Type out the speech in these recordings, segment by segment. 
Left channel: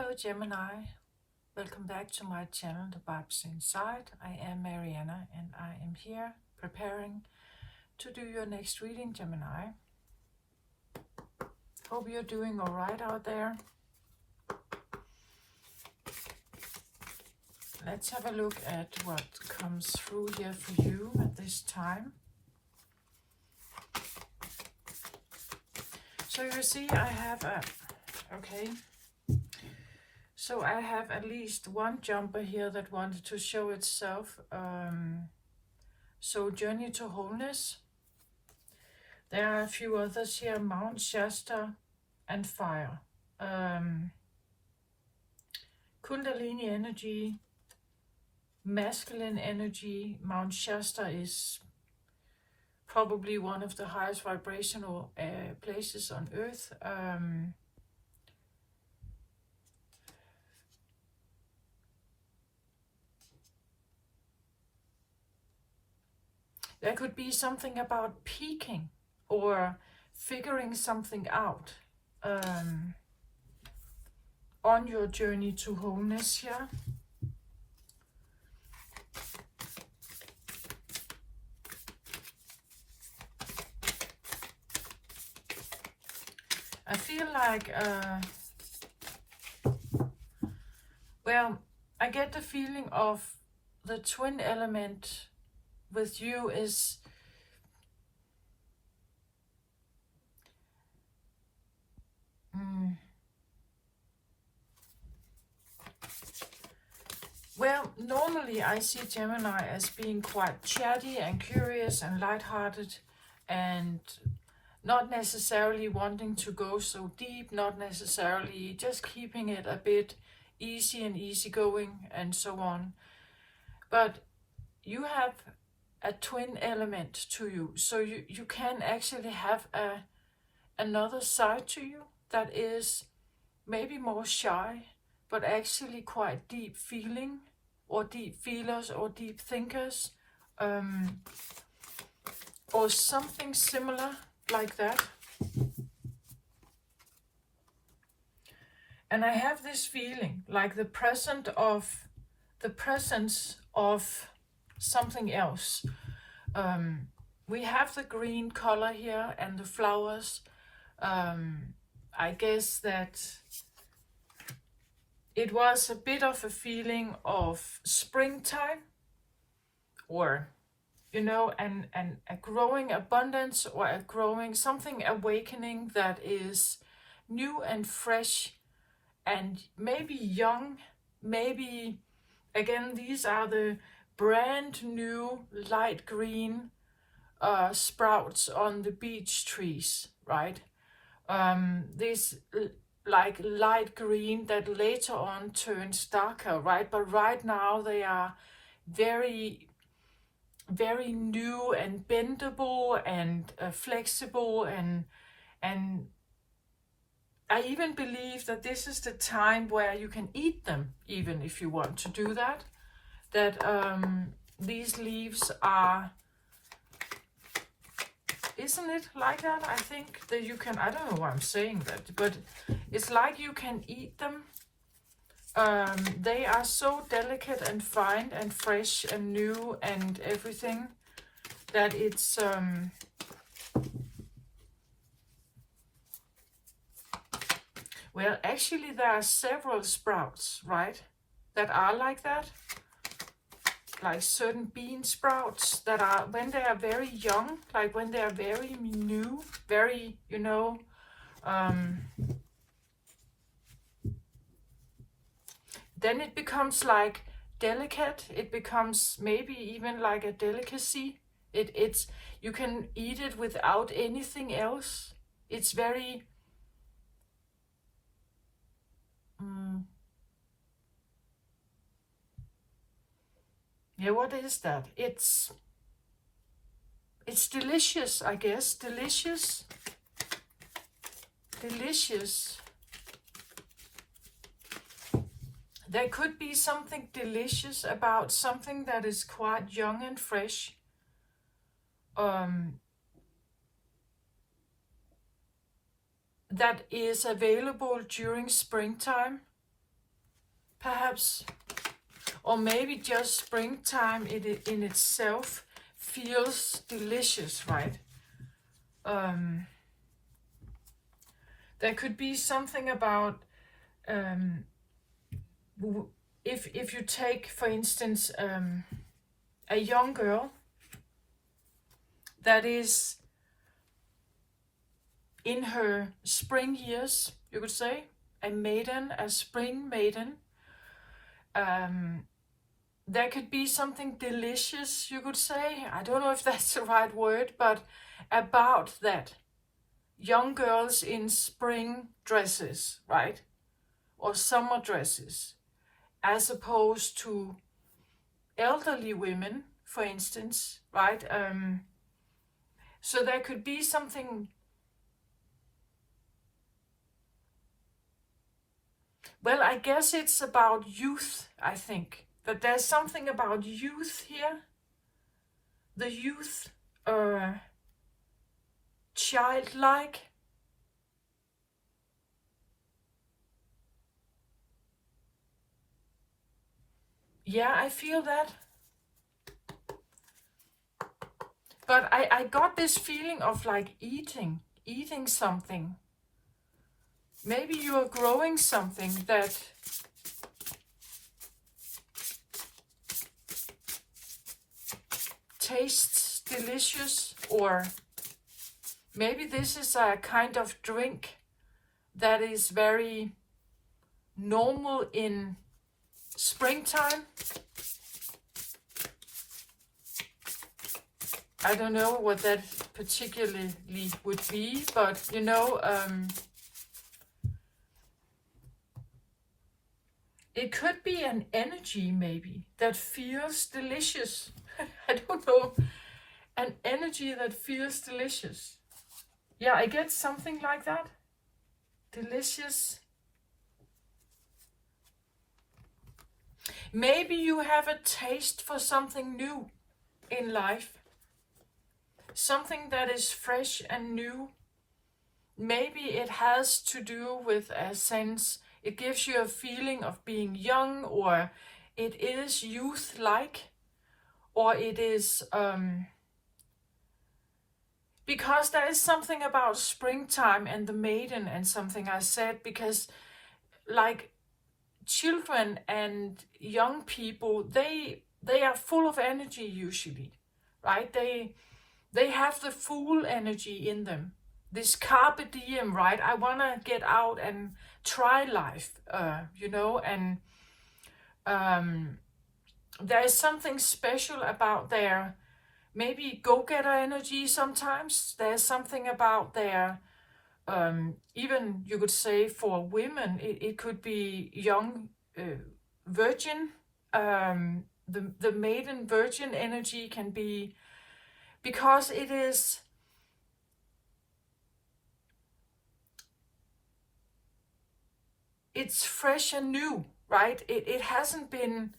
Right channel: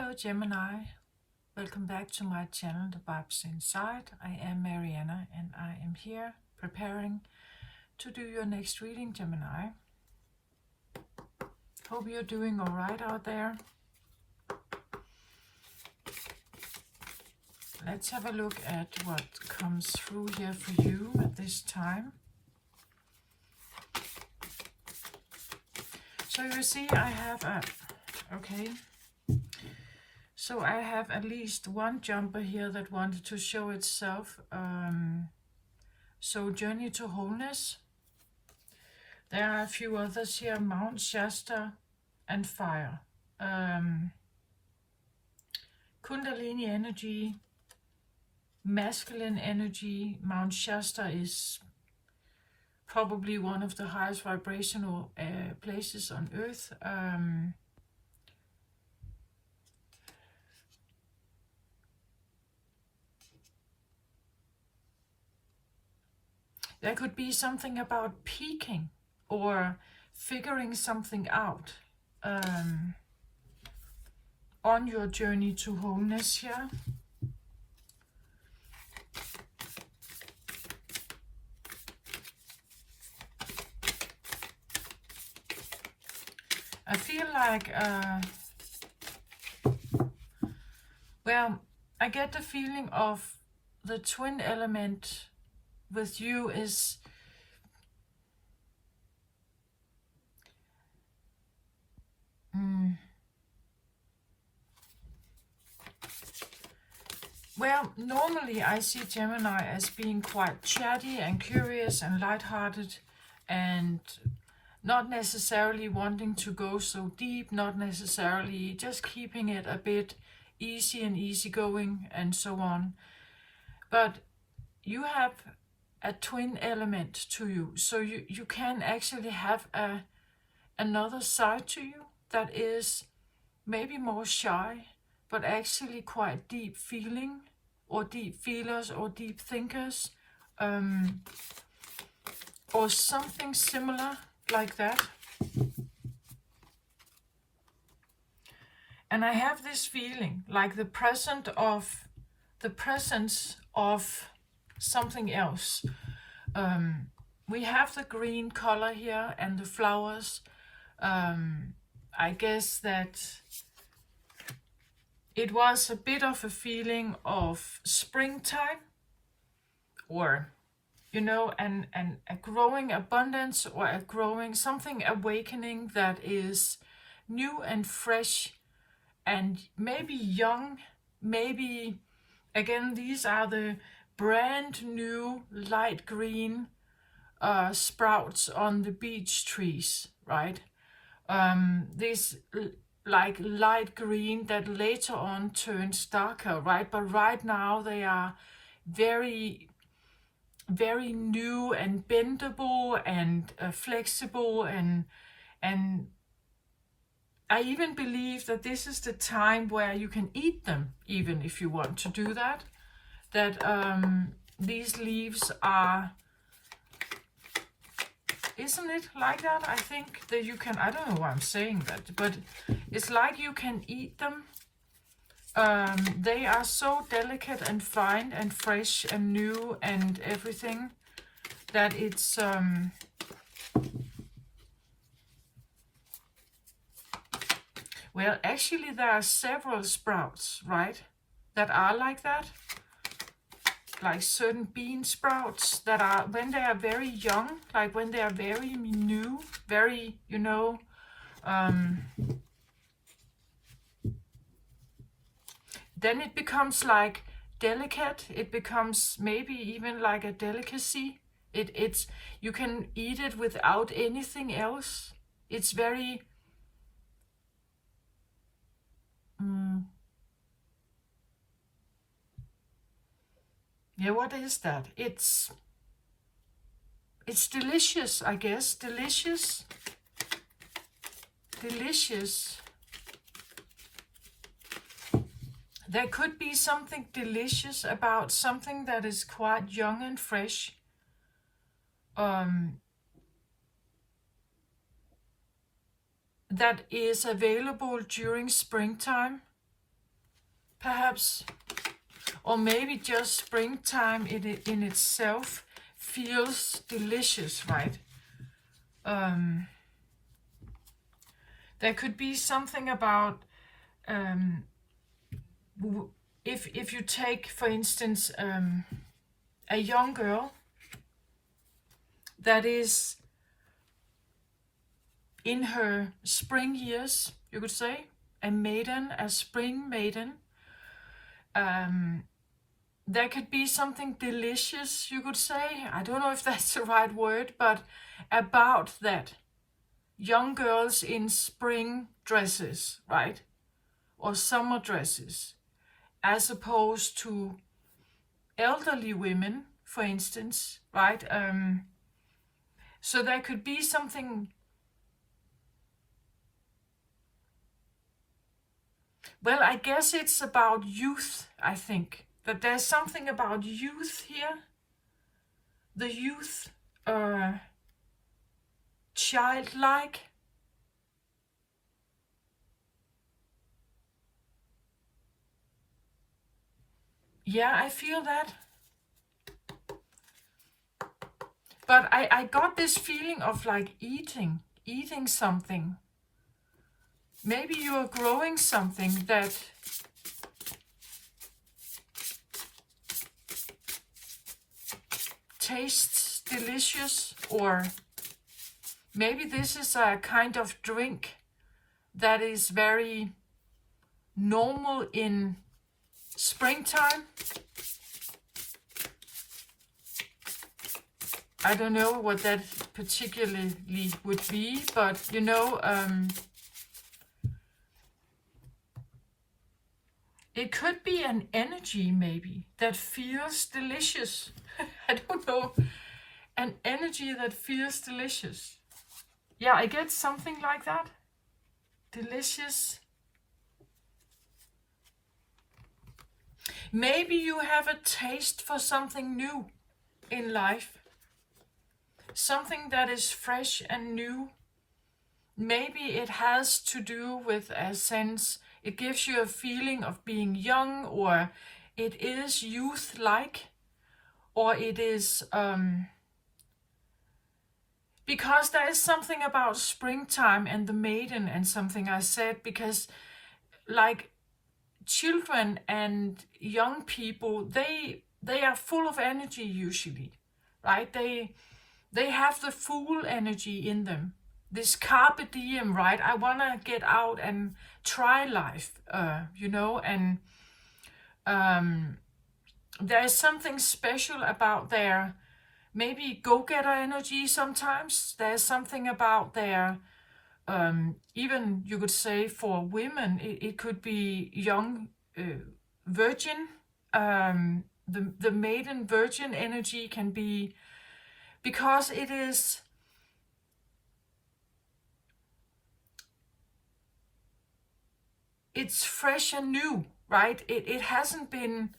Hello Gemini, welcome back to my channel The Vibes Inside. I am Mariana and I am here preparing to do your next reading, Gemini. Hope you're doing alright out there. Let's have a look at what comes through here for you at this time. So you see I have So I have at least one jumper here that wanted to show itself. So Journey to Wholeness. There are a few others here, Mount Shasta and Fire. Kundalini energy, masculine energy. Mount Shasta is probably one of the highest vibrational places on earth. There could be something about peaking or figuring something out on your journey to wholeness here. I feel like, well, I get the feeling of the twin element with you is well, normally I see Gemini as being quite chatty and curious and lighthearted and not necessarily wanting to go so deep, not necessarily just keeping it a bit easy and easygoing and so on. But you have a twin element to you, so you can actually have another side to you that is maybe more shy, but actually quite deep feeling, or deep feelers, or deep thinkers, or something similar like that. And I have this feeling like the presence of something else. We have the green color here and the flowers. I guess that it was a bit of a feeling of springtime, or you know, and a growing abundance, or a growing something, awakening that is new and fresh and maybe young. Maybe again, these are the brand new light green sprouts on the beech trees, right? This like light green that later on turns darker, right? But right now they are very, very new and bendable and flexible, and I even believe that this is the time where you can eat them, even if you want to do that. That these leaves are, isn't it like that? I think that you can, I don't know why I'm saying that, but it's like you can eat them. They are so delicate and fine and fresh and new and everything that it's well, actually there are several sprouts, right, that are like that. Like certain bean sprouts that are, when they are very young, like when they are very new, very, you know, then it becomes like delicate. It becomes maybe even like a delicacy. It's you can eat it without anything else. It's very yeah, what is that? It's delicious, I guess. Delicious. There could be something delicious about something that is quite young and fresh. That is available during springtime. perhaps, or maybe just springtime in itself feels delicious, right? There could be something about if you take, for instance, a young girl that is in her spring years, you could say, a maiden, a spring maiden. There could be something delicious, you could say. I don't know if that's the right word, but about that. Young girls in spring dresses, right? Or summer dresses, as opposed to elderly women, for instance, right? So there could be something. Well, I guess it's about youth, I think. That there's something about youth here. The youth, childlike. Yeah, I feel that. But I got this feeling of like eating something. Maybe you are growing something that tastes delicious, or maybe this is a kind of drink that is very normal in springtime. I don't know what that particularly would be, but you know, it could be an energy maybe that feels delicious. I don't know. An energy that feels delicious. Yeah, I get something like that. Delicious. Maybe you have a taste for something new in life. Something that is fresh and new. Maybe it has to do with a sense, it gives you a feeling of being young, or it is youth-like, or it is, because there is something about springtime and the maiden and something I said, because like children and young people, they are full of energy usually, right? They have the full energy in them. This carpe diem, right? I want to get out and try life, you know, and there is something special about their maybe go-getter energy sometimes. There's something about their, even you could say for women, it could be young virgin. The maiden virgin energy can be, because it is, it's fresh and new, right? It hasn't been,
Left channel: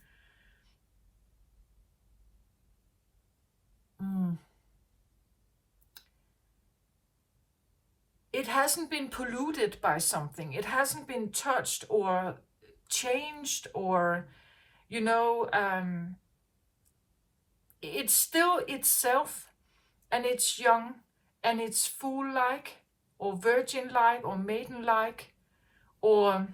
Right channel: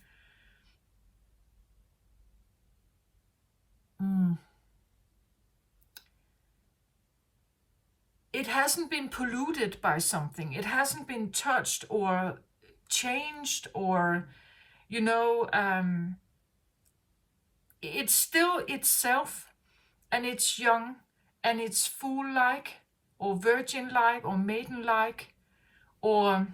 it hasn't been polluted by something. It hasn't been touched or changed, or, you know, it's still itself, and it's young, and it's fool-like, or virgin-like, or maiden-like, or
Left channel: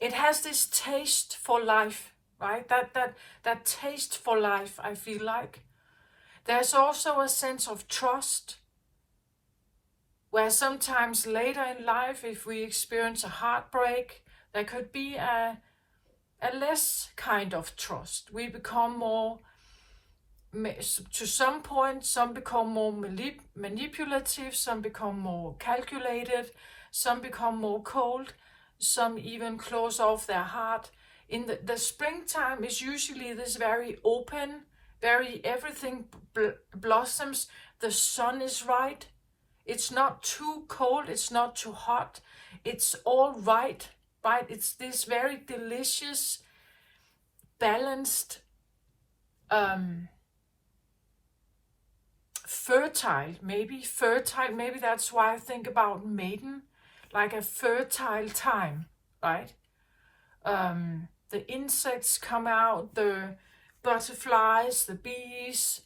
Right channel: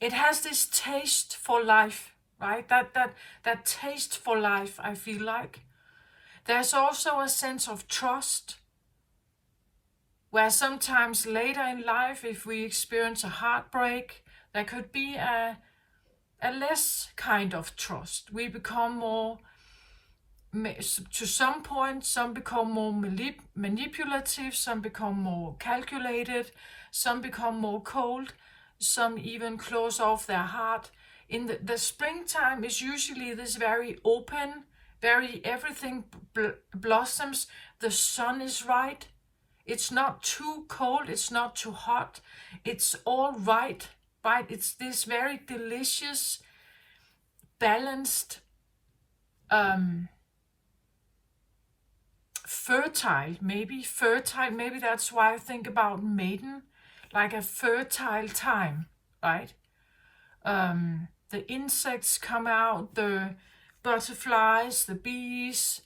it has this taste for life, right? That taste for life, I feel like. There's also a sense of trust, where sometimes later in life, if we experience a heartbreak, there could be a less kind of trust. We become more, to some point, some become more manipulative, some become more calculated, some become more cold, some even close off their heart. In the springtime is usually this very open, very everything blossoms, the sun is right, it's not too cold, it's not too hot, it's all right, right? It's this very delicious, balanced, fertile, maybe that's why I think about maiden, like a fertile time, right? The insects come out, the butterflies, the bees,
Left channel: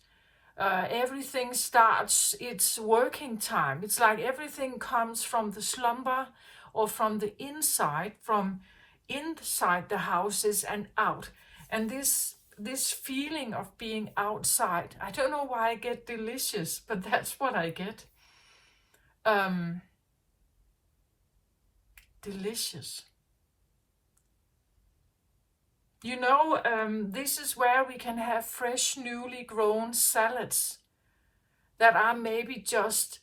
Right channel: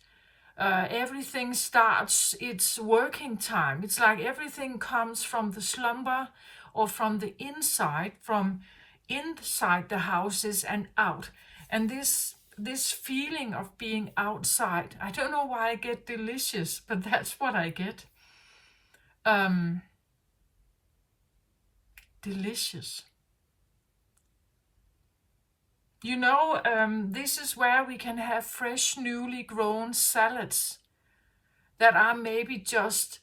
everything starts its working time. It's like everything comes from the slumber or from the inside, from inside the houses and out. And this feeling of being outside, I don't know why I get delicious, but that's what I get. Delicious. You know, this is where we can have fresh, newly grown salads that are maybe just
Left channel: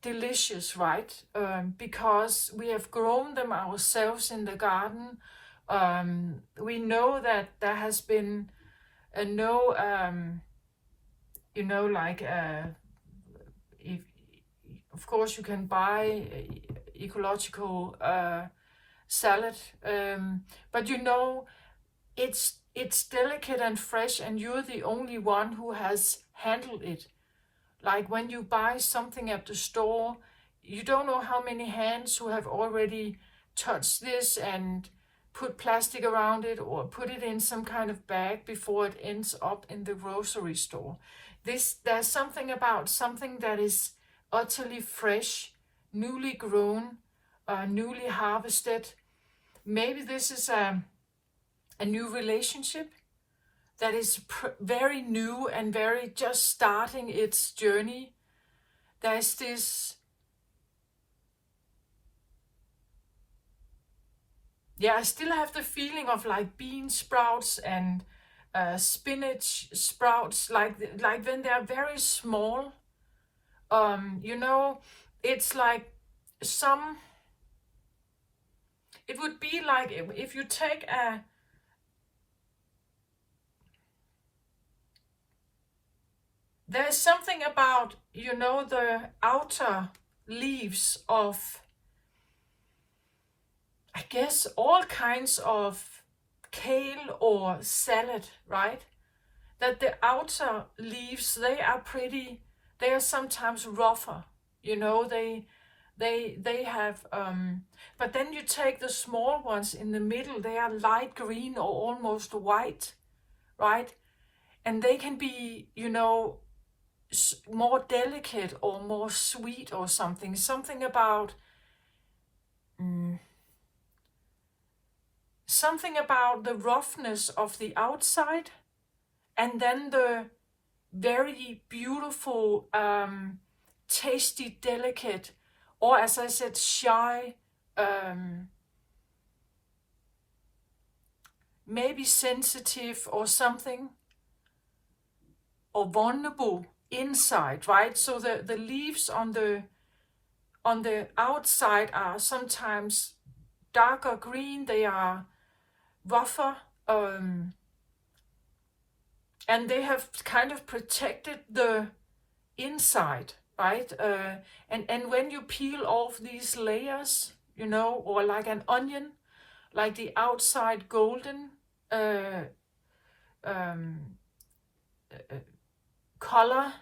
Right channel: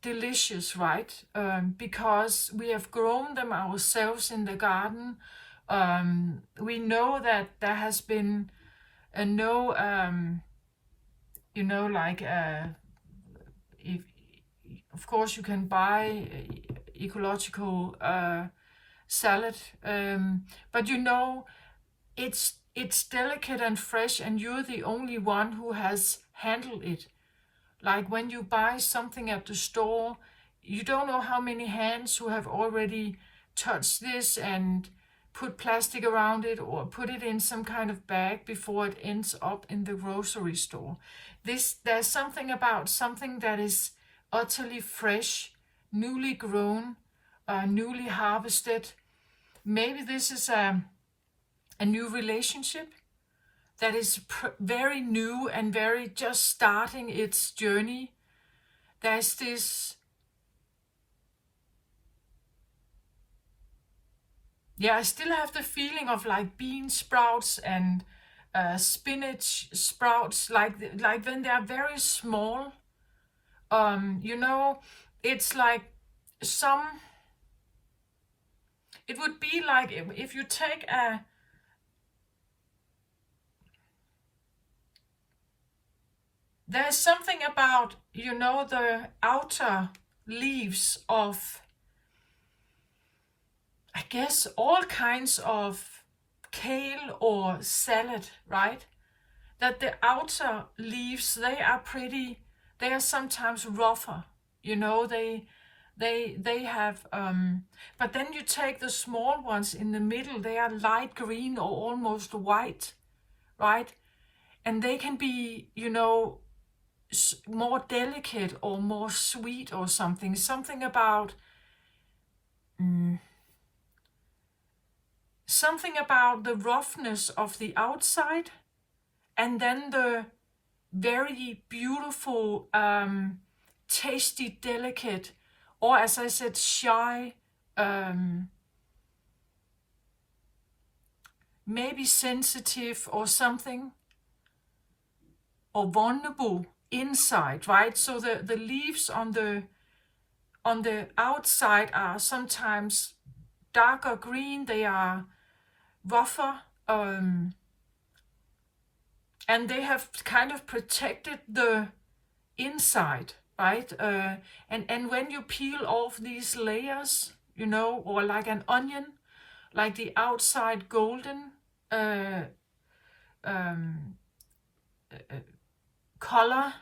delicious, right? Because we have grown them ourselves in the garden. We know that there has been no, you know, like, if, of course you can buy ecological salad, but you know, it's delicate and fresh, and you're the only one who has handled it. Like when you buy something at the store, you don't know how many hands who have already touched this and put plastic around it or put it in some kind of bag before it ends up in the grocery store. There's something about something that is utterly fresh, newly grown, newly harvested. Maybe this is a new relationship that is very new and very just starting its journey. There's this, yeah, I still have the feeling of like bean sprouts and spinach sprouts, like when they're very small. You know, it's like some. It would be like if you take a. There's something about, you know, the outer leaves of, I guess, all kinds of kale or salad, right? That the outer leaves, they are sometimes rougher, you know, they have, but then you take the small ones in the middle, they are light green or almost white, right? And they can be, you know, more delicate or more sweet or something about something about the roughness of the outside, and then the very beautiful, tasty, delicate, or as I said, shy, maybe sensitive or something, or vulnerable inside, right? So the leaves on the outside are sometimes darker green, they are rougher, and they have kind of protected the inside, right? And when you peel off these layers, you know, or like an onion, like the outside golden color,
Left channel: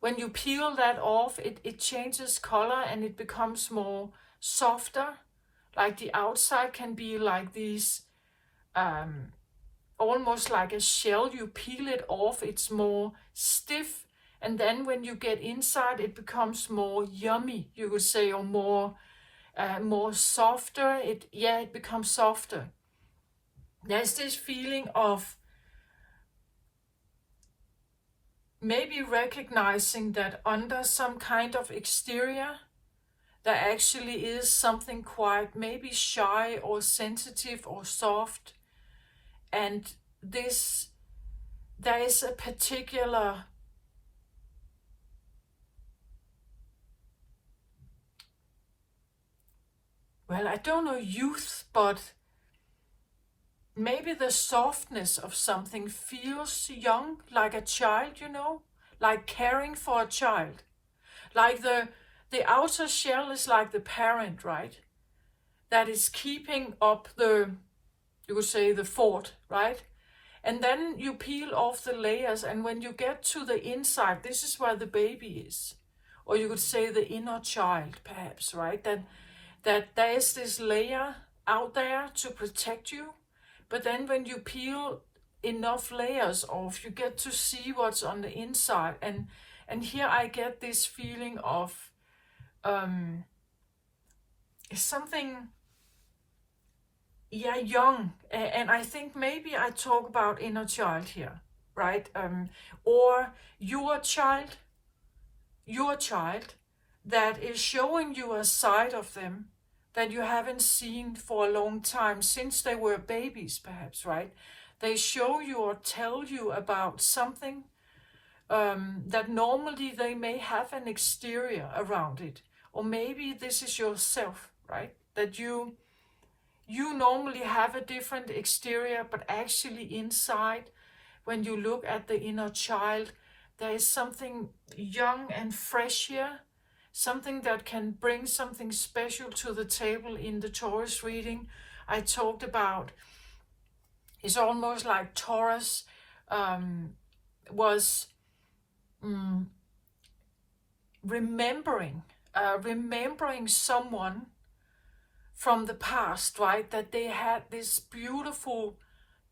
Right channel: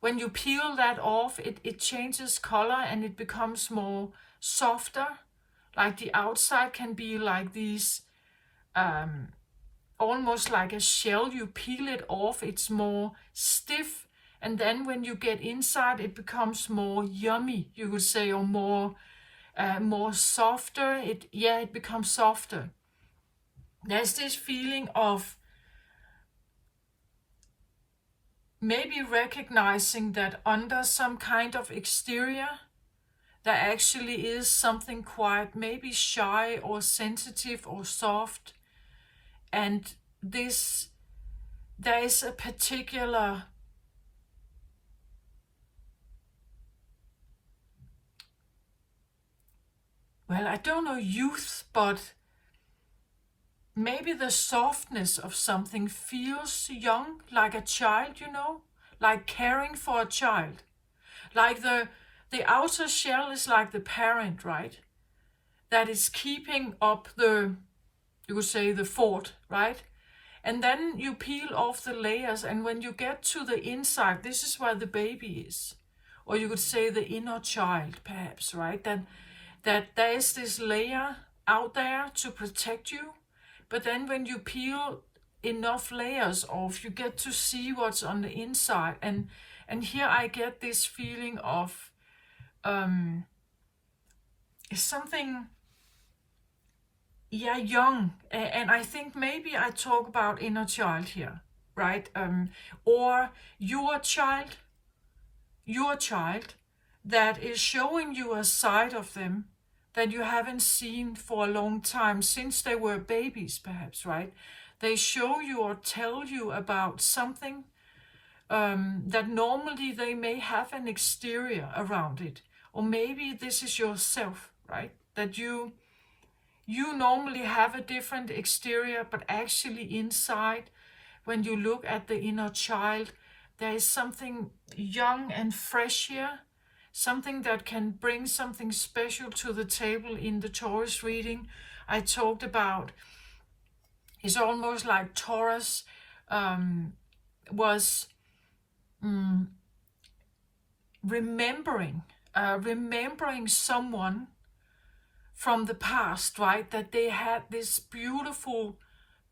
when you peel that off, it changes color and it becomes more softer. Like the outside can be like these, almost like a shell. You peel it off, it's more stiff. And then when you get inside, it becomes more yummy, you could say, or more softer. It becomes softer. There's this feeling of maybe recognizing that under some kind of exterior, there actually is something quite maybe shy or sensitive or soft. And there is a particular, well, I don't know, youth, but maybe the softness of something feels young, like a child, you know, like caring for a child. Like the outer shell is like the parent, right? That is keeping up the, you could say, the fort, right? And then you peel off the layers, and when you get to the inside, this is where the baby is. Or you could say the inner child, perhaps, right? that there is this layer out there to protect you, but then when you peel enough layers off, you get to see what's on the inside. And here I get this feeling of something, yeah, young. And I think maybe I talk about inner child here, right? Or your child that is showing you a side of them that you haven't seen for a long time, since they were babies, perhaps, right? They show you or tell you about something that normally they may have an exterior around it. Or maybe this is yourself, right? That you normally have a different exterior, but actually inside, when you look at the inner child, there is something young and fresh here, something that can bring something special to the table. In the Taurus reading I talked about, it's almost like Taurus was remembering someone from the past, right? That they had this beautiful,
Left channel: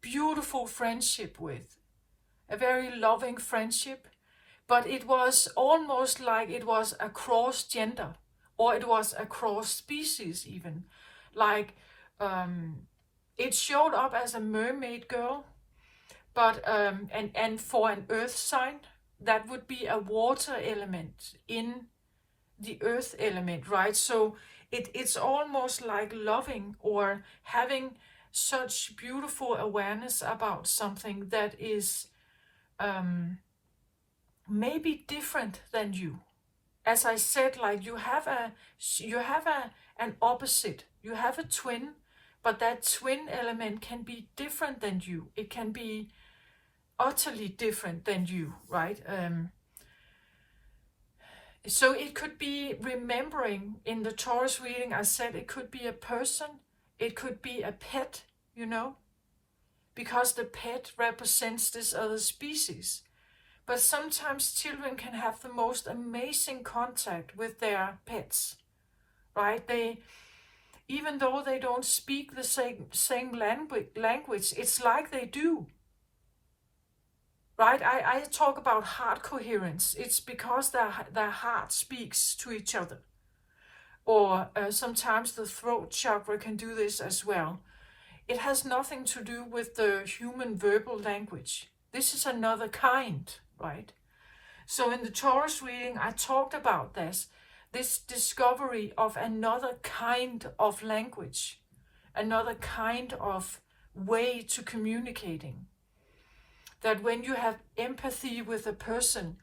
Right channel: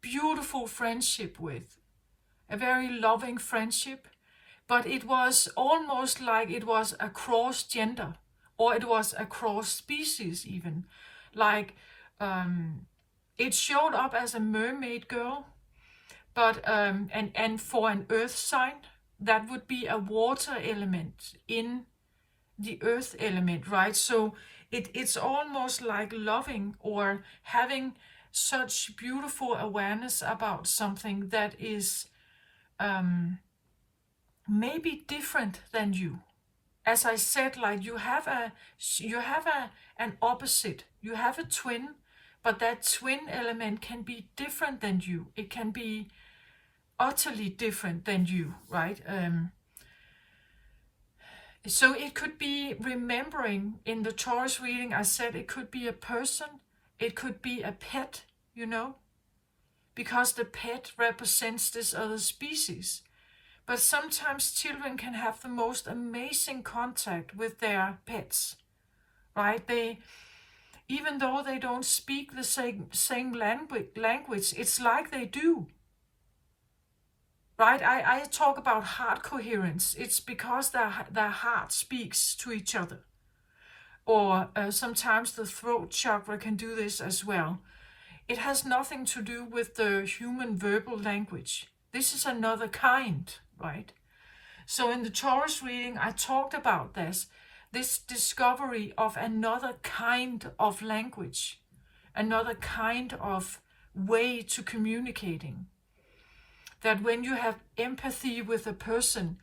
beautiful friendship with, a very loving friendship, but it was almost like it was across gender, or it was across species even. Like it showed up as a mermaid girl, but and for an earth sign, that would be a water element in the earth element, right? So it's almost like loving or having such beautiful awareness about something that is maybe different than you. As I said, like you have an opposite, you have a twin, but that twin element can be different than you. It can be utterly different than you, right? So it could be remembering. In the Taurus reading, I said it could be a person, it could be a pet, because the pet represents this other species. But sometimes children can have the most amazing contact with their pets, right? Even though they don't speak the same language, it's like they do. Right, I talk about heart coherence. It's because their heart speaks to each other. Or sometimes the throat chakra can do this as well. It has nothing to do with the human verbal language. This is another kind, right? So in the Taurus reading, I talked about this discovery of another kind of language, another kind of way to communicating. That when you have empathy with a person,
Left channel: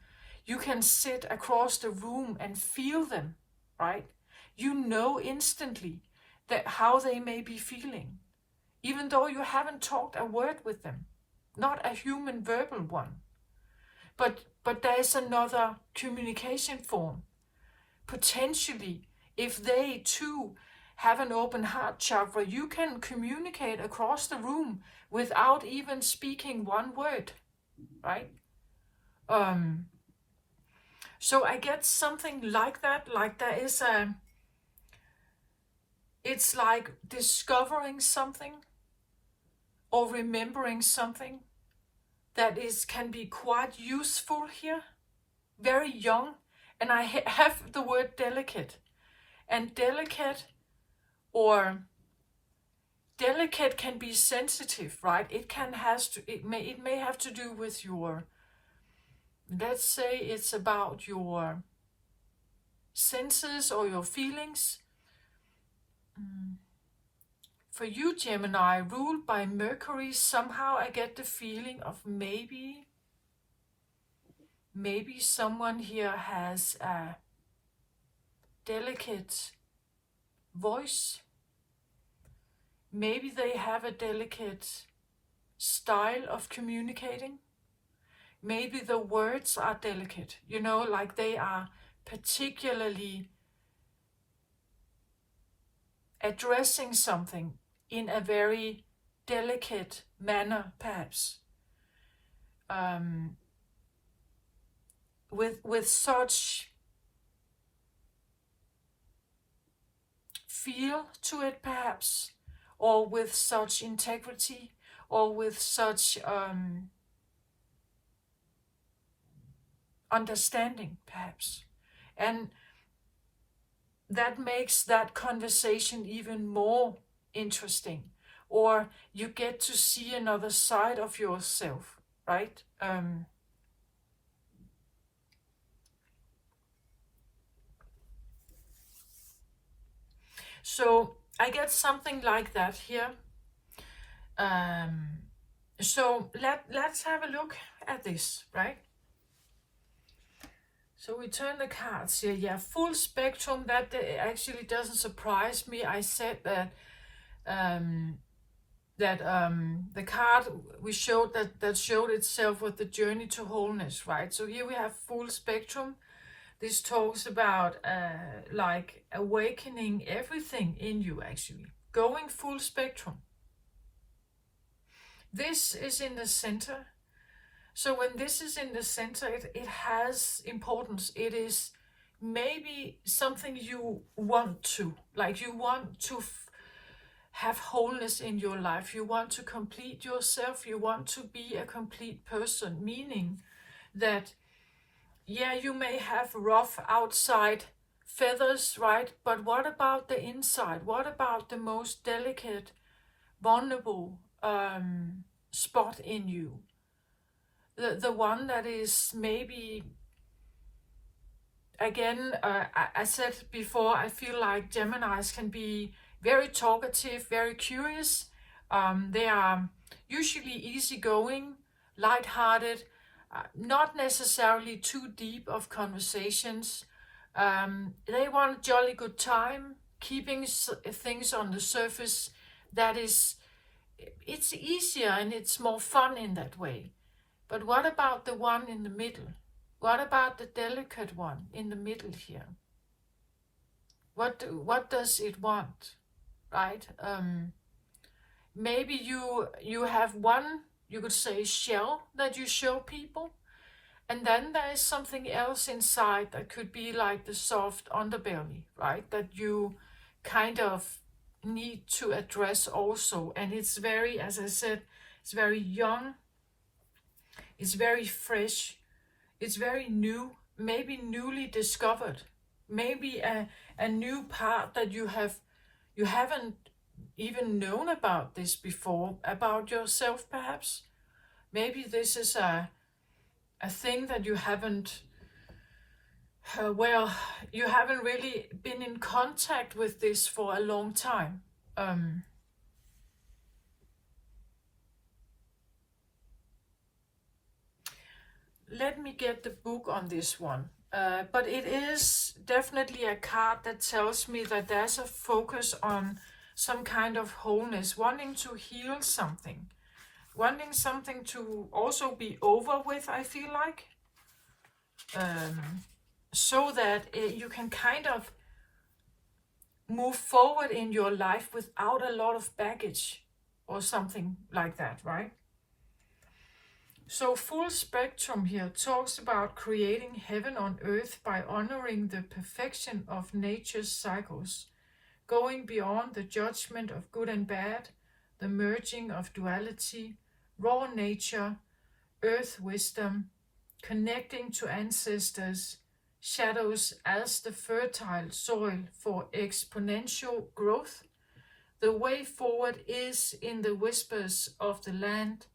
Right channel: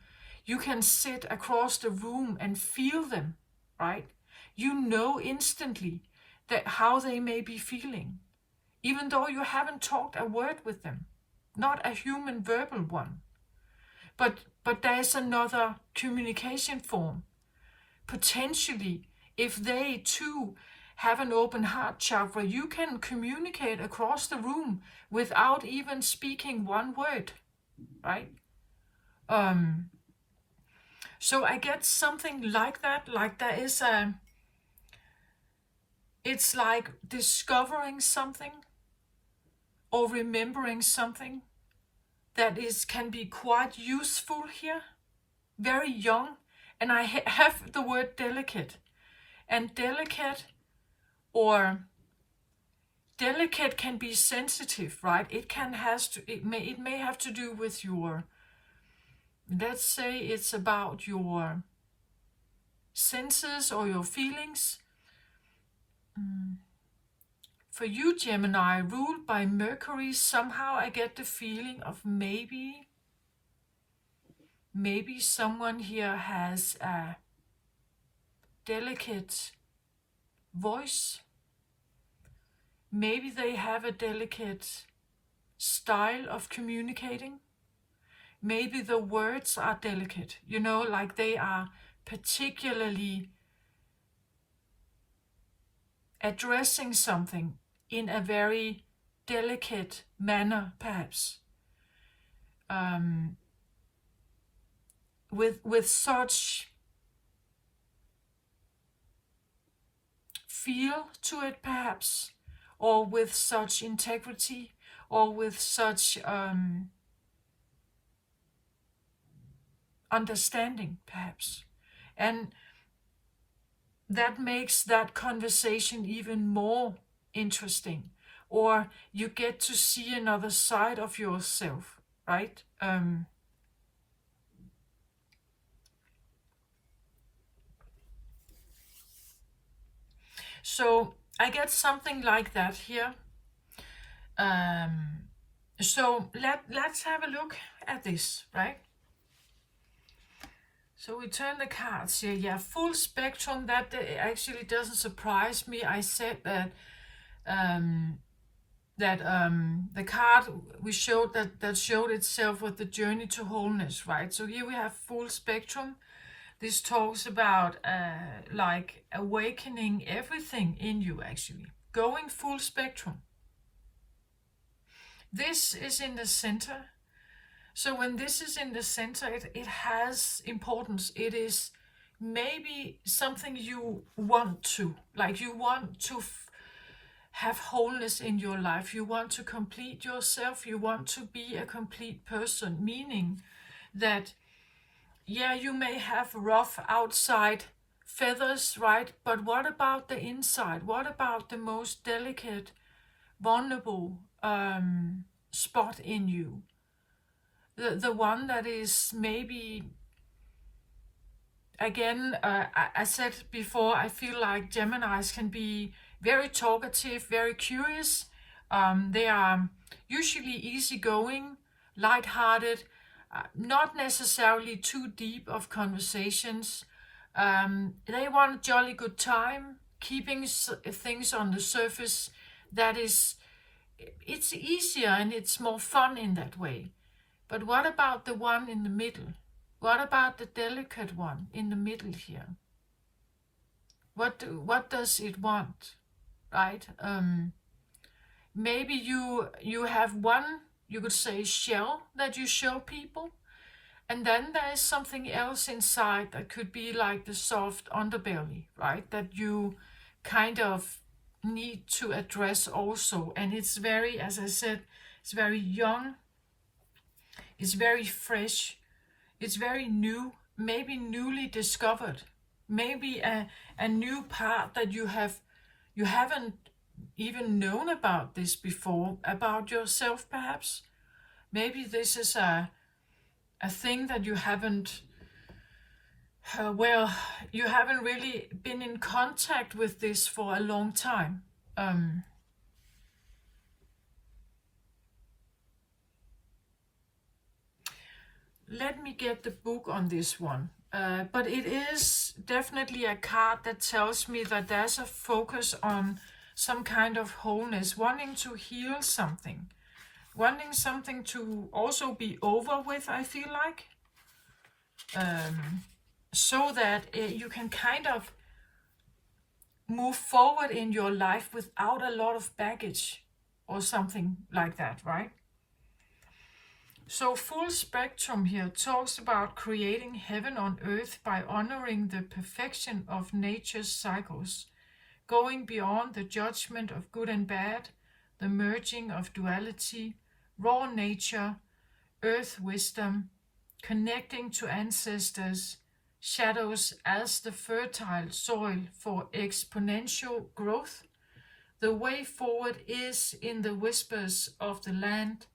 you can sit across the room and feel them, right? You know instantly that how they may be feeling, even though you haven't talked a word with them, not a human verbal one. But there is another communication form. Potentially, if they too have an open heart chakra, you can communicate across the room without even speaking one word, right? So I get something like that. Like there is it's like discovering something or remembering something that can be quite useful here, very young. And I have the word delicate, and delicate can be sensitive, right? It may have to do with your, let's say it's about your senses or your feelings. For you, Gemini, ruled by Mercury, somehow I get the feeling of maybe someone here has a delicate voice. Maybe they have a delicate style of communicating. Maybe the words are delicate, like they are particularly addressing something in a very delicate manner, perhaps. With such feel to it perhaps, or with such integrity, or with such understanding perhaps. And that makes that conversation even more interesting, or you get to see another side of yourself, right? So I get something like that here. So let's have a look at this, right? So we turn the cards here. Yeah, full spectrum. That actually doesn't surprise me. I said that the card we showed that showed itself with the journey to wholeness, right? So here we have full spectrum. This talks about like awakening everything in you, actually going full spectrum. This is in the center. So when this is in the center, it has importance. It is maybe something you want to, like you want to have wholeness in your life. You want to complete yourself. You want to be a complete person, meaning that, yeah, you may have rough outside feathers, right? But what about the inside? What about the most delicate, vulnerable spot in you? The one that is maybe, again, I said before, I feel like Geminis can be very talkative, very curious. They are usually easygoing, lighthearted, not necessarily too deep of conversations. They want a jolly good time, keeping things on the surface. That is, it's easier and it's more fun in that way. But what about the one in the middle? What about the delicate one in the middle here? What does it want, right? Maybe you have one, you could say, shell that you show people, and then there is something else inside that could be like the soft underbelly, right? That you kind of need to address also. And it's very, as I said, it's very young, it's very fresh, it's very new, maybe newly discovered, maybe a new part that you haven't even known about this before, about yourself perhaps. Maybe this is a thing that you haven't, you haven't really been in contact with this for a long time. Let me get the book on this one. But it is definitely a card that tells me that there's a focus on some kind of wholeness, wanting to heal something, wanting something to also be over with, I feel like. So that you can kind of move forward in your life without a lot of baggage or something like that, right? So full spectrum here talks about creating heaven on earth by honoring the perfection of nature's cycles, going beyond the judgment of good and bad, the merging of duality, raw nature, earth wisdom, connecting to ancestors, shadows as the fertile soil for exponential growth. The way forward is in the whispers of the land,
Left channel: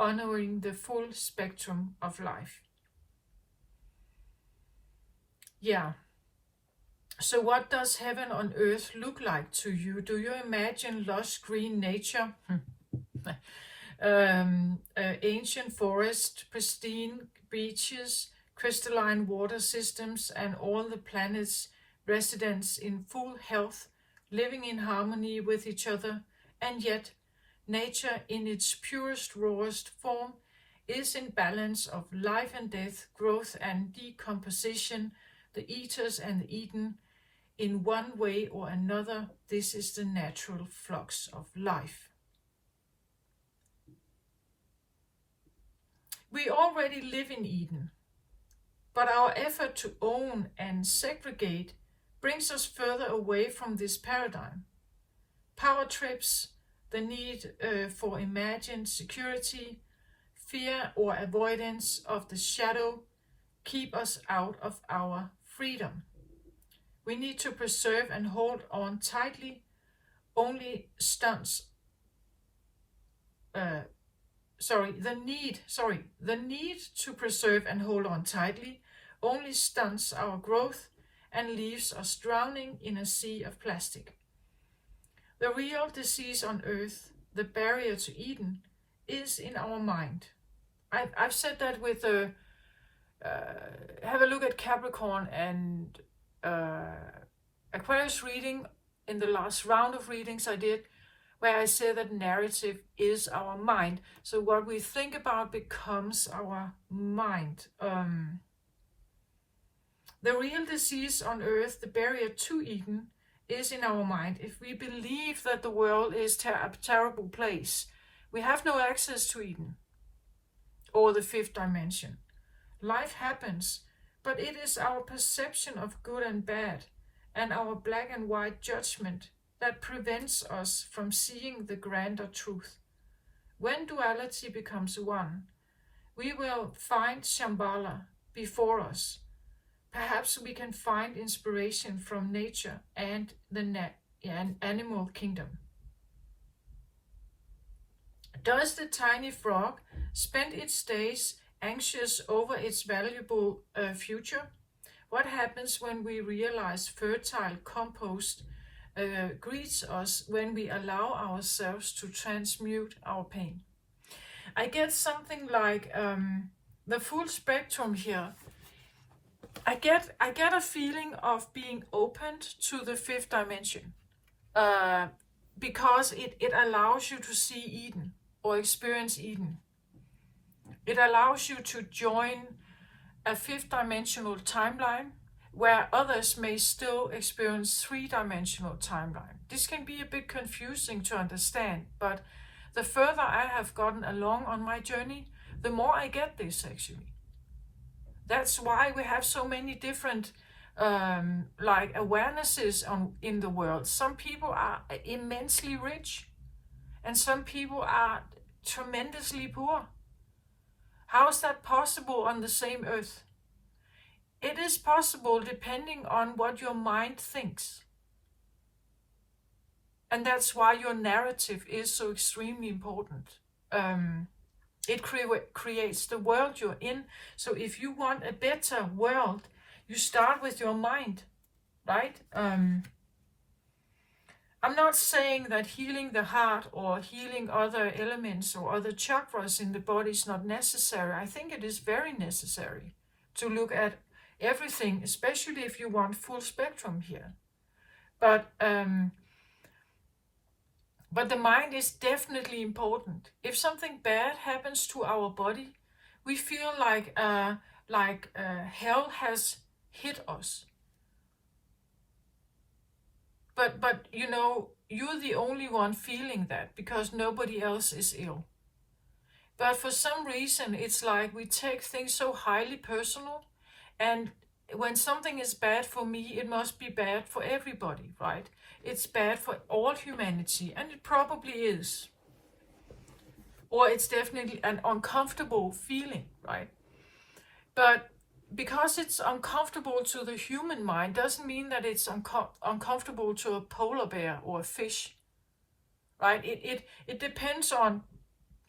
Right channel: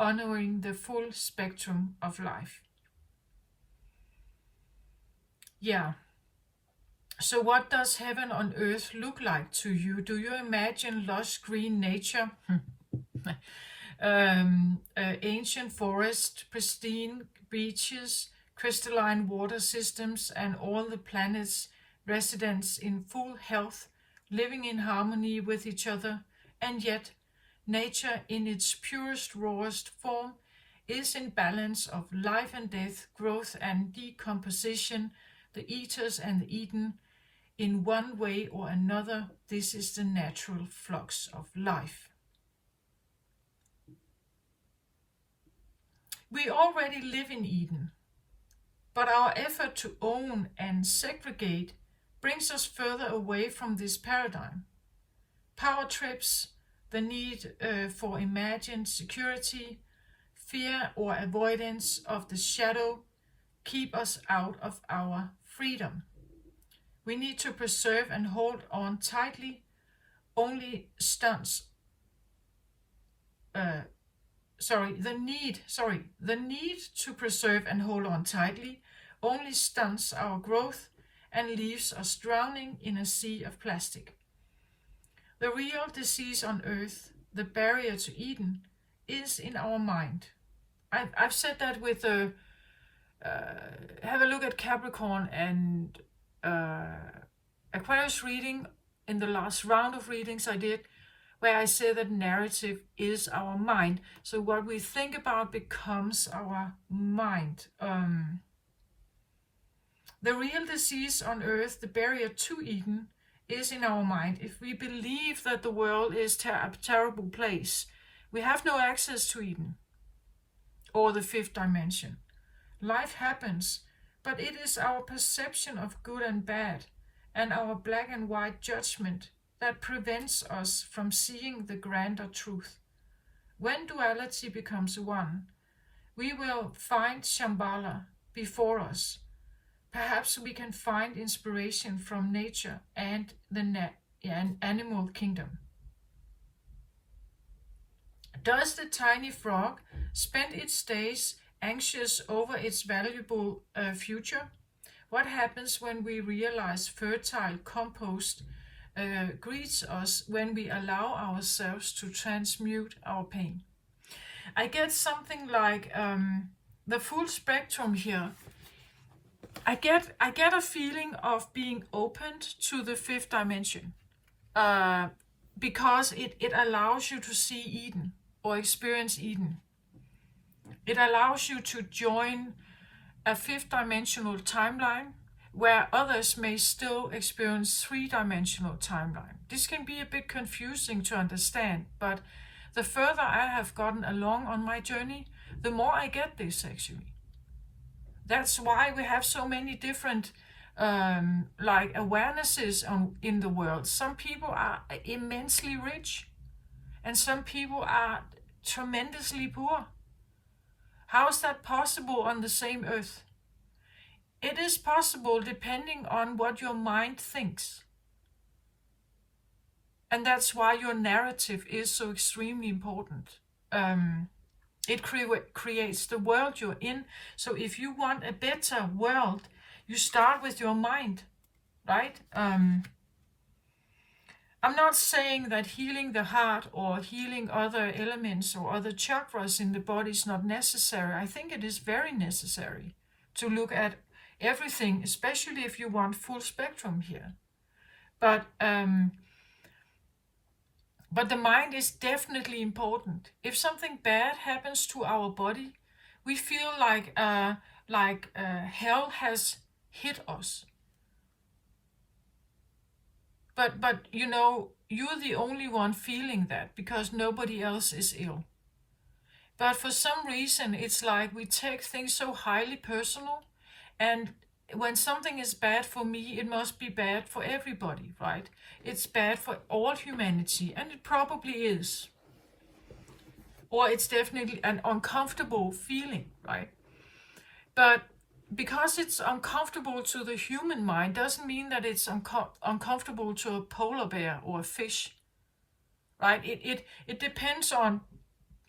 honoring the full spectrum of life. Yeah. So what does heaven on earth look like to you? Do you imagine lush green nature? Ancient forest, pristine beaches, crystalline water systems, and all the planet's residents in full health, living in harmony with each other, and yet nature in its purest, rawest form is in balance of life and death, growth and decomposition, the eaters and the eaten. In one way or another, this is the natural flux of life. We already live in Eden, but our effort to own and segregate brings us further away from this paradigm. Power trips, the need for imagined security, fear or avoidance of the shadow keep us out of our freedom. We need to preserve and hold on tightly. Only stunts. The need to preserve and hold on tightly only stunts our growth and leaves us drowning in a sea of plastic. The real disease on earth, the barrier to Eden, is in our mind. I've said that with have a look at Capricorn and Aquarius reading in the last round of readings I did, where I said that narrative is our mind. So what we think about becomes our mind. The real disease on earth, the barrier to Eden, is in our mind. If we believe that the world is a terrible place, we have no access to Eden or the fifth dimension. Life happens, but it is our perception of good and bad and our black and white judgment that prevents us from seeing the grander truth. When duality becomes one, we will find Shambhala before us. Perhaps we can find inspiration from nature and the animal kingdom. Does the tiny frog spend its days anxious over its valuable future? What happens when we realize fertile compost greets us when we allow ourselves to transmute our pain? I get something like the full spectrum here. I get a feeling of being opened to the fifth dimension because it allows you to see Eden or experience Eden. It allows you to join a fifth dimensional timeline where others may still experience three-dimensional timeline. This can be a bit confusing to understand, but the further I have gotten along on my journey, the more I get this actually. That's why we have so many different awarenesses in the world. Some people are immensely rich and some people are tremendously poor. How is that possible on the same earth? It is possible depending on what your mind thinks. And that's why your narrative is so extremely important. It creates the world you're in. So if you want a better world, you start with your mind, right? I'm not saying that healing the heart or healing other elements or other chakras in the body is not necessary. I think it is very necessary to look at everything, especially if you want full spectrum here. But the mind is definitely important. If something bad happens to our body, we feel like hell has hit us. But you know, you're the only one feeling that because nobody else is ill. But for some reason, it's like we take things so highly personal, and when something is bad for me, it must be bad for everybody, right? It's bad for all humanity, and it probably is. Or it's definitely an uncomfortable feeling, right? But because it's uncomfortable to the human mind doesn't mean that it's uncomfortable to a polar bear or a fish, right? It depends on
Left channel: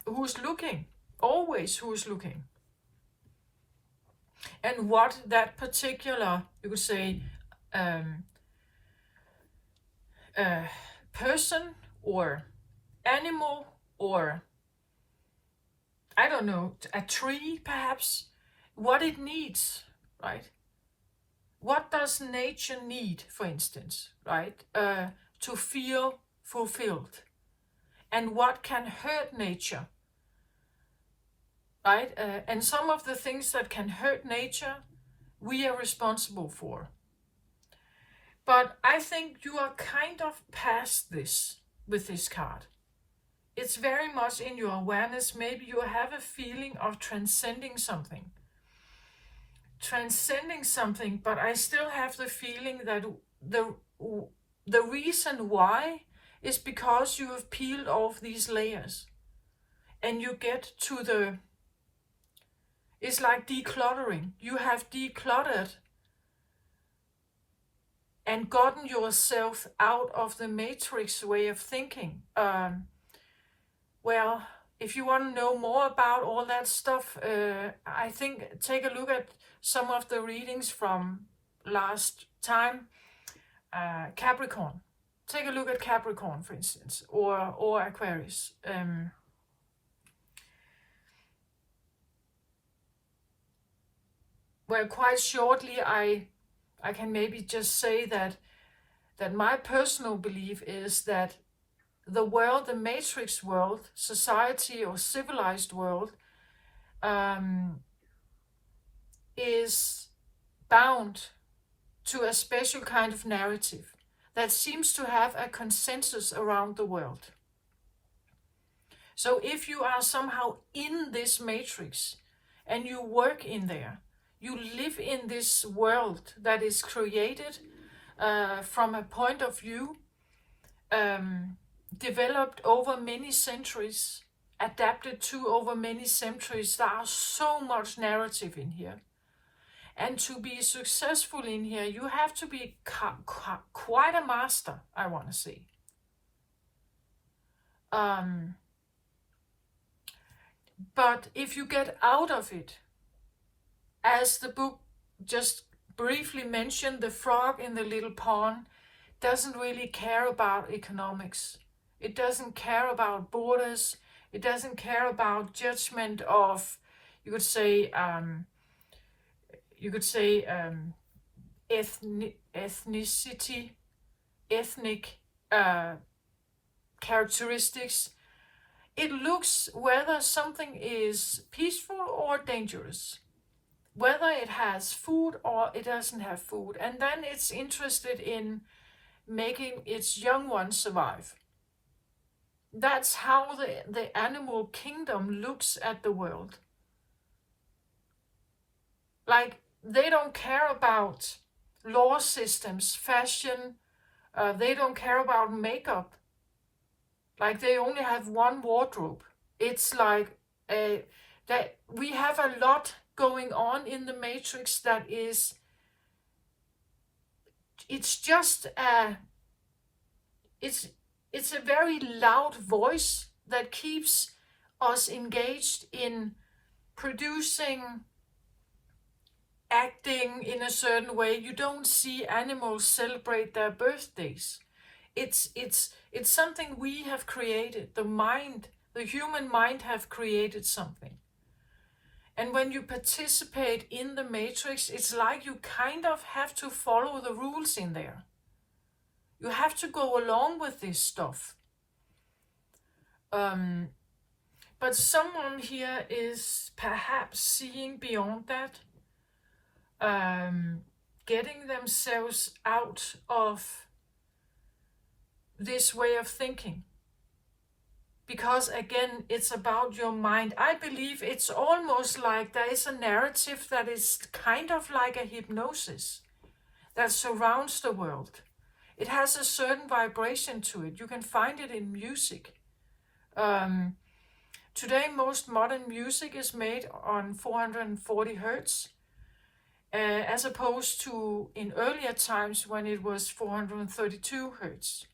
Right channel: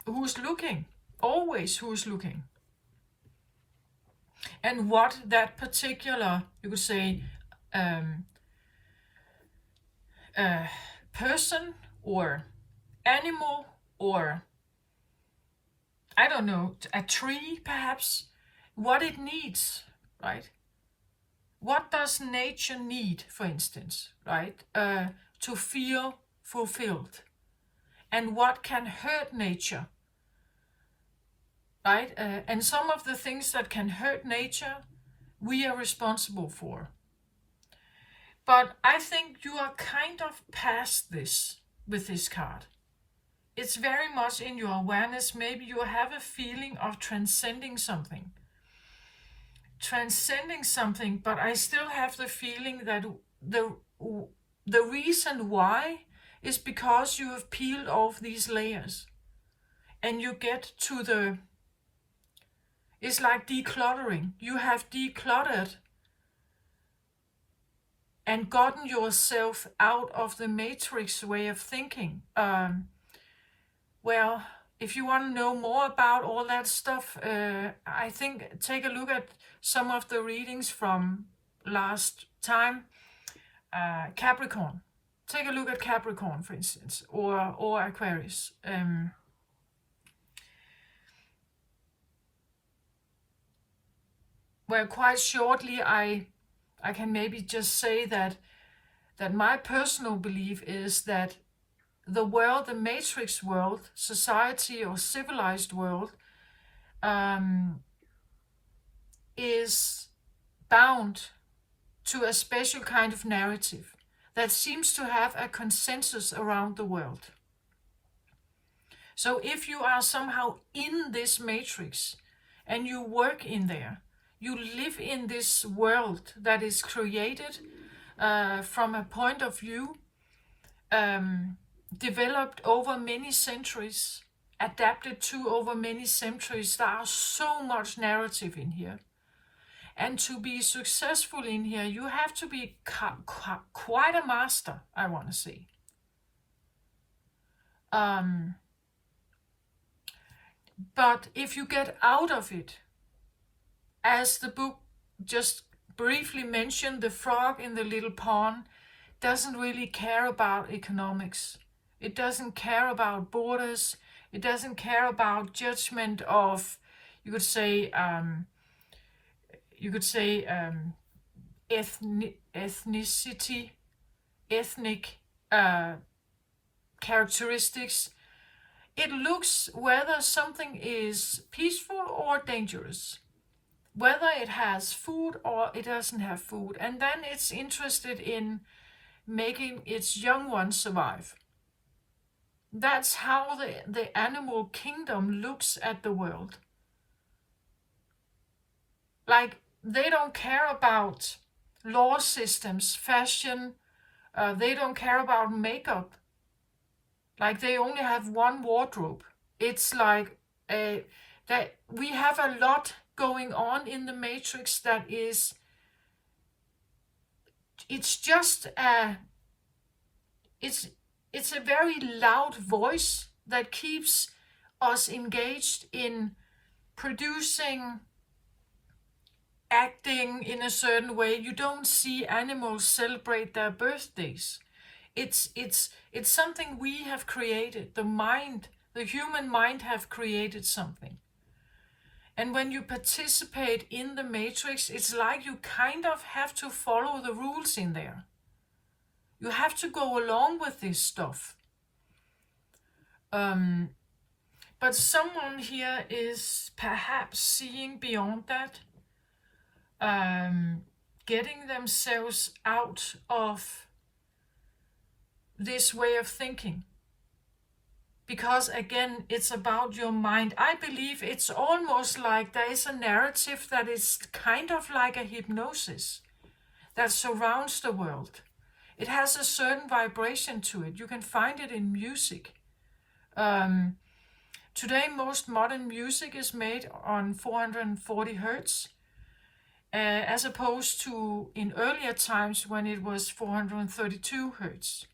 who's looking, always who's looking. And what that particular, you could say, person or animal or, I don't know, a tree perhaps, what it needs, right? What does nature need, for instance, right? To feel fulfilled. And what can hurt nature, right? And some of the things that can hurt nature, we are responsible for. But I think you are kind of past this with this card. It's very much in your awareness. Maybe you have a feeling of transcending something. transcending something, but I still have the feeling that the reason why is because you have peeled off these layers and you get to it's like decluttering. You have decluttered and gotten yourself out of the matrix way of thinking. Well, if you want to know more about all that stuff, I think take a look at some of the readings from last time. Capricorn. Take a look at Capricorn, for instance, or Aquarius. Well, quite shortly, I can maybe just say that my personal belief is that the world, the matrix world, society or civilized world, is bound to a special kind of narrative that seems to have a consensus around the world. So if you are somehow in this matrix and you work in there, you live in this world that is created from a point of view developed over many centuries, adapted to over many centuries. There are so much narrative in here. And to be successful in here, you have to be quite a master, I want to say. But if you get out of it, as the book just briefly mentioned, the frog in the little pond doesn't really care about economics. It doesn't care about borders. It doesn't care about judgment of, you could say, ethnicity, ethnic characteristics. It looks whether something is peaceful or dangerous, whether it has food or it doesn't have food, and then it's interested in making its young ones survive. That's how the animal kingdom looks at the world. Like, they don't care about law systems, fashion, they don't care about makeup. Like, they only have one wardrobe. It's like that we have a lot going on in the matrix that is, it's just it's a very loud voice that keeps us engaged in producing, acting in a certain way. You don't see animals celebrate their birthdays. It's something we have created. The mind, the human mind have created something. And when you participate in the matrix, it's like you kind of have to follow the rules in there. You have to go along with this stuff. But someone here is perhaps seeing beyond that, getting themselves out of this way of thinking. Because again, it's about your mind. I believe it's almost like there is a narrative that is kind of like a hypnosis that surrounds the world. It has a certain vibration to it. You can find it in music. Today, most modern music is made on 440 hertz, as opposed to in earlier times when it was 432 hertz.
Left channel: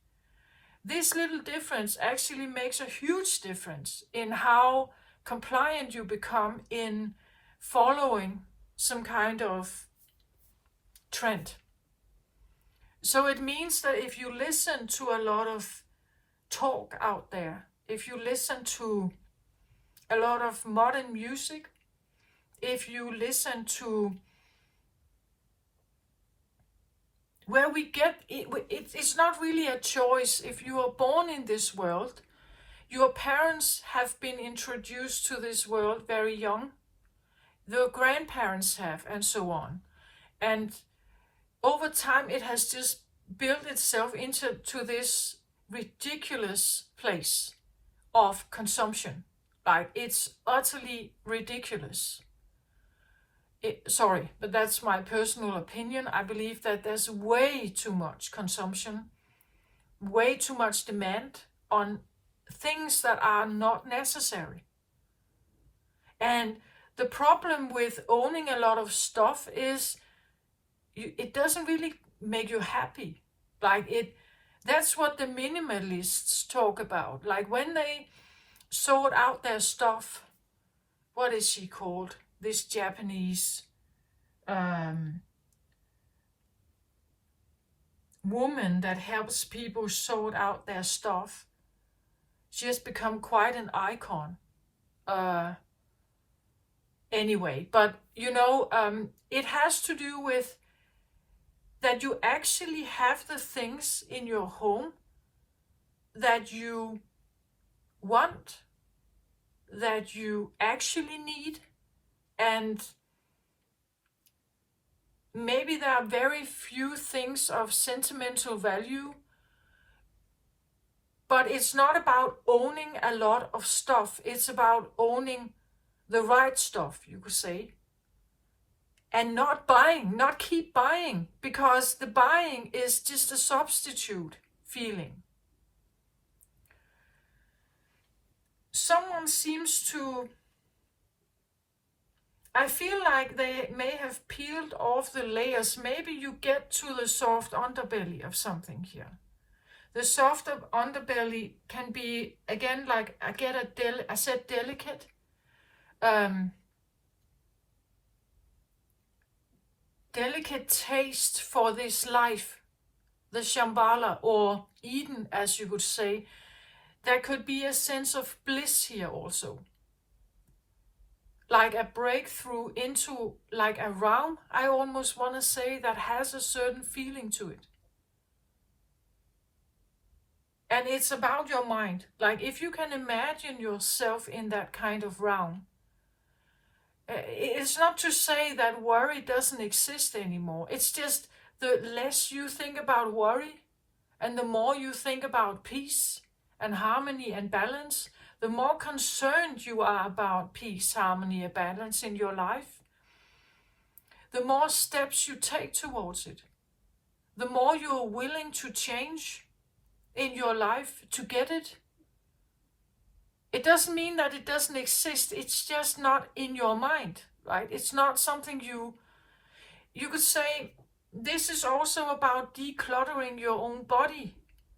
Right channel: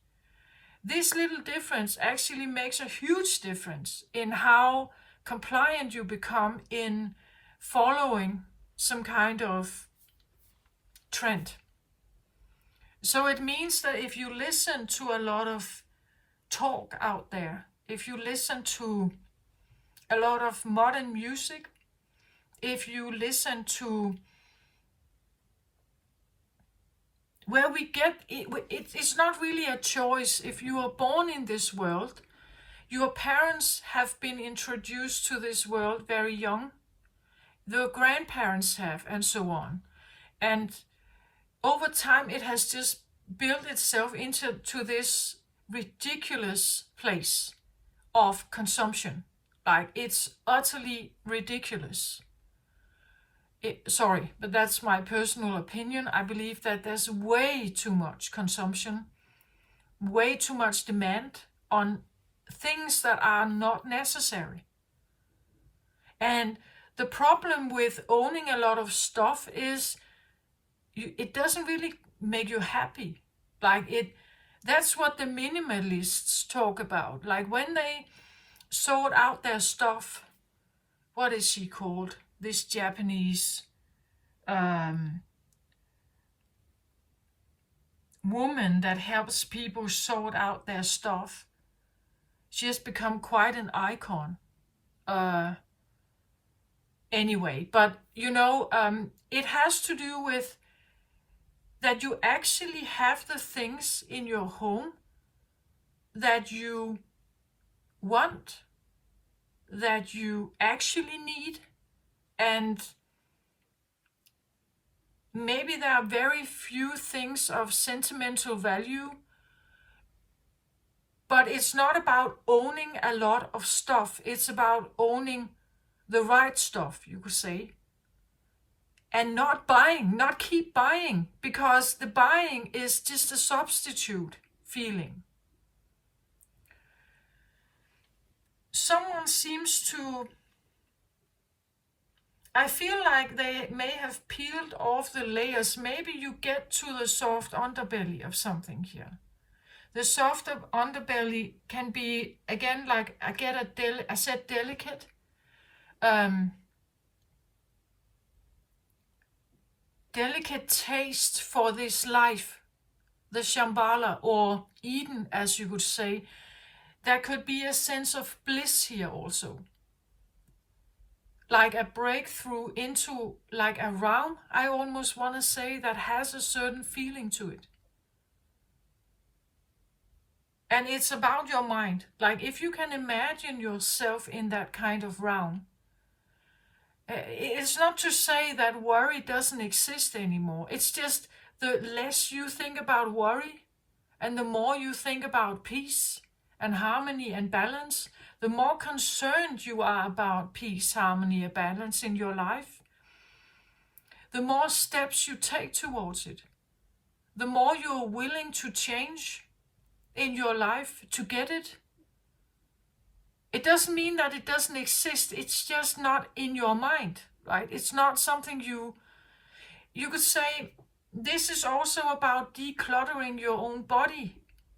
This little difference actually makes a huge difference in how compliant you become in following some kind of trend. So it means that if you listen to a lot of talk out there, if you listen to a lot of modern music, if you listen to where we get it, it's not really a choice. If you are born in this world, your parents have been introduced to this world very young, the grandparents have, and so on. And over time, it has just built itself into this ridiculous place of consumption. Like, it's utterly ridiculous. sorry, but that's my personal opinion. I believe that there's way too much consumption, way too much demand on things that are not necessary. And the problem with owning a lot of stuff is it doesn't really make you happy. That's what the minimalists talk about. Like when they sort out their stuff, what is she called? This Japanese woman that helps people sort out their stuff. She has become quite an icon. Anyway, but it has to do with that you actually have the things in your home that you want, that you actually need, and maybe there are very few things of sentimental value, but it's not about owning a lot of stuff. It's about owning the right stuff, you could say. And not keep buying, because the buying is just a substitute feeling. Someone seems to, I feel like they may have peeled off the layers. Maybe you get to the soft underbelly of something here. The soft underbelly can be, again, like I said delicate. Delicate taste for this life, the Shambhala, or Eden, as you would say. There could be a sense of bliss here also. Like a breakthrough into like a realm, I almost want to say, that has a certain feeling to it. And it's about your mind. Like if you can imagine yourself in that kind of realm, it's not to say that worry doesn't exist anymore. It's just the less you think about worry and the more you think about peace and harmony and balance, the more concerned you are about peace, harmony, and balance in your life, the more steps you take towards it, the more you're willing to change in your life to get it. It doesn't mean that it doesn't exist. It's just not in your mind, right? It's not something you could say. This is also about decluttering your own body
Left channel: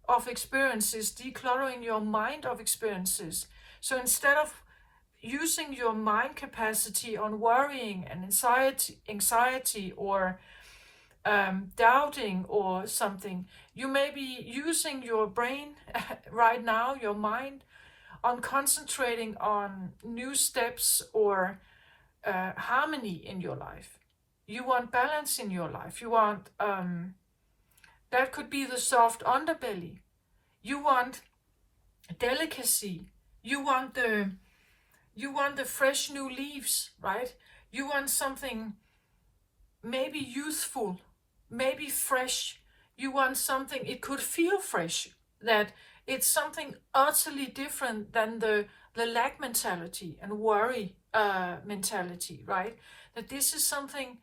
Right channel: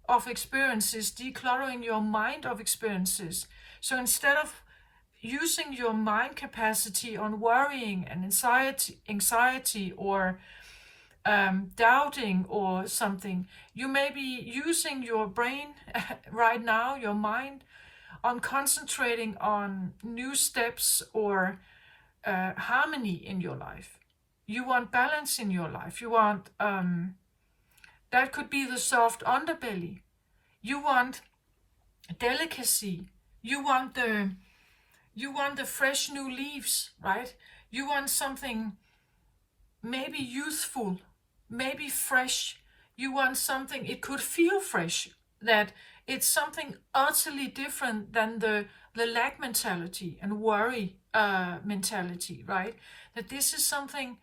of experiences, decluttering your mind of experiences. So instead of using your mind capacity on worrying and anxiety or doubting or something, you may be using your brain right now, your mind, on concentrating on new steps or harmony in your life. You want balance in your life. You want, that could be the soft underbelly. You want delicacy. You want the fresh new leaves, right? You want something maybe youthful, maybe fresh. You want something, it could feel fresh, that it's something utterly different than the lack mentality and worry mentality, right? That this is something,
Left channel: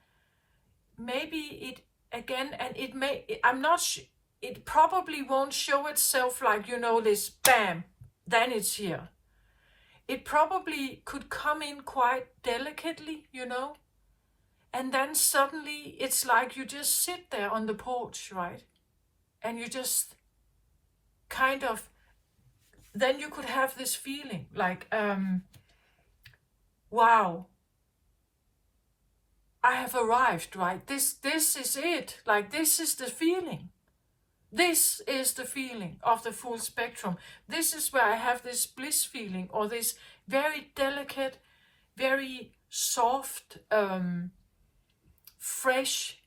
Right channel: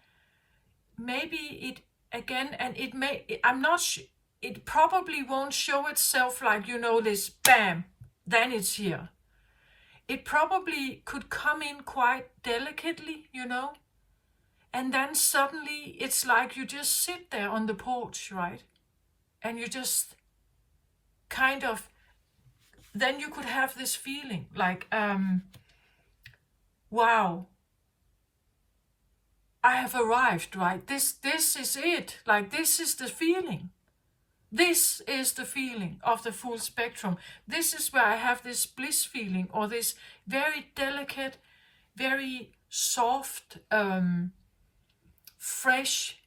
maybe it, again, and it may, I'm not it probably won't show itself like, this bam, then it's here. It probably could come in quite delicately, and then suddenly it's like you just sit there on the porch, right? And you just kind of, then you could have this feeling like, wow, I have arrived, right? This is it. Like, this is the feeling. This is the feeling of the full spectrum. This is where I have this bliss feeling, or this very delicate, very soft, fresh,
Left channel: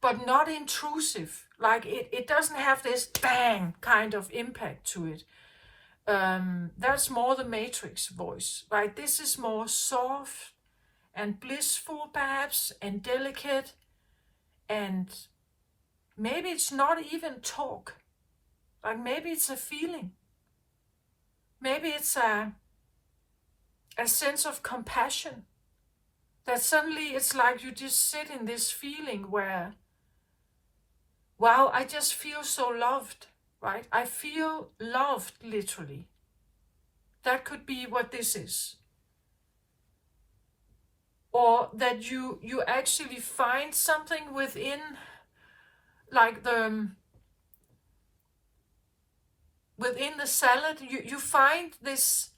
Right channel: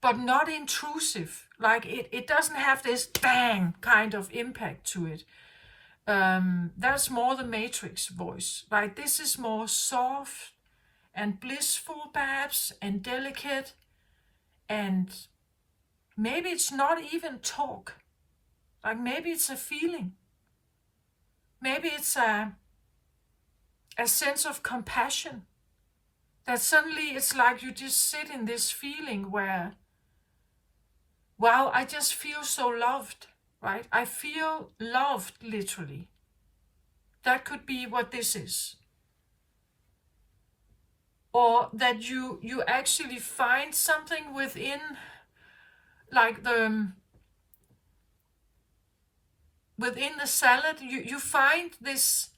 but not intrusive. Like it doesn't have this bang kind of impact to it. That's more the Matrix voice. Like this is more soft and blissful perhaps, and delicate, and maybe it's not even talk. Like maybe it's a feeling. Maybe it's a sense of compassion that suddenly it's like you just sit in this feeling where, wow, I just feel so loved, right? I feel loved, literally. That could be what this is. Or that you actually find something within, like within the salad, you find this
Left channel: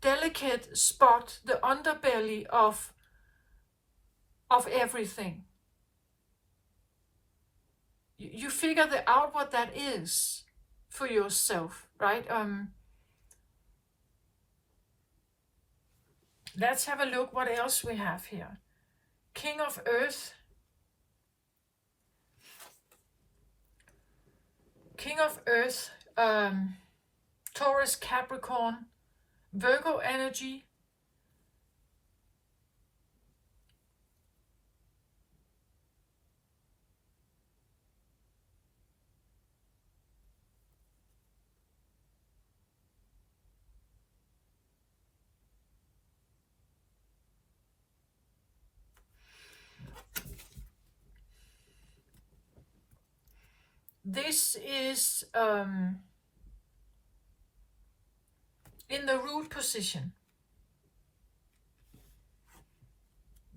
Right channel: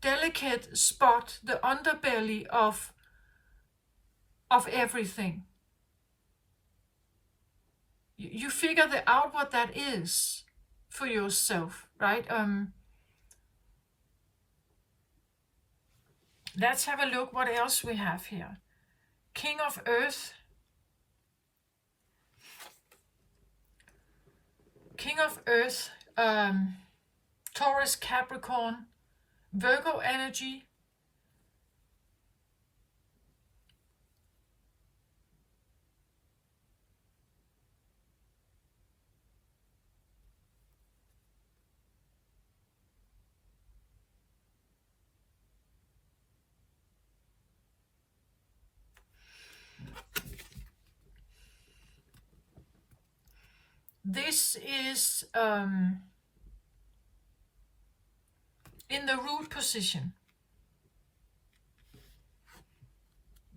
delicate spot, the underbelly of everything. You figure out what that is for yourself, right? Let's have a look what else we have here. King of Earth. King of Earth, Taurus, Capricorn, Virgo energy. This is in the root position,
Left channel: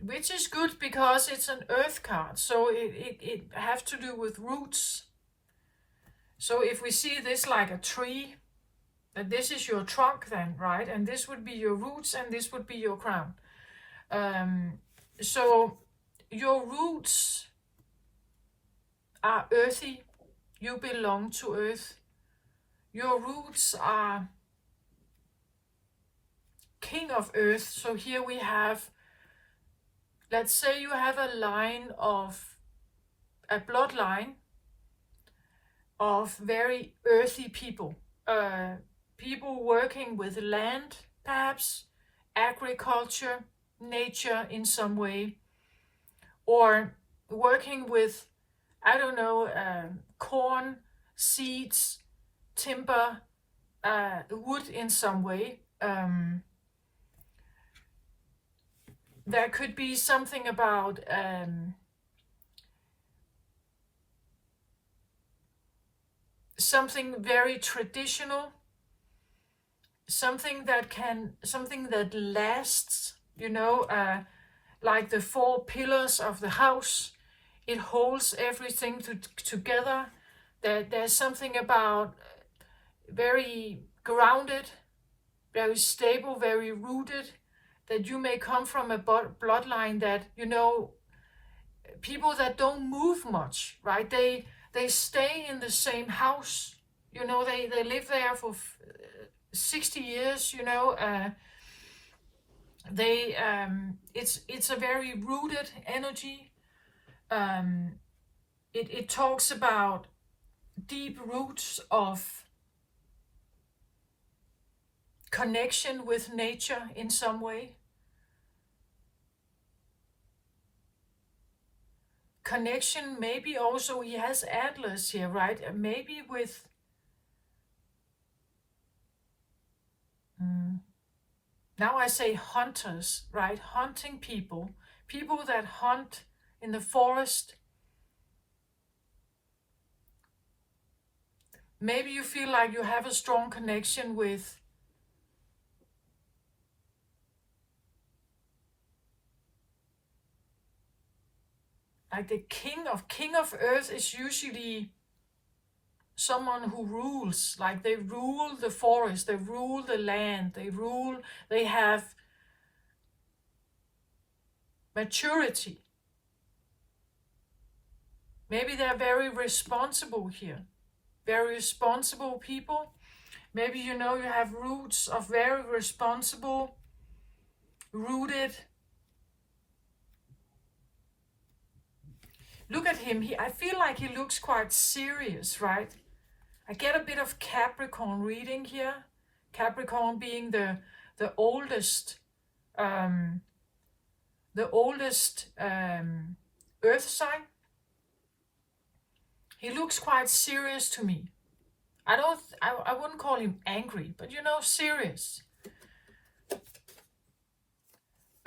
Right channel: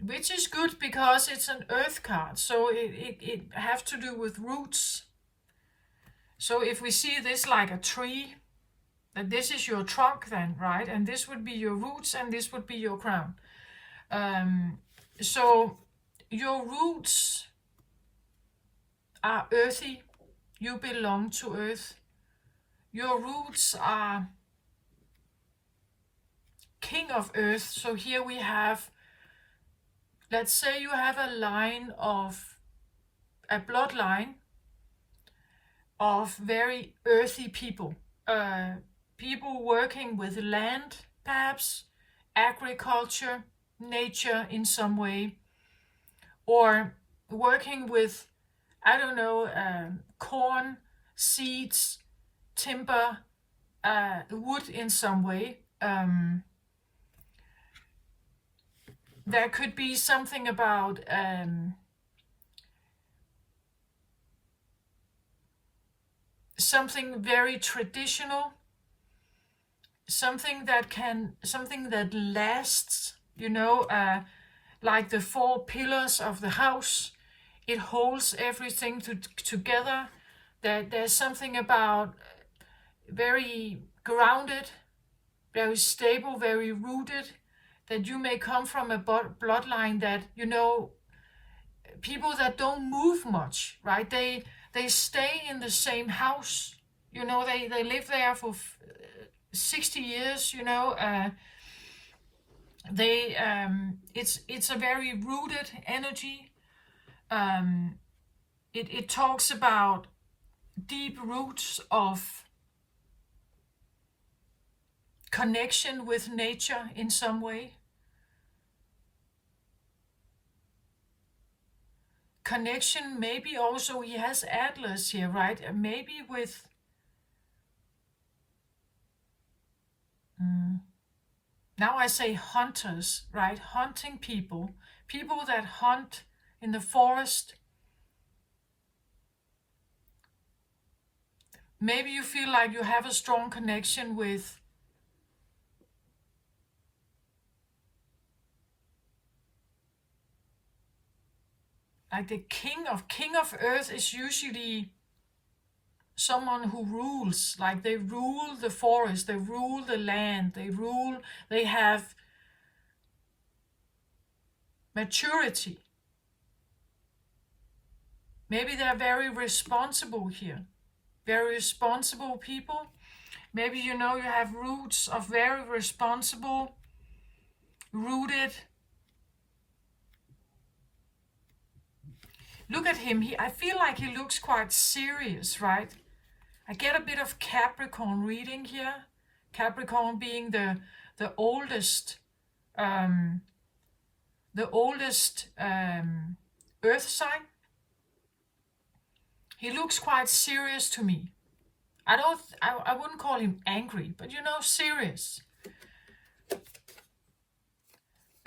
which is good because it's an earth card, so it has to do with roots. So if we see this like a tree, that this is your trunk then, right? And this would be your roots and this would be your crown. So your roots are earthy. You belong to earth. Your roots are king of earth. So here we have, let's say you have a bloodline of very earthy people. People working with land, perhaps, agriculture, nature in some way, or working with, I don't know, corn, seeds, timber, wood in some way. There could be something about something very traditional, something that lasts, like the 4 pillars of the house. It holds everything together. There's something about very grounded, very stable, very rooted, that you may come from a bloodline that, people that don't move much, right? They stay in the same house. They live there for 60 years, it's a very rooted energy. It talks about deep roots of connection with nature in some way. Connection, maybe also he has antlers here, right? Maybe with now I say hunters, right? Hunting people that hunt in the forest. Maybe you feel like you have a strong connection with like the king of earth is usually someone who rules, like they rule the forest, they rule the land, they have maturity. Maybe they're very responsible here, very responsible people. Maybe you have roots of very responsible, rooted. Look at him. I feel like he looks quite serious, right? I get a bit of Capricorn reading here. Capricorn being the oldest earth sign. He looks quite serious to me. I wouldn't call him angry, but serious.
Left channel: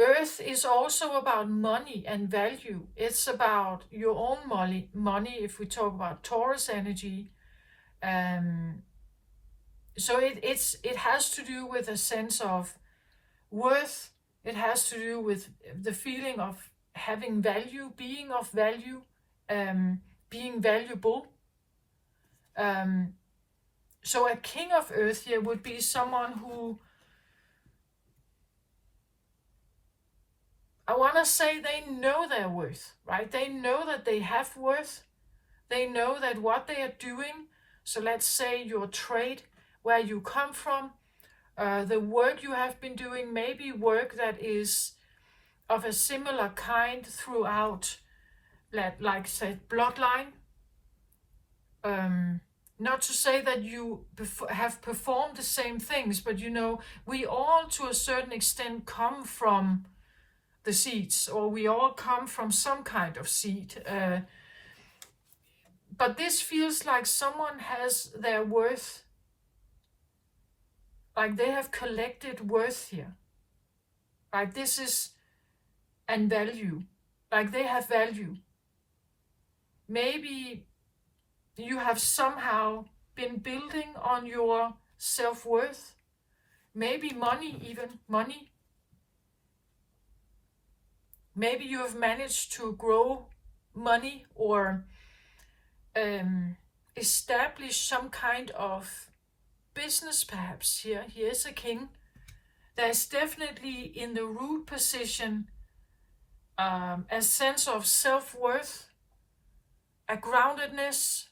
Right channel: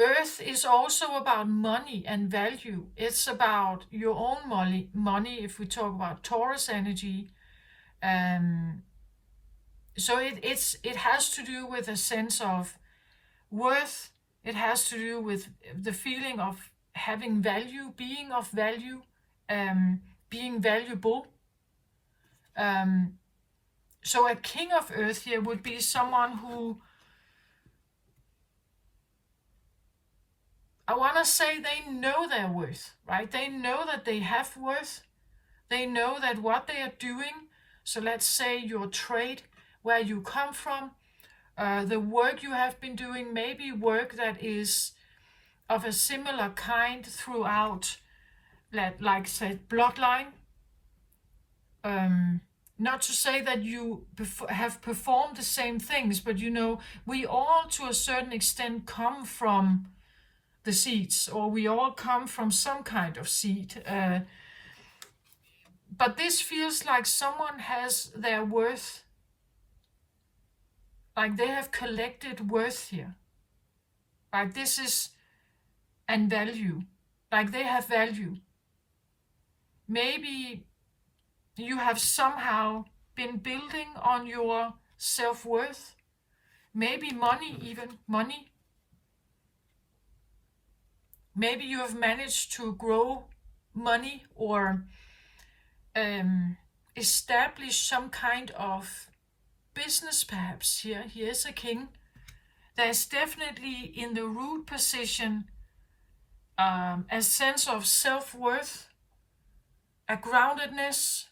Earth is also about money and value. It's about your own money if we talk about Taurus energy. Um, so it has to do with a sense of worth. It has to do with the feeling of having value, being of value, being valuable. So a king of earth here would be someone who, I want to say, they know their worth, right? They know that they have worth. They know that what they are doing, so let's say your trade, where you come from, the work you have been doing, maybe work that is of a similar kind throughout, like say, bloodline. Not to say that you have performed the same things, but we all to a certain extent come from the seeds, or we all come from some kind of seed. But this feels like someone has their worth, like they have collected worth here. Like this is, and value, like they have value. Maybe you have somehow been building on your self-worth. Maybe money, even money. Maybe you have managed to grow money or establish some kind of business, perhaps. Here is a king. There's definitely in the root position a sense of self-worth, a groundedness,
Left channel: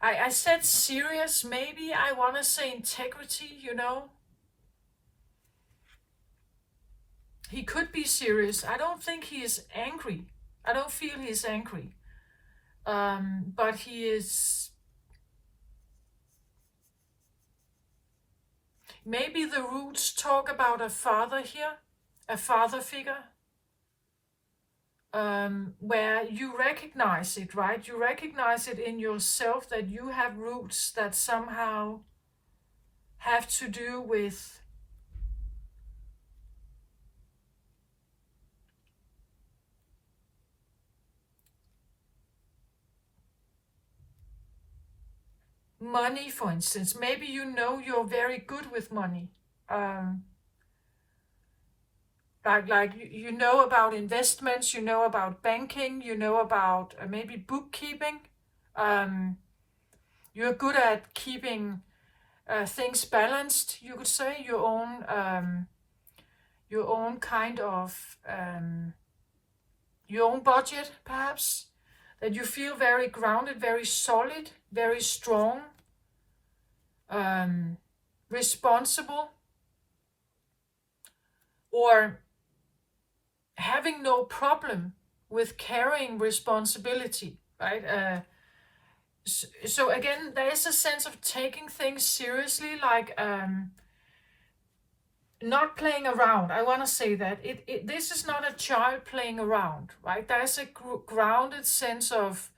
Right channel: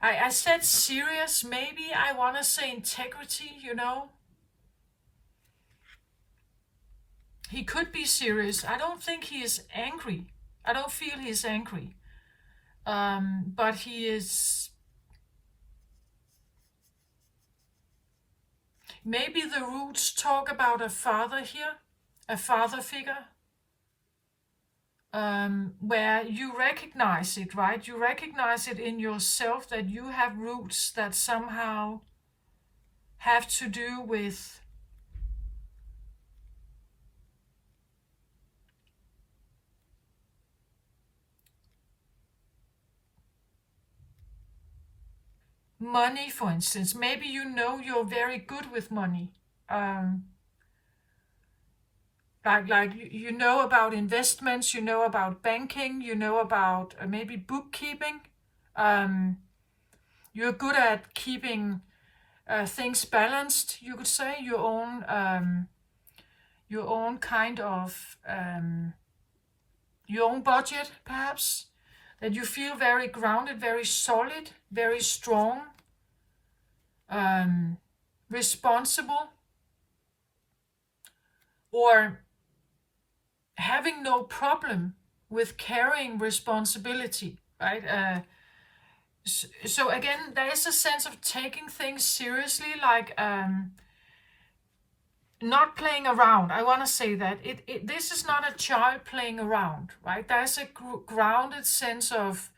I said serious, maybe I want to say integrity, He could be serious. I don't think he is angry. I don't feel he is angry. But he is... Maybe the roots talk about a father here, a father figure, where you recognize it, right? You recognize it in yourself that you have roots that somehow have to do with money, for instance. Maybe you're very good with money. Like you know about investments, you know about banking, you know about maybe bookkeeping. You're good at keeping things balanced, you could say, your own kind of your own budget, perhaps. That you feel very grounded, very solid, very strong, responsible, or having no problem with carrying responsibility, right? So again, there is a sense of taking things seriously, like not playing around. I want to say that this is not a child playing around, right? There's a grounded sense of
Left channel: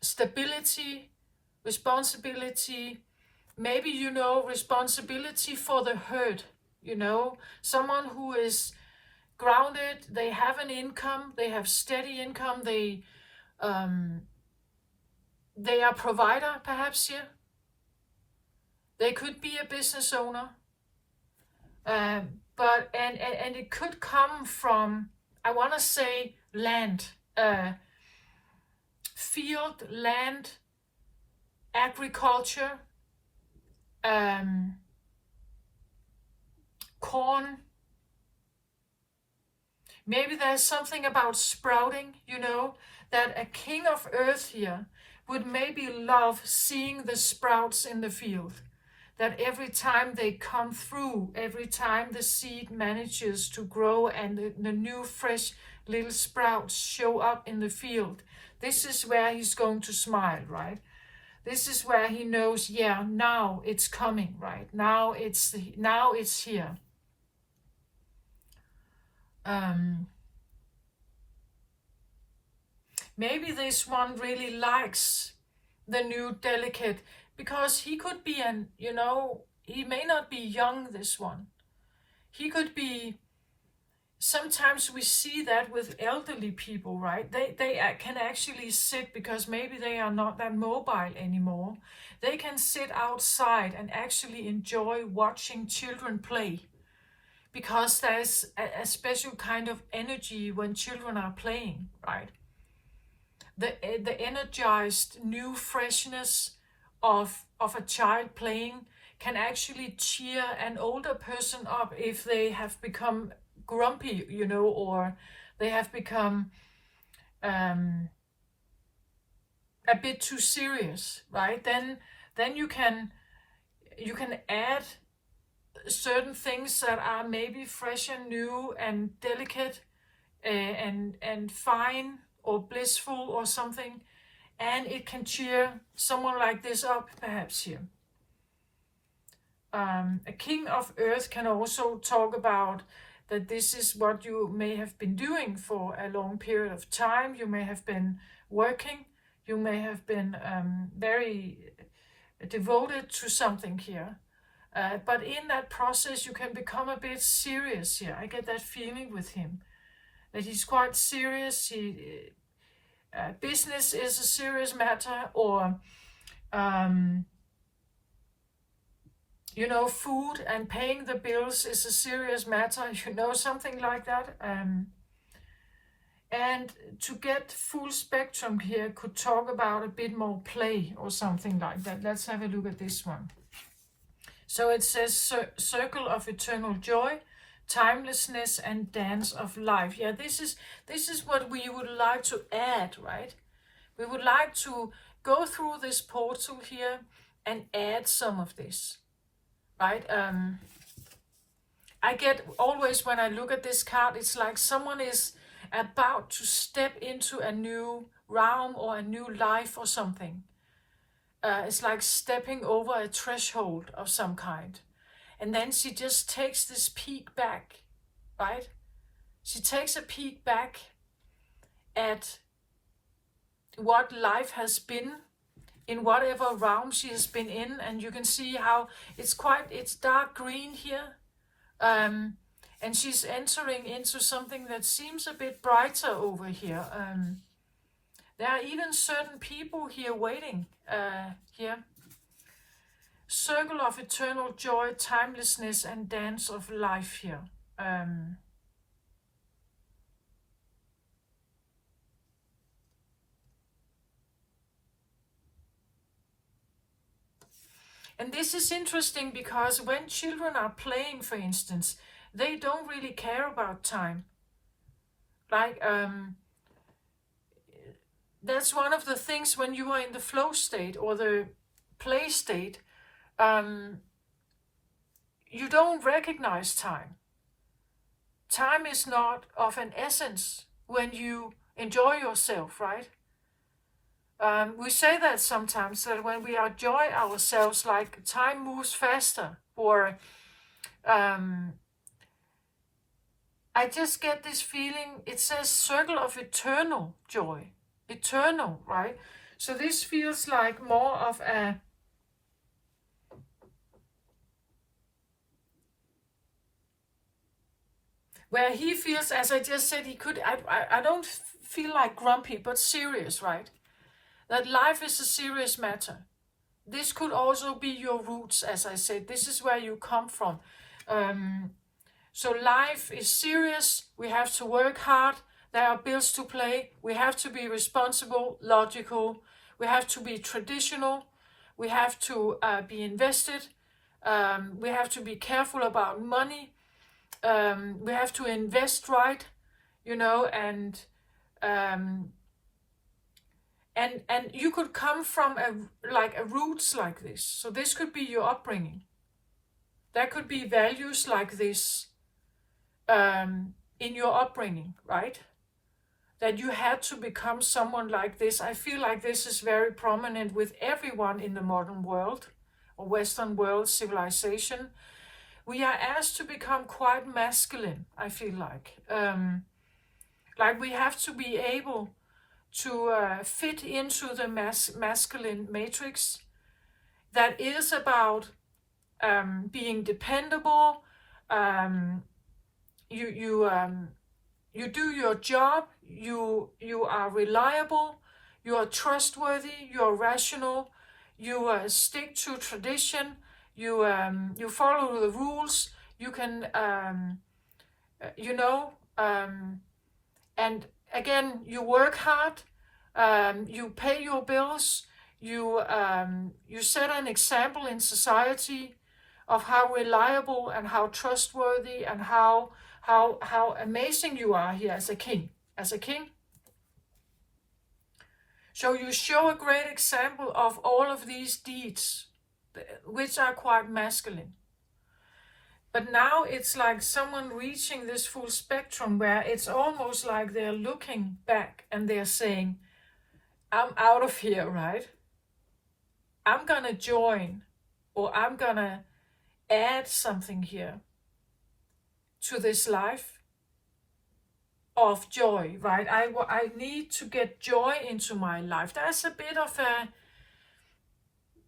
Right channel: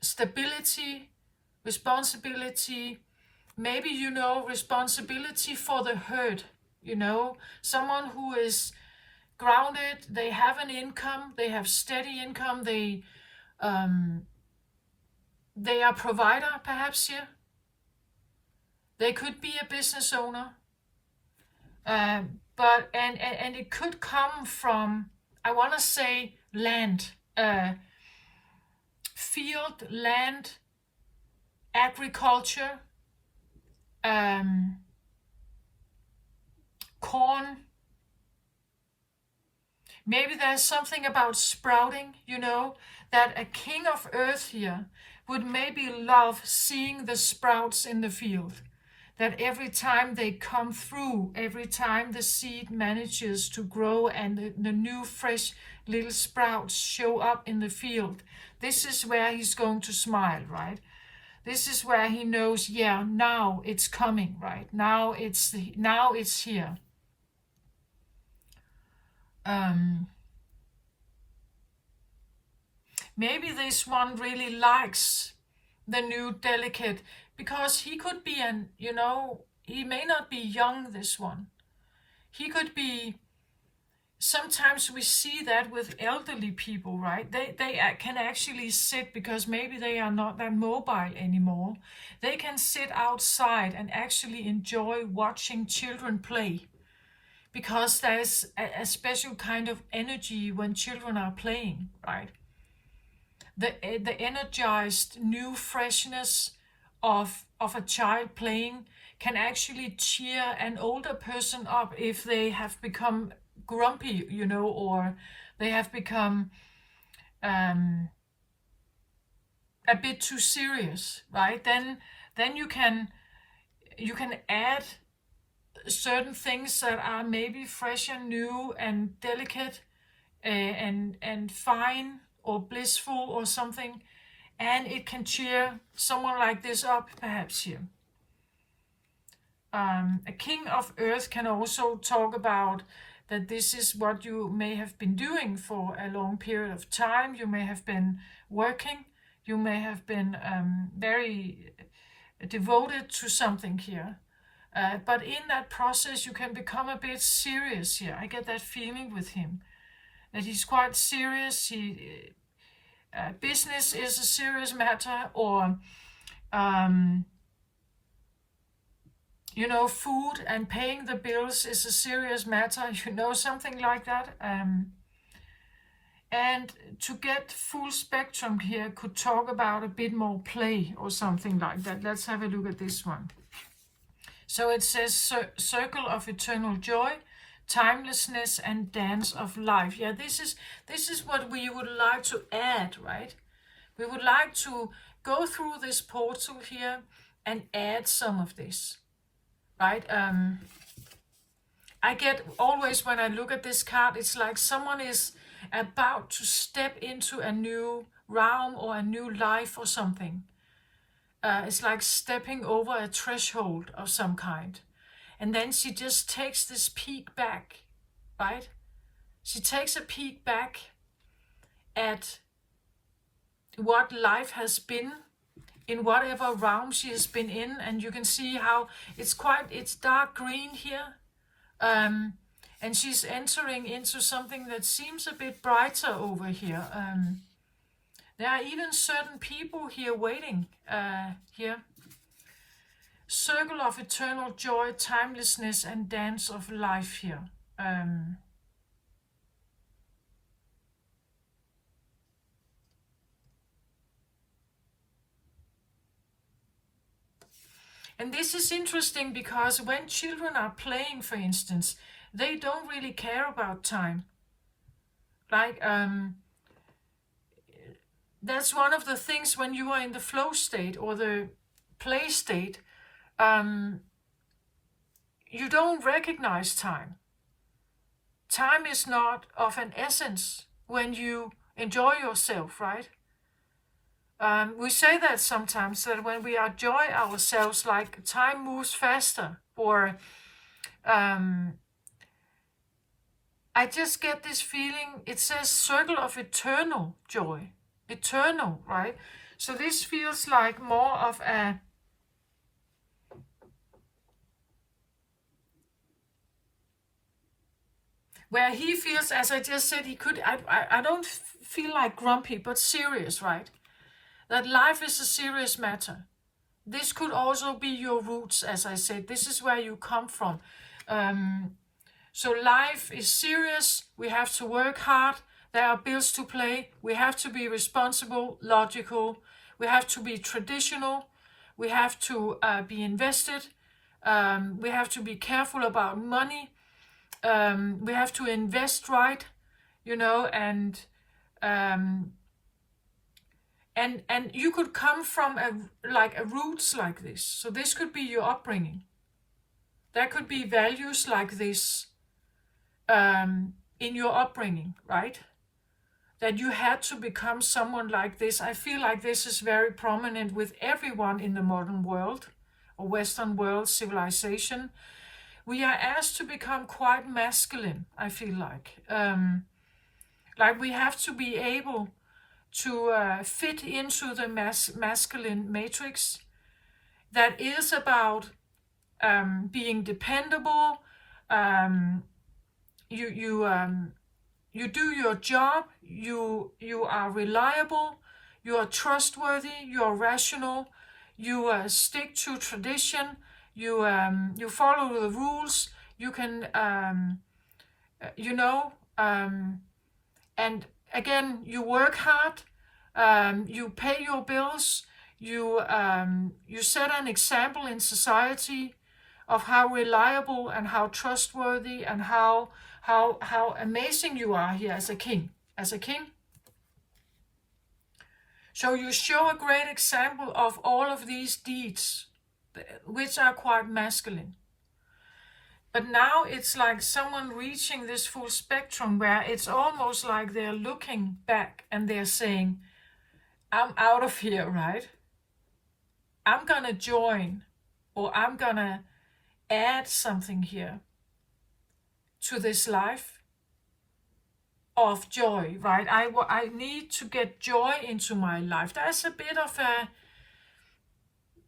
stability, responsibility, maybe responsibility for the herd. Someone who is grounded, they have an income, they have steady income, they are provider, perhaps here. They could be a business owner, but it could come from, I want to say, land, field, land, agriculture, corn. Maybe there's something about sprouting, that a king of earth here would maybe love seeing the sprouts in the field. That every time they come through, every time the seed manages to grow and the new fresh little sprouts show up in the field, this is where he's going to smile, right? This is where he knows, yeah, now it's coming, right? Now it's here. Maybe this one really likes the new delicate, because he could be he may not be young, this one. He could be, sometimes we see that with elderly people, right? They can actually sit, because maybe they are not that mobile anymore. They can sit outside and actually enjoy watching children play, because there's a special kind of energy when children are playing, right? The energized new freshness of a child playing can actually cheer an older person up if they have become grumpy, or they have become a bit too serious, right? Then you can add certain things that are maybe fresh and new and delicate, and fine or blissful or something, and it can cheer someone like this up, perhaps here. A king of earth can also talk about that this is what you may have been doing for a long period of time. You may have been working, you may have been very devoted to something here. But in that process, you can become a bit serious here. I get that feeling with him, that he's quite serious. Business is a serious matter, or food and paying the bills is a serious matter, something like that. And to get full spectrum here could talk about a bit more play or something like that. Let's have a look at this one. So it says circle of eternal joy, timelessness, and dance of life. Yeah, this is what we would like to add, right? We would like to go through this portal here and add some of this, right? I get always, when I look at this card, it's like someone is about to step into a new realm or a new life or something. It's like stepping over a threshold of some kind. And then she just takes this peek back, right? She takes a peek back at what life has been in whatever realm she has been in. And you can see how it's dark green here. And she's entering into something that seems a bit brighter over here. There are even certain people here waiting here. Circle of eternal joy, timelessness, and dance of life here. And this is interesting, because when children are playing, for instance, they don't really care about time. Like, that's one of the things when you are in the flow state or the play state, you don't recognize time. Time is not of an essence when you enjoy yourself, right? We say that sometimes, that when we enjoy ourselves, like, time moves faster, or I just get this feeling. It says circle of eternal joy. Eternal, right? So this feels like more of a where he feels, as I just said, he could, I don't feel like grumpy, but serious, right? That life is a serious matter. This could also be your roots, as I said. This is where you come from. So life is serious. We have to work hard. There are bills to pay. We have to be responsible, logical. We have to be traditional. We have to be invested. We have to be careful about money. We have to invest right, and you could come from a roots like this. So this could be your upbringing. There could be values like this in your upbringing, right? That you had to become someone like this. I feel like this is very prominent with everyone in the modern world or Western world civilization. We are asked to become quite masculine, I feel like. Like we have to be able to fit into the masculine matrix that is about being dependable. You do your job. You are reliable. You are trustworthy. You are rational. You stick to tradition. You follow the rules. You can and again, you work hard. You pay your bills. You set an example in society of how reliable and how trustworthy and how amazing you are here as a king. So you show a great example of all of these deeds, which are quite masculine. But now it's like someone reaching this full spectrum where it's almost like they're looking back and they're saying, I'm out of here, right? I'm gonna join, or I'm gonna add something here to this life of joy, right? I need to get joy into my life. There's a bit of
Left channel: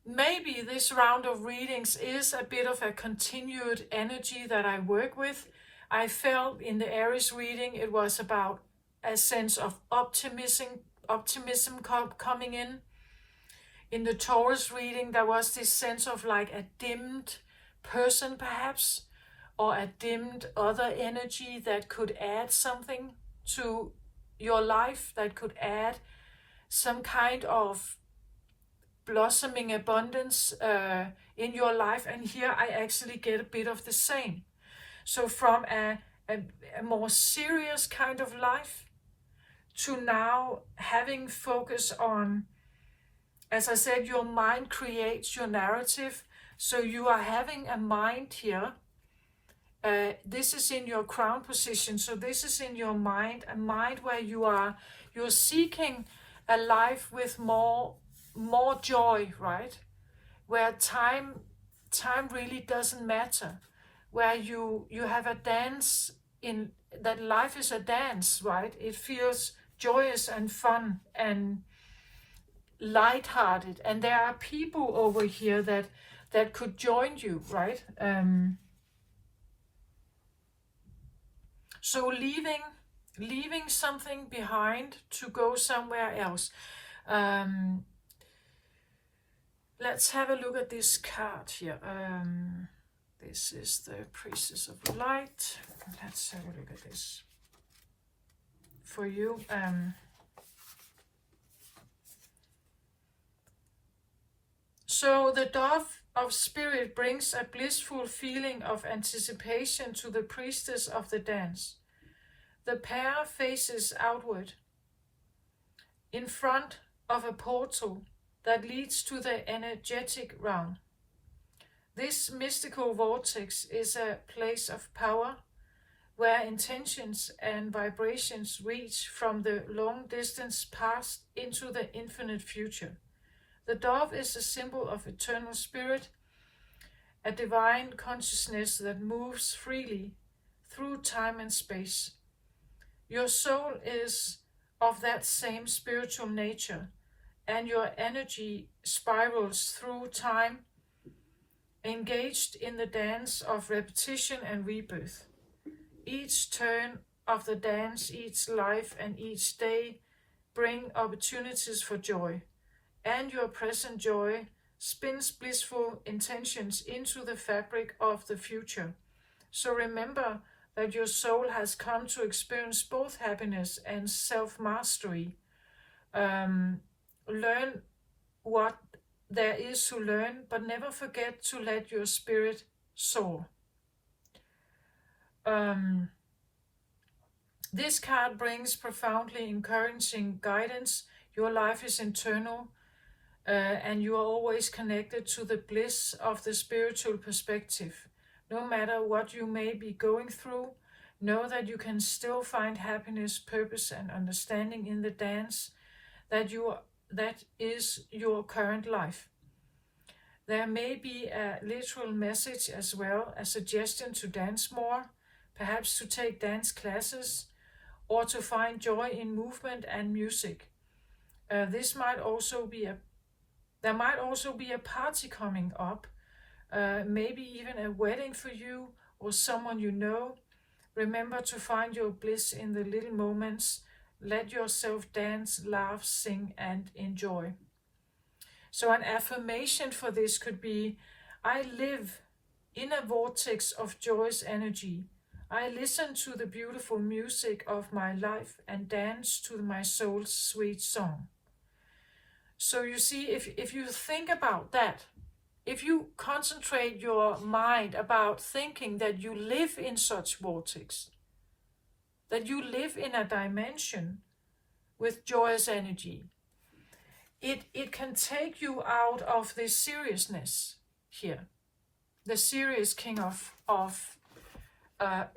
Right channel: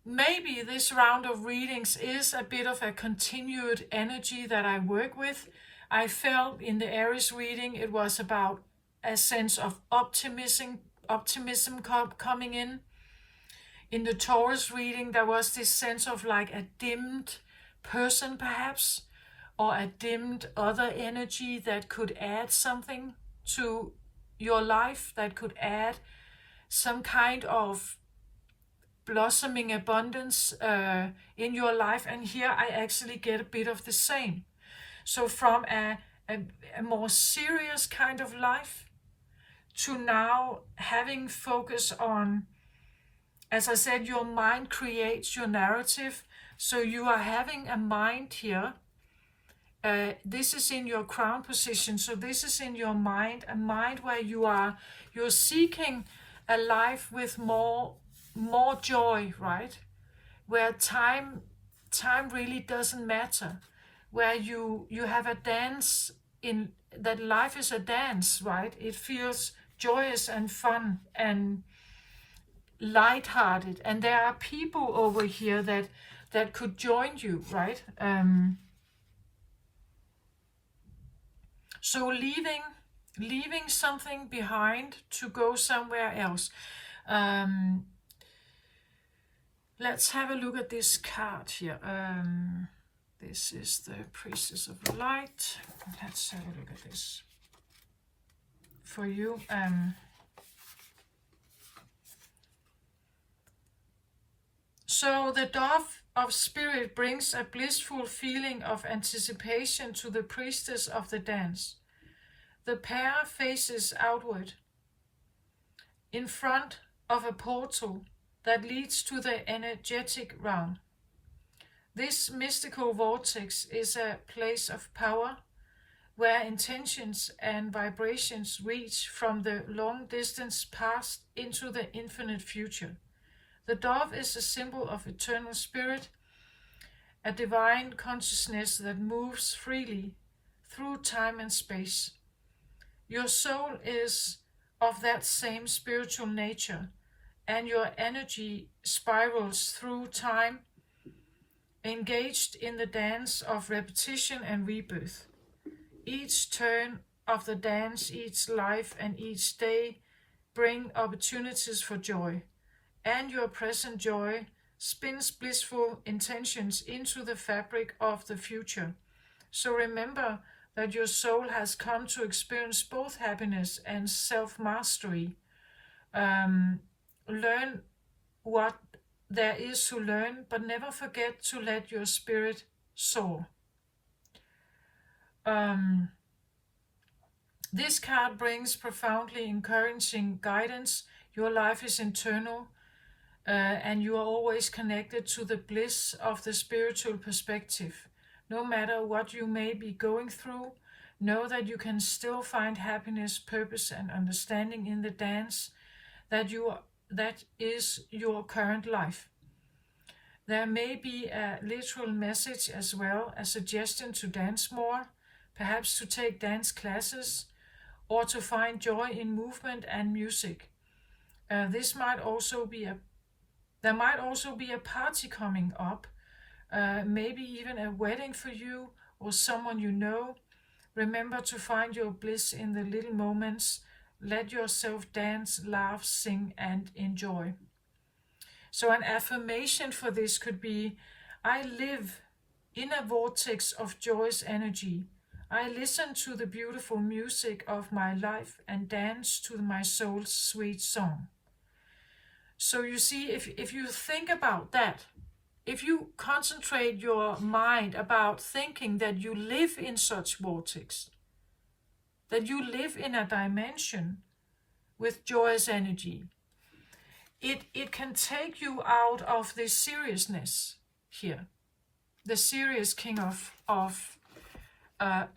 maybe this round of readings is a bit of a continued energy that I work with. I felt in the Aries reading it was about a sense of optimism coming in. In the Taurus reading, there was this sense of like a dimmed person perhaps, or a dimmed other energy that could add something to your life, that could add some kind of blossoming abundance in your life. And here I actually get a bit of the same. So from a more serious kind of life to now having focus on, as I said, your mind creates your narrative. So you are having a mind here. This is in your crown position. So this is in your mind, a mind where you're seeking a life with more joy, right? Where time really doesn't matter. Where you have a dance in that life is a dance, right? It feels joyous and fun and lighthearted, and there are people over here that could join you, right? So leaving something behind to go somewhere else. Let's have a look at this card here. This is the Priestess of Light. Let's have a look at this for you. So the dove of spirit brings a blissful feeling of anticipation to the priestess of the dance. The pair faces outward in front of a portal that leads to the energetic realm. This mystical vortex is a place of power where intentions and vibrations reach from the long distance past into the infinite future. The dove is a symbol of eternal spirit, a divine consciousness that moves freely through time and space. Your soul is of that same spiritual nature, and your energy spirals through time, engaged in the dance of repetition and rebirth. Each turn of the dance, each life, and each day bring opportunities for joy. And your present joy spins blissful intentions into the fabric of the future. So remember that your soul has come to experience both happiness and self-mastery. Learn what there is to learn, but never forget to let your spirit soar. This card brings profoundly encouraging guidance. Your life is internal. And you are always connected to the bliss of the spiritual perspective. No matter what you may be going through, know that you can still find happiness, purpose, and understanding in the dance that is your current life. There may be a literal message as well, a suggestion to dance more, perhaps to take dance classes, or to find joy in movement and music. This might also be there might also be a party coming up, maybe even a wedding for you or someone you know. Remember to find your bliss in the little moments. Let yourself dance, laugh, sing, and enjoy. So an affirmation for this could be, I live in a vortex of joyous energy. I listen to the beautiful music of my life and dance to my soul's sweet song. So you see, if you think about that, if you concentrate your mind about thinking that you live in such vortex, that you live in a dimension with joyous energy, it can take you out of this seriousness here, the serious king of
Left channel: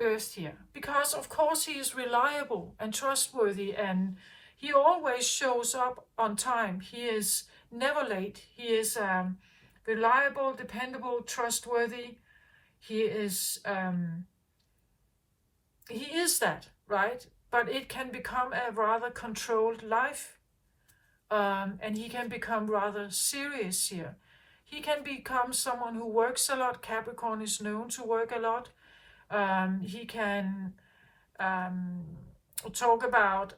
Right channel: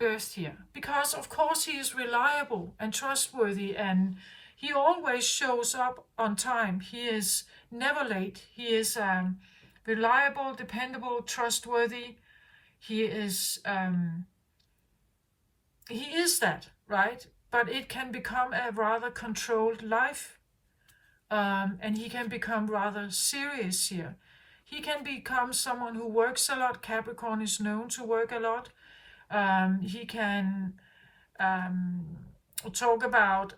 earth here, because of course he is reliable and trustworthy, and he always shows up on time. He is never late. He is reliable, dependable, trustworthy. He is that, right? But it can become a rather controlled life, and he can become rather serious here. He can become someone who works a lot. Capricorn is known to work a lot. He can talk about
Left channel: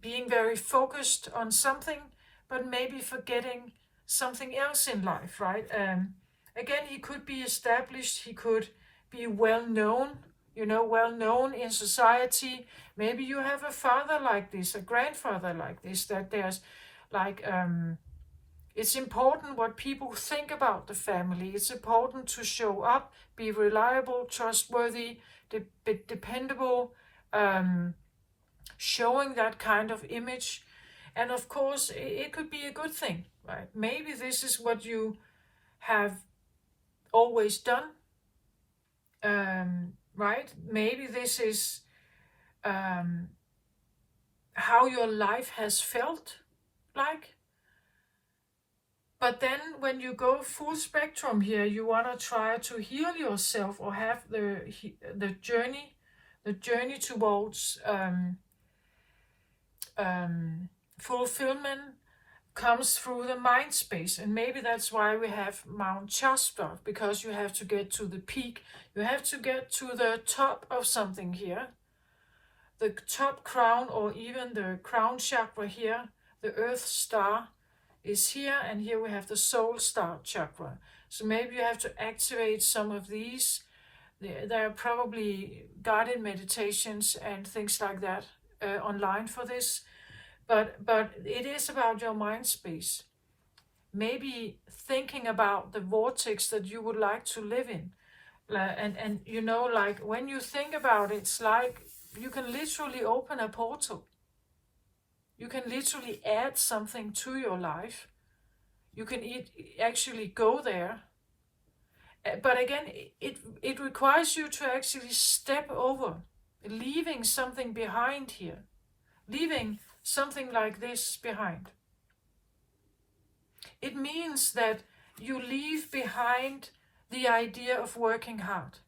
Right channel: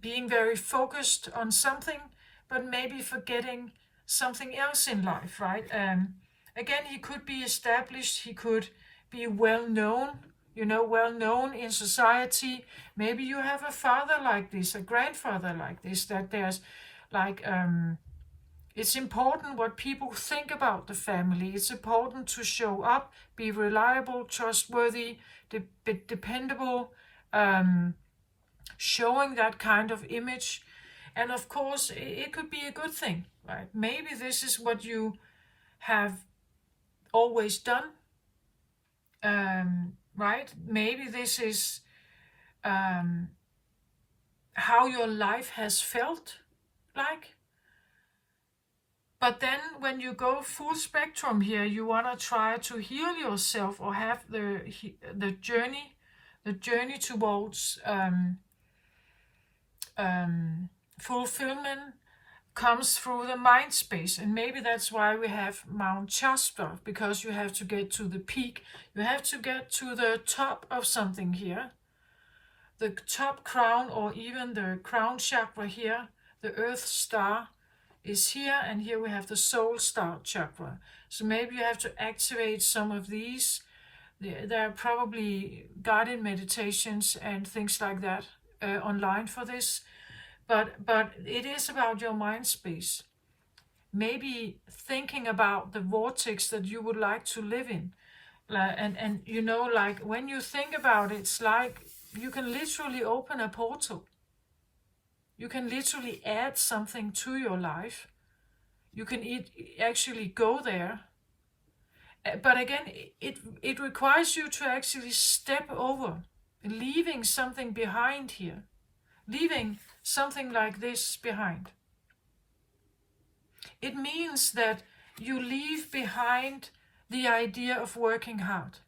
being very focused on something, but maybe forgetting something else in life, right? Again, he could be established, he could be well known, well known in society. Maybe you have a father like this, a grandfather like this, that there's like, it's important what people think about the family. It's important to show up, be reliable, trustworthy, dependable, showing that kind of image. And of course, it could be a good thing, right? Maybe this is what you have always done, right? Maybe this is how your life has felt like. But then when you go full spectrum here, you want to try to heal yourself or have the journey towards fulfillment comes through the mind space. And maybe that's why we have Mount Shasta, because you have to get to the peak. You have to get to the top of something here. The top crown, or even the crown chakra here, the earth star is here, and here we have the soul star chakra. So maybe you have to activate some of these. There are probably guided meditations and things like that online for this. But it is about your mind space. Maybe thinking about the vortex that you would like to live in. And like when you think about it, it's like you can literally open a portal. You can literally add something to your life. You can actually go there. But again, it requires you to actually step over, leaving something behind here. Leaving something like this behind. It means that you leave behind the idea of working hard.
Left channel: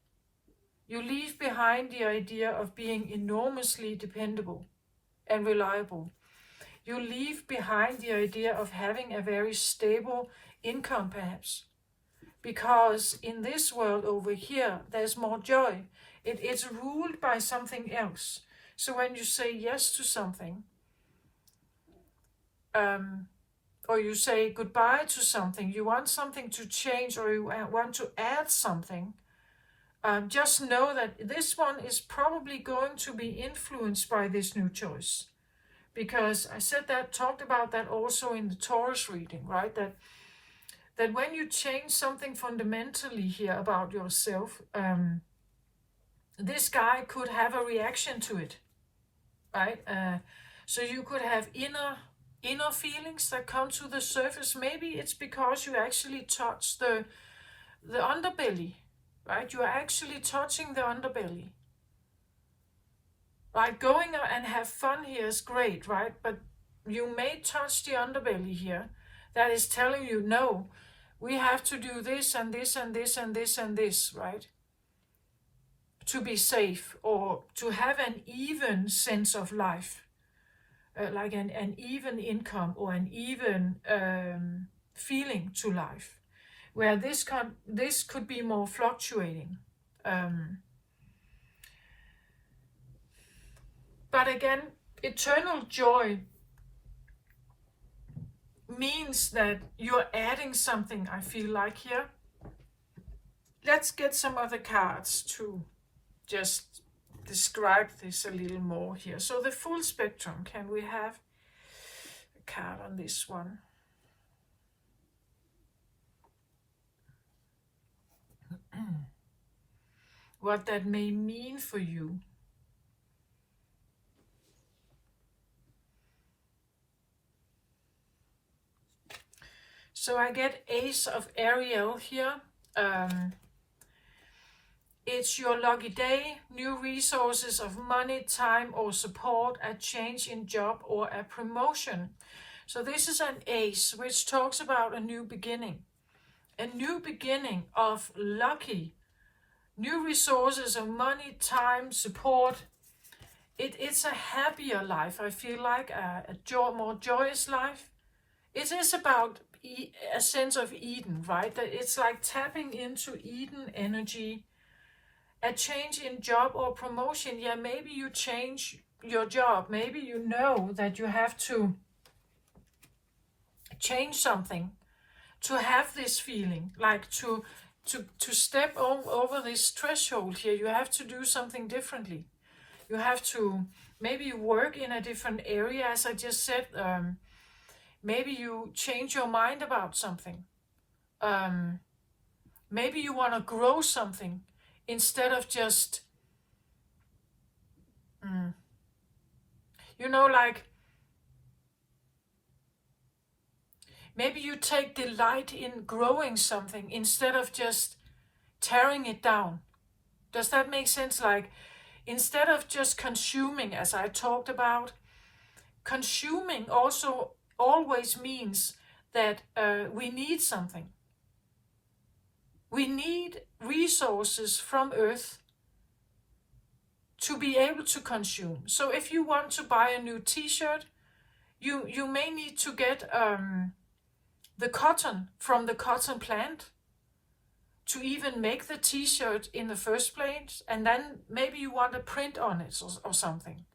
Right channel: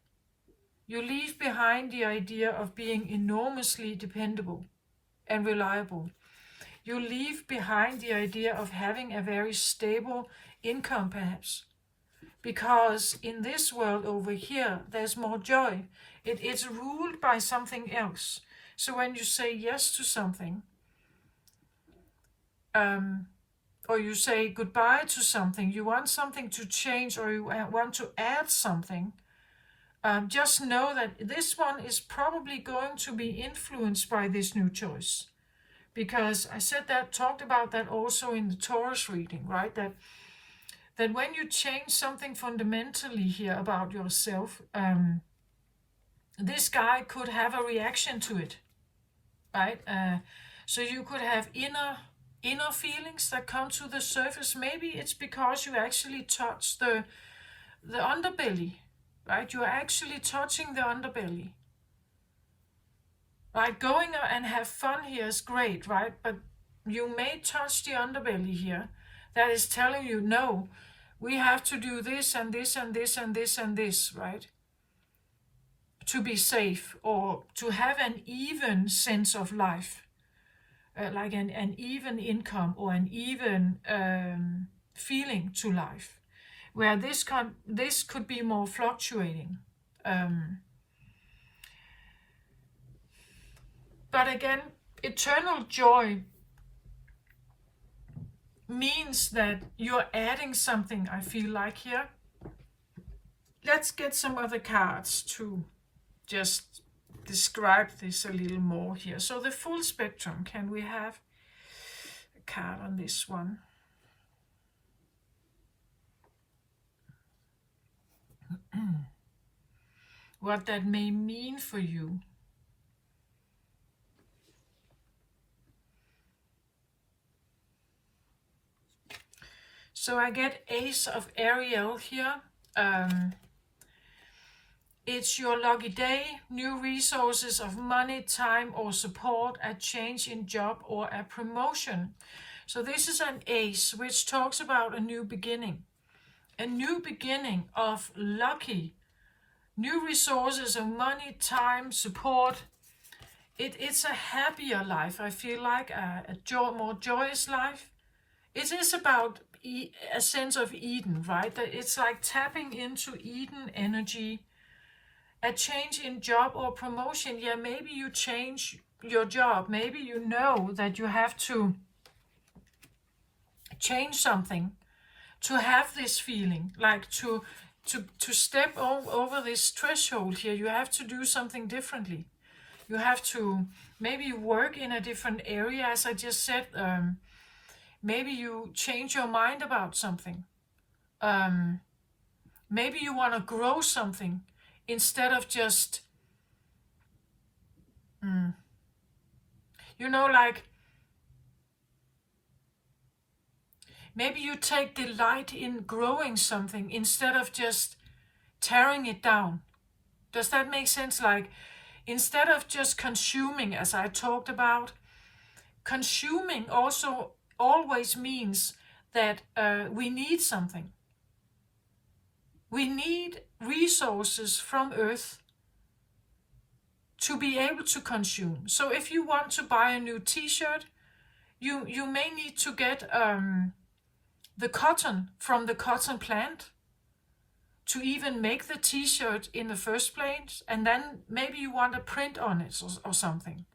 You leave behind the idea of being enormously dependable and reliable. You leave behind the idea of having a very stable income, perhaps. Because in this world over here, there's more joy. It's ruled by something else. So when you say yes to something, or you say goodbye to something, you want something to change, or you want to add something, just know that this one is probably going to be influenced by this new choice. Because I talked about that also in the Taurus reading, right? That when you change something fundamentally here about yourself, this guy could have a reaction to it, right? So you could have inner feelings that come to the surface. Maybe it's because you actually touch the underbelly, right? You are actually touching the underbelly. Right, going and have fun here is great, right? But you may touch the underbelly here that is telling you, no, we have to do this and this and this and this and this, right? To be safe, or to have an even sense of life. like an even income or an even feeling to life, where this could be more fluctuating. But again, eternal joy means that you're adding something, I feel like here. Let's get some other cards to just describe this a little more here. So the full spectrum, can we have a card on this one? What that may mean for you. So I get Ace of Ariel here. It's your lucky day, new resources of money, time or support, a change in job or a promotion. So this is an Ace, which talks about a new beginning. A new beginning of lucky, new resources of money, time, support. It's a happier life, I feel like, a more joyous life. It is about a sense of Eden, right? That it's like tapping into Eden energy. A change in job or promotion. Yeah, maybe you change your job. Maybe you know that you have to change something to have this feeling, like to step over this threshold here. You have to do something differently. You have to maybe work in a different area, as I just said. Maybe you change your mind about something. Maybe you want to grow something instead of just, like, maybe you take delight in growing something instead of just tearing it down. Does that make sense? Like, instead of just consuming, as I talked about, consuming also always means that we need something. We need resources from Earth to be able to consume. So if you want to buy a new t-shirt, you may need to get the cotton from the cotton plant to even make the t-shirt in the first place, and then maybe you want a print on it or something.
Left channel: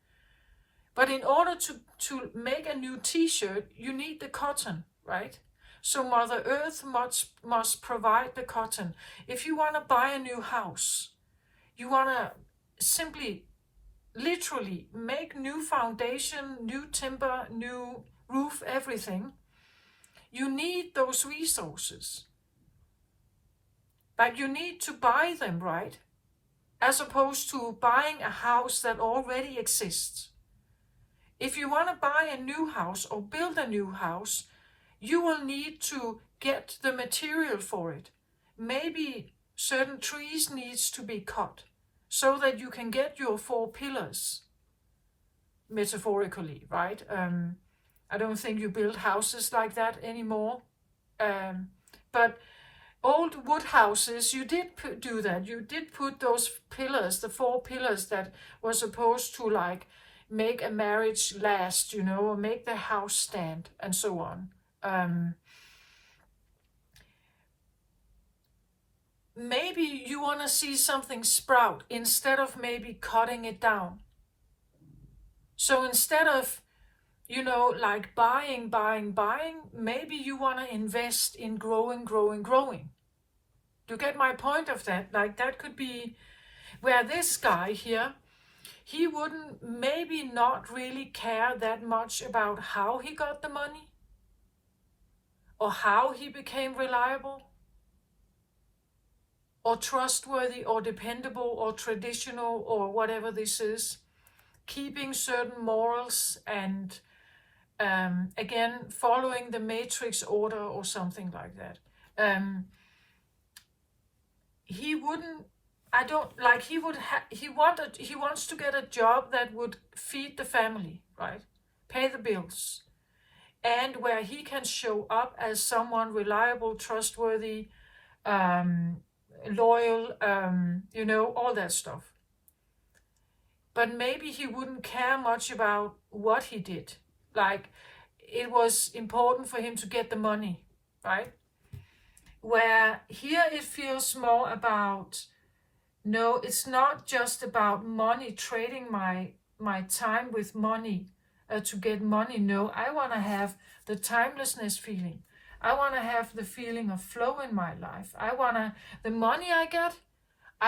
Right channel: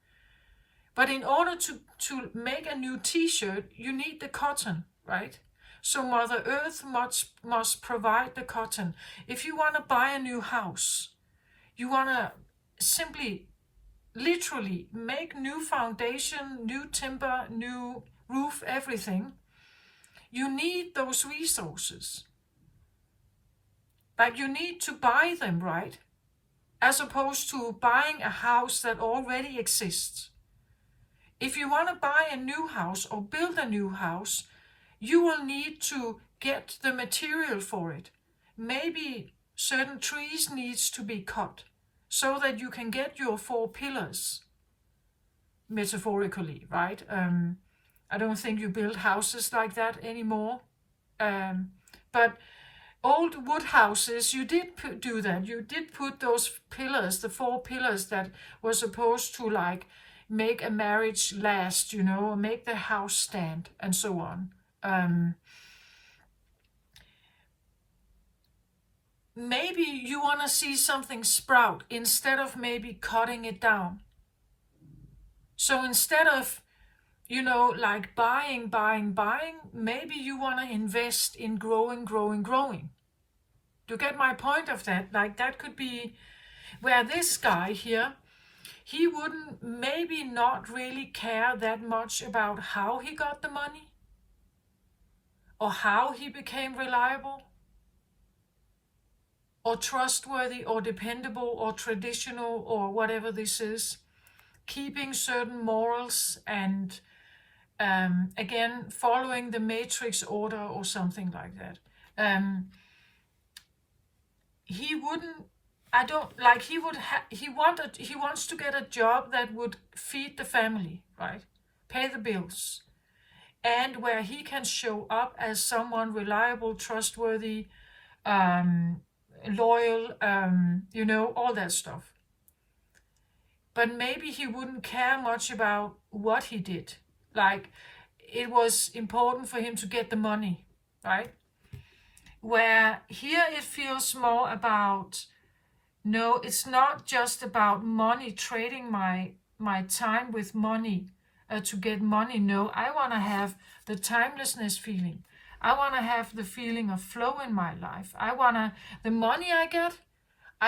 But in order to make a new t-shirt, you need the cotton, right? So Mother Earth must provide the cotton. If you want to buy a new house, you want to simply, literally make new foundation, new timber, new roof, everything. You need those resources. But you need to buy them, right? As opposed to buying a house that already exists. If you want to buy a new house or build a new house, you will need to get the material for it. Maybe certain trees needs to be cut so that you can get your 4 pillars, metaphorically, right? I don't think you build houses like that anymore. But old wood houses, you did do that. You did put those pillars, the 4 pillars that were supposed to like make a marriage last, or make the house stand and so on. Maybe you want to see something sprout instead of maybe cutting it down. So instead of, like buying, maybe you want to invest in growing. You get my point of that? Like, that could be where this guy here, he wouldn't maybe not really care that much about how he got the money or how he became reliable or trustworthy or dependable or traditional or whatever this is, keeping certain morals and again following the matrix order or something like that. He wouldn't, I don't like, he wants to get a job that would feed the family, right? Pay the bills. And where he can show up as someone reliable, trustworthy, loyal, all that stuff. But maybe he wouldn't care much about what he did. Like, it was important for him to get the money, right? Where here it feels more about, no, it's not just about money, trading my time with money to get money. No, I want to have the timelessness feeling. I want to have the feeling of flow in my life. The money I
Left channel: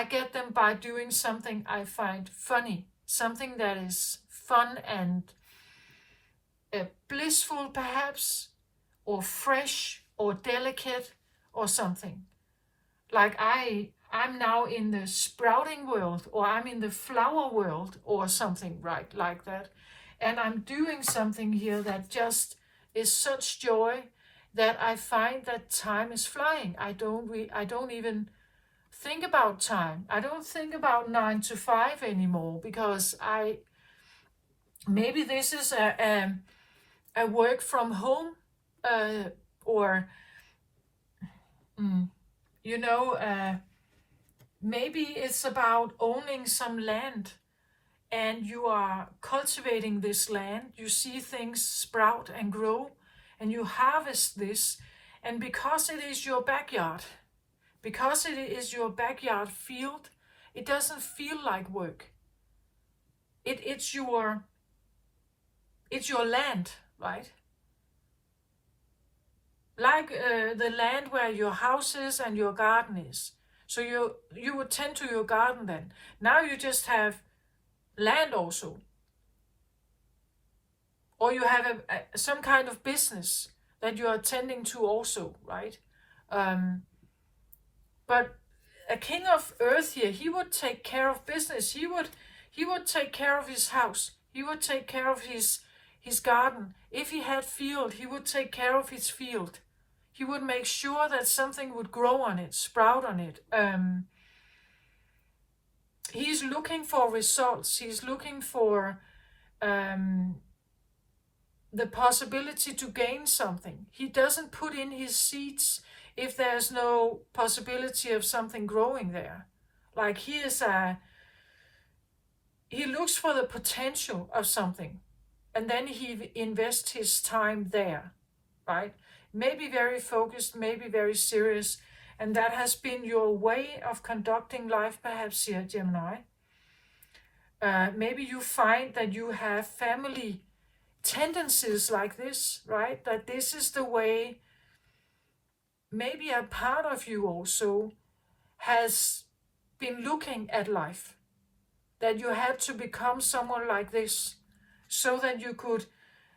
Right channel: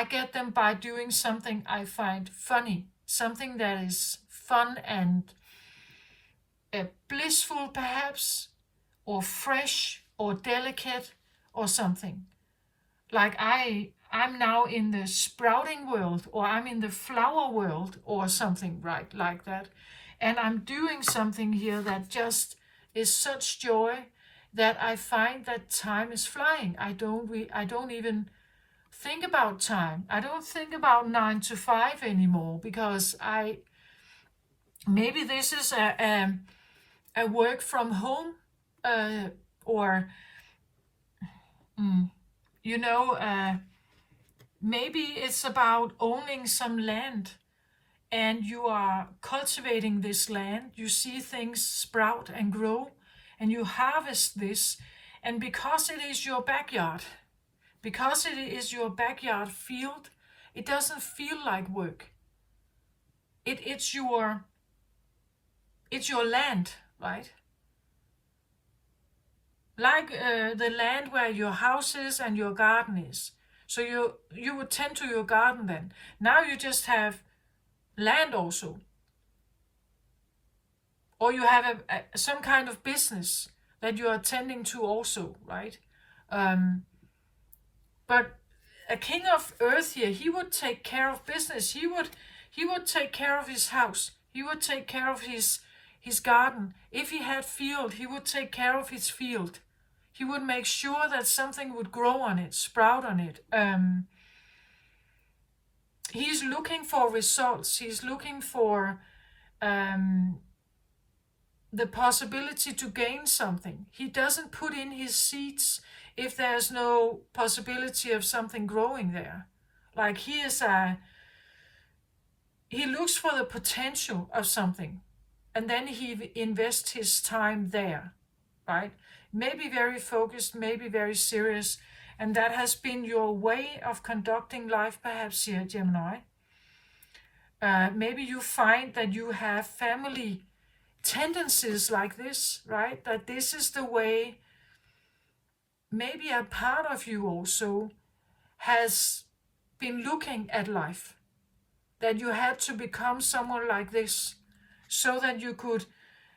get them by doing something I find funny, something that is fun and blissful perhaps, or fresh, or delicate, or something. Like I'm now in the sprouting world, or I'm in the flower world, or something, right, like that. And I'm doing something here that just is such joy that I find that time is flying. I don't even think about time. I don't think about 9 to 5 anymore, because maybe this is a work from home, or maybe it's about owning some land, and you are cultivating this land. You see things sprout and grow, and you harvest this. And because it is your backyard, field, it doesn't feel like work. It's your land, right? Like the land where your house is and your garden is. So you would tend to your garden then. Now you just have land also. Or you have some kind of business that you are attending to also, right? But a king of earth here, he would take care of business. He would take care of his house. He would take care of his garden. If he had field, he would take care of his field. He would make sure that something would grow on it, sprout on it. He's looking for results. He's looking for the possibility to gain something. He doesn't put in his seeds if there's no possibility of something growing there. Like he looks for the potential of something, and then he invests his time there, right? Maybe very focused, maybe very serious, and that has been your way of conducting life perhaps here, Gemini. Maybe you find that you have family tendencies like this, right? That this is the way maybe a part of you also has been looking at life. That you had to become someone like this so that you could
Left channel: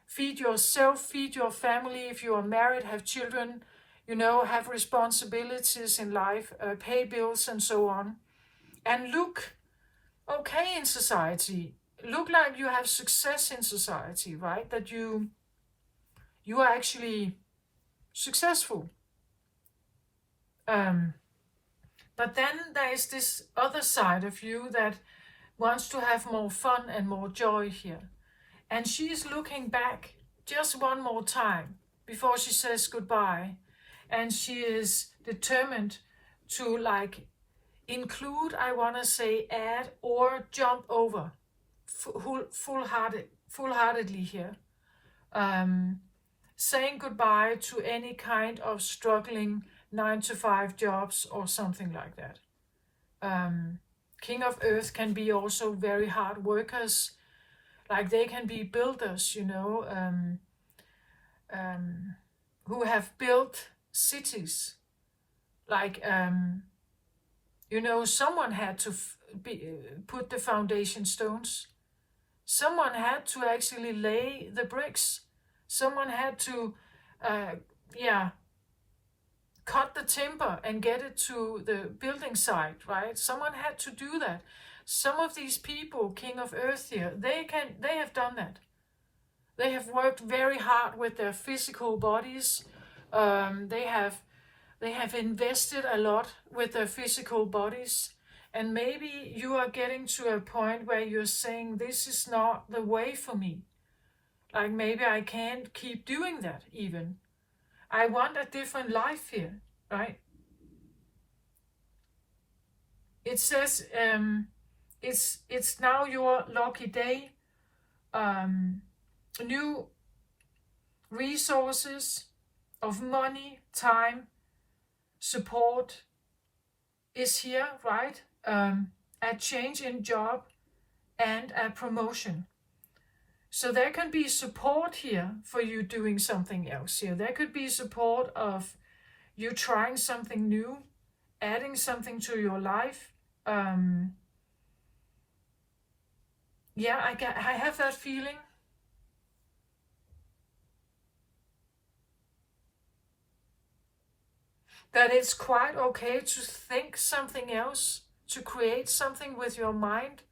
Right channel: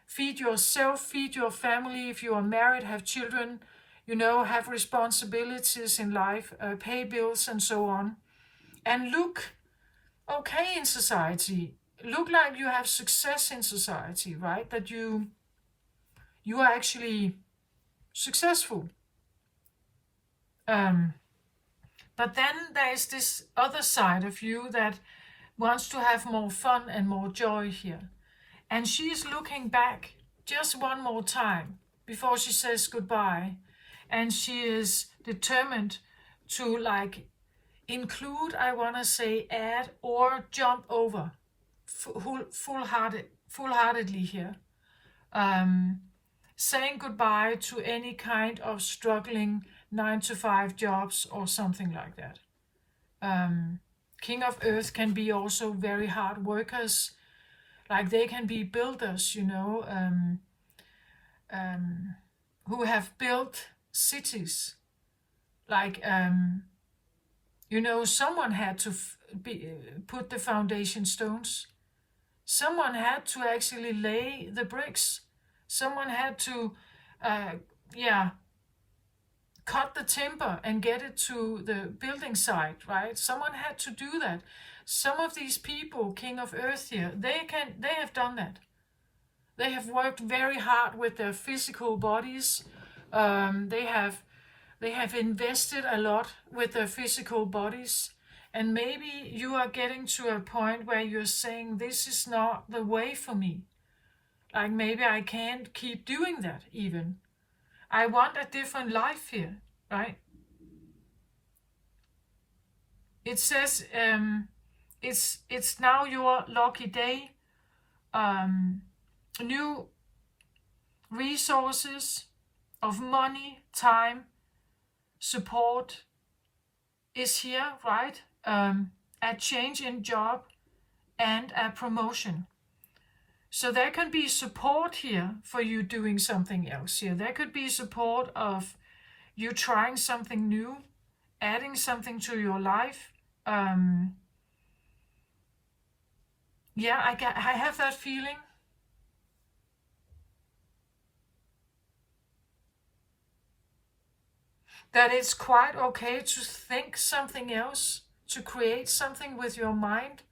feed yourself, feed your family, if you are married, have children, have responsibilities in life, pay bills and so on, and look okay in society, look like you have success in society, right? That you are actually successful. But then there is this other side of you that wants to have more fun and more joy here. And she's looking back just one more time before she says goodbye. And she is determined to include, I want to say add or jump over full-heartedly here. Saying goodbye to any kind of struggling 9 to 5 jobs or something like that. King of Earth can be also very hard workers. Like they can be builders, who have built cities. Like, someone had to put the foundation stones. Someone had to actually lay the bricks. Someone had to, cut the timber and get it to the building site, right? Someone had to do that. Some of these people, King of Earth here, they have done that. They have worked very hard with their physical bodies. They have invested a lot with their physical bodies. And maybe you are getting to a point where you're saying, this is not the way for me. Like maybe I can't keep doing that even. I want a different life here, right? It says it's now your lucky day. New resources of money, time, support is here, right? A change in job and a promotion. So there can be support here for you doing something else here. There could be support of you trying something new, adding something to your life. Yeah, I have that feeling. That it's quite okay to think something else, to create something with your mind.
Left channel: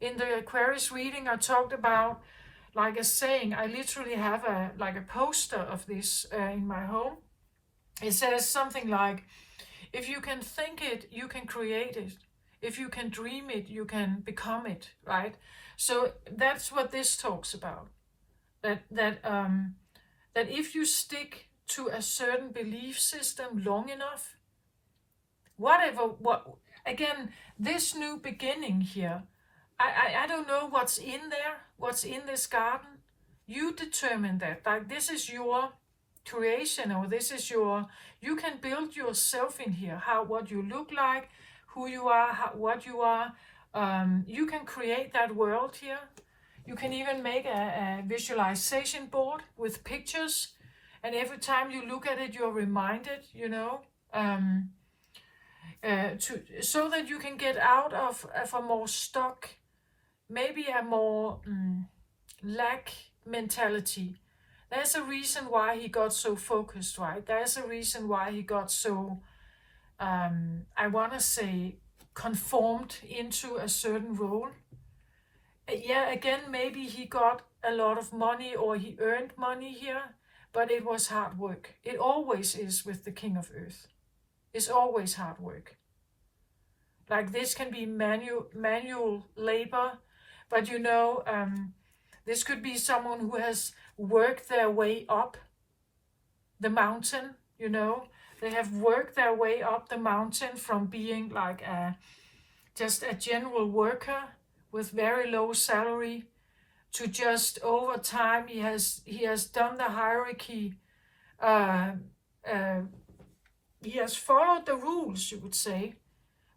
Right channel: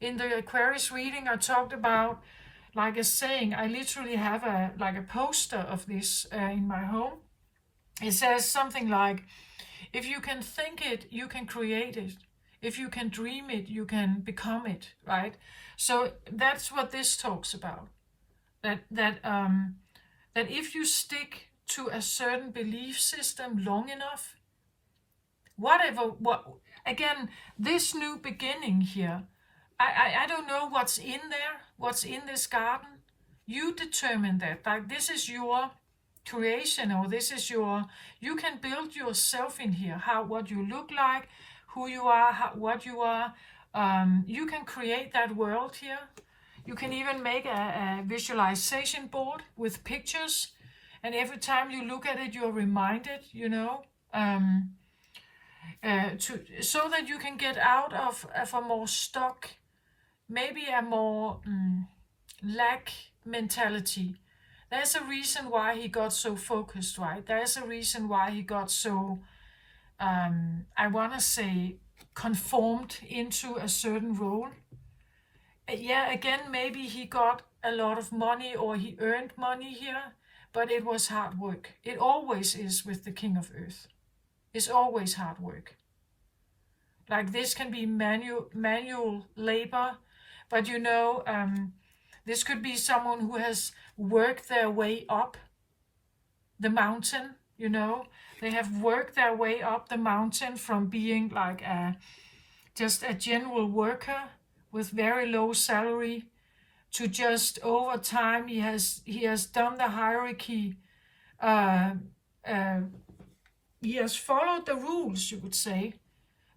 In the Aquarius reading, I talked about like a saying. I literally have a poster of this in my home. It says something like, if you can think it, you can create it. If you can dream it, you can become it, right? So that's what this talks about. That if you stick to a certain belief system long enough, again, this new beginning here, I don't know what's in there, what's in this garden. You determine that. Like, this is your creation, or this is you can build yourself in here, what you look like, who you are, what you are. You can create that world here. You can even make a visualization board with pictures, and every time you look at it, you're reminded, so that you can get out of a more stuck, maybe a more lack mentality. There's a reason why he got so focused, right? There's a reason why he got so, I want to say, conformed into a certain role. Yeah, again, maybe he got a lot of money, or he earned money here, but it was hard work. It always is with the King of Earth. It's always hard work. Like, this can be manual labor, but this could be someone who has worked their way up the mountain, They have worked their way up the mountain from being like just a general worker with very low salary to just over time he has done the hierarchy. He has followed the rules, you would say,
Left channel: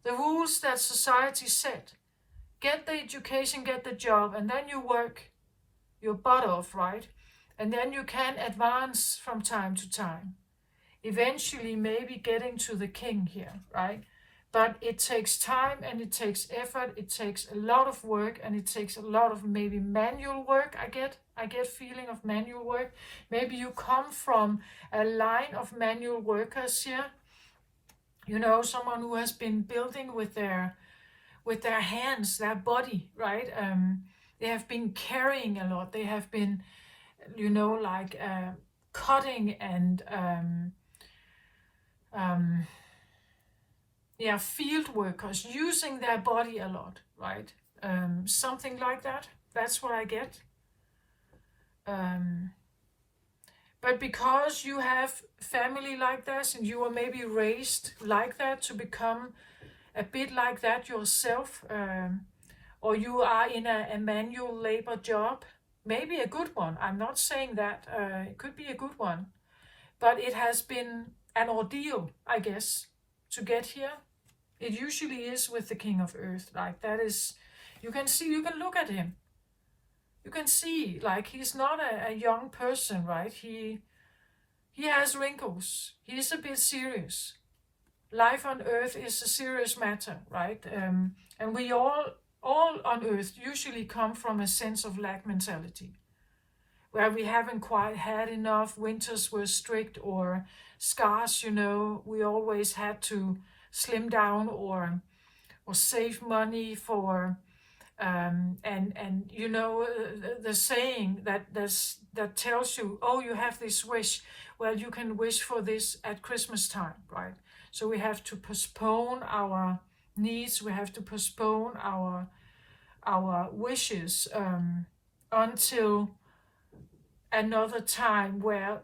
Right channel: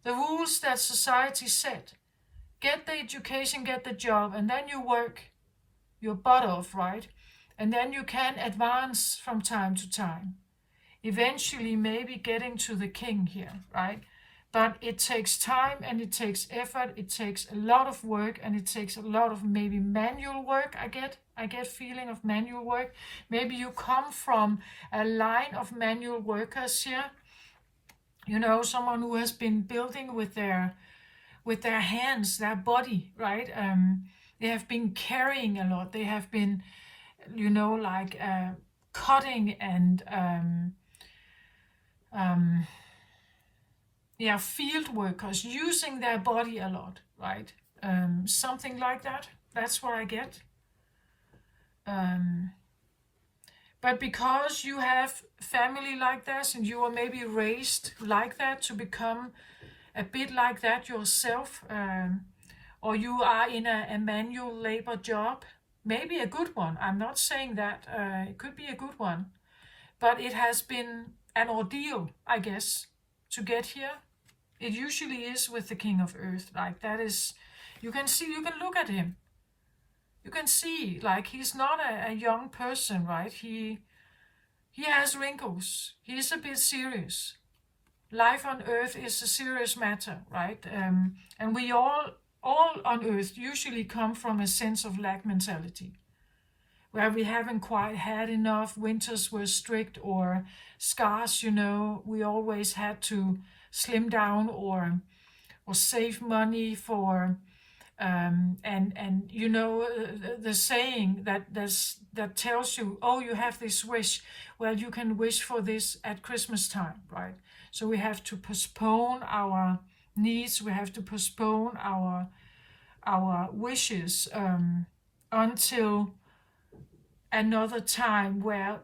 the rules that society set. Get the education, get the job, and then you work your butt off, right? And then you can advance from time to time. Eventually, maybe getting to the king here, right? But it takes time, and it takes effort. It takes a lot of work, and it takes a lot of maybe manual work. I get feeling of manual work. Maybe you come from a line of manual workers here. Someone who has been building with their hands, their body, right? They have been carrying a lot. They have been, cutting and field workers, using their body a lot, right? Something like that. That's what I get. But because you have family like this, and you were maybe raised like that to become a bit like that yourself, or you are in a manual labor job, maybe a good one. I'm not saying that. It could be a good one. But it has been an ordeal, I guess, to get here. It usually is with the King of Earth. Like, that is, you can look at him. You can see, like, he's not a young person, right? He has wrinkles. He's a bit serious. Life on Earth is a serious matter, right? And we all on Earth usually come from a sense of lack mentality, where we haven't quite had enough. Winters were strict or scarce, We always had to slim down or save money for. The saying that tells you, oh, you have this wish. Well, you can wish for this at Christmas time, right? So we have to postpone our needs. We have to postpone our wishes until another time where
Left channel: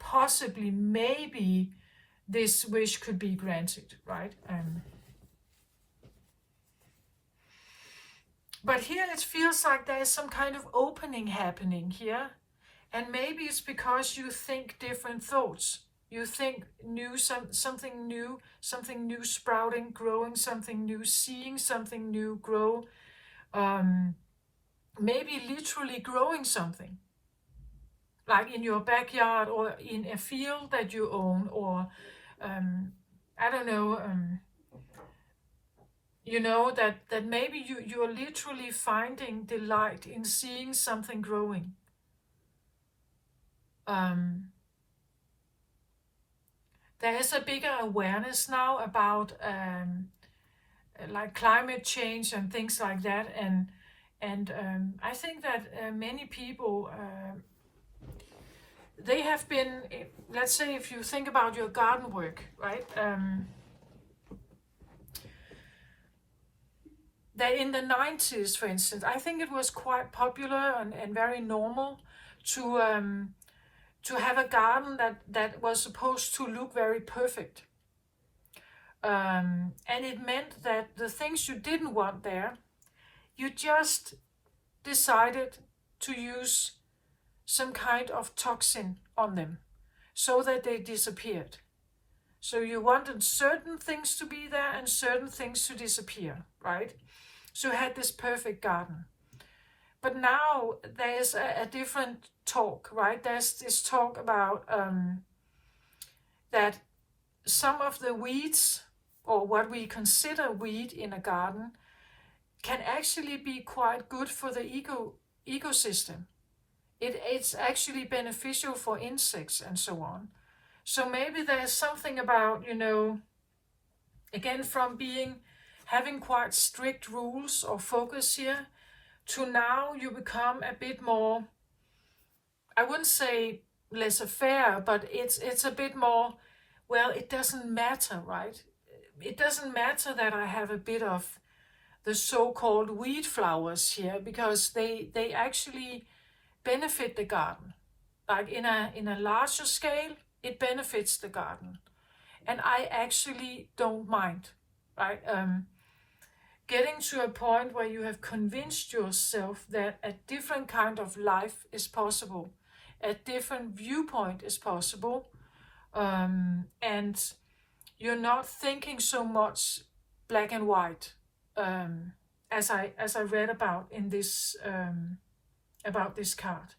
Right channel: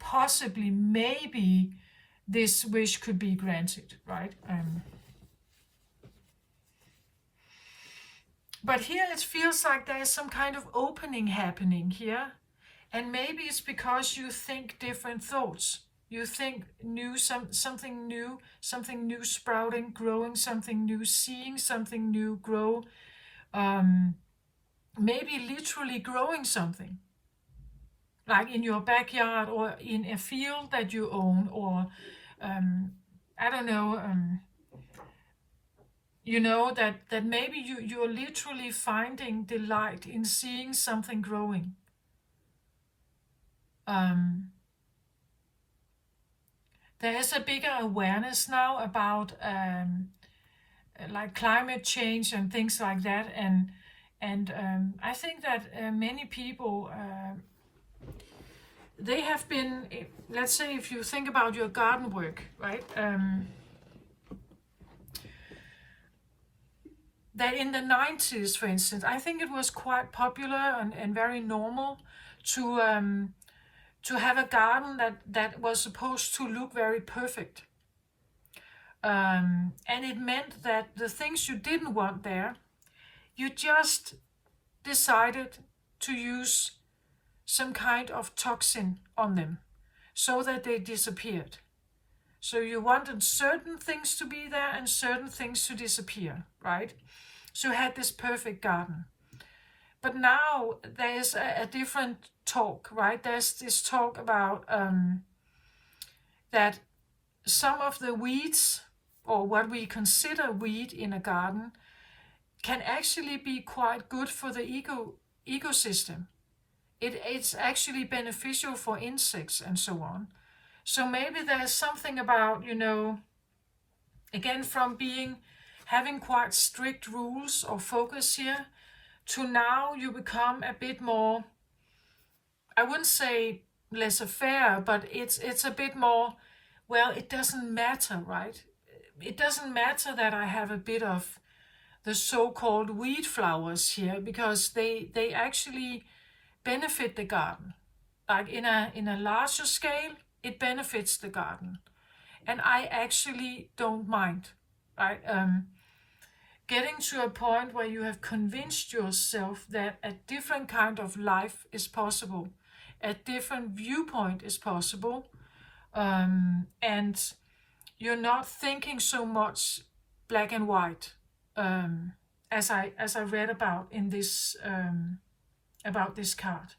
possibly, maybe, this wish could be granted, right? But here it feels like there is some kind of opening happening here. And maybe it's because you think different thoughts. You think something new sprouting, growing, something new, seeing something new grow, maybe literally growing something, like in your backyard or in a field that you own, or I don't know, that maybe you're literally finding delight in seeing something growing. There is a bigger awareness now about like climate change and things like that, and I think that many people they have been, let's say, if you think about your garden work, right? That in the 90s, for instance, I think it was quite popular and very normal to have a garden that was supposed to look very perfect. And it meant that the things you didn't want there, you just decided to use some kind of toxin on them so that they disappeared. So you wanted certain things to be there and certain things to disappear, right? So you had this perfect garden. But now there's a different talk, right? There's this talk about that some of the weeds, or what we consider weed in a garden, can actually be quite good for the ecosystem. It's actually beneficial for insects and so on. So maybe there's something about, again, from having quite strict rules or focus here, to now you become a bit more, I wouldn't say laissez-faire, but it's a bit more, well, it doesn't matter, right? It doesn't matter that I have a bit of the so-called weed flowers here, because they actually benefit the garden. Like in a larger scale, it benefits the garden. And I actually don't mind, right? Getting to a point where you have convinced yourself that a different kind of life is possible, a different viewpoint is possible, and you're not thinking so much black and white, as I read about in this about this card.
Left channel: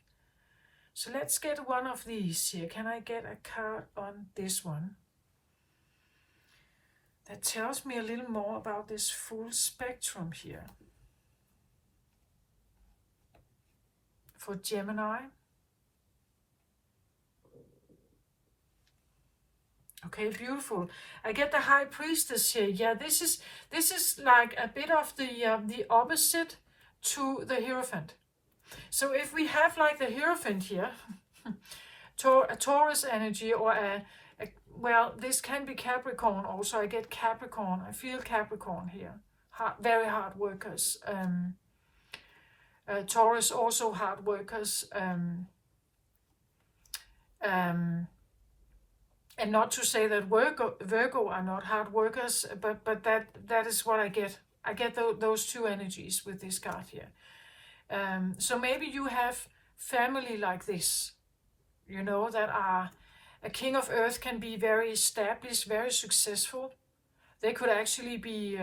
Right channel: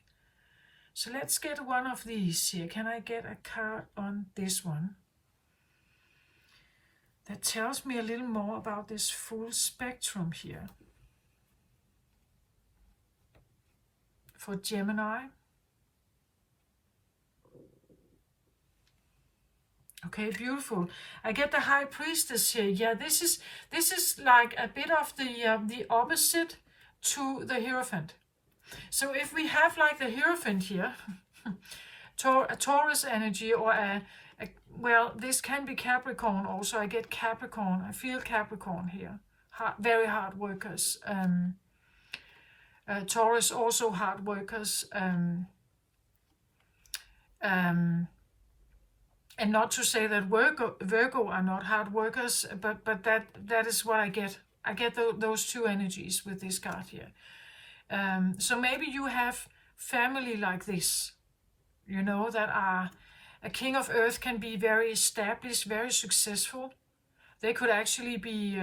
So let's get one of these here. Can I get a card on this one that tells me a little more about this full spectrum here for Gemini? Okay, beautiful. I get the High Priestess here. Yeah, this is like a bit of the opposite to the Hierophant. So if we have like the Hierophant here, a Taurus energy, or well, this can be Capricorn also. I get Capricorn. I feel Capricorn here. Very hard workers. Taurus also hard workers. And not to say that Virgo are not hard workers, but that is what I get. I get those two energies with this card here. So maybe you have family like this, that are, a king of earth can be very established, very successful. They could actually be,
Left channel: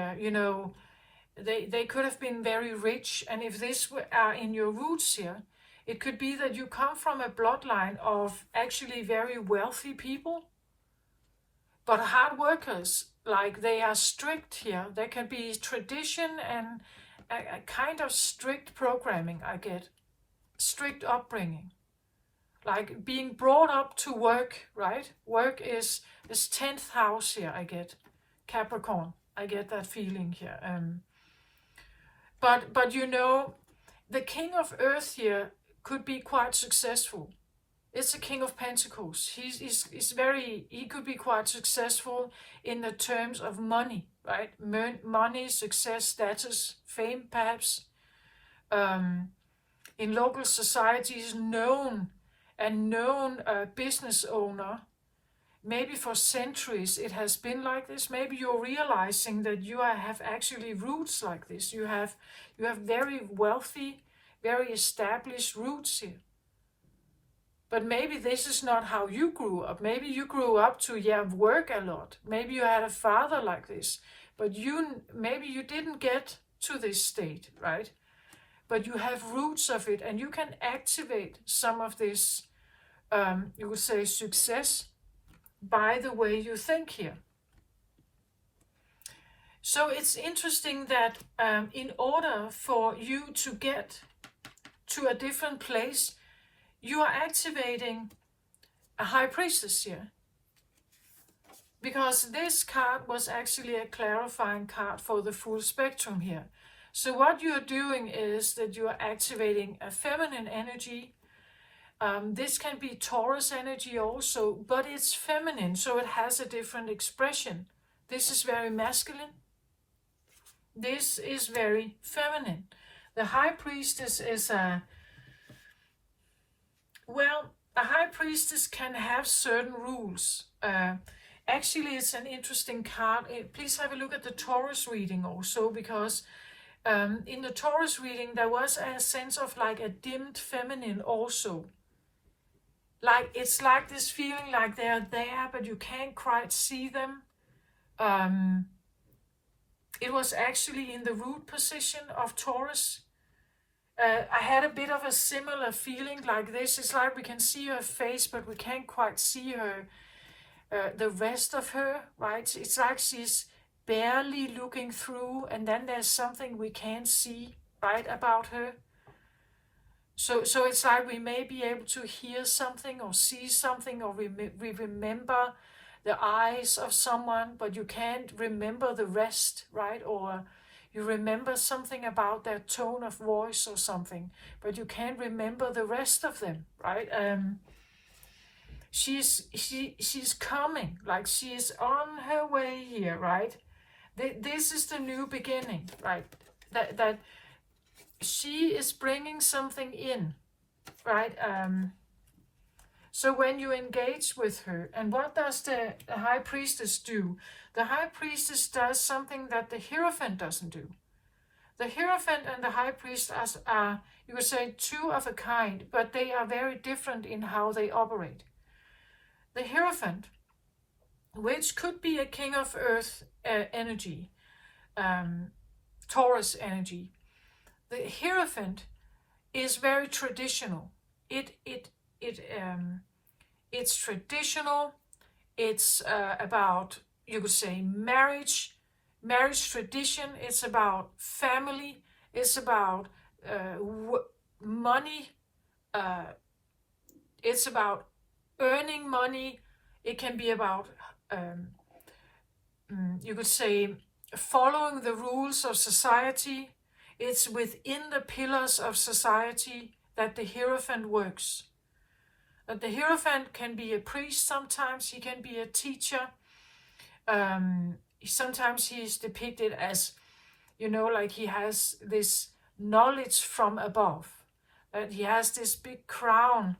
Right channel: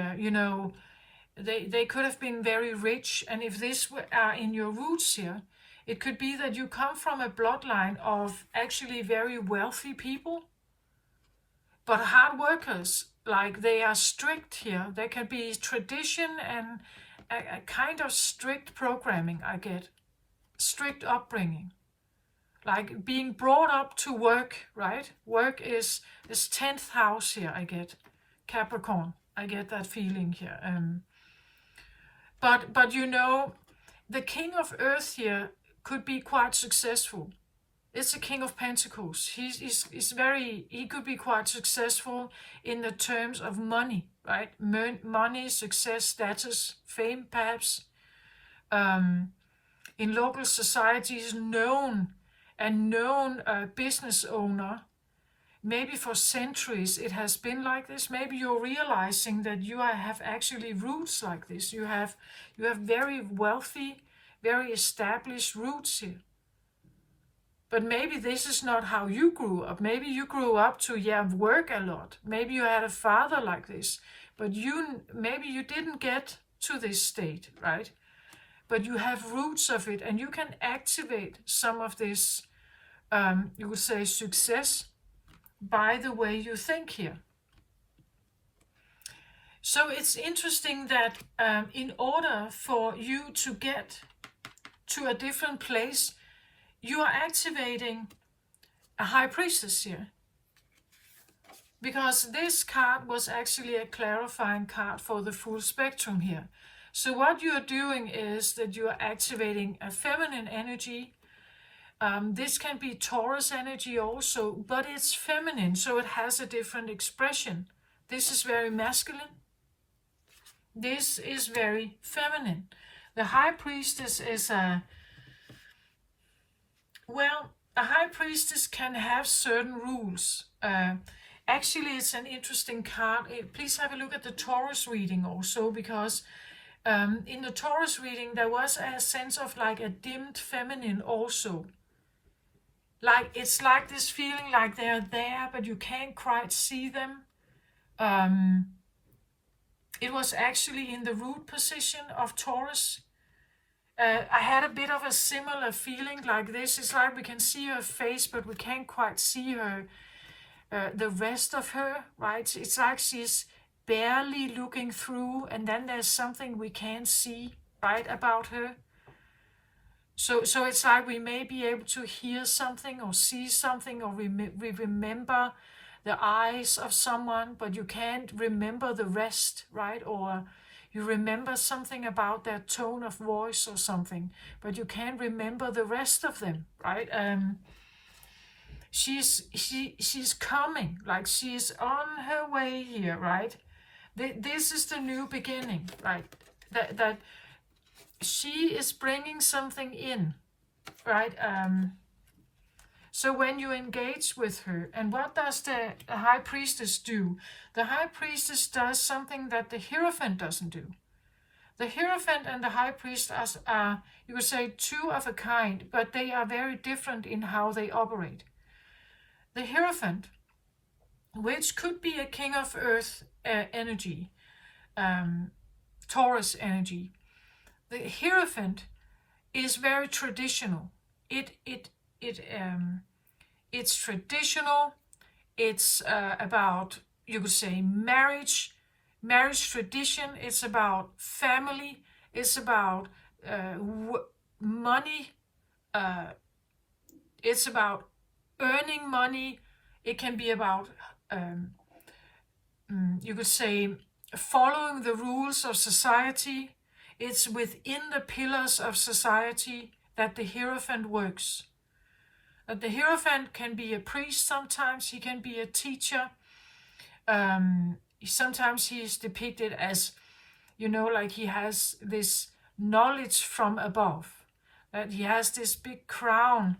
they could have been very rich. And if this are in your roots here, it could be that you come from a bloodline of actually very wealthy people, but hard workers. Like, they are strict here. There can be tradition and a kind of strict programming, I get. Strict upbringing. Like being brought up to work, right? Work is this 10th house here, I get. Capricorn, I get that feeling here. But the king of earth here could be quite successful. It's a king of pentacles. He could be quite successful in the terms of money, right? Money, success, status, fame, perhaps. In local societies, known business owner. Maybe for centuries it has been like this. Maybe you're realizing that you have actually roots like this. You have very wealthy, very established roots here. But maybe this is not how you grew up. Maybe you grew up to work a lot. Maybe you had a father like this, but maybe you didn't get to this state, right? But you have roots of it, and you can activate some of this, you would say, success by the way you think here. So it's interesting that in order for you to get to a different place, you are activating a high priestess here. Because this card was actually a clarifying card for the full spectrum here. So what you're doing is that you're activating a feminine energy. This can be Taurus energy also, but it's feminine, so it has a different expression. This is very masculine. This is very feminine. The high priestess is a high priestess can have certain rules. Actually, it's an interesting card. Please have a look at the Taurus reading also, because in the Taurus reading there was a sense of like a dimmed feminine also. Like it's like this feeling like they're there, but you can't quite see them. It was actually in the root position of Taurus. I had a bit of a similar feeling like this. It's like we can see her face, but we can't quite see her, the rest of her, right? It's like she's barely looking through, and then there's something we can't see, right, about her. So it's like we may be able to hear something or see something, or we remember the eyes of someone, but you can't remember the rest, right? Or you remember something about their tone of voice or something, but you can't remember the rest of them, right? She's coming, like she's on her way here, right? This is the new beginning, right? That she is bringing something in, right? So when you engage with her, and what does the high priestess do? The high priestess does something that the Hierophant doesn't do. The Hierophant and the high priestess are, you would say, two of a kind, but they are very different in how they operate. The Hierophant, which could be a king of earth energy, Taurus energy. The Hierophant is very traditional. It's traditional. It's about, you could say, marriage tradition. It's about family. It's about money. It's about earning money. It can be about, you could say, following the rules of society. It's within the pillars of society that the Hierophant works. That the Hierophant can be a priest sometimes, he can be a teacher. Sometimes he is depicted as, like he has this knowledge from above. That he has this big crown.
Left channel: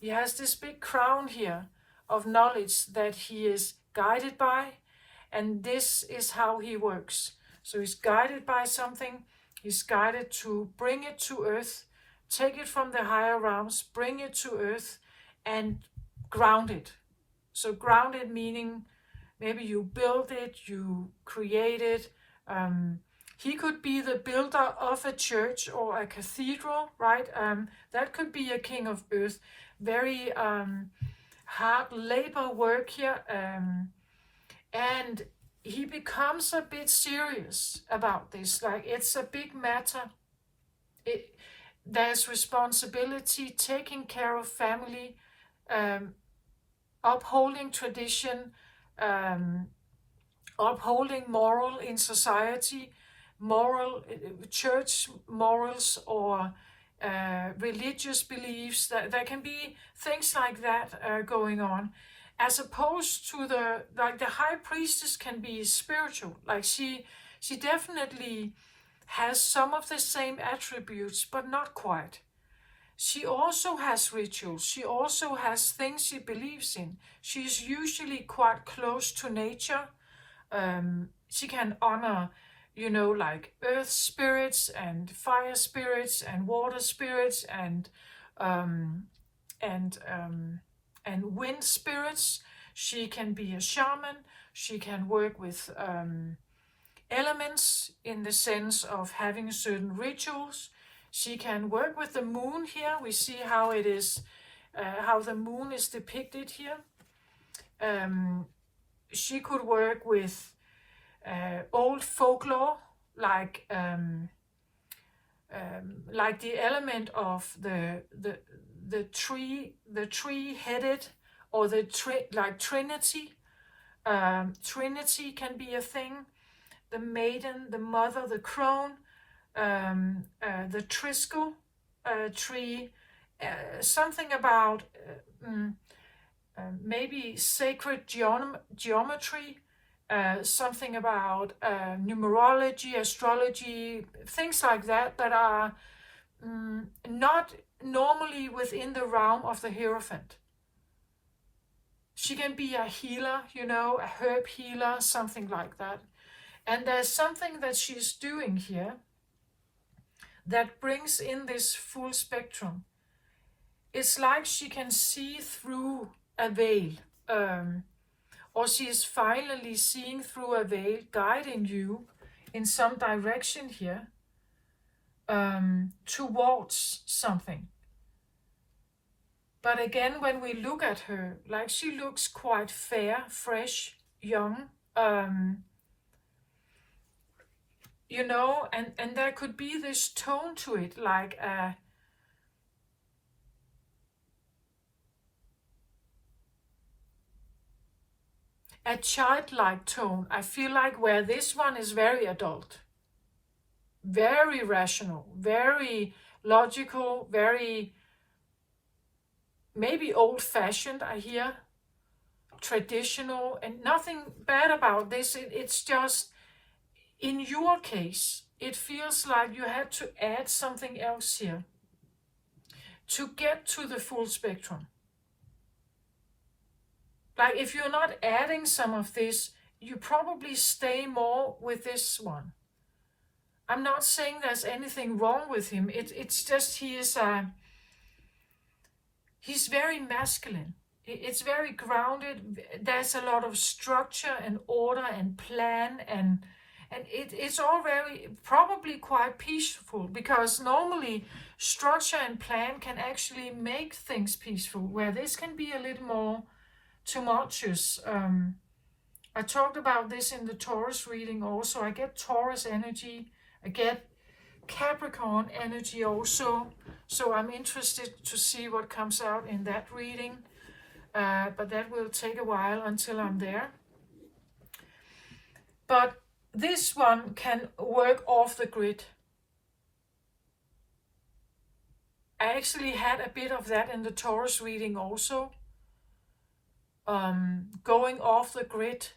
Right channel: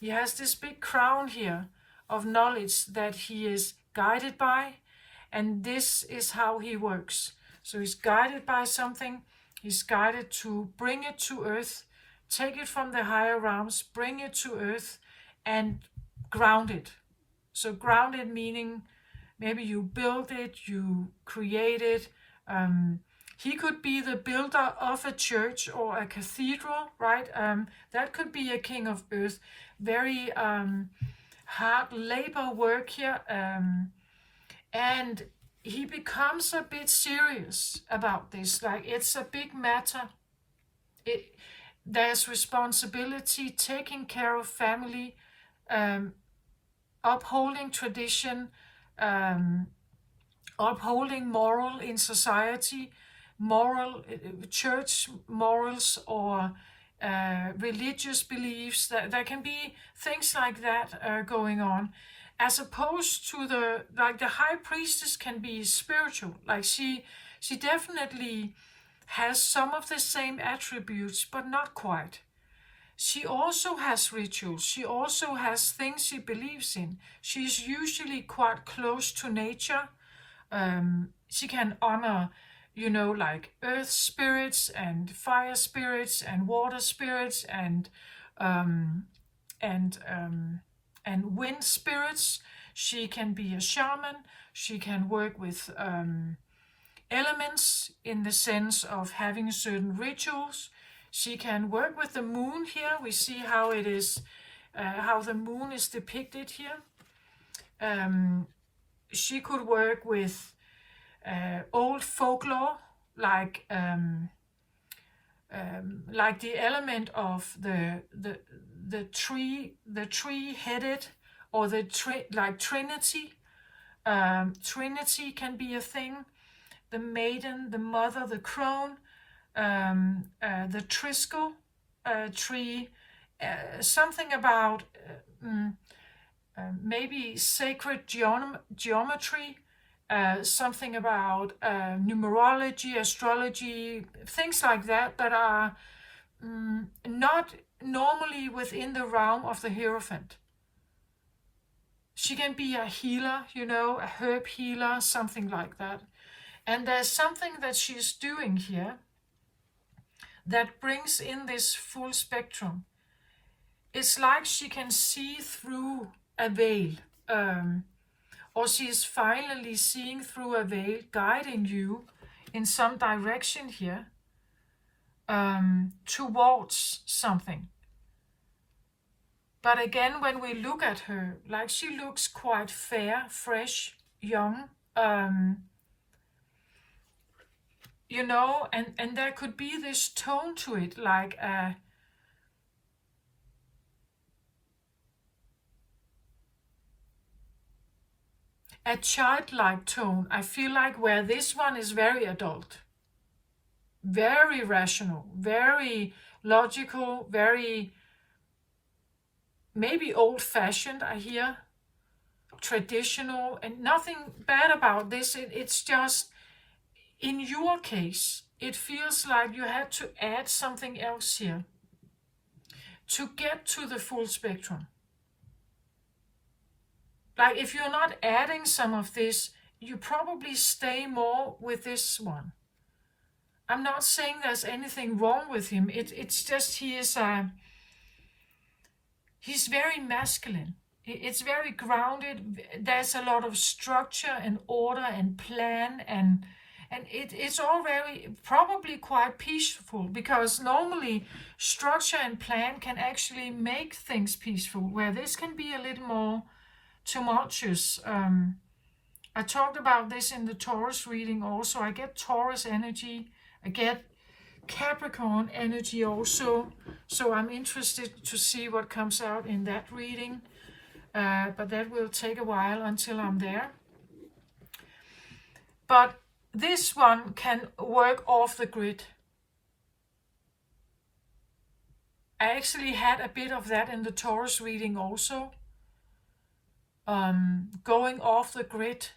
He has this big crown here of knowledge that he is guided by, and this is how he works. So he's guided by something. He's guided to bring it to earth, take it from the higher realms, bring it to earth, and ground it. So ground it meaning maybe you build it, you create it. He could be the builder of a church or a cathedral, right? That could be a king of earth. Very hard labor work here. And he becomes a bit serious about this. Like it's a big matter. There's responsibility, taking care of family, upholding tradition, upholding moral in society, moral church morals, or religious beliefs. There can be things like that going on, as opposed to the high priestess can be spiritual. Like she definitely has some of the same attributes, but not quite. She also has rituals. She also has things she believes in. She's usually quite close to nature. She can honor, like earth spirits and fire spirits and water spirits and and wind spirits. She can be a shaman. She can work with elements in the sense of having certain rituals. She can work with the moon here. We see how it is, how the moon is depicted here. She could work with old folklore, like the element of the tree-headed, or like Trinity. Trinity can be a thing. The maiden, the mother, the crone, the triskel tree, something about maybe sacred geometry, something about numerology, astrology, things like that that are not normally within the realm of the Hierophant. She can be a healer, a herb healer, something like that. And there's something that she's doing here that brings in this full spectrum. It's like she can see through a veil, or she's finally seeing through a veil, guiding you in some direction here, towards something. But again, when we look at her, like, she looks quite fair, fresh, young, and there could be this tone to it, like a childlike tone. I feel like where this one is very adult, very rational, very logical, very maybe old-fashioned, I hear, traditional, and nothing bad about this. It's just, in your case, it feels like you had to add something else here to get to the full spectrum. Like, if you're not adding some of this, you probably stay more with this one. I'm not saying there's anything wrong with him. It's just he's very masculine. It's very grounded. There's a lot of structure and order and plan, and it's all very, probably quite peaceful, because normally structure and plan can actually make things peaceful, where this can be a little more tumultuous. I talked about this in the Taurus reading also. I get Taurus energy. I get Capricorn energy also. So I'm interested to see what comes out in that reading. But that will take a while until I'm there. But this one can work off the grid. I actually had a bit of that in the Taurus reading also. Going off the grid,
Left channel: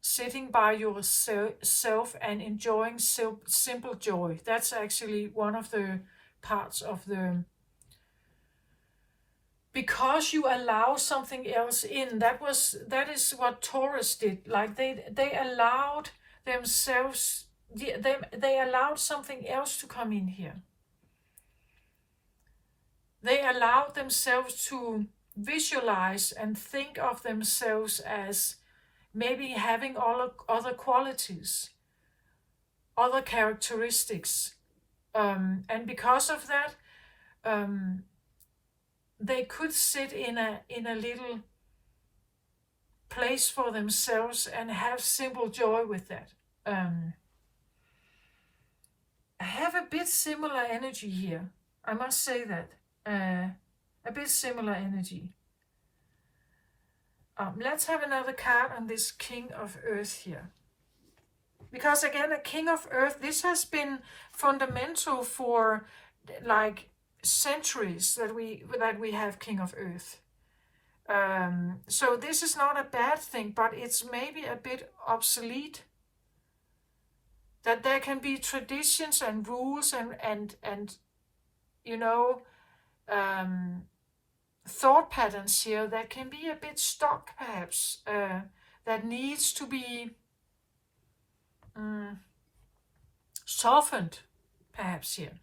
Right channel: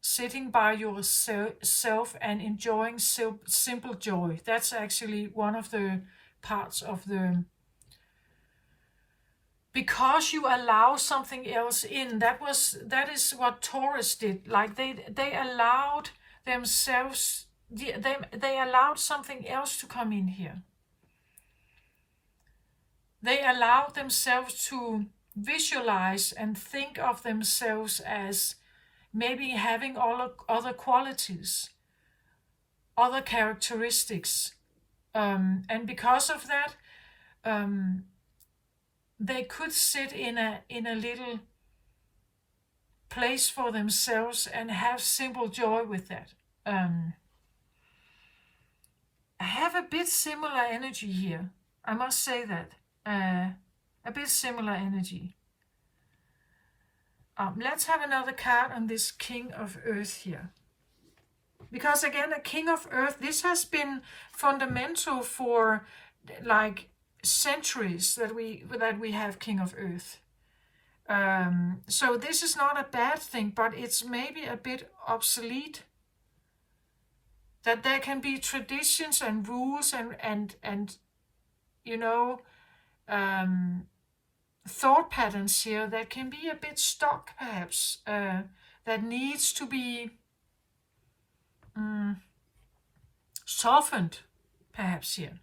sitting by yourself and enjoying simple joy. That's actually one of the parts of the... Because you allow something else in. That is what Taurus did. Like, they allowed themselves, they allowed something else to come in here. They allowed themselves to visualize and think of themselves as maybe having all other qualities, other characteristics. And because of that, they could sit in a little place for themselves and have simple joy with that. I have a bit similar energy here. I must say that. A bit similar energy. Let's have another card on this King of Earth here. Because again, a King of Earth, this has been fundamental for like centuries that we have King of Earth. So this is not a bad thing, but it's maybe a bit obsolete. That there can be traditions and rules and thought patterns here that can be a bit stuck, perhaps, that needs to be softened, perhaps, here.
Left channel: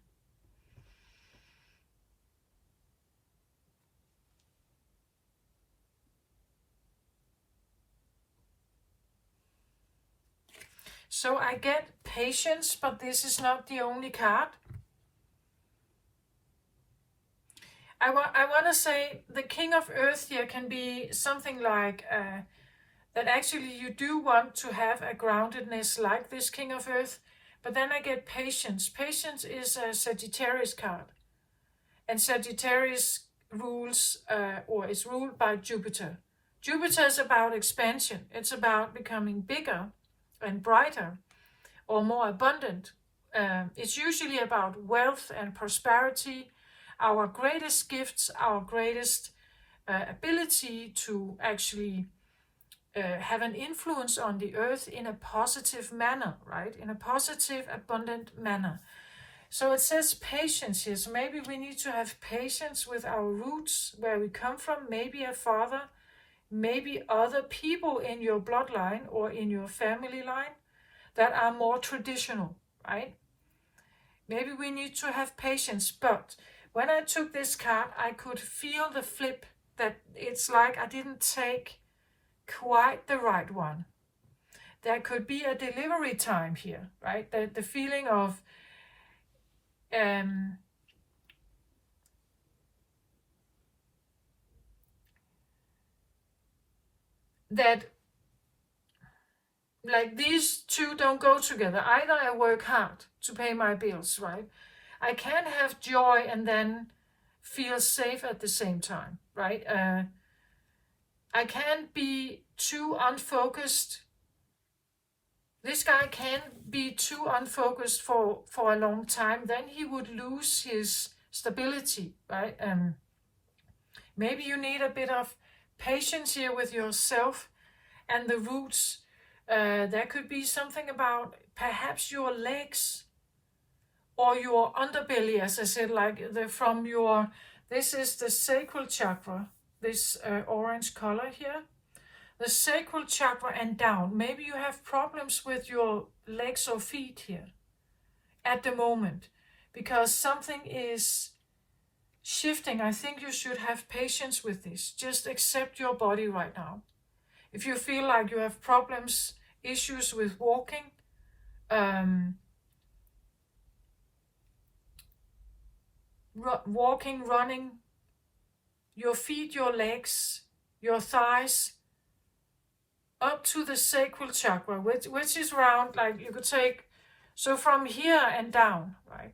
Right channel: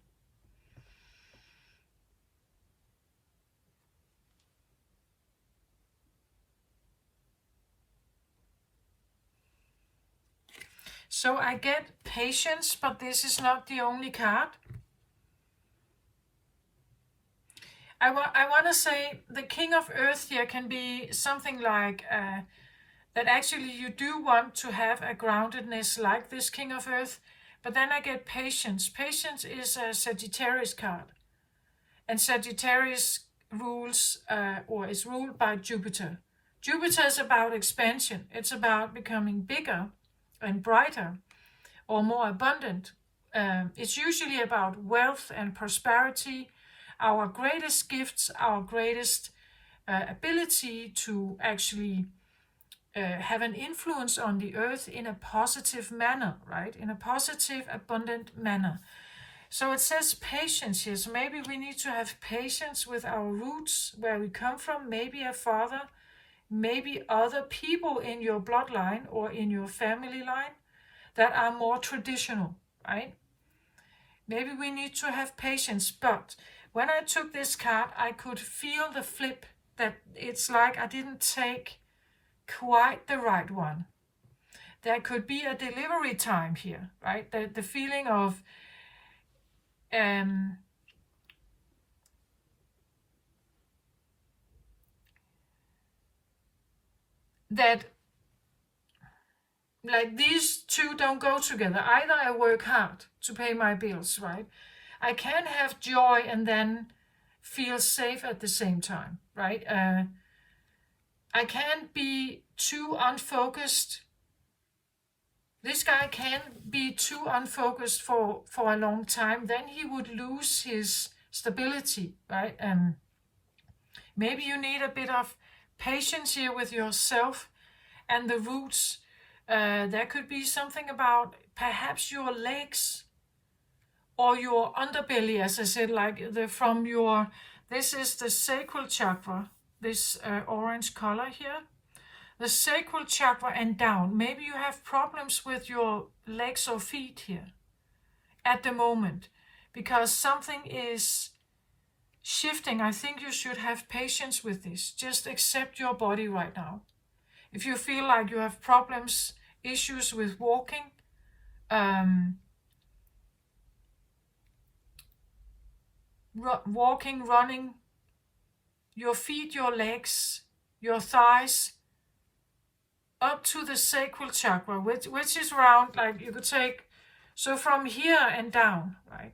So I get patience, but this is not the only card. I want to say the King of Earth here can be something like that actually you do want to have a groundedness like this King of Earth, but then I get patience. Patience is a Sagittarius card, and Sagittarius rules or is ruled by Jupiter. Jupiter is about expansion. It's about becoming bigger and brighter or more abundant. It's usually about wealth and prosperity, our greatest gifts, our greatest ability to actually have an influence on the earth in a positive manner, right? In a positive, abundant manner. So it says patience here. So maybe we need to have patience with our roots, where we come from, maybe a father, maybe other people in your bloodline or in your family line that are more traditional, right? Maybe we need to have patience, but when I took this card, I could feel the flip, that it's like I didn't take quite the right one. There could be a delivery time here, right? The feeling of that like these two don't go together. Either I work hard to pay my bills, right? I can't have joy and then feel safe at the same time, right? I can't be too unfocused. This guy can't be too unfocused for a long time. Then he would lose his stability, right? Maybe you need a bit of patience here with yourself and the roots. There could be something about perhaps your legs or your underbelly, as I said, like this is the sacral chakra, this orange color here. The sacral chakra and down. Maybe you have problems with your legs or feet here at the moment because something is shifting. I think you should have patience with this. Just accept your body right now. If you feel like you have problems, issues with walking, running, your feet, your legs, your thighs, up to the sacral chakra, which is around, like you could take, so from here and down, right?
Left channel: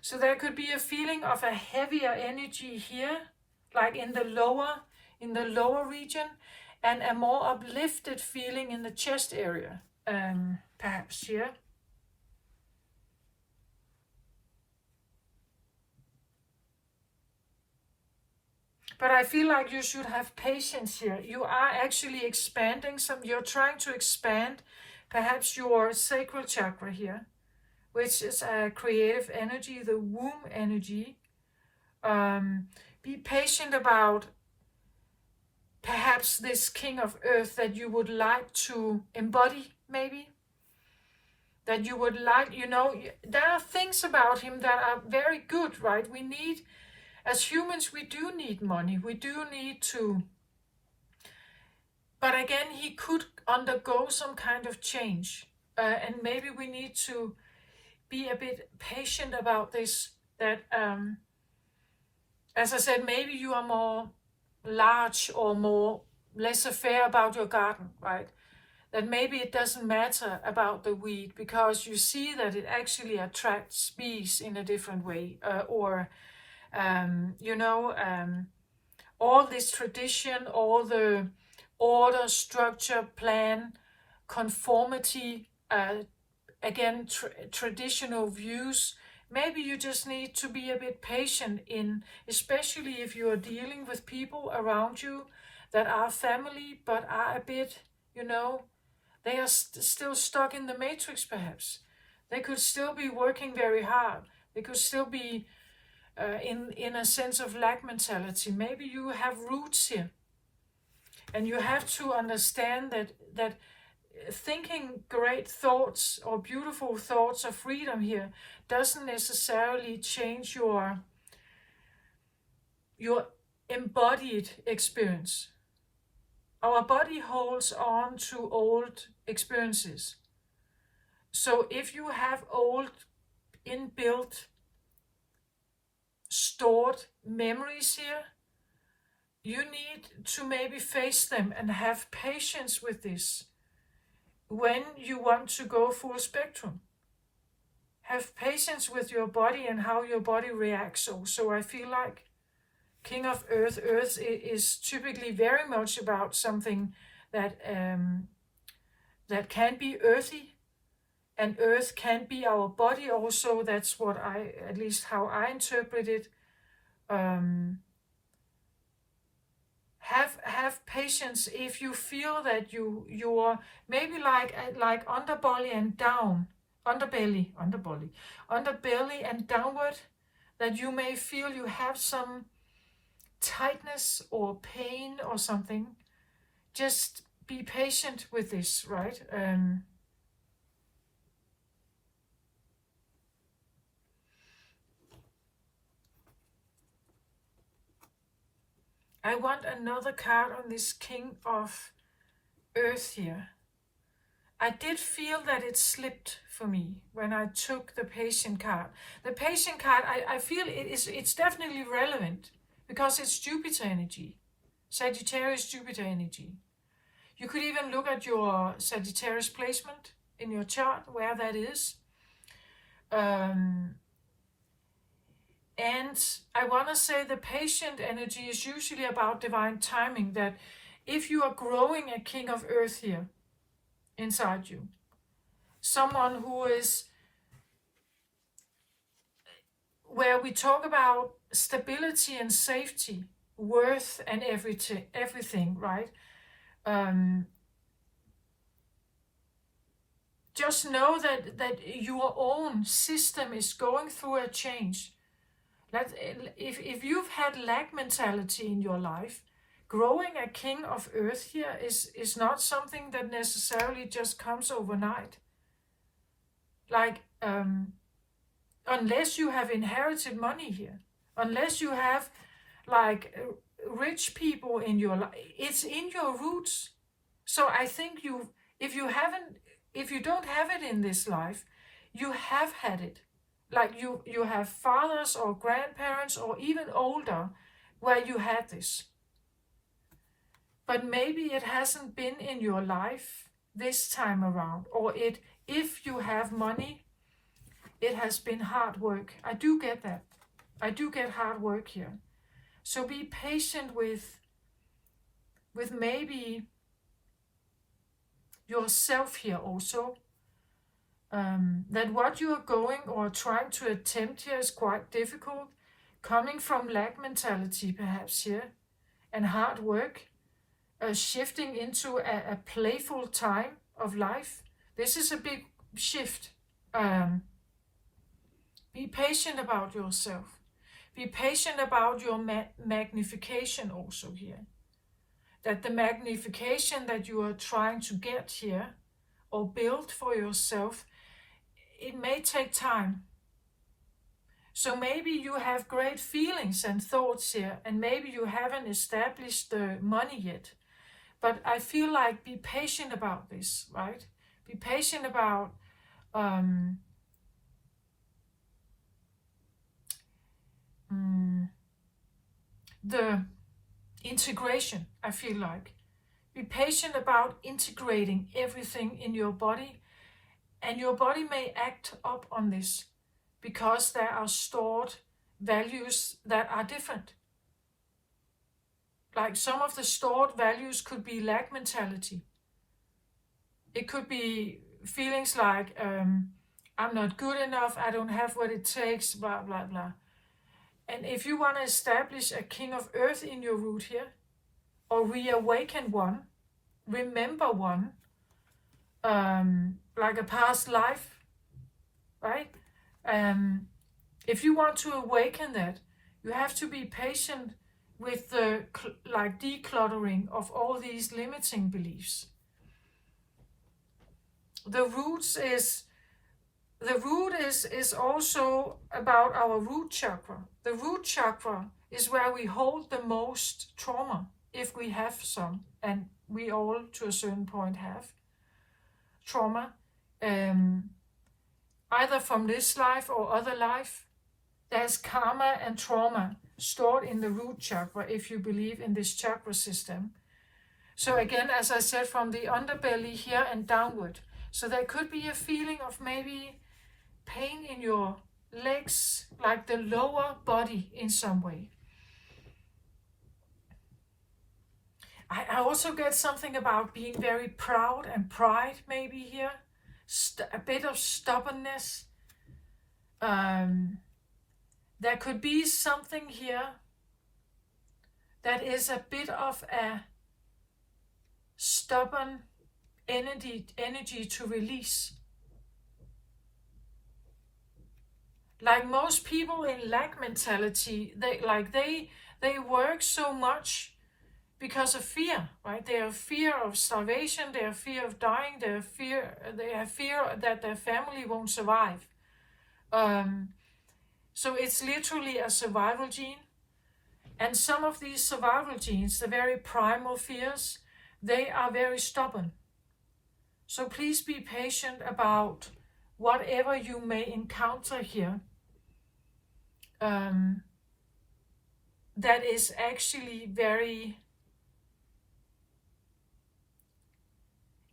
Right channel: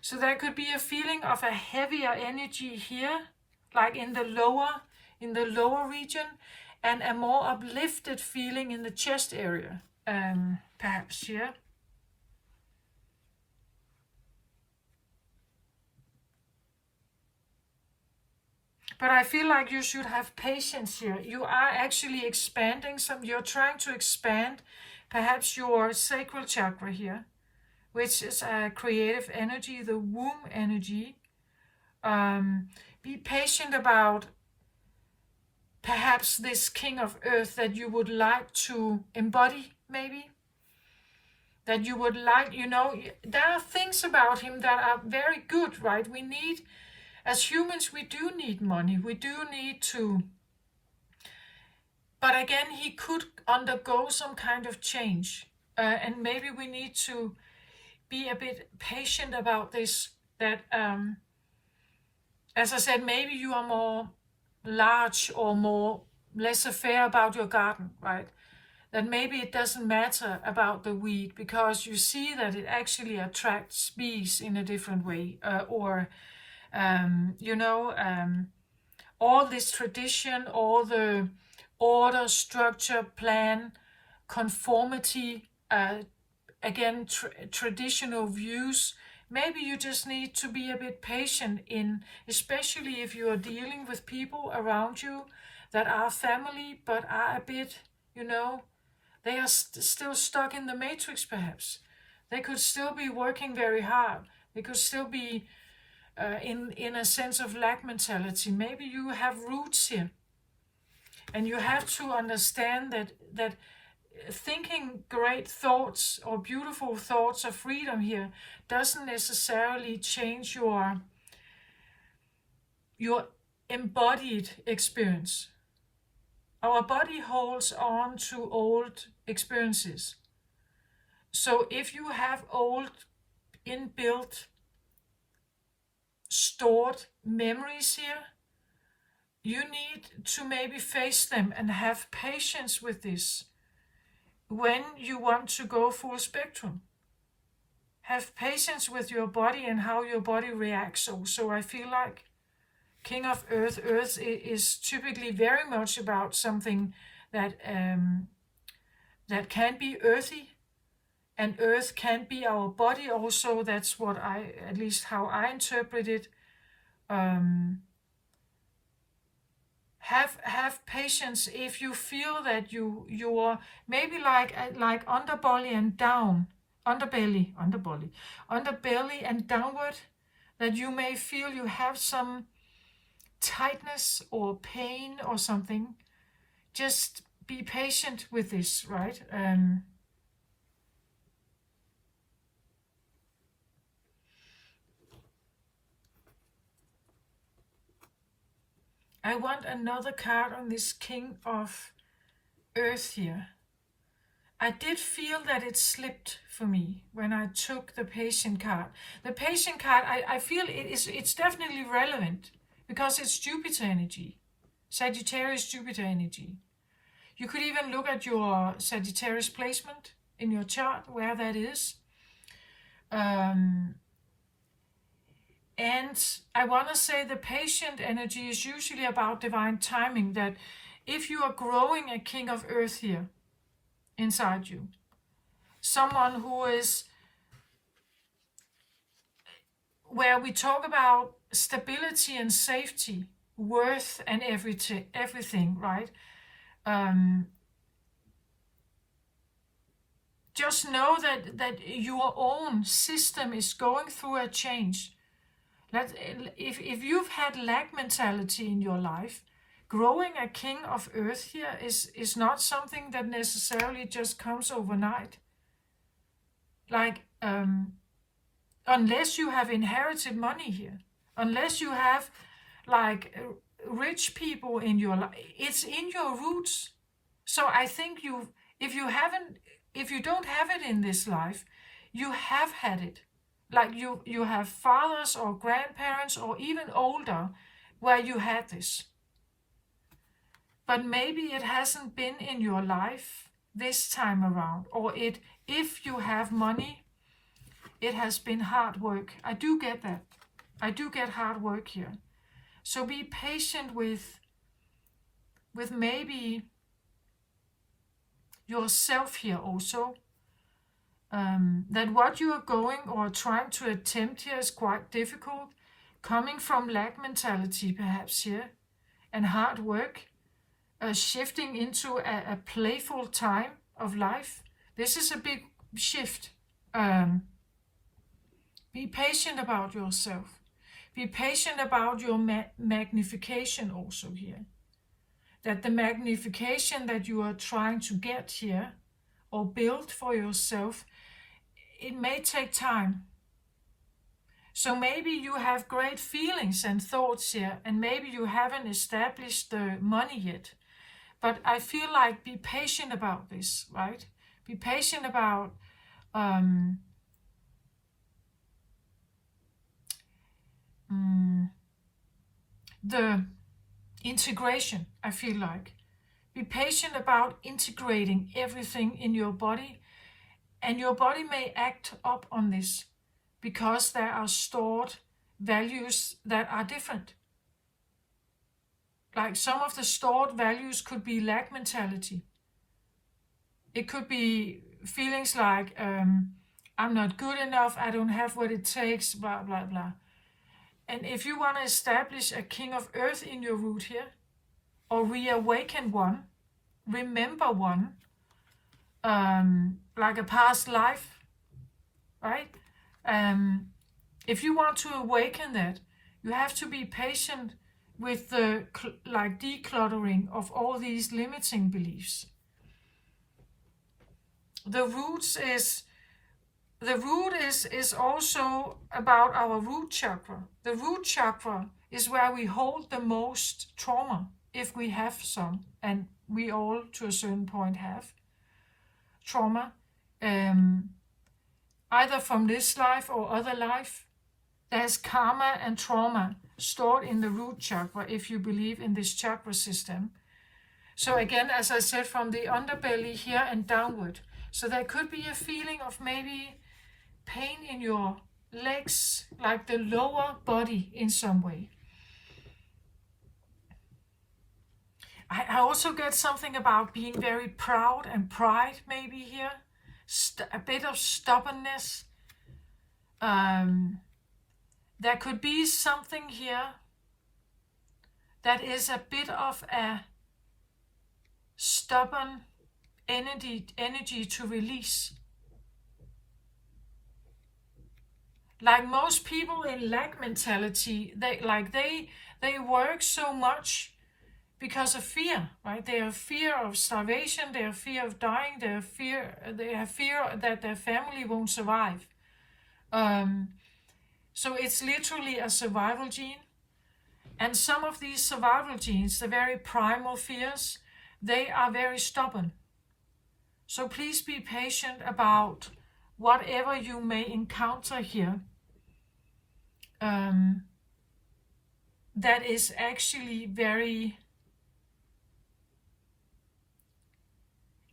So there could be a feeling of a heavier energy here, like in the lower region, and a more uplifted feeling in the chest area, perhaps here. But I feel like you should have patience here. You are actually expanding you're trying to expand perhaps your sacral chakra here, which is a creative energy, the womb energy. Be patient about perhaps this King of Earth that you would like to embody, maybe. That you would like, there are things about him that are very good, right? As humans, we do need money. We do need to. But again, he could undergo some kind of change. And maybe we need to be a bit patient about this. That, as I said, maybe you are more large or less affair about your garden, right? That maybe it doesn't matter about the weed because you see that it actually attracts bees in a different way, all this tradition, all the order, structure, plan, conformity, traditional views. Maybe you just need to be a bit patient especially if you are dealing with people around you that are family but are a bit, they are still stuck in the matrix perhaps. They could still be working very hard. They could still be in a sense of lack mentality. Maybe you have roots here. And you have to understand that thinking great thoughts or beautiful thoughts of freedom here doesn't necessarily change your your embodied experience. Our body holds on to old experiences. So if you have old inbuilt stored memories here, you need to maybe face them and have patience with this when you want to go full spectrum. Have patience with your body and how your body reacts. So I feel like King of Earth, Earth is typically very much about something that that can be earthy, and Earth can be our body also. That's what at least how I interpret it. Have patience if you feel that you're maybe like underbelly and down, underbelly and downward, that you may feel you have some tightness or pain or something. Just be patient with this, right? I want another card on this King of Earth here. I did feel that it slipped for me when I took the patient card. The patient card, I feel it's definitely relevant because it's Jupiter energy, Sagittarius Jupiter energy. You could even look at your Sagittarius placement in your chart, where that is. And I want to say the patient energy is usually about divine timing, that if you are growing a King of Earth here inside you, someone who is, where we talk about stability and safety, worth and everything, right? Just know that your own system is going through a change. If you've had lack mentality in your life, growing a King of Earth here is not something that necessarily just comes overnight. Like, unless you have inherited money here, unless you have like rich people in your life, it's in your roots. So I think if you don't have it in this life, you have had it. Like you have fathers or grandparents or even older where you had this. But maybe it hasn't been in your life this time around, or if you have money, it has been hard work. I do get that. I do get hard work here. So be patient with maybe yourself here also. That what you are going or trying to attempt here is quite difficult, coming from lack mentality perhaps here, and hard work, shifting into a playful time of life. This is a big shift. Be patient about yourself. Be patient about your magnification also here. That the magnification that you are trying to get here or build for yourself, it may take time. So maybe you have great feelings and thoughts here, and maybe you haven't established the money yet. But I feel like be patient about this, right? Be patient about the integration, I feel like. Be patient about integrating everything in your body, and your body may act up on this because there are stored values that are different. Like some of the stored values could be lack mentality. It could be feelings like, I'm not good enough, I don't have what it takes, blah, blah, blah. And if you want to establish a King of Earth in your root here, or reawaken one, remember one, like a past life, right? If you want to awaken that, you have to be patient with the like decluttering of all these limiting beliefs. The root is also about our root chakra. The root chakra is where we hold the most trauma, if we have some, and we all to a certain point have trauma, either from this life or other life. There's karma and trauma stored in the root chakra, if you believe in this chakra system. So again, as I said, from the underbelly here and downward. So there could be a feeling of maybe pain in your legs, like the lower body in some way. I also get something about being very proud and pride maybe here. A bit of stubbornness. There could be something here that is a bit of a stubborn energy to release. Like most people in lack mentality, they work so much because of fear, right? They have fear of starvation, they have fear of dying, they have fear that their family won't survive. So it's literally a survival gene. And some of these survival genes, the very primal fears, they are very stubborn. So please be patient about whatever you may encounter here. That is actually very...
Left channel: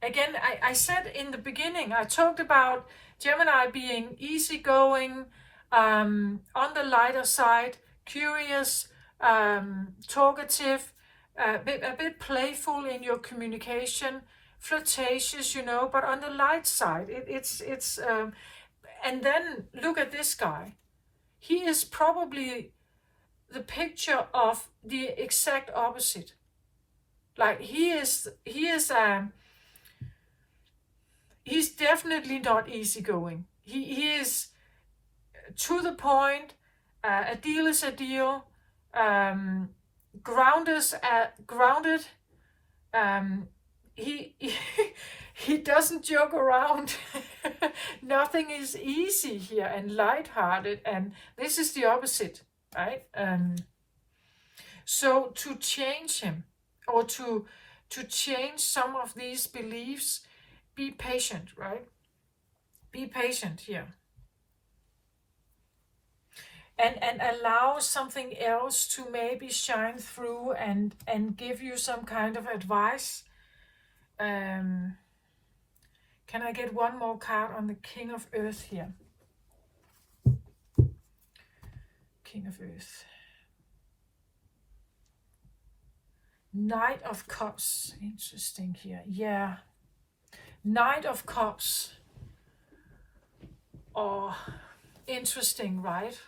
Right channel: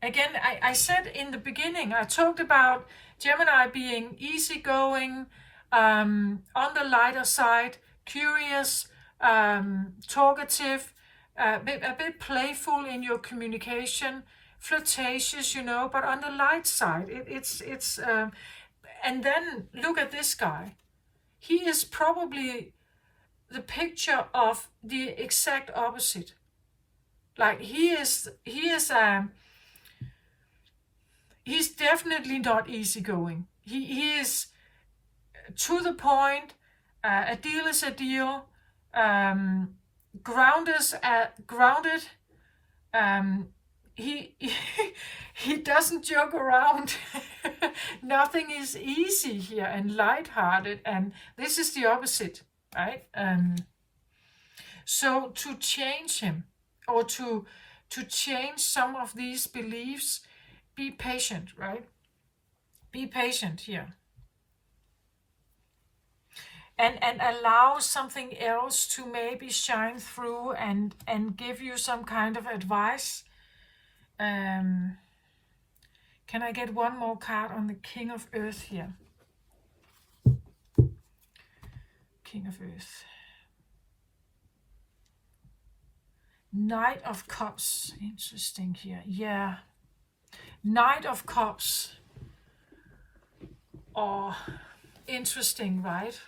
Again, I said in the beginning, I talked about Gemini being easygoing, on the lighter side, curious, talkative, a bit playful in your communication, flirtatious, but on the light side, it's and then look at this guy. He is probably the picture of the exact opposite. Like he's definitely not easygoing. He is to the point. A deal is a deal. Grounded. He doesn't joke around. Nothing is easy here and lighthearted, and this is the opposite, right? So to change him, or to change some of these beliefs, be patient, right? Be patient here. And allow something else to maybe shine through and give you some kind of advice. Can I get one more card on the King of Earth here? King of Earth. Knight of Cups. Interesting here. Yeah. Knight of Cups. Oh, interesting, right?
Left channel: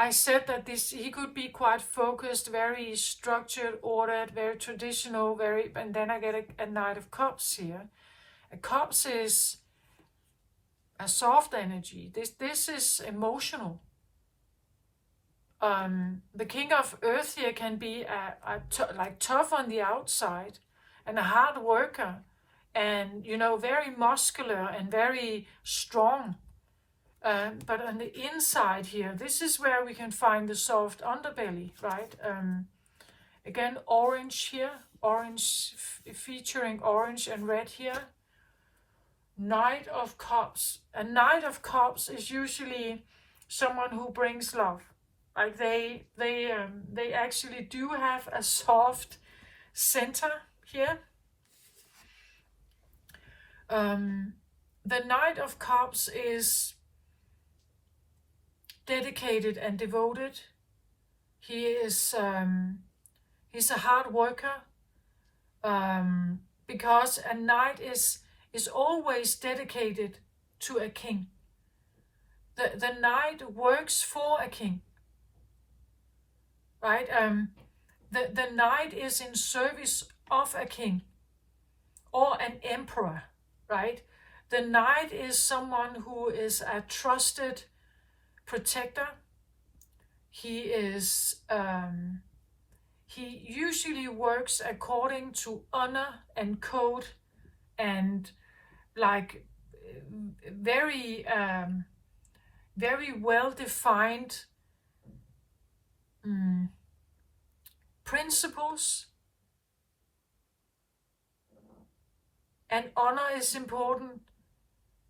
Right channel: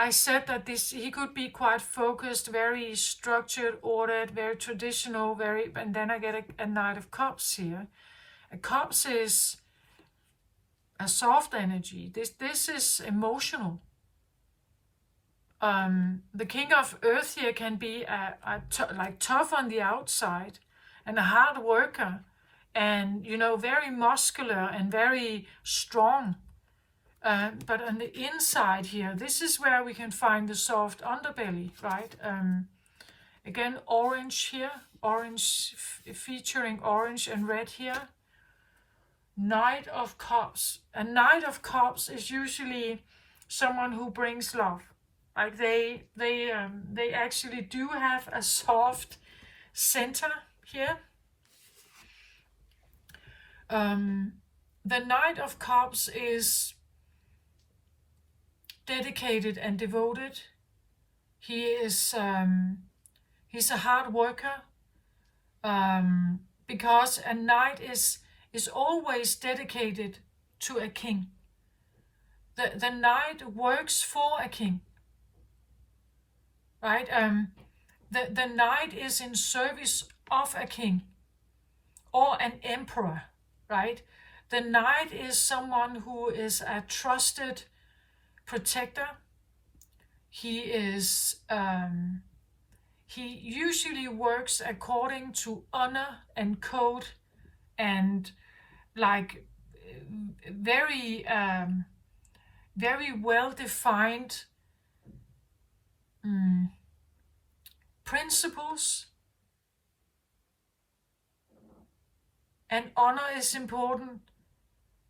I said that he could be quite focused, very structured, ordered, very traditional, and then I get a Knight of Cups here. A Cups is a soft energy. This is emotional. The King of Earth here can be like tough on the outside and a hard worker, and very muscular and very strong. But on the inside here, this is where we can find the soft underbelly, right? Again, orange here, orange featuring orange and red here. Knight of Cups. A Knight of Cups is usually someone who brings love. Like they actually do have a soft center here. The Knight of Cups is dedicated and devoted. He is he's a hard worker, because a knight is always dedicated to a king. The knight works for a king, right? The knight is in service of a king or an emperor, right? The knight is someone who is a trusted protector. He is he usually works according to honor and code, and like very very well-defined principles, and honor is important.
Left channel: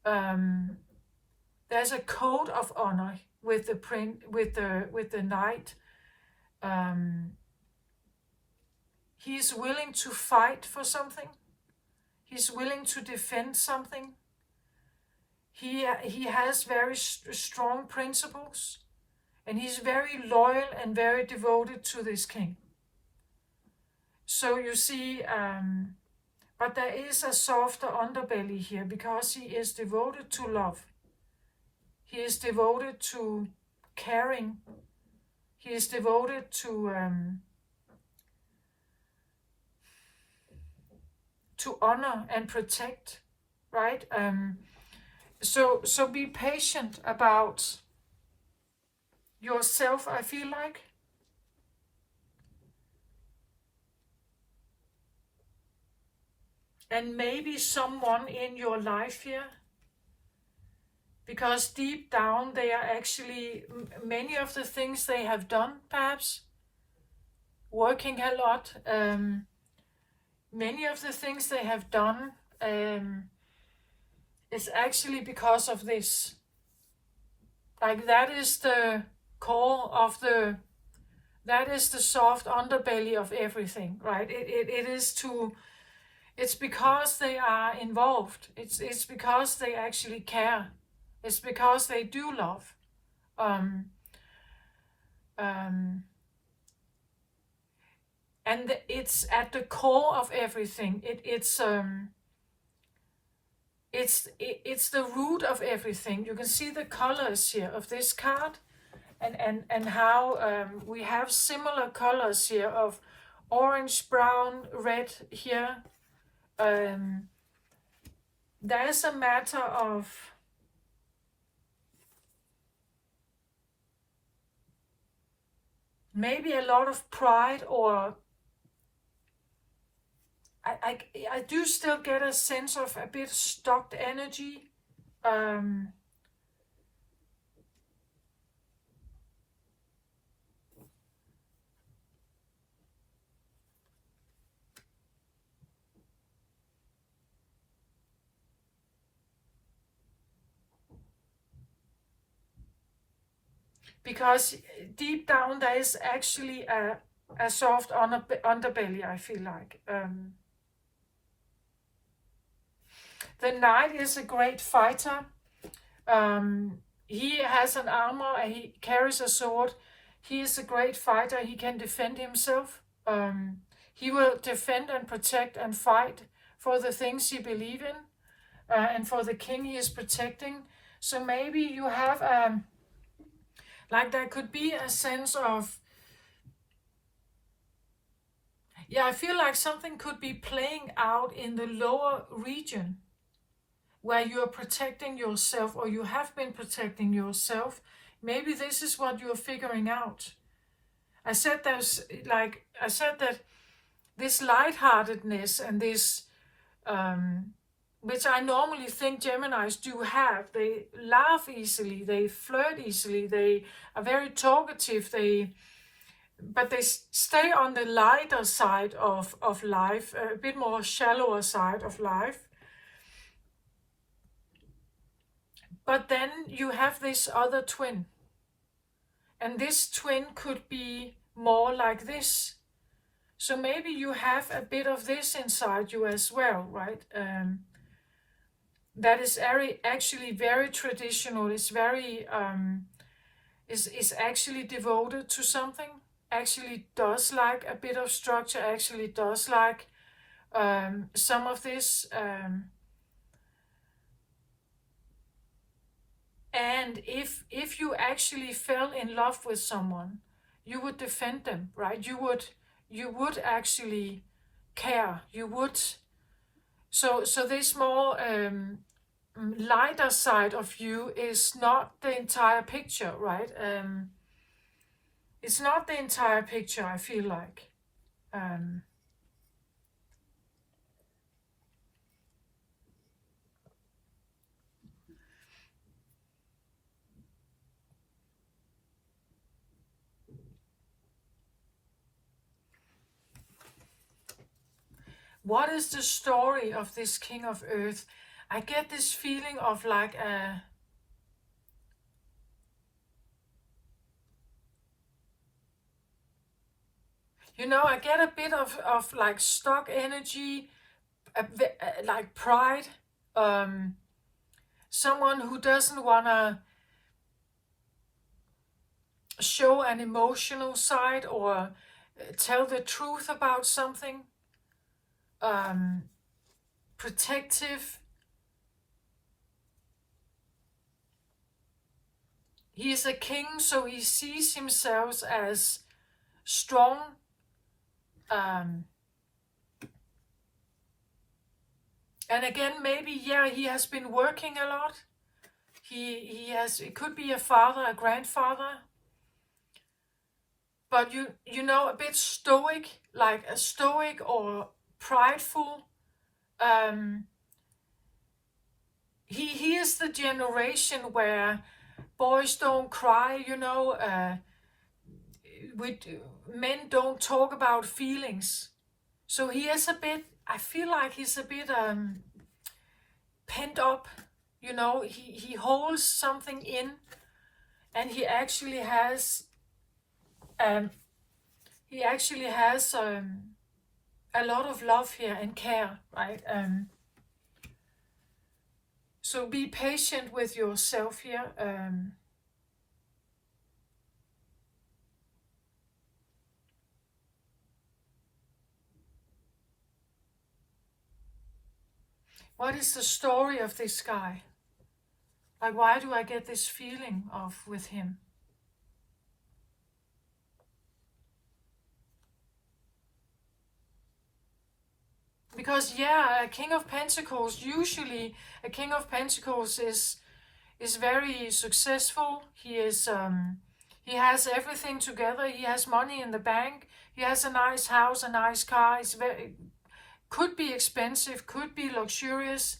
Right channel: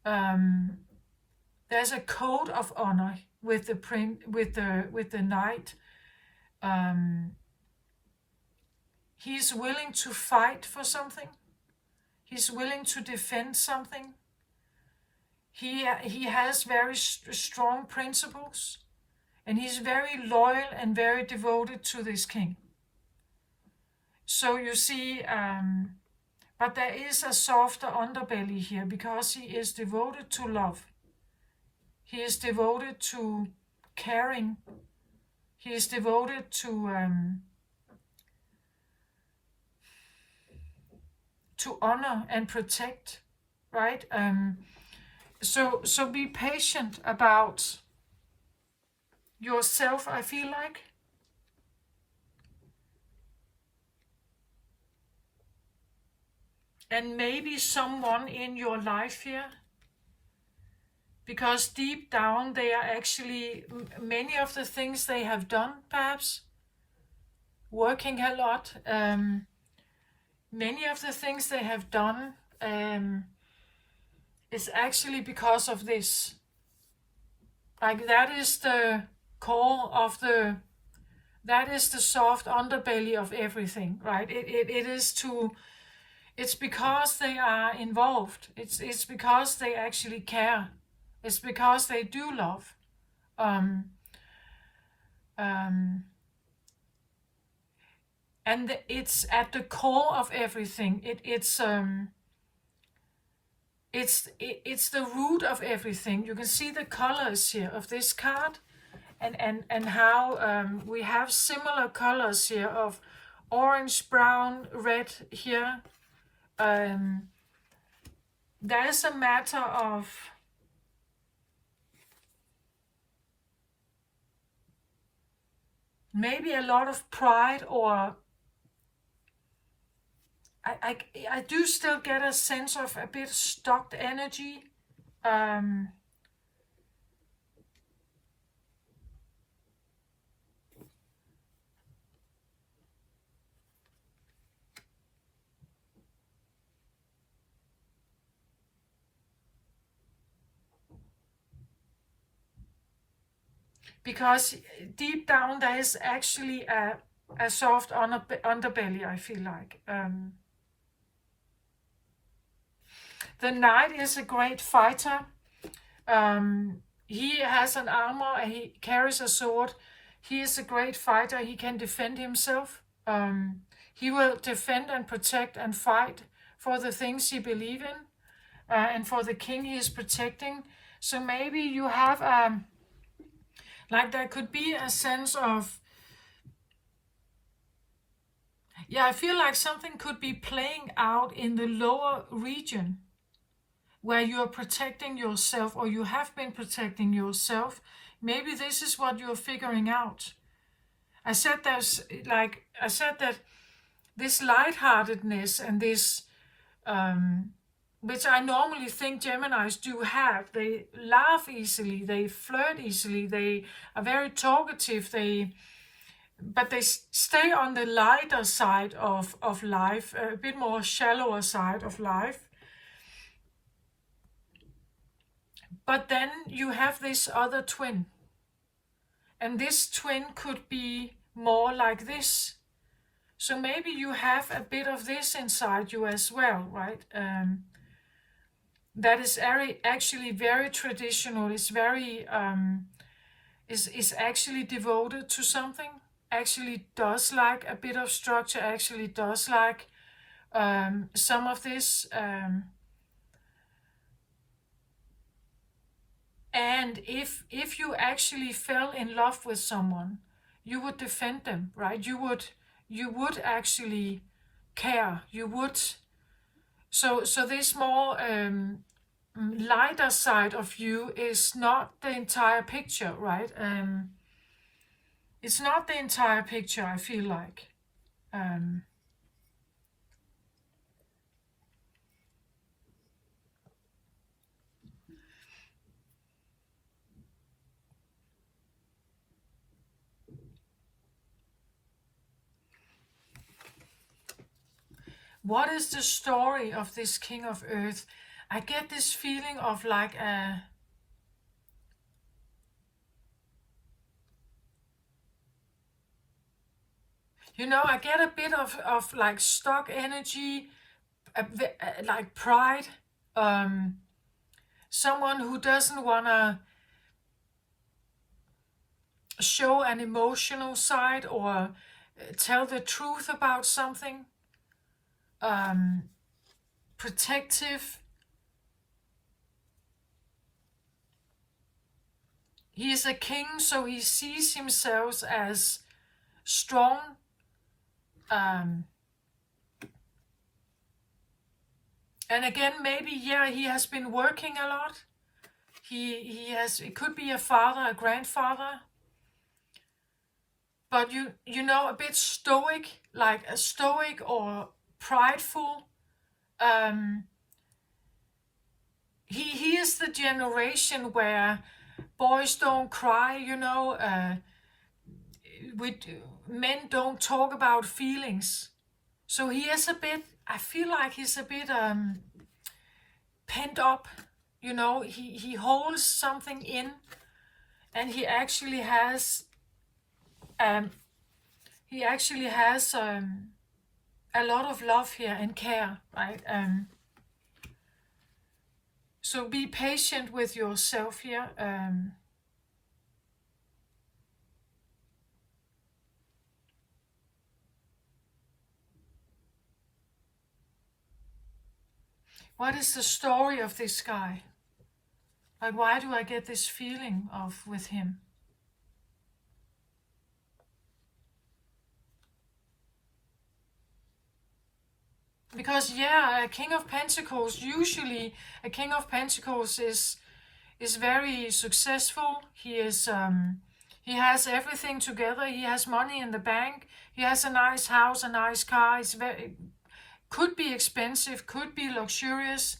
There's a code of honor with the knight. He's willing to fight for something. He's willing to defend something. He has very strong principles, and he's very loyal and very devoted to this king. So you see, but there is a softer underbelly here, because he is devoted to love. He is devoted to caring. He is devoted to honor and protect, right? So be patient about yourself, I feel like. And maybe someone in your life here, because deep down they are actually, many of the things they have done, perhaps, working a lot, many of the things they have done is actually because of this. Like, that is the core of that is the soft underbelly of everything, right? It's because they are involved. It's because they actually care. It's because they do love. And it's at the core of everything. It's the root of everything. You can see the colors here of this card, and how we have similar colors here of orange, brown, red here. There's a matter of maybe a lot of pride, or I do still get a sense of a bit stuck energy. Because deep down there is actually a soft underbelly, I feel like. The knight is a great fighter. He has an armor, and he carries a sword. He is a great fighter. He can defend himself. He will defend and protect and fight for the things he believes in, and for the king he is protecting. So maybe you have like, there could be a sense of, yeah, I feel like something could be playing out in the lower region, where you're protecting yourself, or you have been protecting yourself. Maybe this is what you're figuring out. I said that this lightheartedness and this, which I normally think Geminis do have. They laugh easily, they flirt easily, they are very talkative, but they stay on the lighter side of life, a bit more shallower side of life. But then you have this other twin. And this twin could be more like this. So maybe you have a bit of this inside you as well, right? That is actually very traditional. It's very, is actually devoted to something. Actually does like a bit of structure. Actually does like some of this. And if you actually fell in love with someone, you would defend them, right? You would actually care. You would. So this more lighter side of you is not the entire picture, right? It's not the entire picture, I feel like. What is the story of this king of earth? I get this feeling of like a, I get a bit of like stuck energy, like pride, someone who doesn't want to show an emotional side or tell the truth about something, protective. He is a king, so he sees himself as strong. And again, maybe, yeah, he has been working a lot. He has, it could be a father, a grandfather, but a bit stoic, like a stoic or prideful. He is the generation where boys don't cry, men don't talk about feelings. So he is a bit, I feel like he's a bit pent up, he holds something in, and he actually has um, a lot of love here and care, right? So be patient with yourself here. What is the story of this guy? Like, why do I get this feeling of with him? Because yeah, a King of Pentacles, usually a King of Pentacles is very successful. He has everything together. He has money in the bank. He has a nice house, a nice car. Could be expensive, could be luxurious.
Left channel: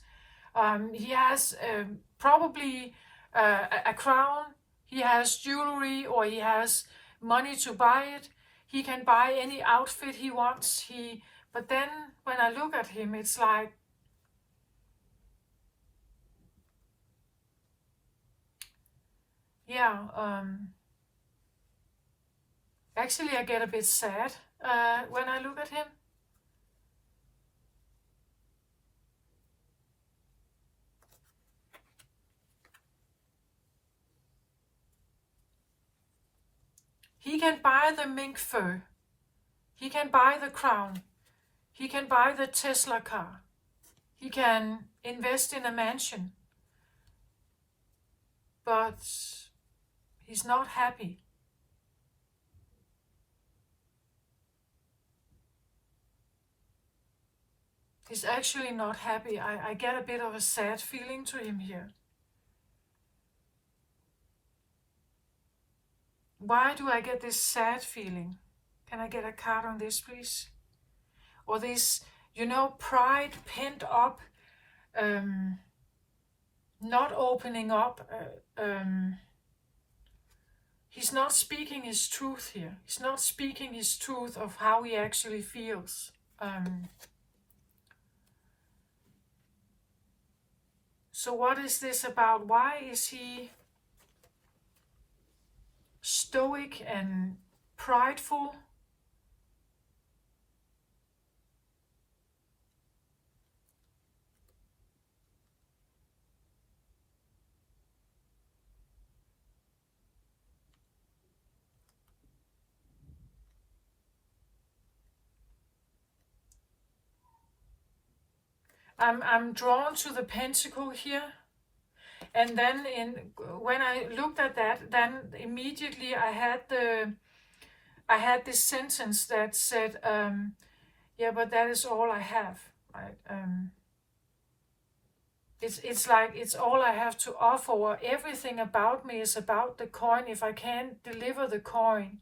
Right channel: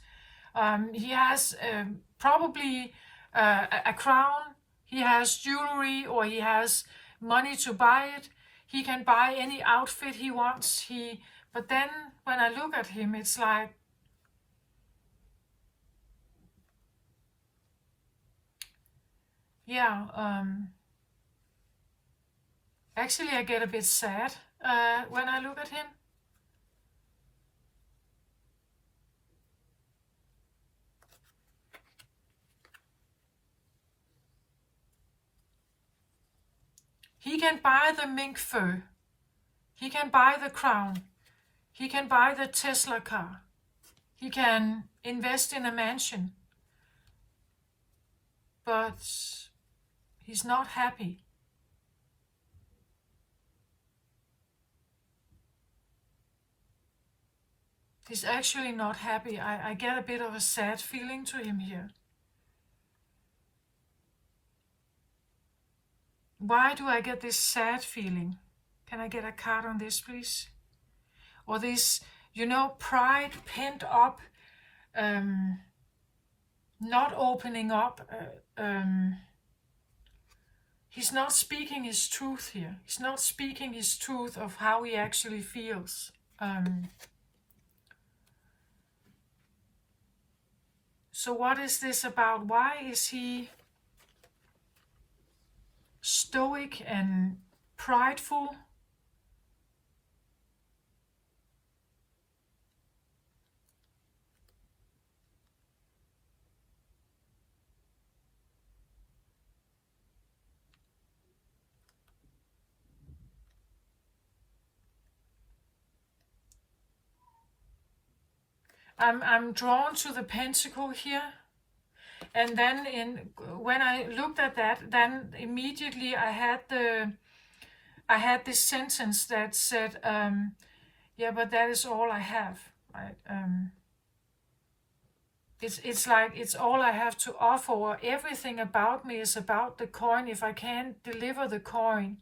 He has probably a crown. He has jewelry, or he has money to buy it. He can buy any outfit he wants. But then when I look at him, it's like, yeah, actually I get a bit sad when I look at him. He can buy the mink fur. He can buy the crown. He can buy the Tesla car. He can invest in a mansion. But he's not happy. He's actually not happy. I get a bit of a sad feeling to him here. Why do I get this sad feeling? Can I get a card on this, please? Or this, pride pent up, not opening up. He's not speaking his truth here. He's not speaking his truth of how he actually feels. So what is this about? Why is he stoic and prideful? I'm drawn to the pentacle here. And then when I looked at that, then immediately I had this sentence that said, yeah, but that is all I have, right? It's like it's all I have to offer, or everything about me is about the coin. If I can't deliver the coin,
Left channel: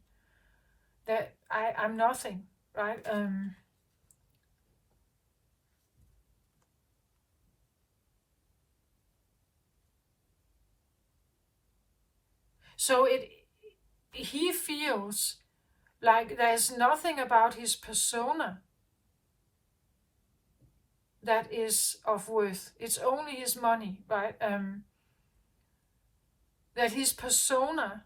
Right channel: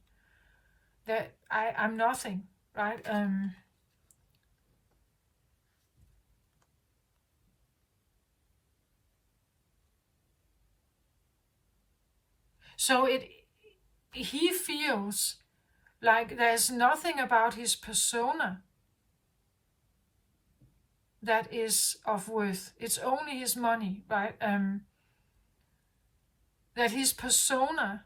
that I'm nothing, right? So he feels like there's nothing about his persona that is of worth. It's only his money, right? That his persona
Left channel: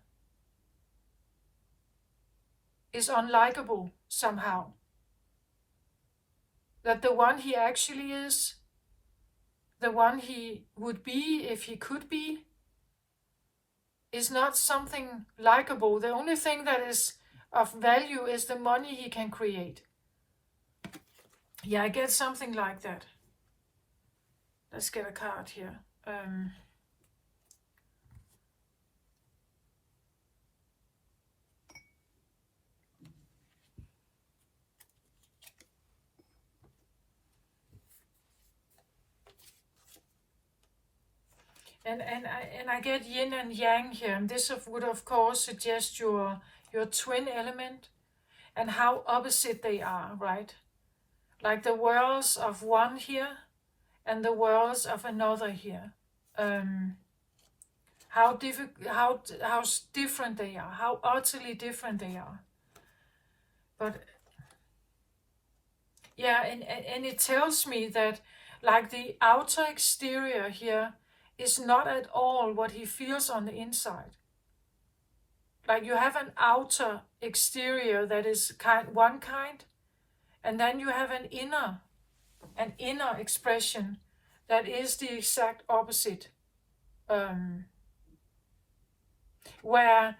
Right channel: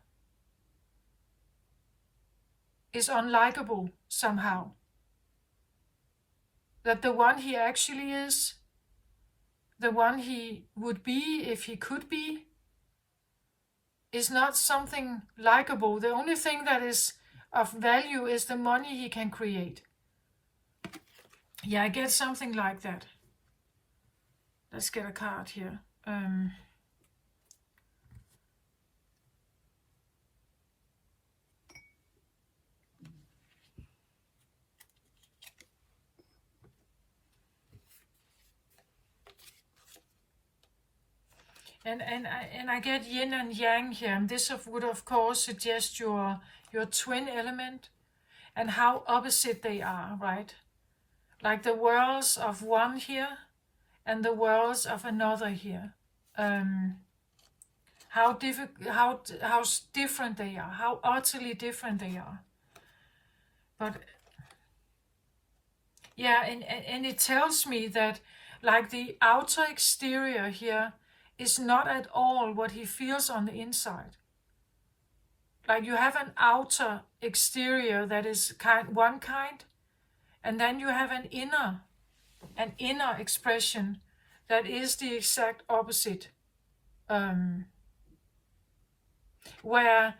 is unlikable somehow. That the one he actually is, the one he would be if he could be, is not something likable. The only thing that is of value is the money he can create. Yeah, I get something like that. Let's get a card here. And I get yin and yang here, and this would of course suggest your twin element and how opposite they are, right? Like the worlds of one here and the worlds of another here. How different they are, how utterly different they are. But yeah, and it tells me that like the outer exterior here is not at all what he feels on the inside. Like you have an outer exterior that is one kind, and then you have an inner expression that is the exact opposite. Where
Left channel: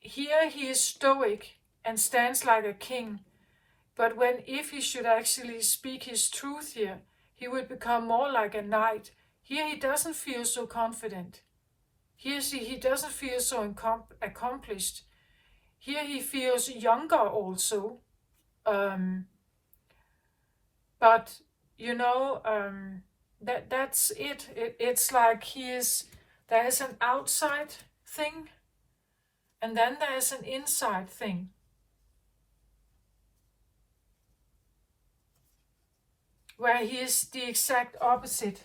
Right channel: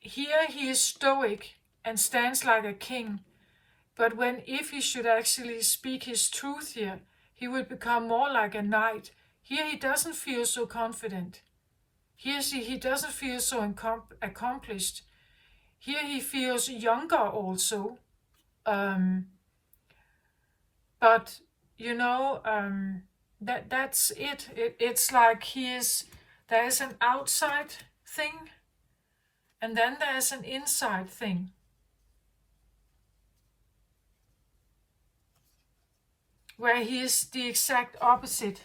here he is stoic and stands like a king, but if he should actually speak his truth here, he would become more like a knight. Here he doesn't feel so confident. Here he doesn't feel so accomplished. Here he feels younger also. But you know, that's it. It's like there is an outside thing, and then there is an inside thing. Where he is the exact opposite.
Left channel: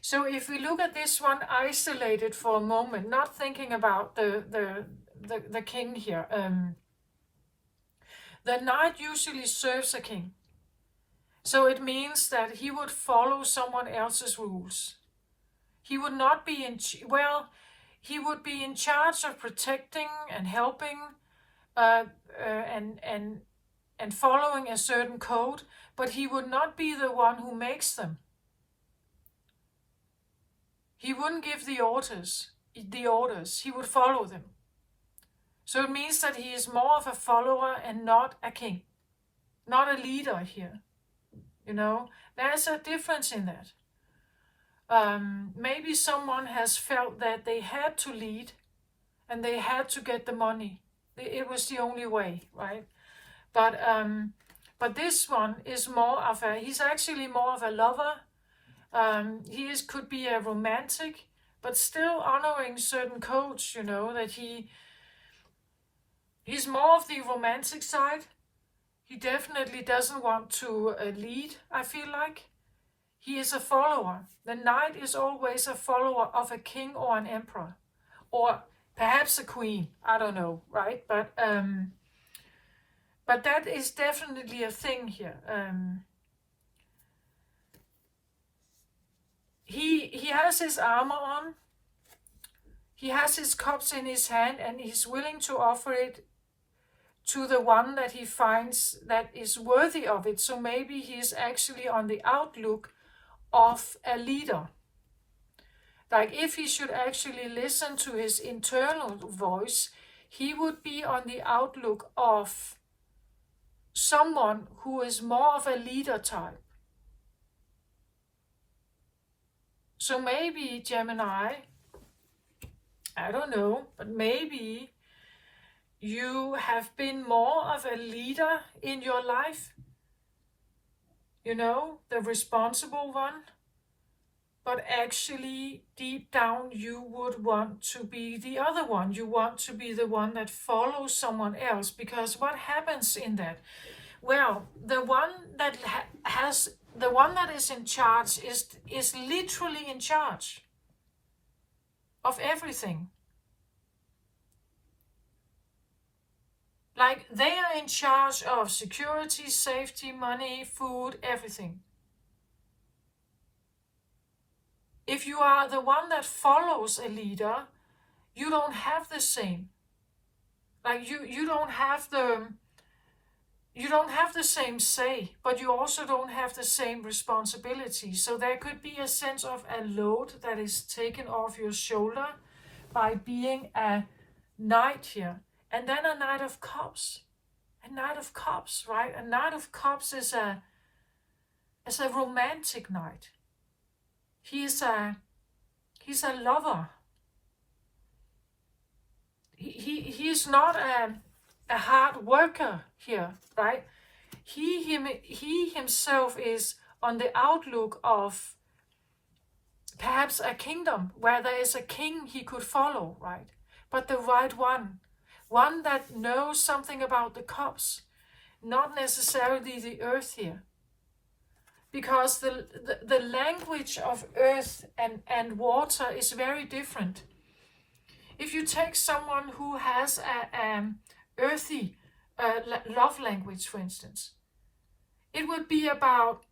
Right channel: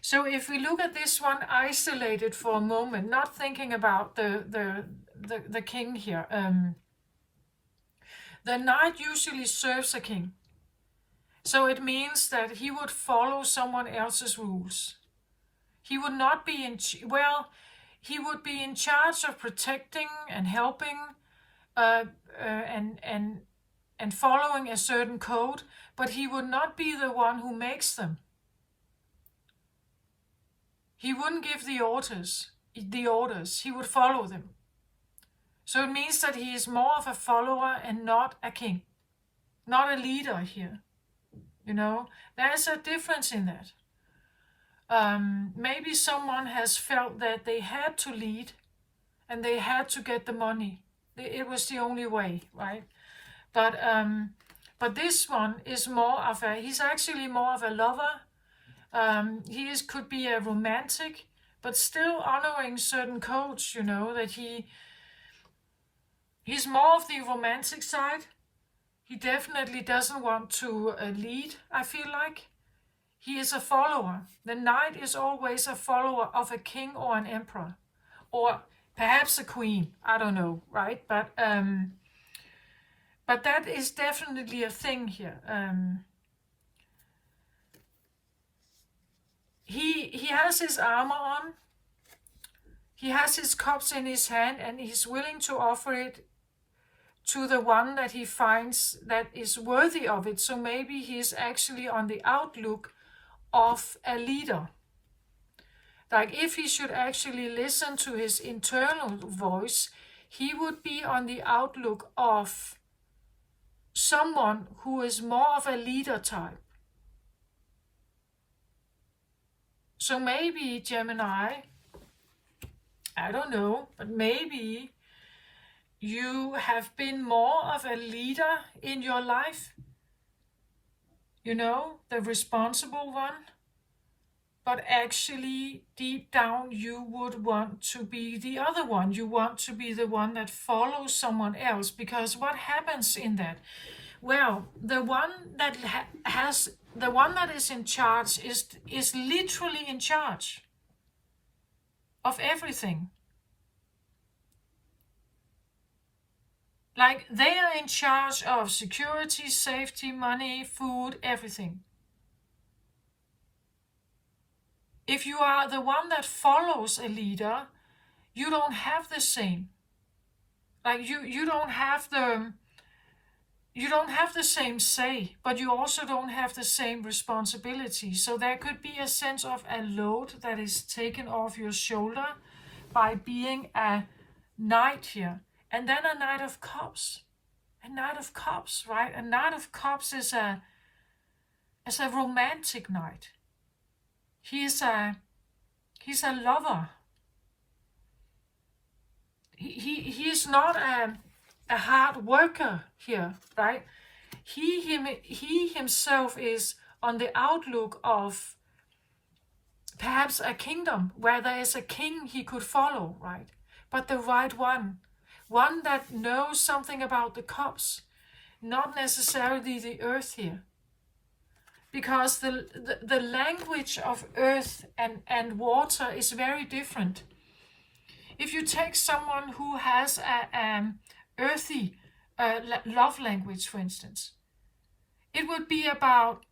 So if we look at this one isolated for a moment, not thinking about the king here, the knight usually serves a king. So it means that he would follow someone else's rules. He would not be he would be in charge of protecting and helping and following a certain code, but he would not be the one who makes them. He wouldn't give the orders. He would follow them. So it means that he is more of a follower and not a king, not a leader here. You know, there's a difference in that. Maybe someone has felt that they had to lead and they had to get the money. It was the only way, right? But this one is he's actually more of a lover. Could be a romantic, but still honoring certain codes, you know, that he's more of the romantic side. He definitely doesn't want to lead, I feel like. He is a follower. The knight is always a follower of a king or an emperor. Or perhaps a queen. I don't know, right? But that is definitely a thing here. He has his armor on. He has his cups in his hand, and he's willing to offer it to the one that he finds that is worthy of it. So maybe he's actually on the outlook of a leader. Like if he should actually listen to his internal voice, he would be on the outlook of someone who is more of a leader type. So maybe, Gemini, I don't know, but maybe you have been more of a leader in your life. You know, the responsible one. But actually, deep down, you would want to be the other one. You want to be the one that follows someone else. Because what happens in that? Well, the one that the one that is in charge is literally in charge. of everything. Like, they are in charge of security, safety, money, food, everything. If you are the one that follows a leader, you don't have the same. Like, you don't have the same say, but you also don't have the same responsibility. So there could be a sense of a load that is taken off your shoulder by being a knight here. And then a Knight of Cups. A Knight of Cups, right? A Knight of Cups is a romantic knight. He's a lover. He's not a hard worker here, right? He himself is on the outlook of perhaps a kingdom where there is a king he could follow, right? But the right one that knows something about the cups, not necessarily the earth here. Because the language of earth and water is very different. If you take someone who has a earthy love language, for instance, it would be about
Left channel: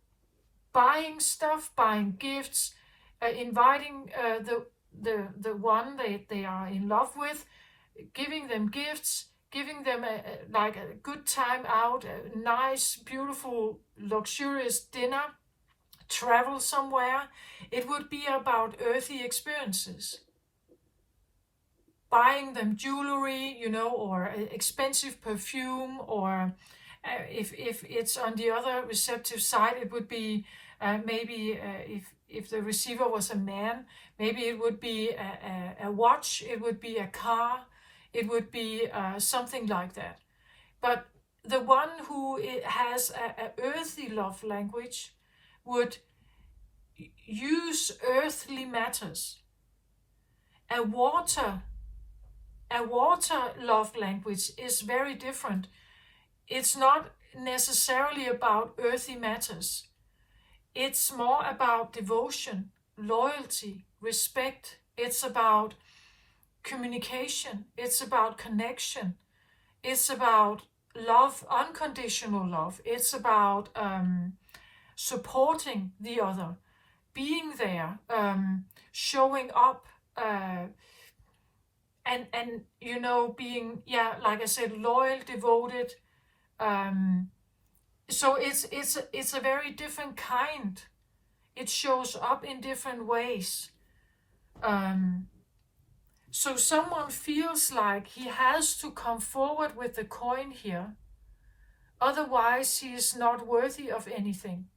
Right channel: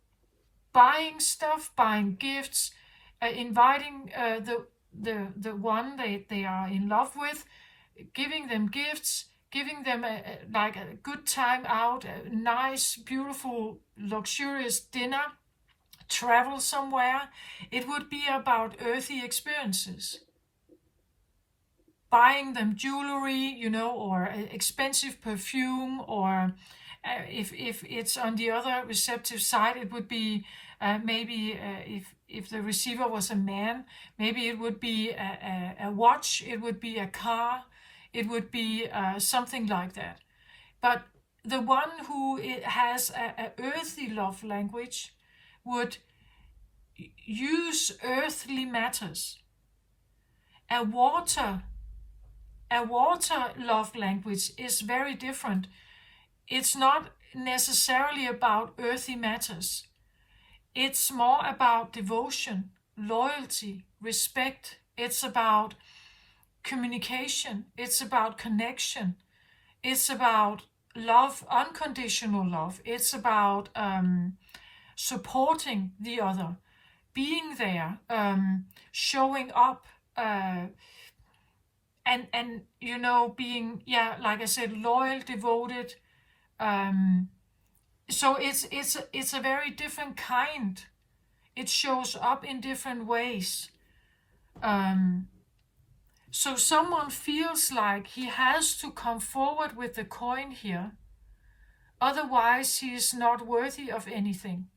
buying stuff, buying gifts, inviting the one they are in love with, giving them gifts, giving them like a good time out, a nice, beautiful, luxurious dinner, travel somewhere. It would be about earthy experiences. Buying them jewelry, or expensive perfume, or if it's on the other receptive side, it would be maybe if the receiver was a man, maybe it would be a watch, it would be a car, it would be something like that. But the one who has a earthly love language would use earthly matters. A water love language is very different. It's not necessarily about earthy matters. It's more about devotion, loyalty, respect. It's about communication. It's about connection. It's about love, unconditional love. It's about supporting the other, being there, showing up, and being, like I said, loyal, devoted. So it's a very different kind. It shows up in different ways. So someone feels like he has to come forward with the coin here, otherwise he is not worthy of anything.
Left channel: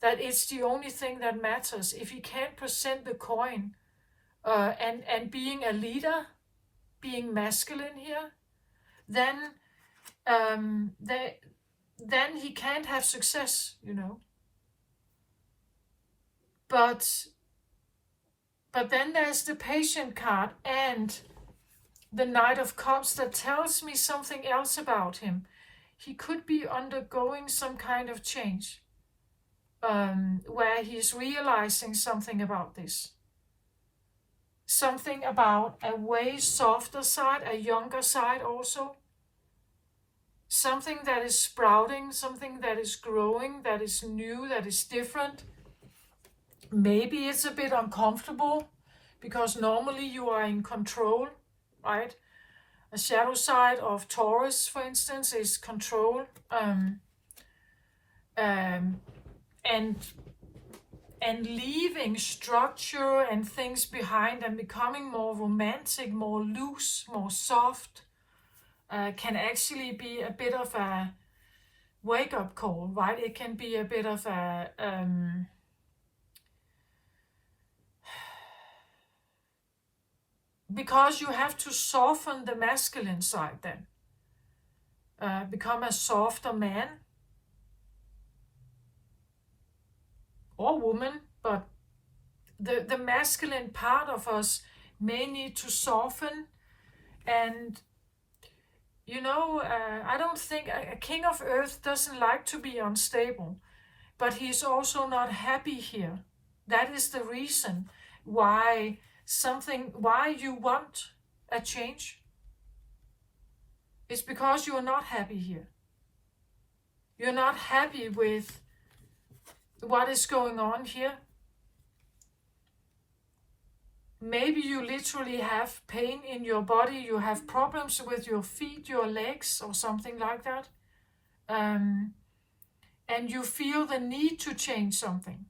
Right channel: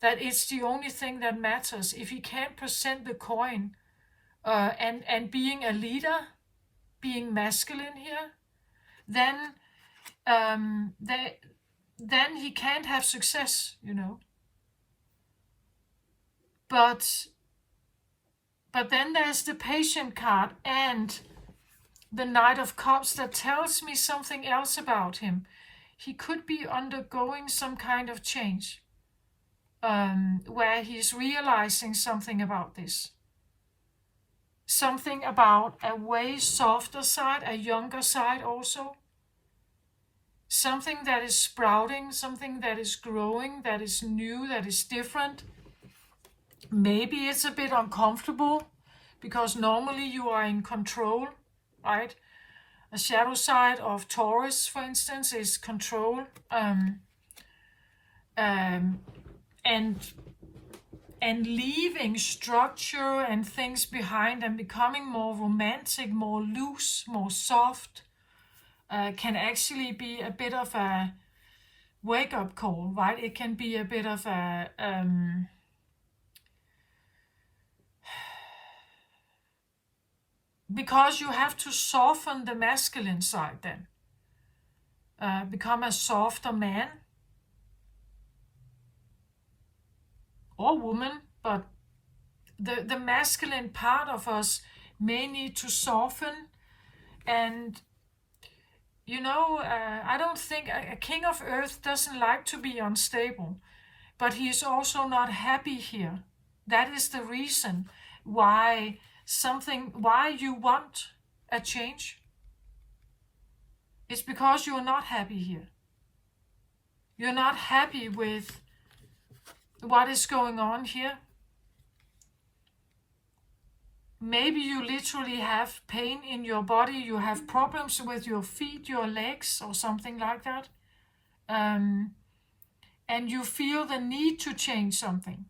That it's the only thing that matters. If he can't present the coin, and being a leader, being masculine here, then he can't have success, But then there's the Patient card and the Knight of Cups that tells me something else about him. He could be undergoing some kind of change, where he's realizing something about this. Something about a way softer side, a younger side also. Something that is sprouting, something that is growing, that is new, that is different. Maybe it's a bit uncomfortable because normally you are in control, right? A shadow side of Taurus, for instance, is control. And leaving structure and things behind and becoming more romantic, more loose, more soft, can actually be a bit of a wake-up call, right? It can be a bit of a because you have to soften the masculine side then. Become a softer man or woman, but the masculine part of us may need to soften. And I don't think a king of earth doesn't like to be unstable, but he is also not happy here. That is the reason why something, why you want a change. It's because you're not happy here. You're not happy with what is going on here. Maybe you literally have pain in your body. You have problems with your feet, your legs, or something like that. And you feel the need to change something.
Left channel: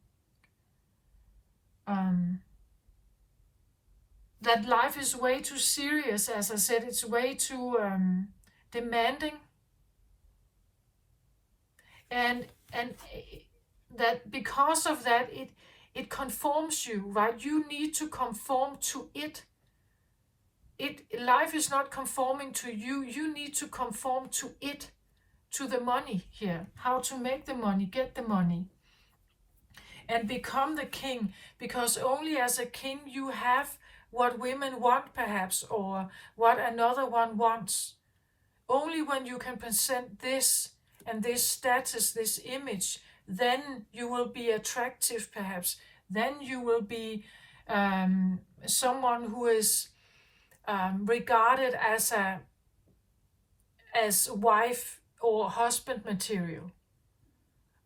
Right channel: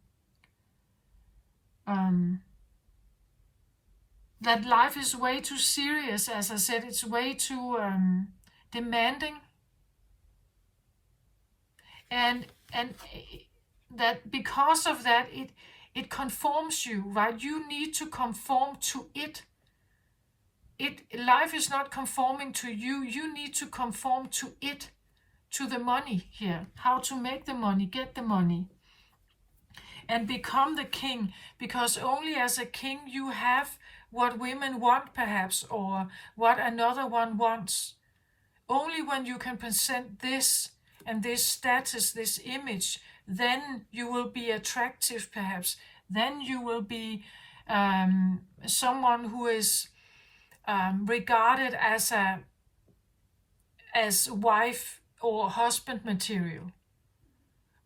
That life is way too serious, as I said, it's way too demanding. And that because of that, it conforms you, right? You need to conform to it. Life is not conforming to you. You need to conform to it, to the money here. How to make the money, get the money. And become the king, because only as a king you have what women want, perhaps, or what another one wants. Only when you can present this and this status, this image, then you will be attractive, perhaps. Then you will be someone who is regarded as wife or husband material.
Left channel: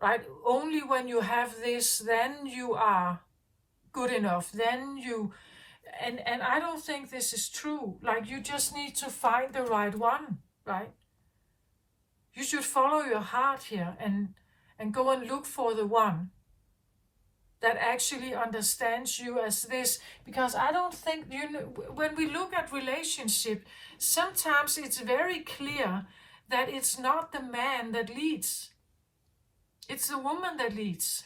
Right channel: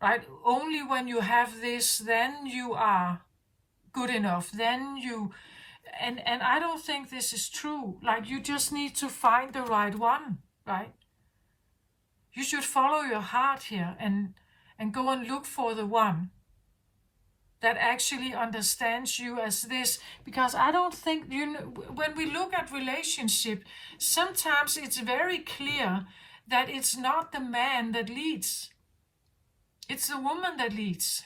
Right? Only when you have this, then you are good enough. Then you, and I don't think this is true. Like, you just need to find the right one, right? You should follow your heart here and go and look for the one that actually understands you as this. Because I don't think, when we look at relationship, sometimes it's very clear that it's not the man that leads. It's the woman that leads.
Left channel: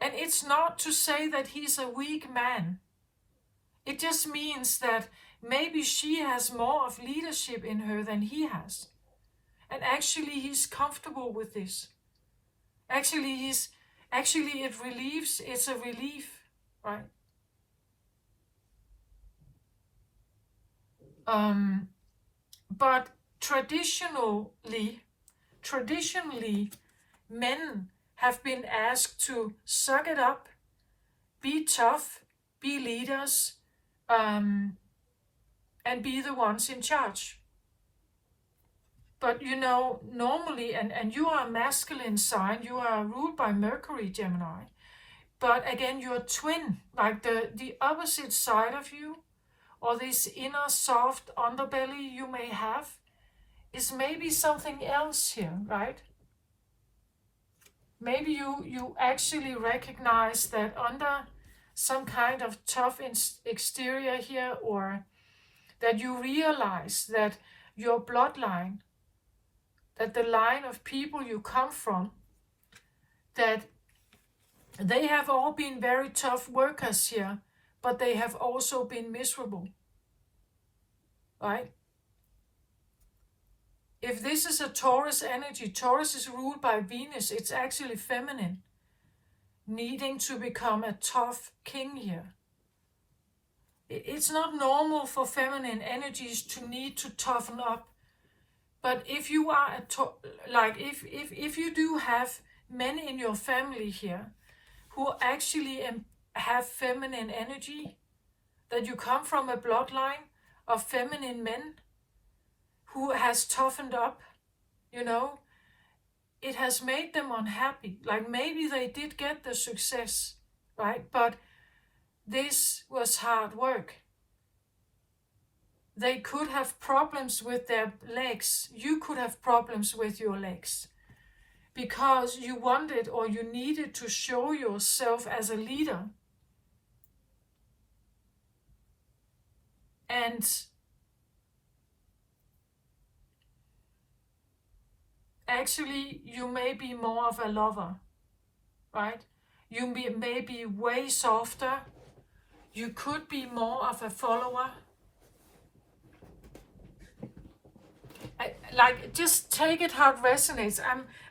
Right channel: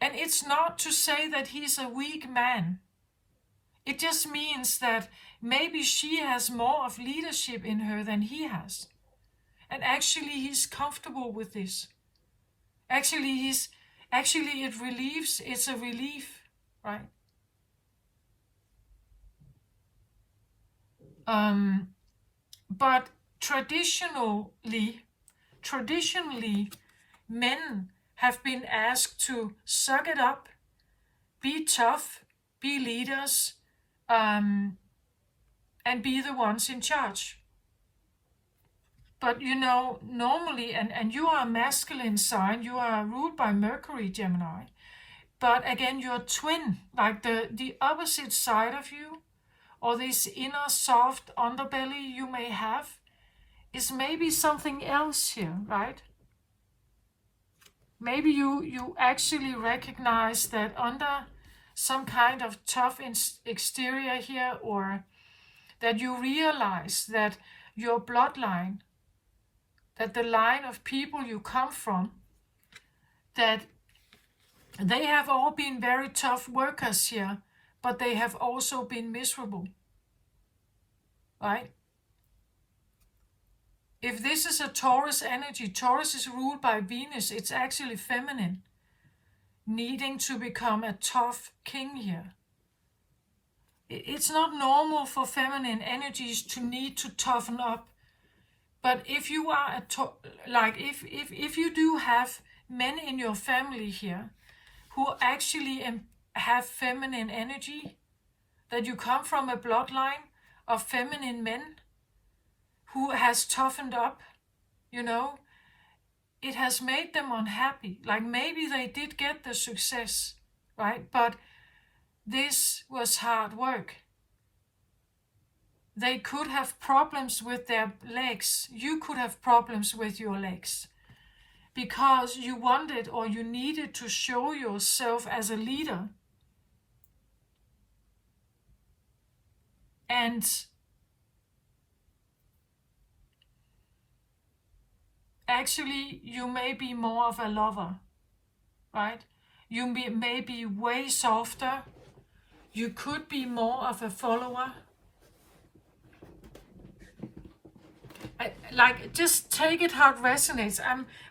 And it's not to say that he's a weak man. It just means that maybe she has more of leadership in her than he has. And actually he's comfortable with this. It's a relief, right? But traditionally, men have been asked to suck it up, be tough, be leaders, and be the ones in charge. But normally, and you are a masculine sign, you are ruled by Mercury, Gemini. But again, you're a twin, like the opposite side of you, or this inner soft underbelly you may have, is maybe something else here, right? Maybe you actually recognize that under some kind of tough exterior here, or that you realize that your bloodline, that the line of people you come from, that they have all been very tough workers here, but they have also been miserable, right? If this is a Taurus energy, Taurus is ruled by Venus, it's actually feminine, needing to become a tough king here. It's not normal for feminine energies to need to toughen up. But if you are if you do have men in your family here who actually have feminine energy, that you come from a bloodline of feminine men who has toughened up, it has made them unhappy. Like, maybe they did get the success, right? But this was hard work. They could have problems with their legs. You could have problems with your legs because you wanted or you needed to show yourself as a leader. And actually, you may be more of a lover, right? You may be way softer. You could be more of a follower. Just take it how it resonates.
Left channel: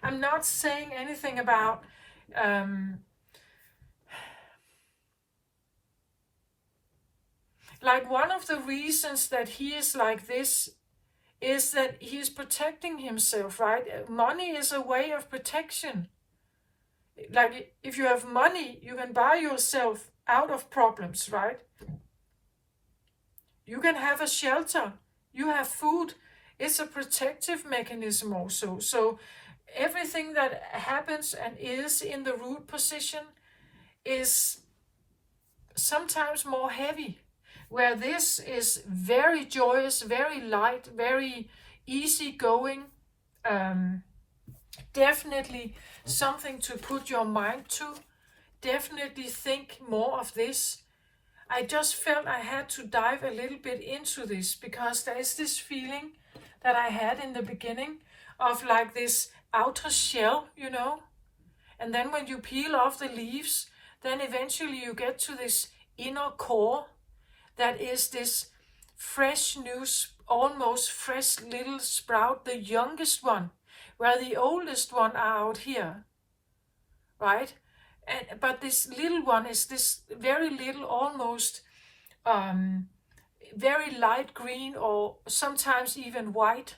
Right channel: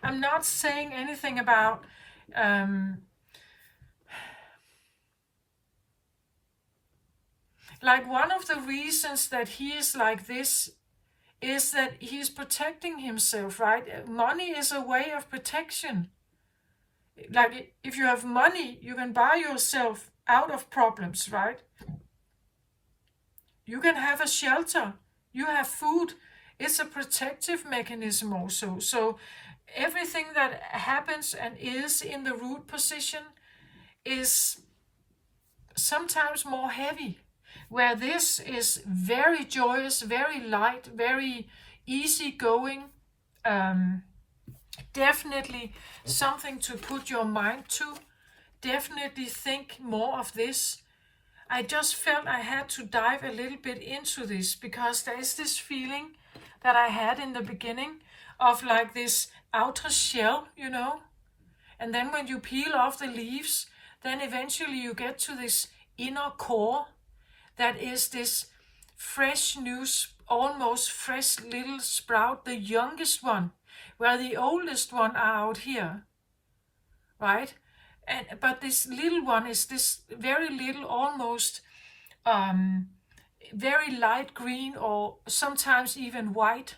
I'm not saying anything about one of the reasons that he is like this is that he's protecting himself, right? Money is a way of protection. Like, if you have money, you can buy yourself out of problems, right? You can have a shelter, you have food. It's a protective mechanism also. So everything that happens and is in the root position is sometimes more heavy, where this is very joyous, very light, very easygoing. Um, Definitely something to put your mind to. Definitely think more of this. I just felt I had to dive a little bit into this because there is this feeling that I had in the beginning of like this outer shell, and then when you peel off the leaves, then eventually you get to this inner core that is this fresh new, almost fresh little sprout, the youngest one, where the oldest one are out here, right? But this little one is this very little, almost very light green, or sometimes even white,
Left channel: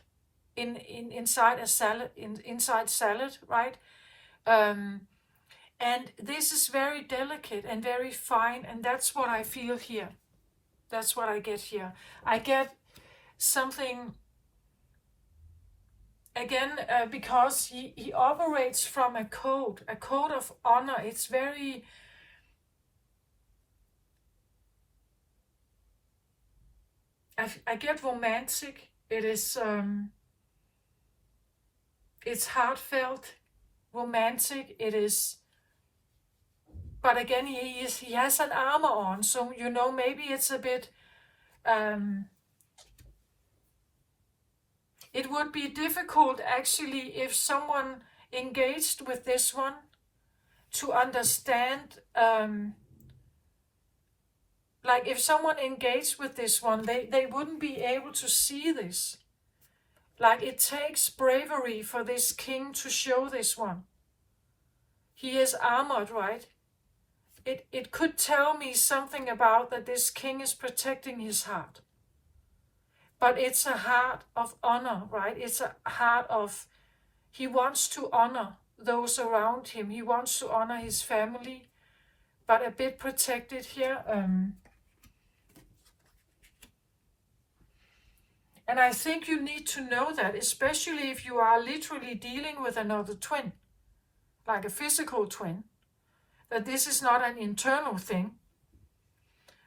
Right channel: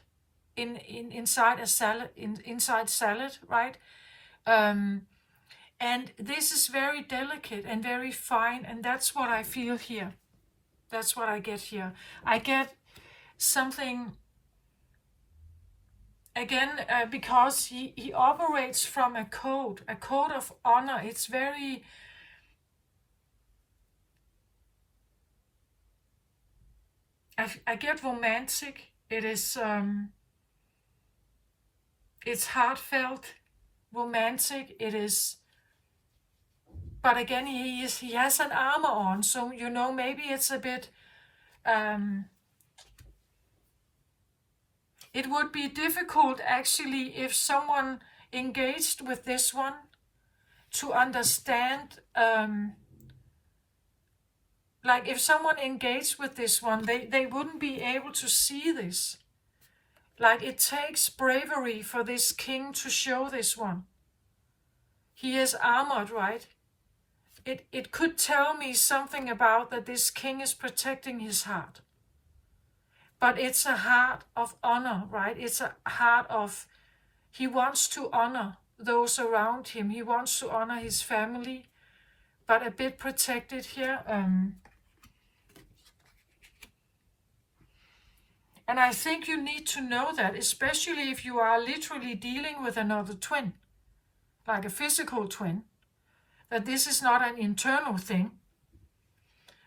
inside a salad, inside salad, right? And this is very delicate and very fine, and that's what I feel here. That's what I get here. I get something again, because he operates from a code of honor. It's very, I get romantic. It is it's heartfelt, romantic. It is, but again, he has an armor on, so maybe it's a bit. It would be difficult actually if someone engaged with this one to understand, like if someone engaged with this one, they wouldn't be able to see this. Like it takes bravery for this king to show this one. He is armored, right? It could tell me something about that this king is protecting his heart. But it's a heart of honor, right? It's a heart of, he wants to honor those around him. He wants to honor his family, but a bit protected here. And I think you need to know that, especially if you are literally dealing with another twin, like a physical twin, that this is not an internal thing.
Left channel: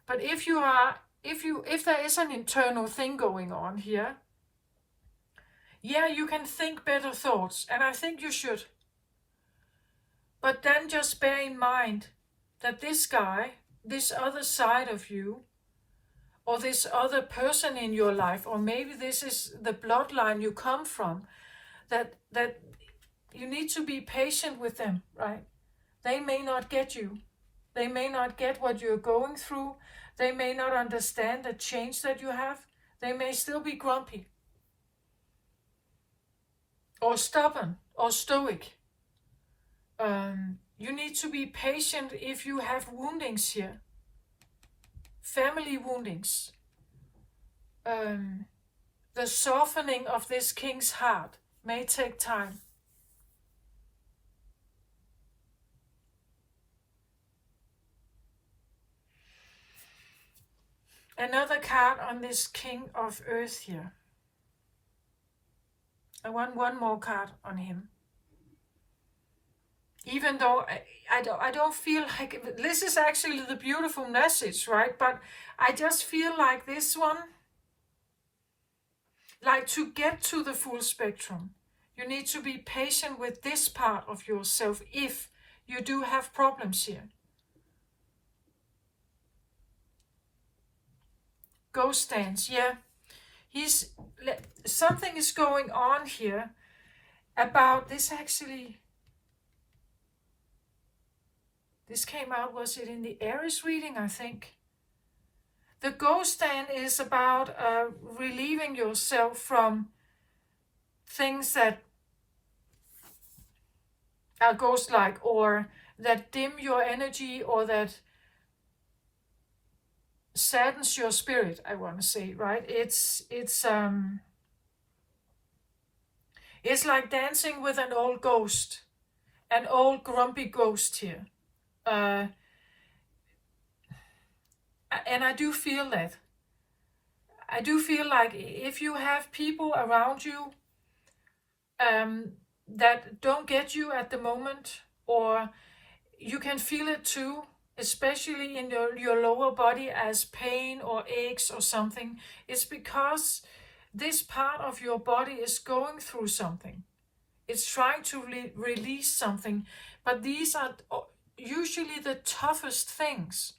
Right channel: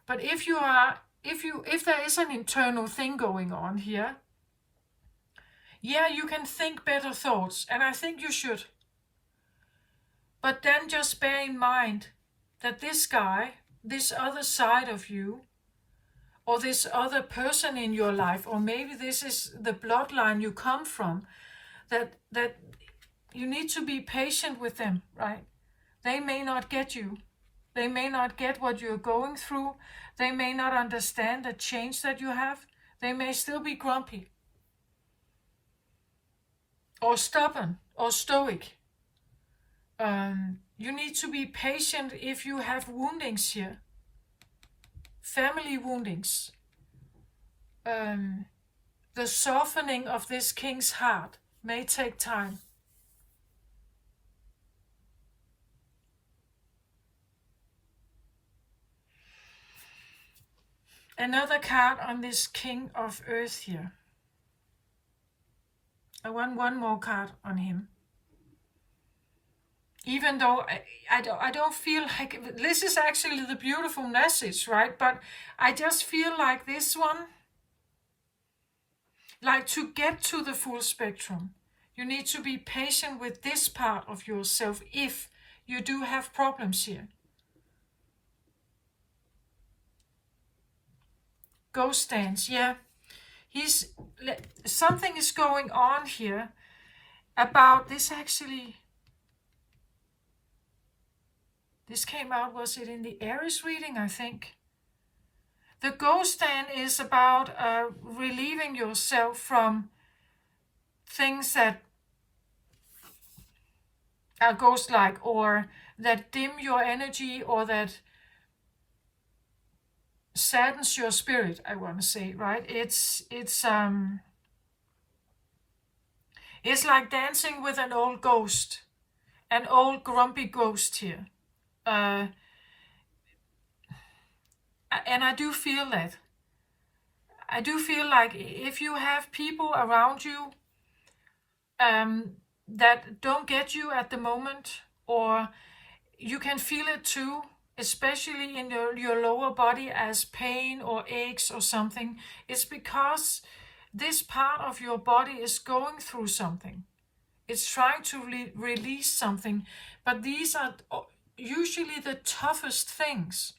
But if there is an internal thing going on here, yeah, you can think better thoughts, and I think you should. But then just bear in mind that this guy, this other side of you, or this other person in your life, or maybe this is the bloodline you come from, that you need to be patient with them, right? They may not get you. They may not get what you're going through. They may not understand the change that you have. They may still be grumpy, or stubborn, or stoic. You need to be patient if you have woundings here. Family woundings. The softening of this king's heart may take time. Another card on this King of Earth here. I want one more card on him. Even though I don't feel like this is actually the beautiful message, right? But I just feel like this one, like to get to the full spectrum, you need to be patient with this part of yourself if you do have problems here. Ghost dance, yeah. Something is going on here about this actually. This came out, was it in the Aries reading, I think? The ghost stand is about relieving yourself from things that are ghost-like, or that dim your energy, or that saddens your spirit, I want to say, right? It's like dancing with an old ghost, an old grumpy ghost here. And I do feel that. I do feel like if you have people around you that don't get you at the moment, or you can feel it too, especially in your lower body as pain or aches or something, it's because this part of your body is going through something. It's trying to release something, but these are usually the toughest things.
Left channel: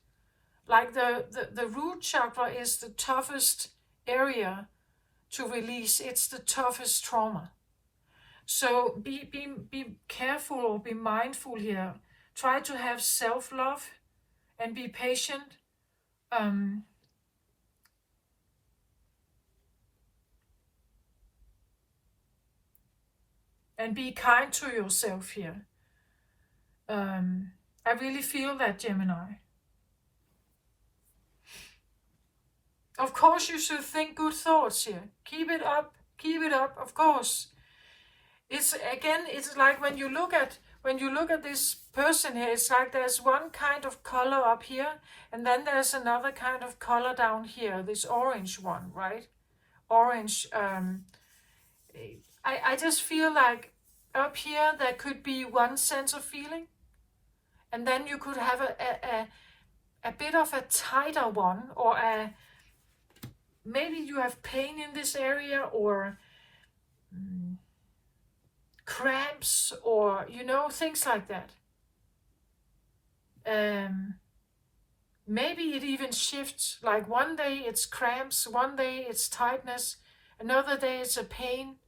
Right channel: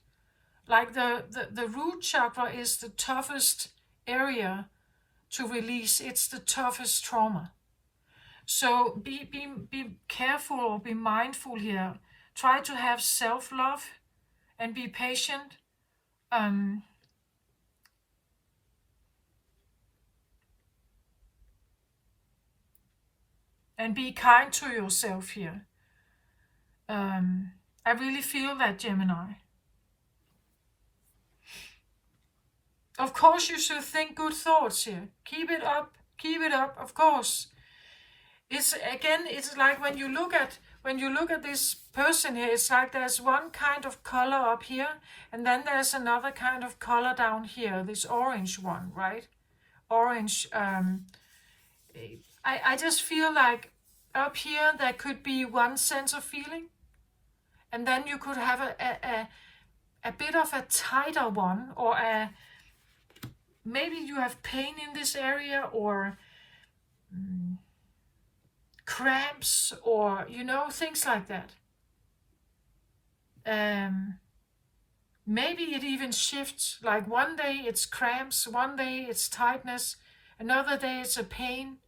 Like the root chakra is the toughest area to release. It's the toughest trauma. So be careful or be mindful here. Try to have self-love and be patient. And be kind to yourself here. I really feel that, Gemini. Of course you should think good thoughts here. Keep it up, of course. It's like when you look at this person here, it's like there's one kind of color up here, and then there's another kind of color down here, this orange one, right? Orange. I just feel like up here there could be one sense of feeling, and then you could have a bit of a tighter one, or maybe you have pain in this area, or cramps, or things like that. Maybe it even shifts, like one day it's cramps, one day it's tightness, another day it's a pain,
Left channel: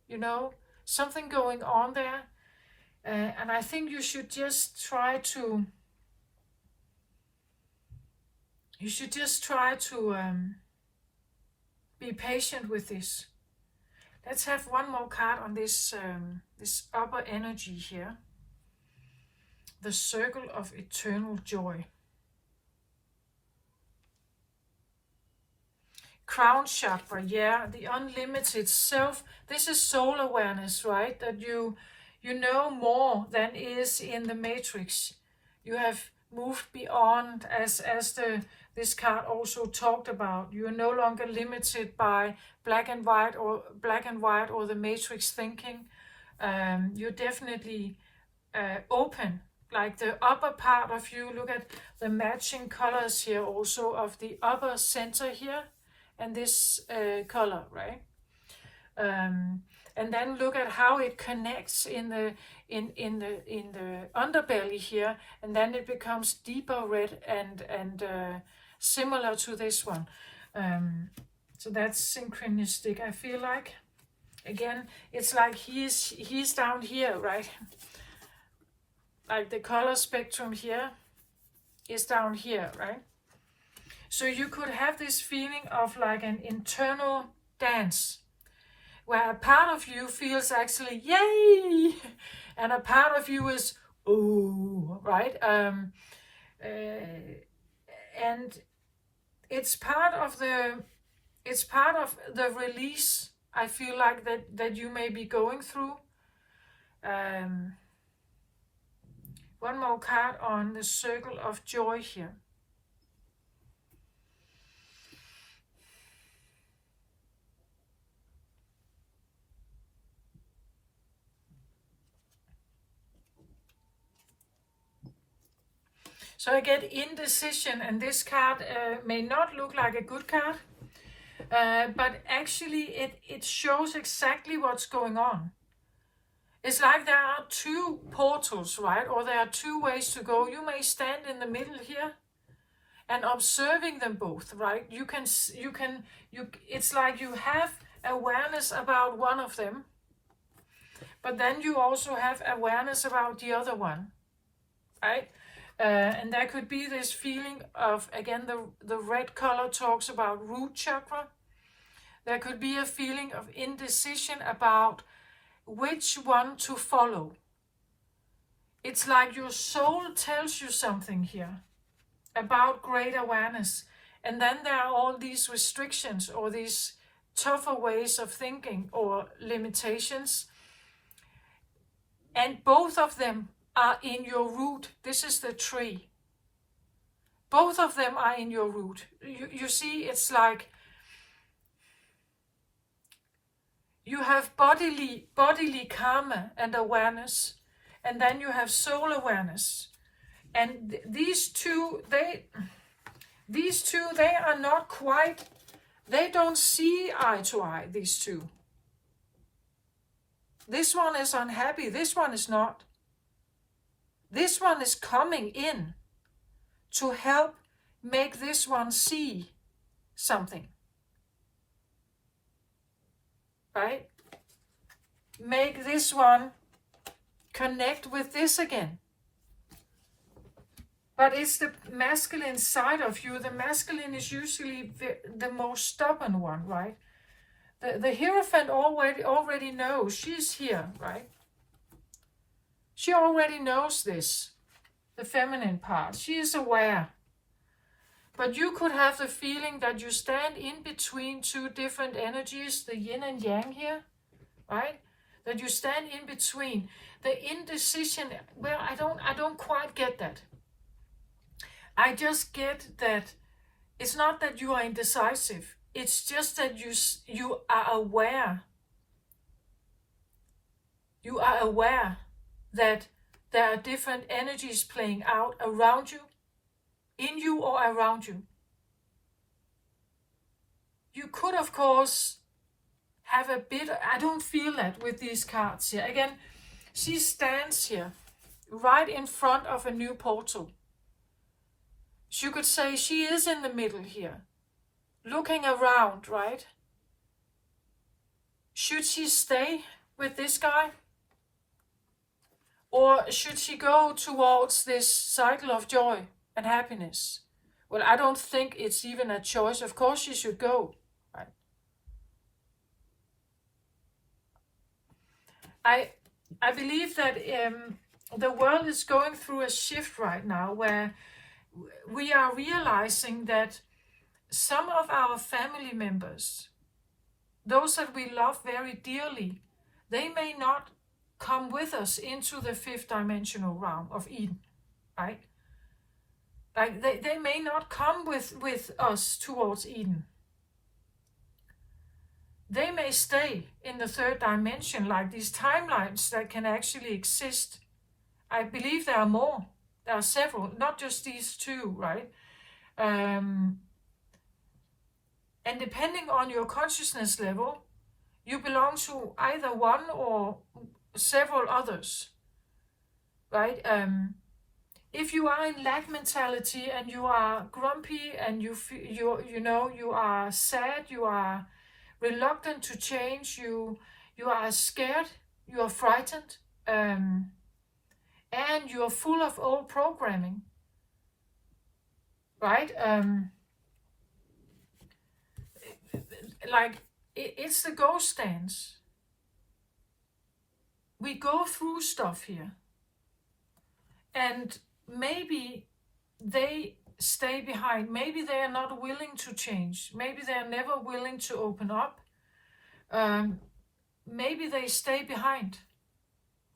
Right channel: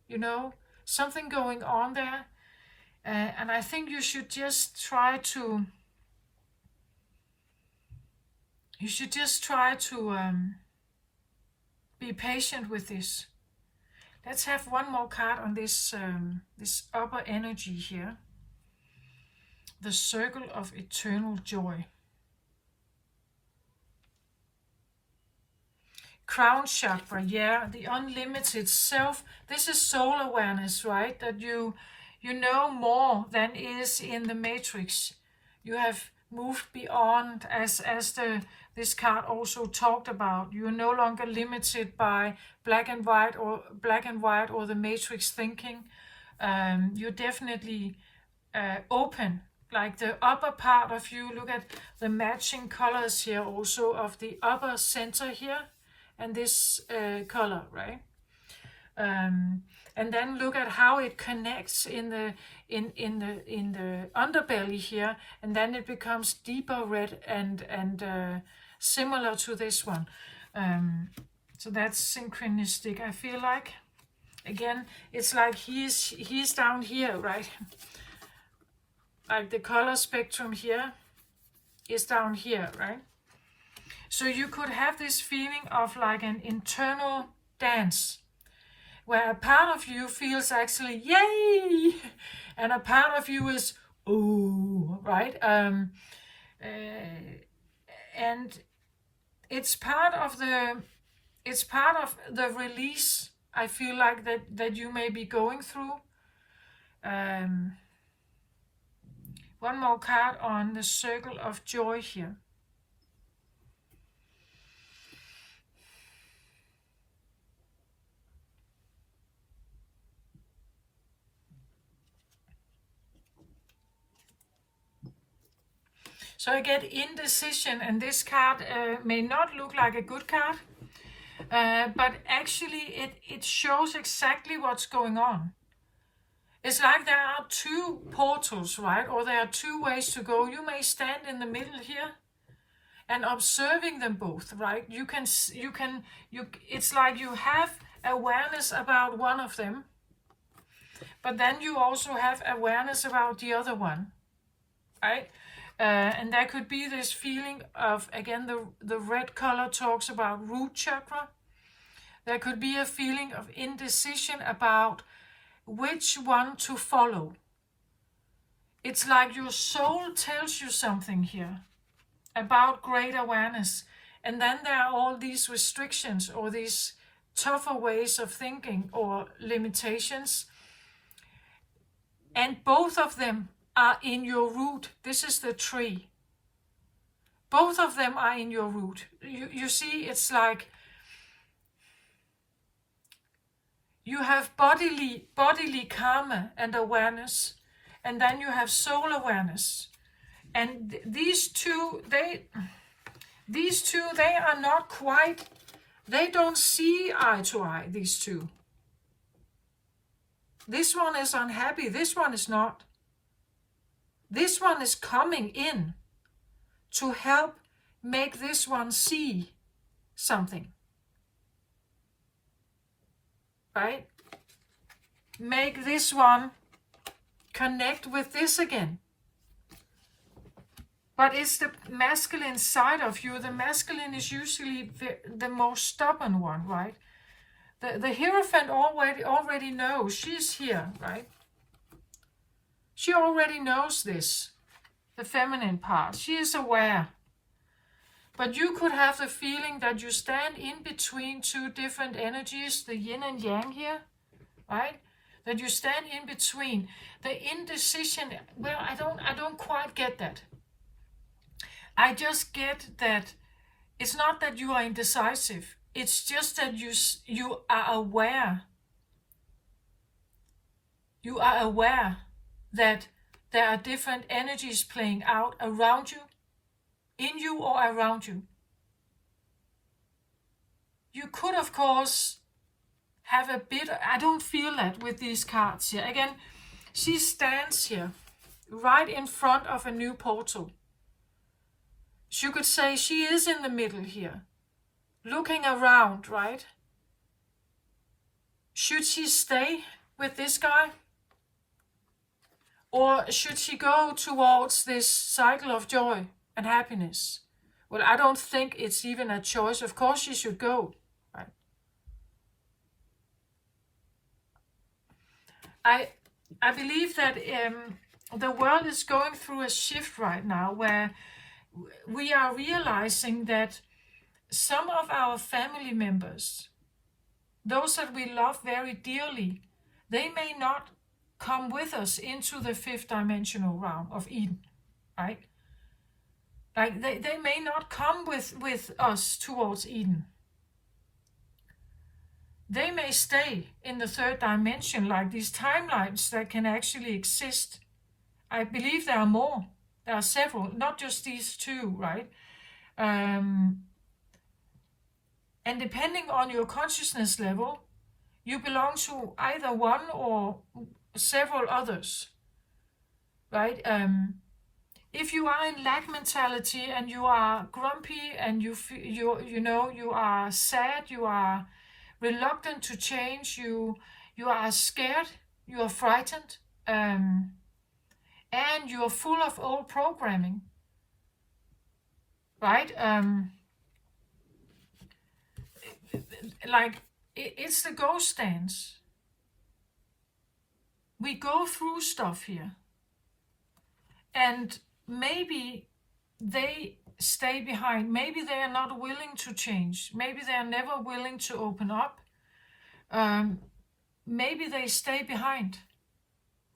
something going on there. And I think you should just try to be patient with this. Let's have one more card on this upper energy here. The Circle of Eternal Joy. Crown chakra, yeah, the unlimited self. This is soul awareness, right? That you know more than is in the matrix. You have moved beyond, as this card also talked about. You are no longer limited by black and white or the matrix thinking. You're definitely open. Like the upper part of you, look at the matching colors here also of the upper center here and this color, right? And then look at how it connects in the underbelly here, and then it becomes deeper red and similar to this one. So that's synchronistic. I feel like, again, it's like he's down here, right? Like the color spectrum here is down here, right? So you could have this feeling of like an internal dance, where a part of you feels actually yay, and a part of you is ooh, right? And it's part of the release. I feel like that you may be going through. One more card on the Circle of Joy here. So I get indecision, and this card may not look like a good card, but actually it shows exactly what's going on. It's like there are two portals, right? Or there are two ways to go. You may stand in the middle here and observing them both, right? It's like you have awareness about one of them, but then you also have awareness about the other one, right? And there could be this feeling of, again, the red color talks about root chakra. There could be a feeling of indecision about which one to follow. It's like your soul tells you something here about great awareness, and then there are all these restrictions or these tougher ways of thinking or limitations, and both of them are in your root. This is the tree. Both of them are in your root. You see, it's like you have bodily karma and awareness, and then you have soul awareness. And these two, they are not quite, they don't see eye to eye, these two. This one is unhappy, this one is not. This one is coming in to help make this one see something. Right? Make this one connect with this again. But it's the masculine side of you. The masculine is usually the most stubborn one, right? The Hierophant already knows she's here, right? She already knows this, the feminine part. She is aware. But you could have the feeling that you stand in between two different energies, the yin and yang here, right? That you stand in between. The indecision, well, I don't quite get that. I just get that it's not that you are indecisive. It's just that you are aware. You are aware that there are different energies playing out around you, in you or around you. You could, of course, have a bit, I don't feel that with these cards here. Again, she stands here, right in front of a new portal. So you could say she is in the middle here, looking around, right? Should she stay with this guy? Or should she go towards this cycle of joy and happiness? Well, I don't think it's even a choice. Of course she should go, right? I believe that the world is going through a shift right now where we are realizing that some of our family members, those that we love very dearly, they may not come with us into the fifth dimensional realm of Eden, right? Like they may not come with us towards Eden. They may stay in the third dimension, like these timelines that can actually exist. I believe there are more. There are several, not just these two, right? And depending on your consciousness level, you belong to either one or several others, right? If you are in lack mentality and you are grumpy and you are sad, you are reluctant to change, you are scared, you are frightened, and you are full of old programming, right? Like it's the ghost dance. We go through stuff here, and maybe they stay behind. Maybe they are not willing to change. Maybe they are never willing to open up. Maybe they stay behind.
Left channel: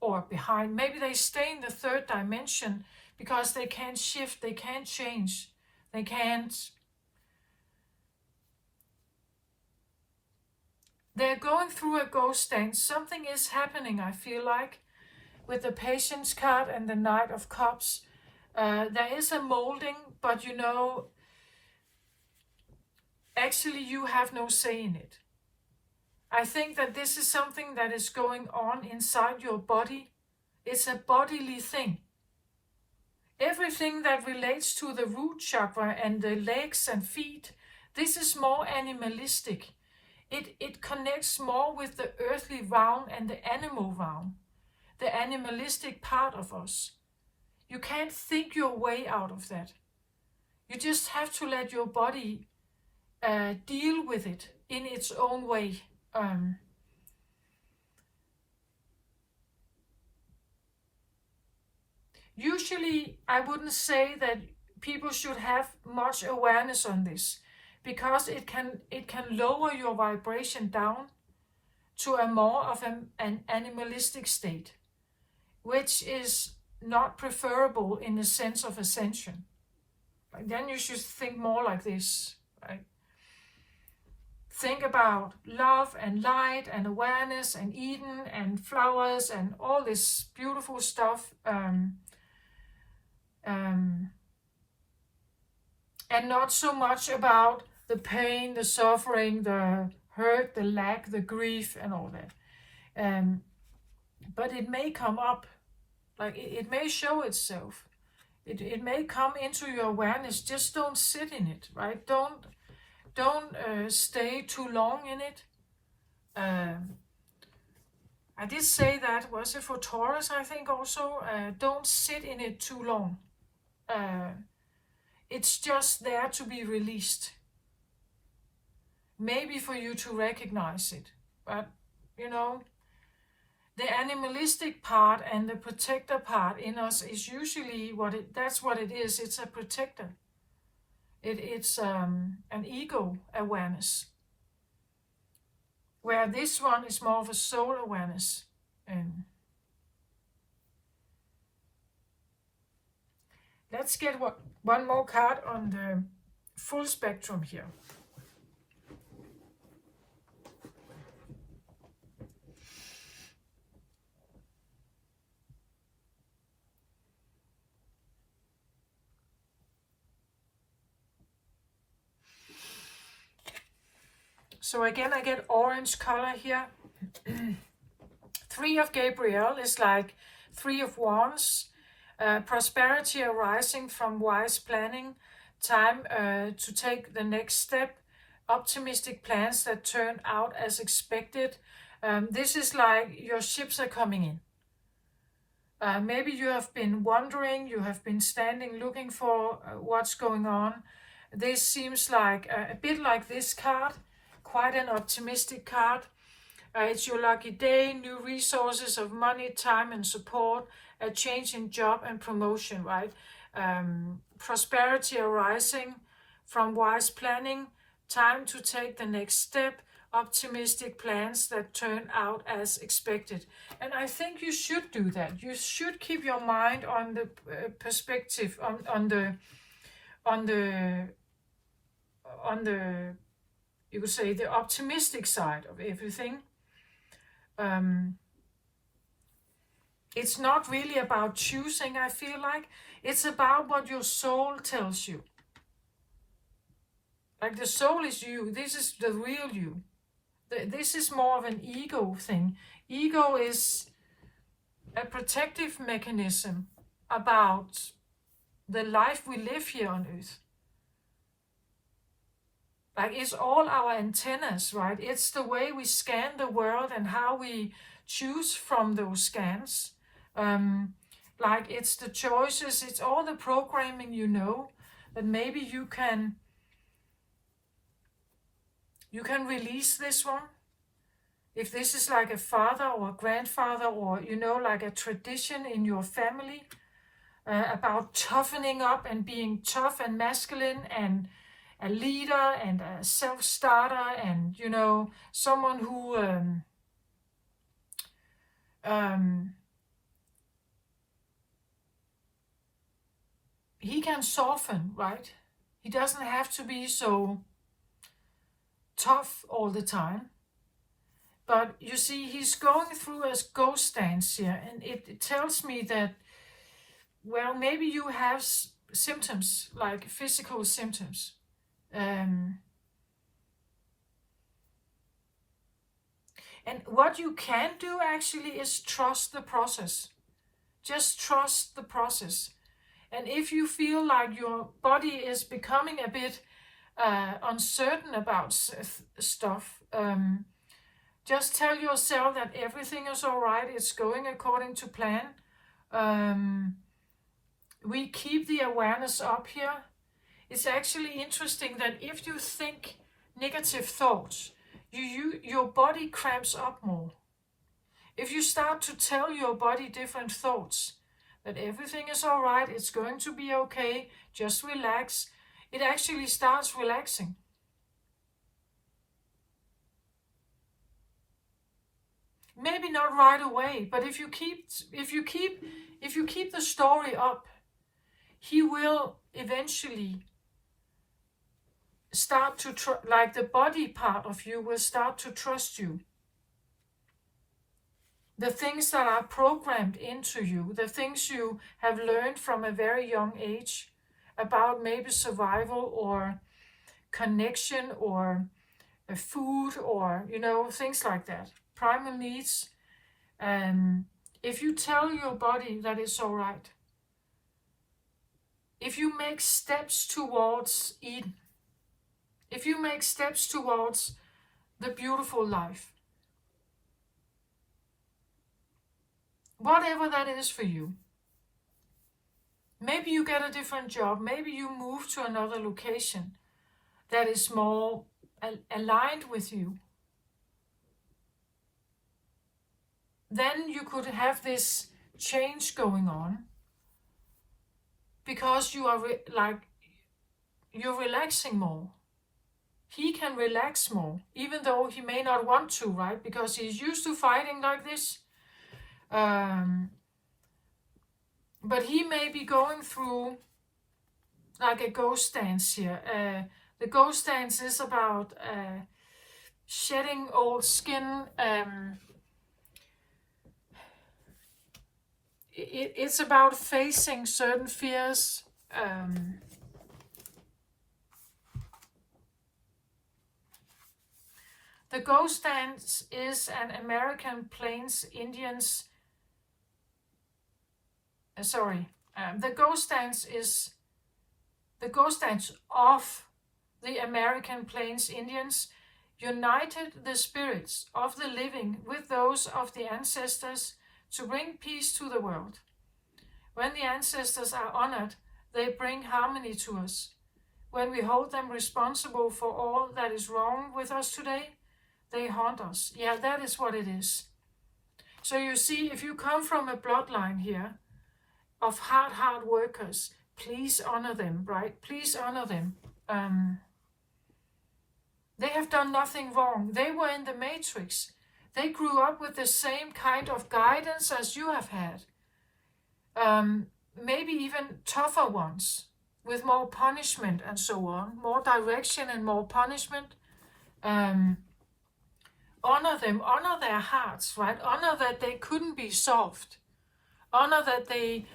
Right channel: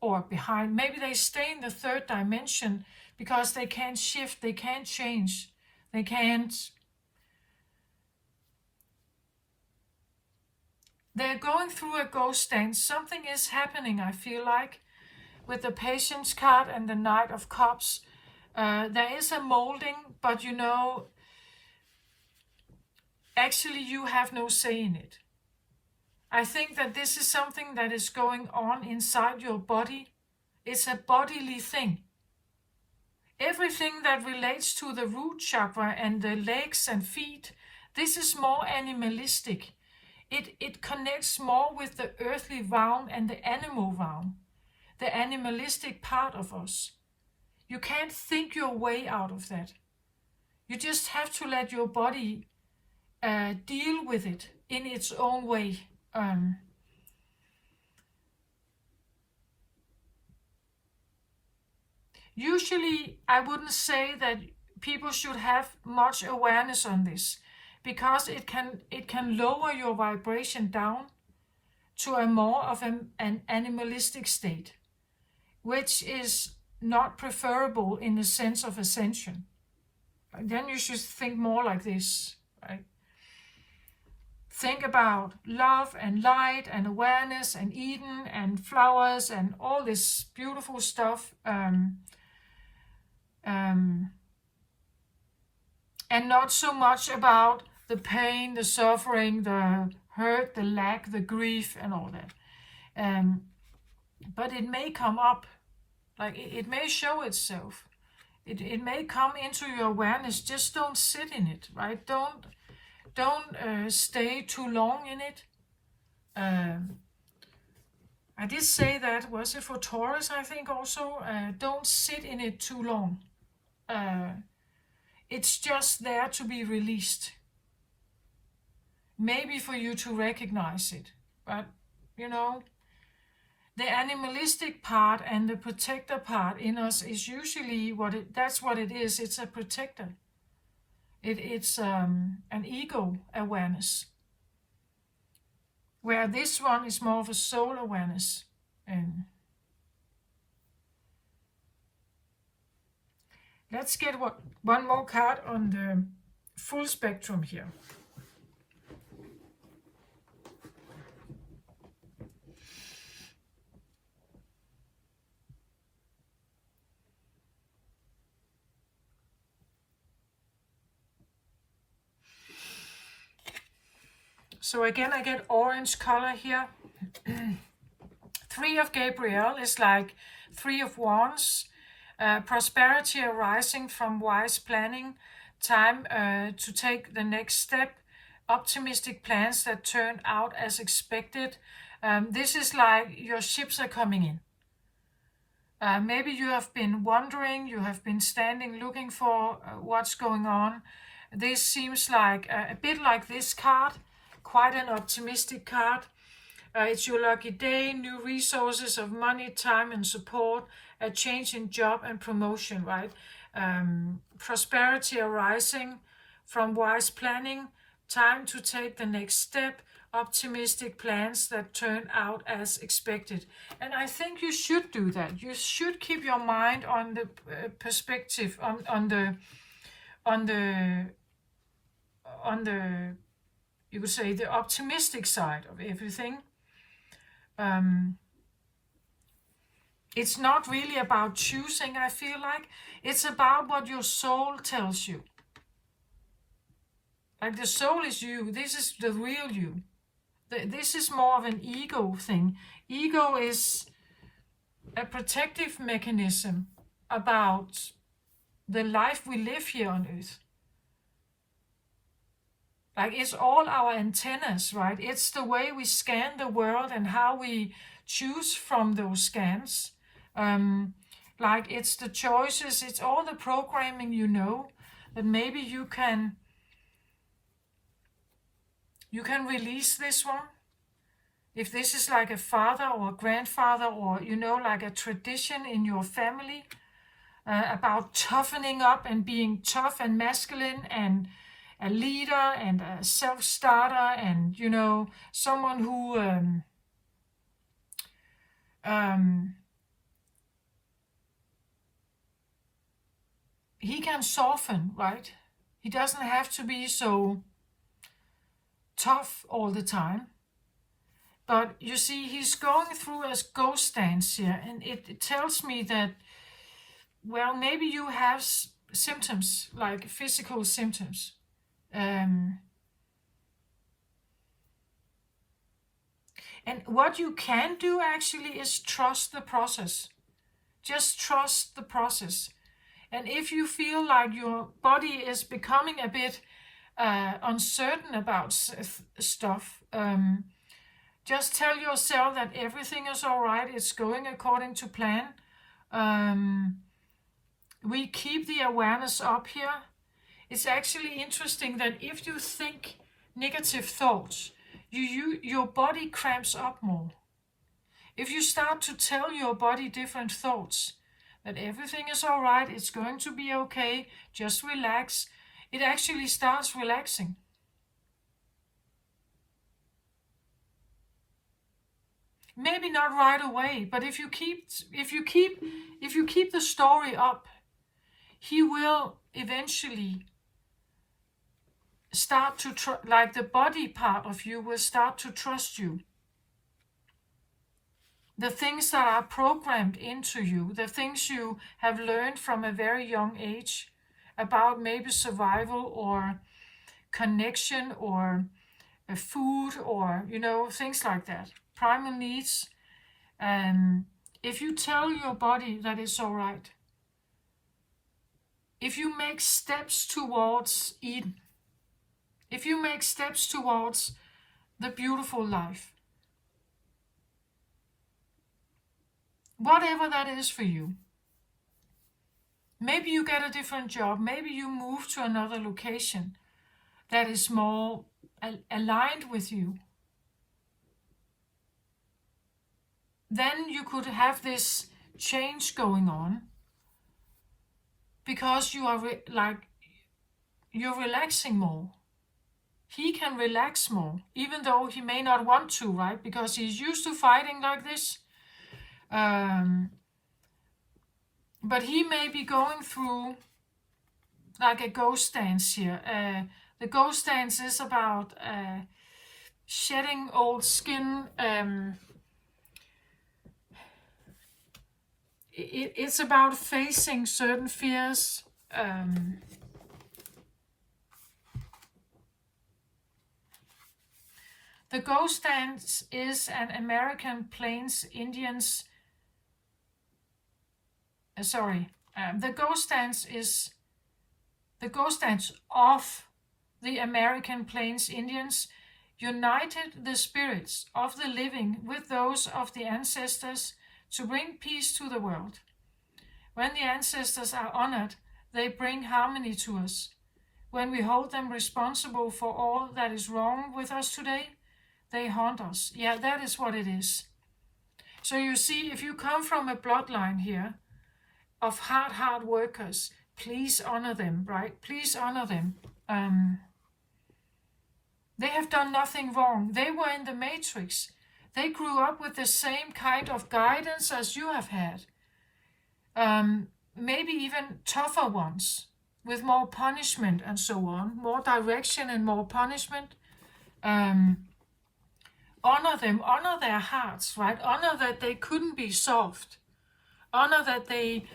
Maybe they stay in the third dimension because they can't shift, they can't change, they can't. They're going through a ghost dance. Something is happening, I feel like, with the Patience card and the Knight of Cups. There is a molding, but actually you have no say in it. I think that this is something that is going on inside your body. It's a bodily thing. Everything that relates to the root chakra and the legs and feet, this is more animalistic. It connects more with the earthly realm and the animal realm, the animalistic part of us. You can't think your way out of that. You just have to let your body deal with it in its own way. Usually, I wouldn't say that people should have much awareness on this, because it can lower your vibration down to a more of an animalistic state, which is not preferable in the sense of ascension. then you should think more like this, right? Think about love and light and awareness and Eden and flowers and all this beautiful stuff. And not so much about the pain, the suffering, the hurt, the lack, the grief, and all that. But it may come up, like it may show itself. It may come into your awareness. Just don't sit in it, right? Don't stay too long in it. I did say that, was it for Taurus, I think also? Don't sit in it too long. It's just there to be released. Maybe for you to recognize it. But, you know, the animalistic part and the protector part in us is usually that's what it is. It's a protector. It's an ego awareness. Where this one is more of a soul awareness. And let's get one more card on the full spectrum here. So again, I get orange color here. 3 of Gabriel is like 3 of Wands. Prosperity arising from wise planning. Time to take the next step. Optimistic plans that turn out as expected. This is like your ships are coming in. Maybe you have been wondering, you have been standing looking for what's going on. This seems like a bit like this card. Quite an optimistic card. It's your lucky day, new resources of money, time and support, a change in job and promotion, right? Prosperity arising from wise planning, time to take the next step, optimistic plans that turn out as expected. And I think you should do that. You should keep your mind on the perspective, on the you could say the optimistic side of everything. It's not really about choosing, I feel like. It's about what your soul tells you. Like the soul is you. This is the real you. This is more of an ego thing. Ego is a protective mechanism about the life we live here on earth. Like it's all our antennas, right? It's the way we scan the world and how we choose from those scans. Like it's the choices, it's all the programming you know, that maybe you can release this one. If this is like a father or a grandfather or, you know, like a tradition in your family about toughening up and being tough and masculine and a leader and a self-starter and, you know, someone who he can soften, right? He doesn't have to be so tough all the time. But you see, he's going through a ghost dance here, and it tells me that, well, maybe you have symptoms, like physical symptoms. And what you can do actually is trust the process. Just trust the process. And if you feel like your body is becoming a bit uncertain about stuff, just tell yourself that everything is all right. It's going according to plan. We keep the awareness up here. It's actually interesting that if you think negative thoughts, your body cramps up more. If you start to tell your body different thoughts, that everything is all right, it's going to be okay, just relax, it actually starts relaxing. Maybe not right away, but if you keep the story up, he will eventually start to, like the body part of you will start to trust you. The things that are programmed into you, the things you have learned from a very young age about maybe survival or connection or food or, things like that. Primal needs. If you tell your body that it's all right, if you make steps towards Eden, if you make steps towards the beautiful life, whatever that is for you, maybe you get a different job, maybe you move to another location that is more aligned with you, then you could have this change going on because you are you're relaxing more. He can relax more, even though he may not want to, right? Because he's used to fighting like this. But he may be going through like a ghost dance here. The ghost dance is about shedding old skin. It's about facing certain fears. The ghost dance is an American Plains Indians. The ghost dance is the ghost dance of the American Plains Indians united the spirits of the living with those of the ancestors to bring peace to the world. When the ancestors are honored, they bring harmony to us. When we hold them responsible for all that is wrong with us today, they haunt us. Yeah, that is what it is. So you see, if you come from a bloodline here of hard workers, please honor them, right? Please honor them. They have done nothing wrong. They were in the matrix. They grew up with the same kind of guidance as you have had. Maybe even tougher ones, with more punishment and so on, more direction and more punishment. Honor them, honor their hearts, right? Honor that they couldn't be soft. Honor that they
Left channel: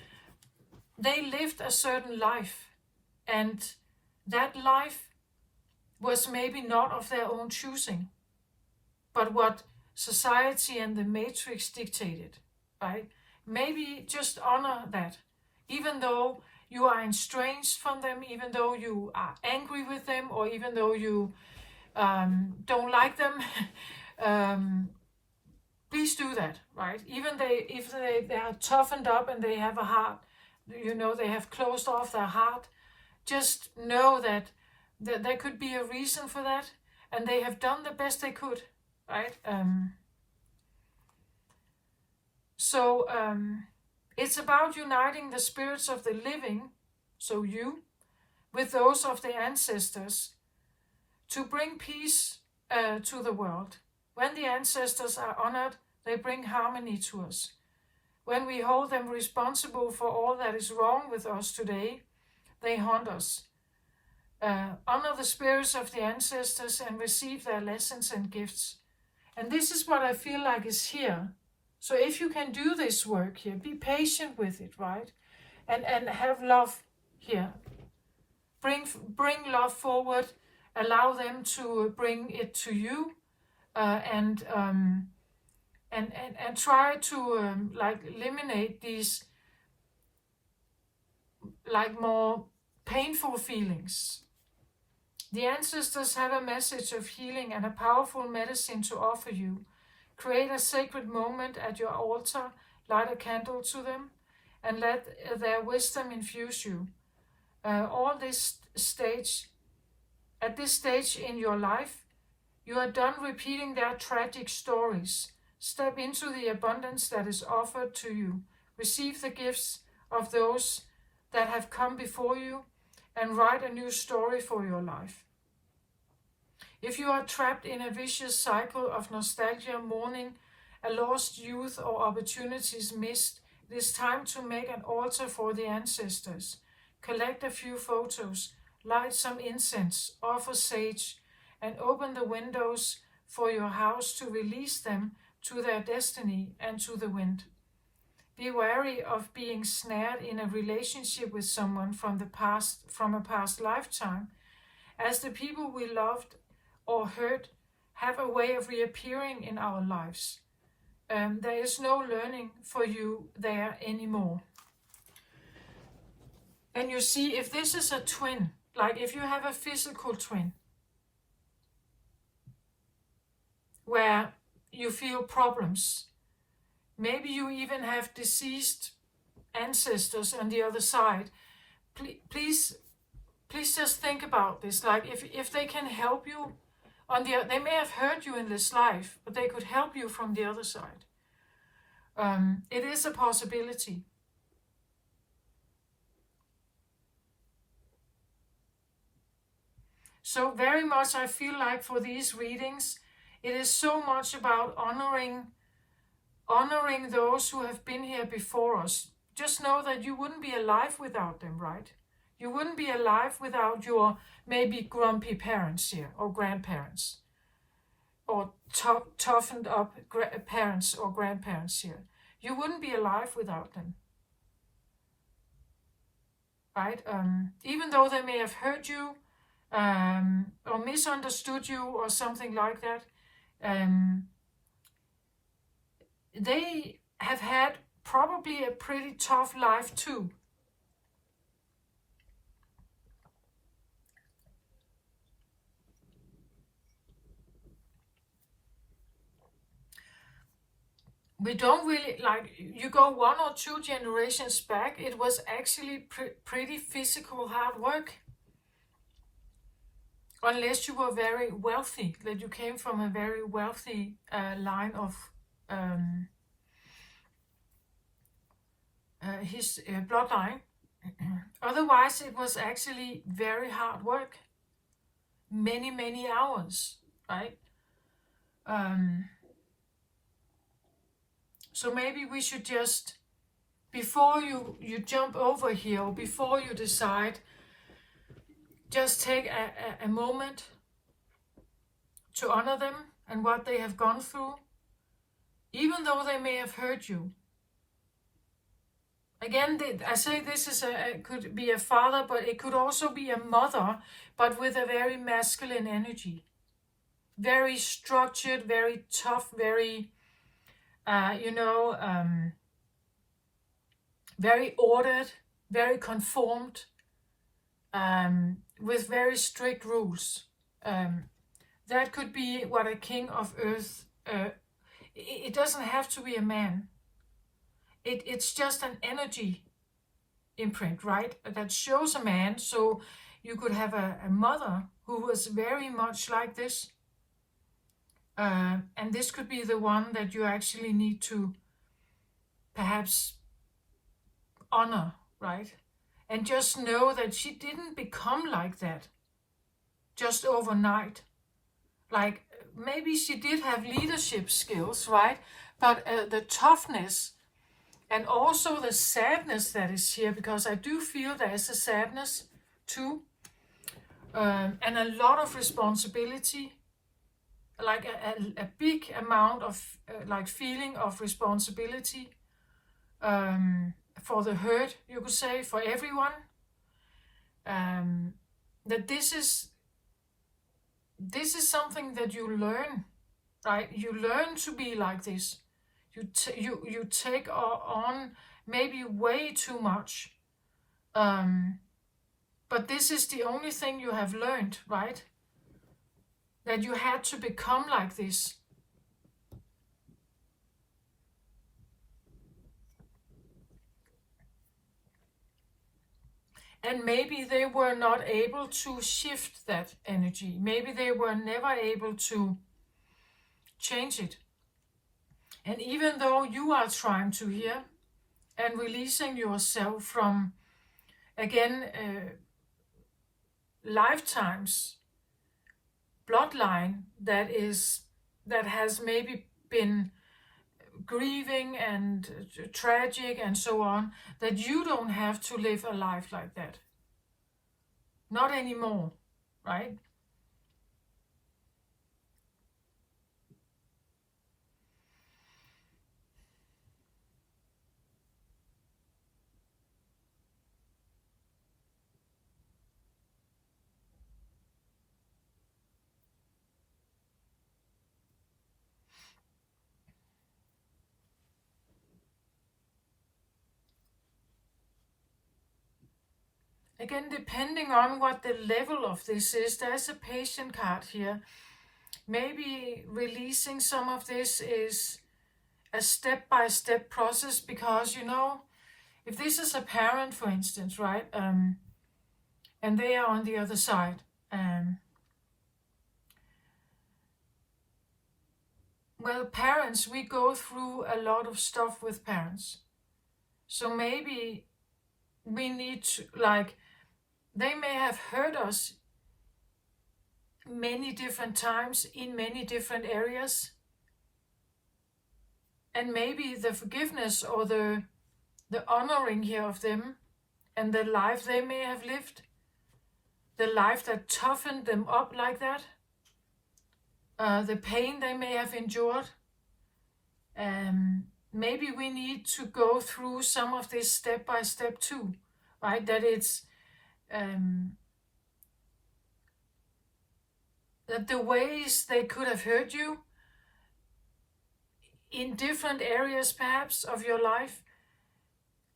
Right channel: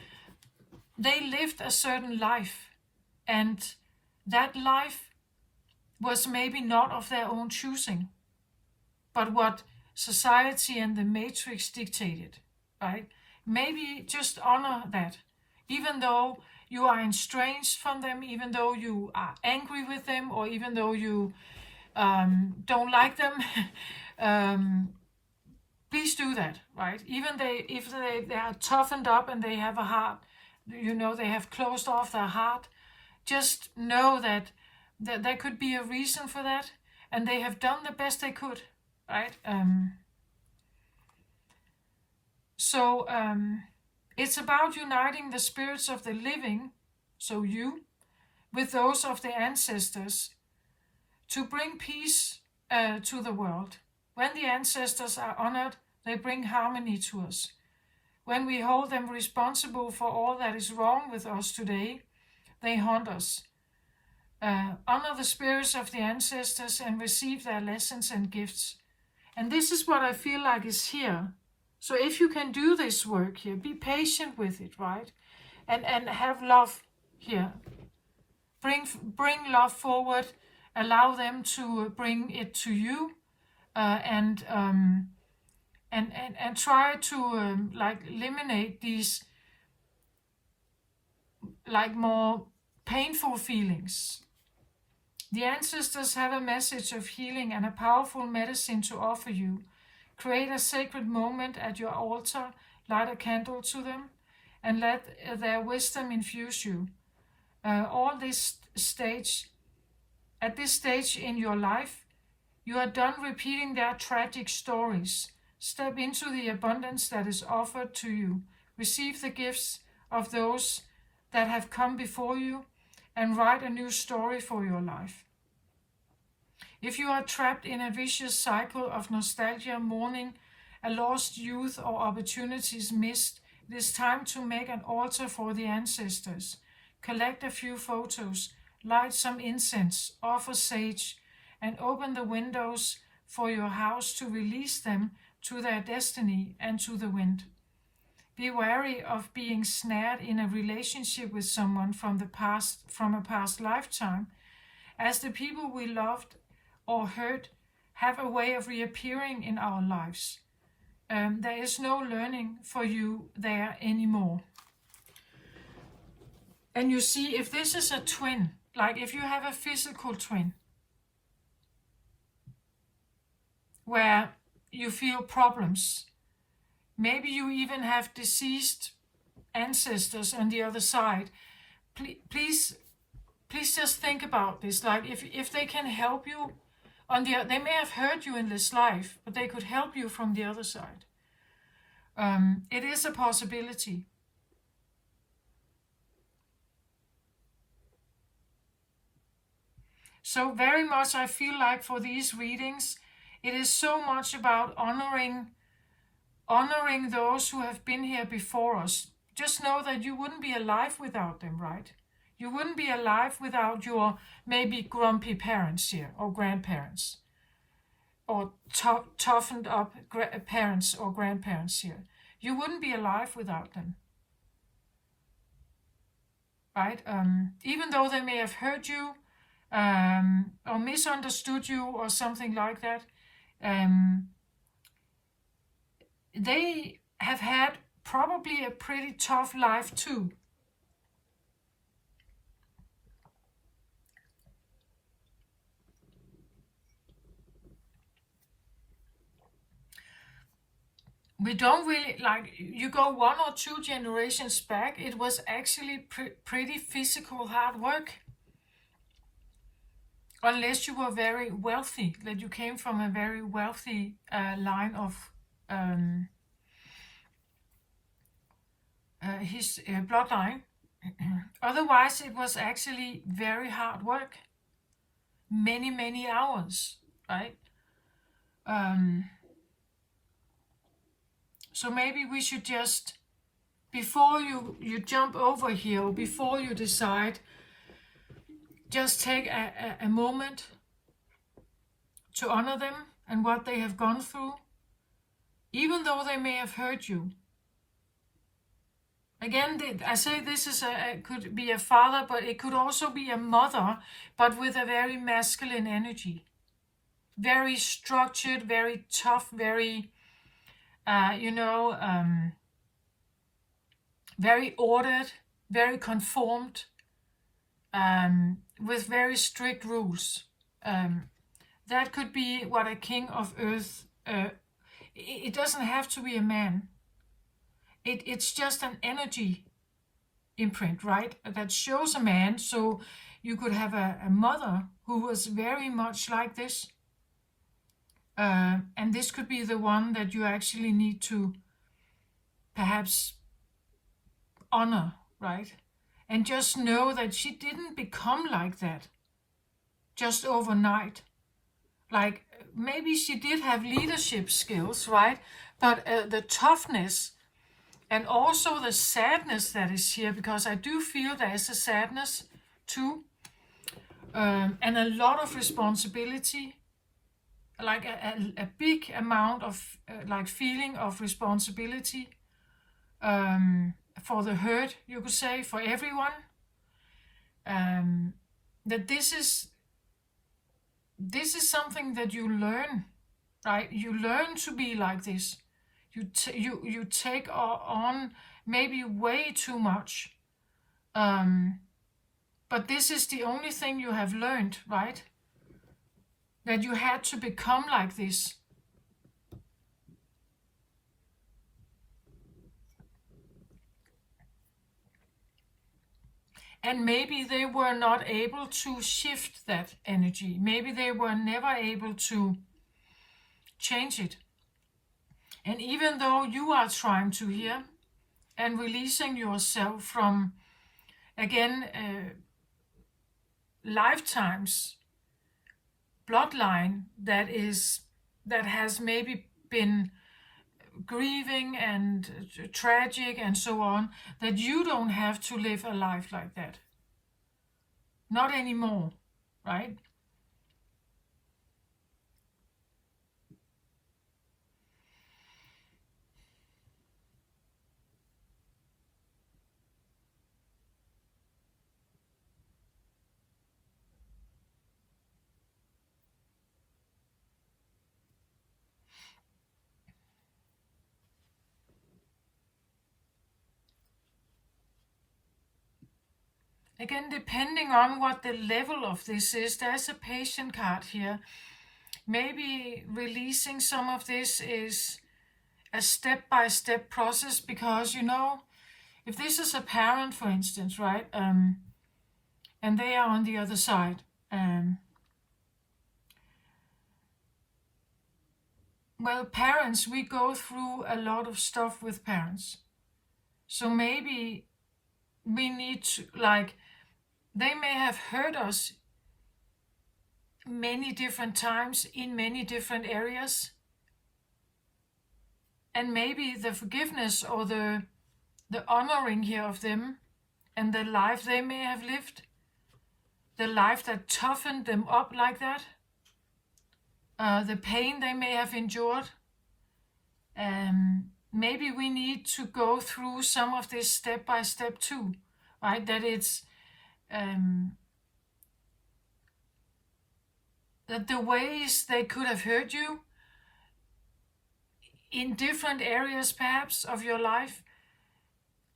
lived a certain life, and that life was maybe not of their own choosing, but what society and the matrix dictated, right? Maybe just honor that, even though you are estranged from them, even though you are angry with them, or even though you don't like them. Please do that, right? Even if they are toughened up and they have a heart, they have closed off their heart, just know that there could be a reason for that, and they have done the best they could, right? So it's about uniting the spirits of the living, so you, with those of the ancestors, to bring peace to the world. When the ancestors are honored, they bring harmony to us. When we hold them responsible for all that is wrong with us today, they haunt us. Honor the spirits of the ancestors and receive their lessons and gifts. And this is what I feel like is here. So if you can do this work here, be patient with it, right? And have love here. Bring love forward. Allow them to bring it to you. And try to eliminate these more painful feelings. The ancestors have a message of healing and a powerful medicine to offer you. Create a sacred moment at your altar, light a candle to them, and let their wisdom infuse you. At this stage in your life, you are done repeating their tragic stories. Step into the abundance that is offered to you. Receive the gifts of those that have come before you and write a new story for your life. If you are trapped in a vicious cycle of nostalgia, mourning, a lost youth, or opportunities missed, it is time to make an altar for the ancestors. collect a few photos, light some incense, offer sage, and open the windows for your house to release them to their destiny and to the wind. Be wary of being snared in a relationship with someone from a past lifetime, as the people we loved or hurt have a way of reappearing in our lives. There is no learning for you there anymore. And you see, if this is a twin, like if you have a physical twin, where you feel problems, maybe you even have deceased ancestors on the other side, please just think about this. Like if they can help you, they may have hurt you in this life, but they could help you from the other side. It is a possibility. So very much I feel like for these readings, it is so much about honoring those who have been here before us. Just know that you wouldn't be alive without them, right? You wouldn't be alive without your maybe grumpy parents here, or grandparents, or toughened up parents or grandparents here. You wouldn't be alive without them, right? Even though they may have hurt you, or misunderstood you or something like that, they have had probably a pretty tough life too. We don't really, like, you go 1 or 2 generations back, it was actually pretty physical hard work. Unless you were very wealthy, that you came from a very wealthy line of his bloodline. Otherwise, it was actually very hard work. Many hours, right? So maybe we should just, before you jump over here, or before you decide, just take a moment to honor them and what they have gone through, even though they may have hurt you. Again, I say this is could be a father, but it could also be a mother, but with a very masculine energy. Very structured, very tough, very, very ordered, very conformed, with very strict rules. That could be what a king of earth, it doesn't have to be a man. It's just an energy imprint, right? That shows a man. So you could have a mother who was very much like this. And this could be the one that you actually need to perhaps honor, right? And just know that she didn't become like that just overnight. Like, maybe she did have leadership skills, right? But the toughness and also the sadness that is here, because I do feel there is a sadness too, and a lot of responsibility, like a big amount of like feeling of responsibility, for the hurt, you could say, for everyone. That this is something that you learn, right? You learn to be like this. You take on maybe way too much, but this is the only thing you have learned, right? That you had to become like this. And maybe they were not able to shift that energy. Maybe they were never able to change it. And even though you are trying to hear and releasing yourself from, again, lifetimes, bloodline that has maybe been grieving and tragic and so on, that you don't have to live a life like that. not anymore, right? Again, depending on what the level of this is, there's a patient card here. Maybe releasing some of this is a step-by-step process, because, you know, if this is a parent, for instance, right, and they are on the other side, well, parents, we go through a lot of stuff with parents. So maybe we need to, like, they may have hurt us many different times in many different areas. And maybe the forgiveness or the honoring here of them and the life they may have lived, the life that toughened them up like that, the pain they may have endured, maybe we need to go through some of this step by step too, right? That it's that the ways they could have hurt you in different areas perhaps of your life,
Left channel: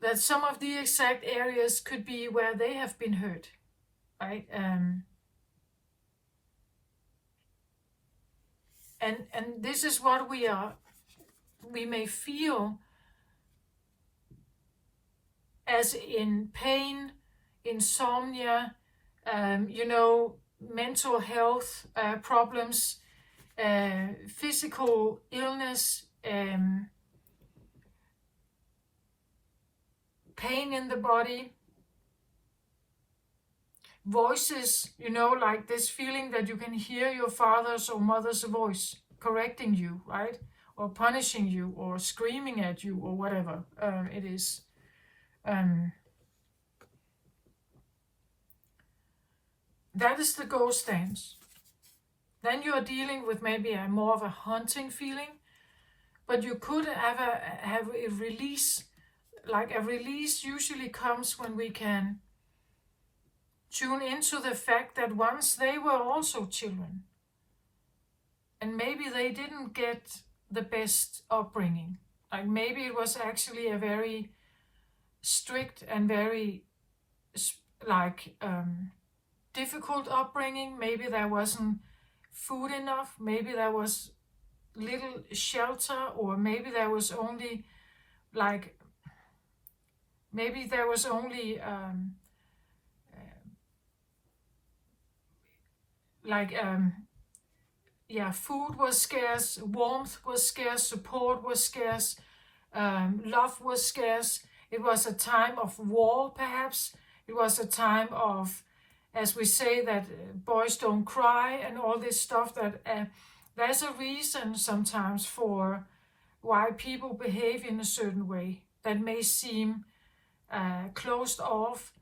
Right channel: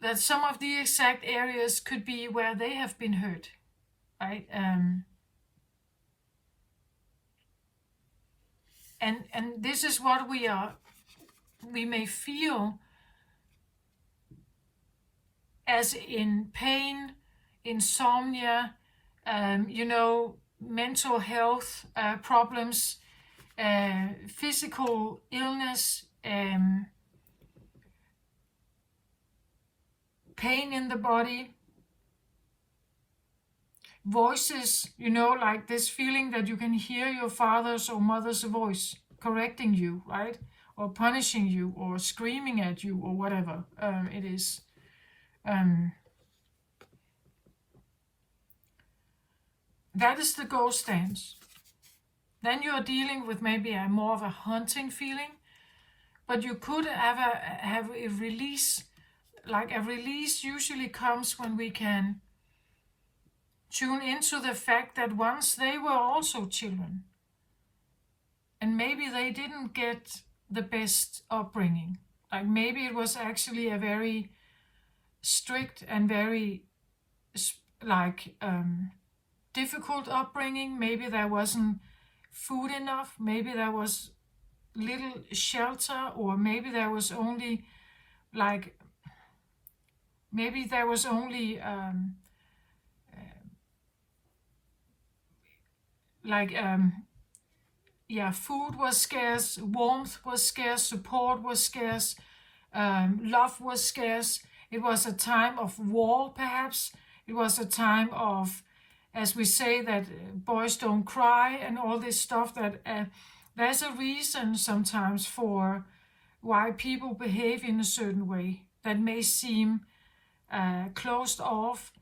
that some of the exact areas could be where they have been hurt, right? And this is what we may feel as in pain, insomnia, you know, mental health problems, physical illness, pain in the body, voices, you know, like this feeling that you can hear your father's or mother's voice correcting you, right? Or punishing you or screaming at you or whatever it is. That is the ghost dance. Then you are dealing with maybe a more of a haunting feeling, but you could have a release. Like a release usually comes when we can tune into the fact that once they were also children, and maybe they didn't get the best upbringing. Like maybe it was actually a very strict and very difficult upbringing. Maybe there wasn't food enough, maybe there was little shelter, or maybe there was only food was scarce, warmth was scarce, support was scarce, love was scarce. It was a time of war, perhaps. It was a time of, as we say, that boys don't cry and all this stuff. That there's a reason sometimes for why people behave in a certain way that may seem closed off.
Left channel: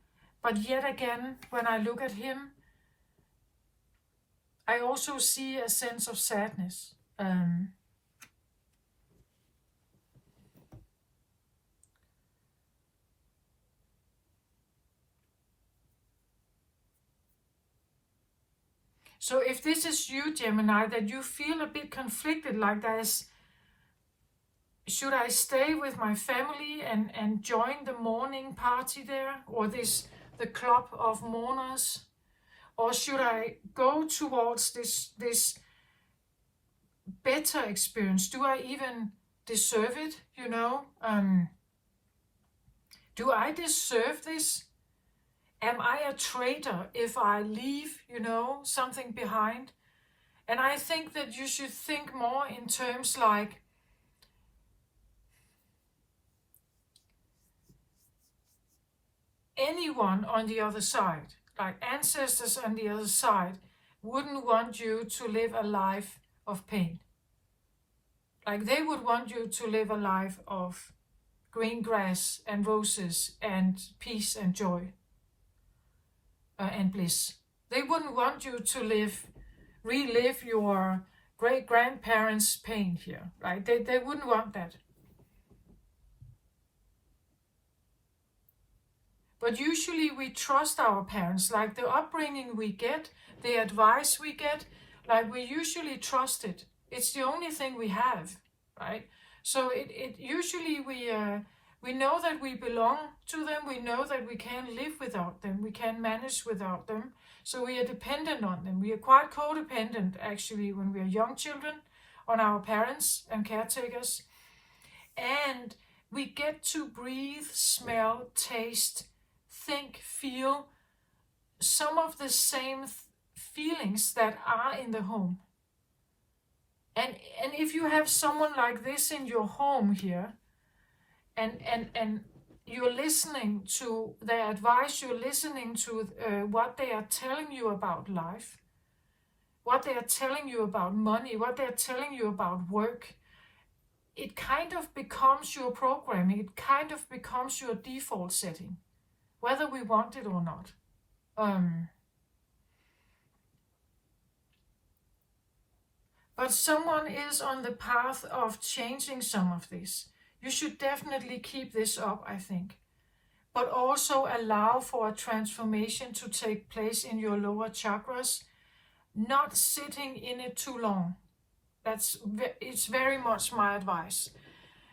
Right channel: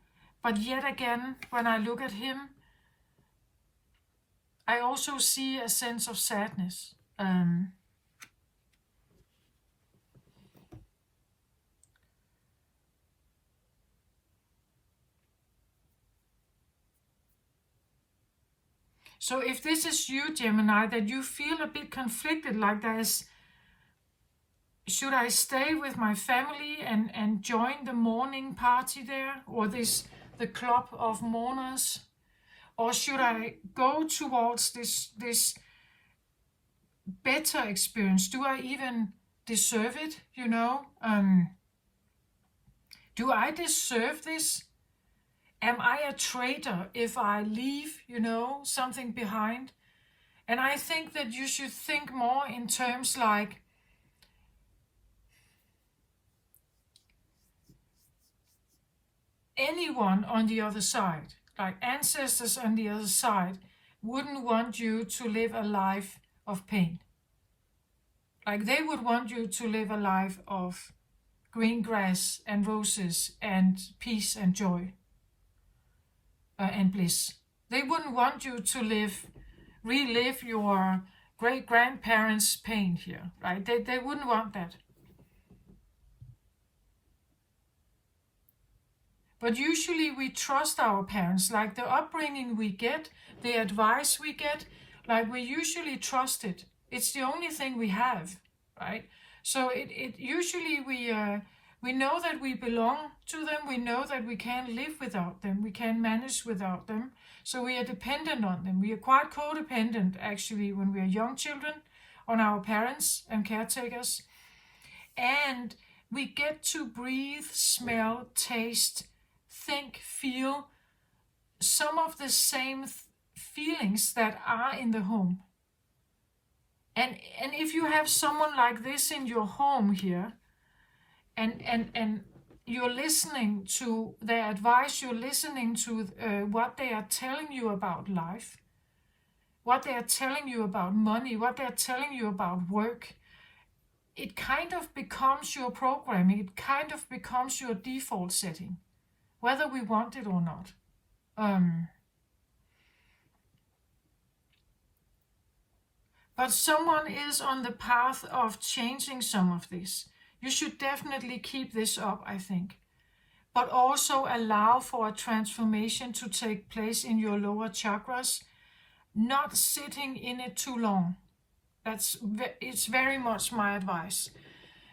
But yet again, when I look at him, I also see a sense of sadness. So if this is you, Gemini, that you feel a bit conflicted, like there's, should I stay with my family and join the mourning party there, or the club of mourners, or should I go towards this better experience? Do I even deserve it? You know, do I deserve this? Am I a traitor if I leave, you know, something behind? And I think that you should think more in terms like, anyone on the other side, like ancestors on the other side, wouldn't want you to live a life of pain. Like they would want you to live a life of green grass and roses and peace and joy. and bliss. They wouldn't want you to relive your great-grandparents' pain here, right? They wouldn't want that. But usually we trust our parents, like the upbringing we get, the advice we get, like we usually trust it. It's the only thing we have, right? So it usually we know that we belong to them. We know that we can't live without them. We can't manage without them. So we are dependent on them. We are quite codependent, actually, when we are young children, on our parents and caretakers. And we get to breathe, smell, taste, think, feel some of the same feelings that are in the home. And if you have someone like this in your home here, and you're listening to their advice, you're listening to what they are telling you about life, what they are telling you about money, what they are telling you about work, it kind of becomes your programming, it kind of becomes your default setting, whether we want it or not. But someone is on the path of changing some of this. You should definitely keep this up, I think. But also allow for a transformation to take place in your lower chakras, not sitting in it too long. It's very much my advice.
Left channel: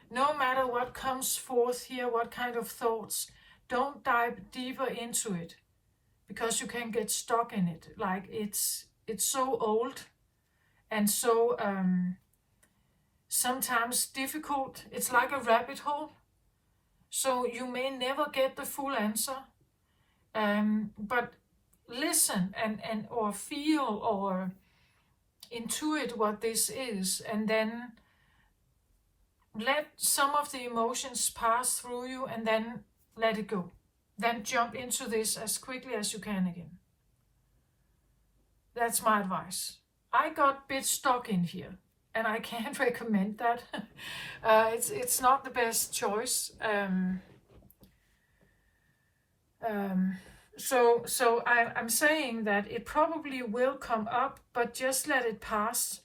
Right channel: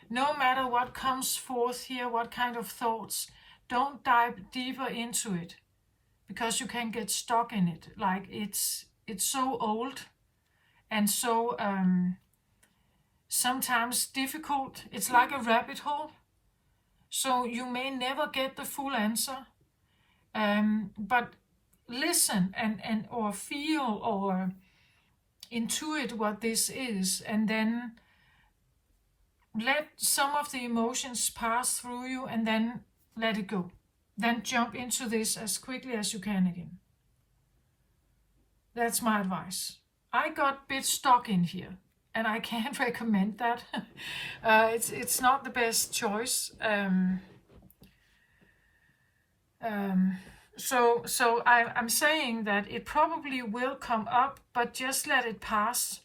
No matter what comes forth here, what kind of thoughts, don't dive deeper into it, because you can get stuck in it. Like it's so old and so sometimes difficult. It's like a rabbit hole. So you may never get the full answer. But listen and or feel or intuit what this is, and then let some of the emotions pass through you, and then let it go. Then jump into this as quickly as you can again. That's my advice. I got a bit stuck in here, and I can't recommend that. It's not the best choice. So I'm saying that it probably will come up, but just let it pass,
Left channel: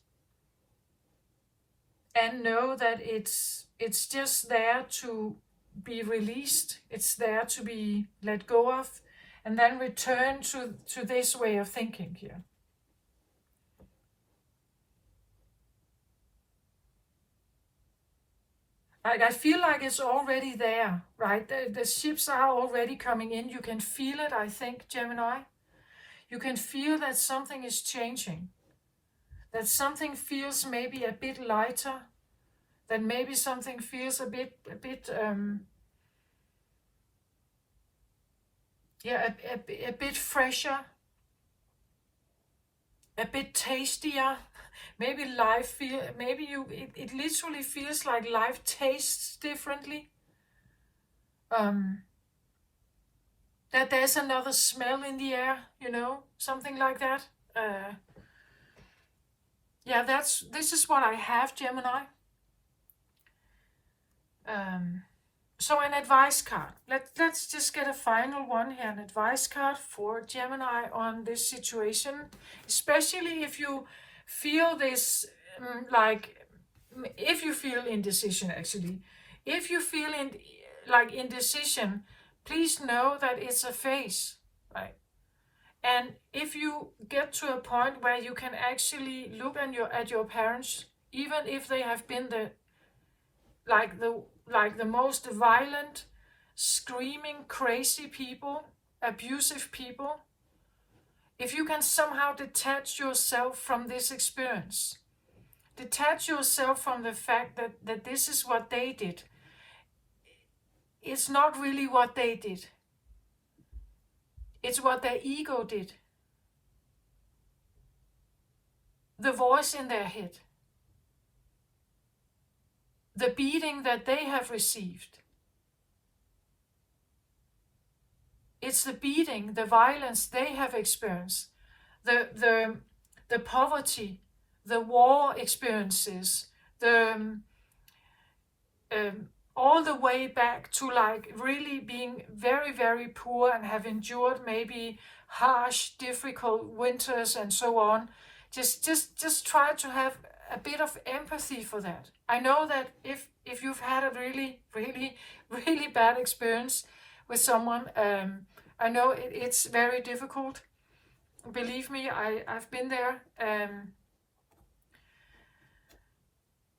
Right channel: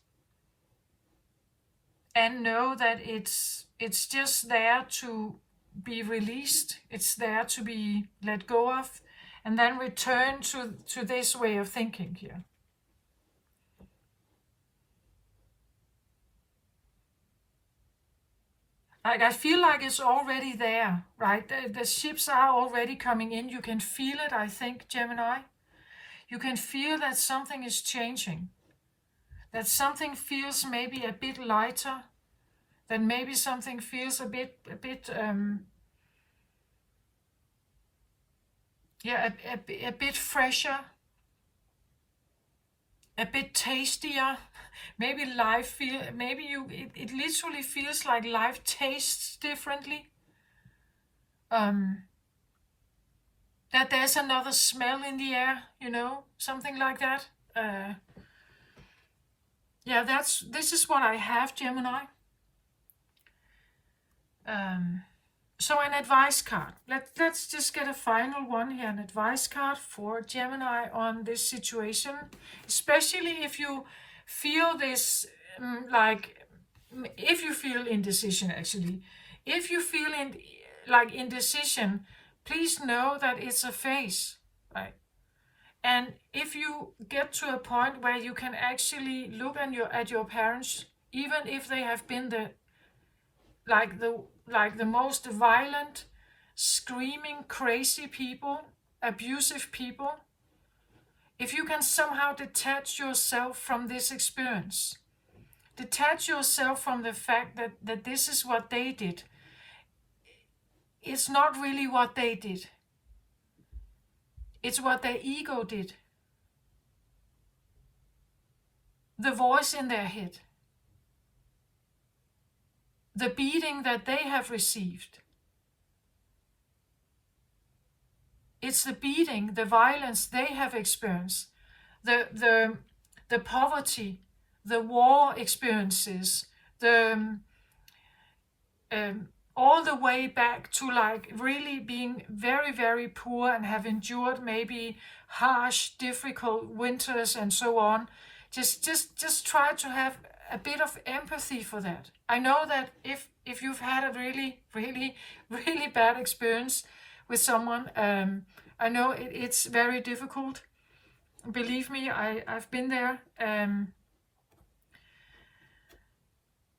and know that it's just there to be released. It's there to be let go of, and then return to this way of thinking here. I feel like it's already there, right? The ships are already coming in. You can feel it, I think, Gemini. You can feel that something is changing. That something feels maybe a bit lighter. That maybe something feels a bit fresher. A bit tastier. Maybe it literally feels like life tastes differently. That there's another smell in the air, something like that. This is what I have, Gemini. So an advice card. Let's just get a final one here, an advice card for Gemini on this situation, especially if you feel this, if you feel indecision, actually. If you feel indecision, please know that it's a phase, right? And if you get to a point where you can actually look at your parents, even if they have been the most violent, screaming, crazy people, abusive people, if you can somehow detach yourself from this experience, detach yourself from the fact that this is what they did. It's not really what they did. It's what their ego did. The voice in their head. The beating that they have received. It's the beating, the violence they have experienced, the poverty, the war experiences, the all the way back to like really being very, very poor and have endured maybe harsh, difficult winters and so on. Just try to have a bit of empathy for that. I know that if you've had a really, really, really bad experience with someone, I know it's very difficult. Believe me, I've been there.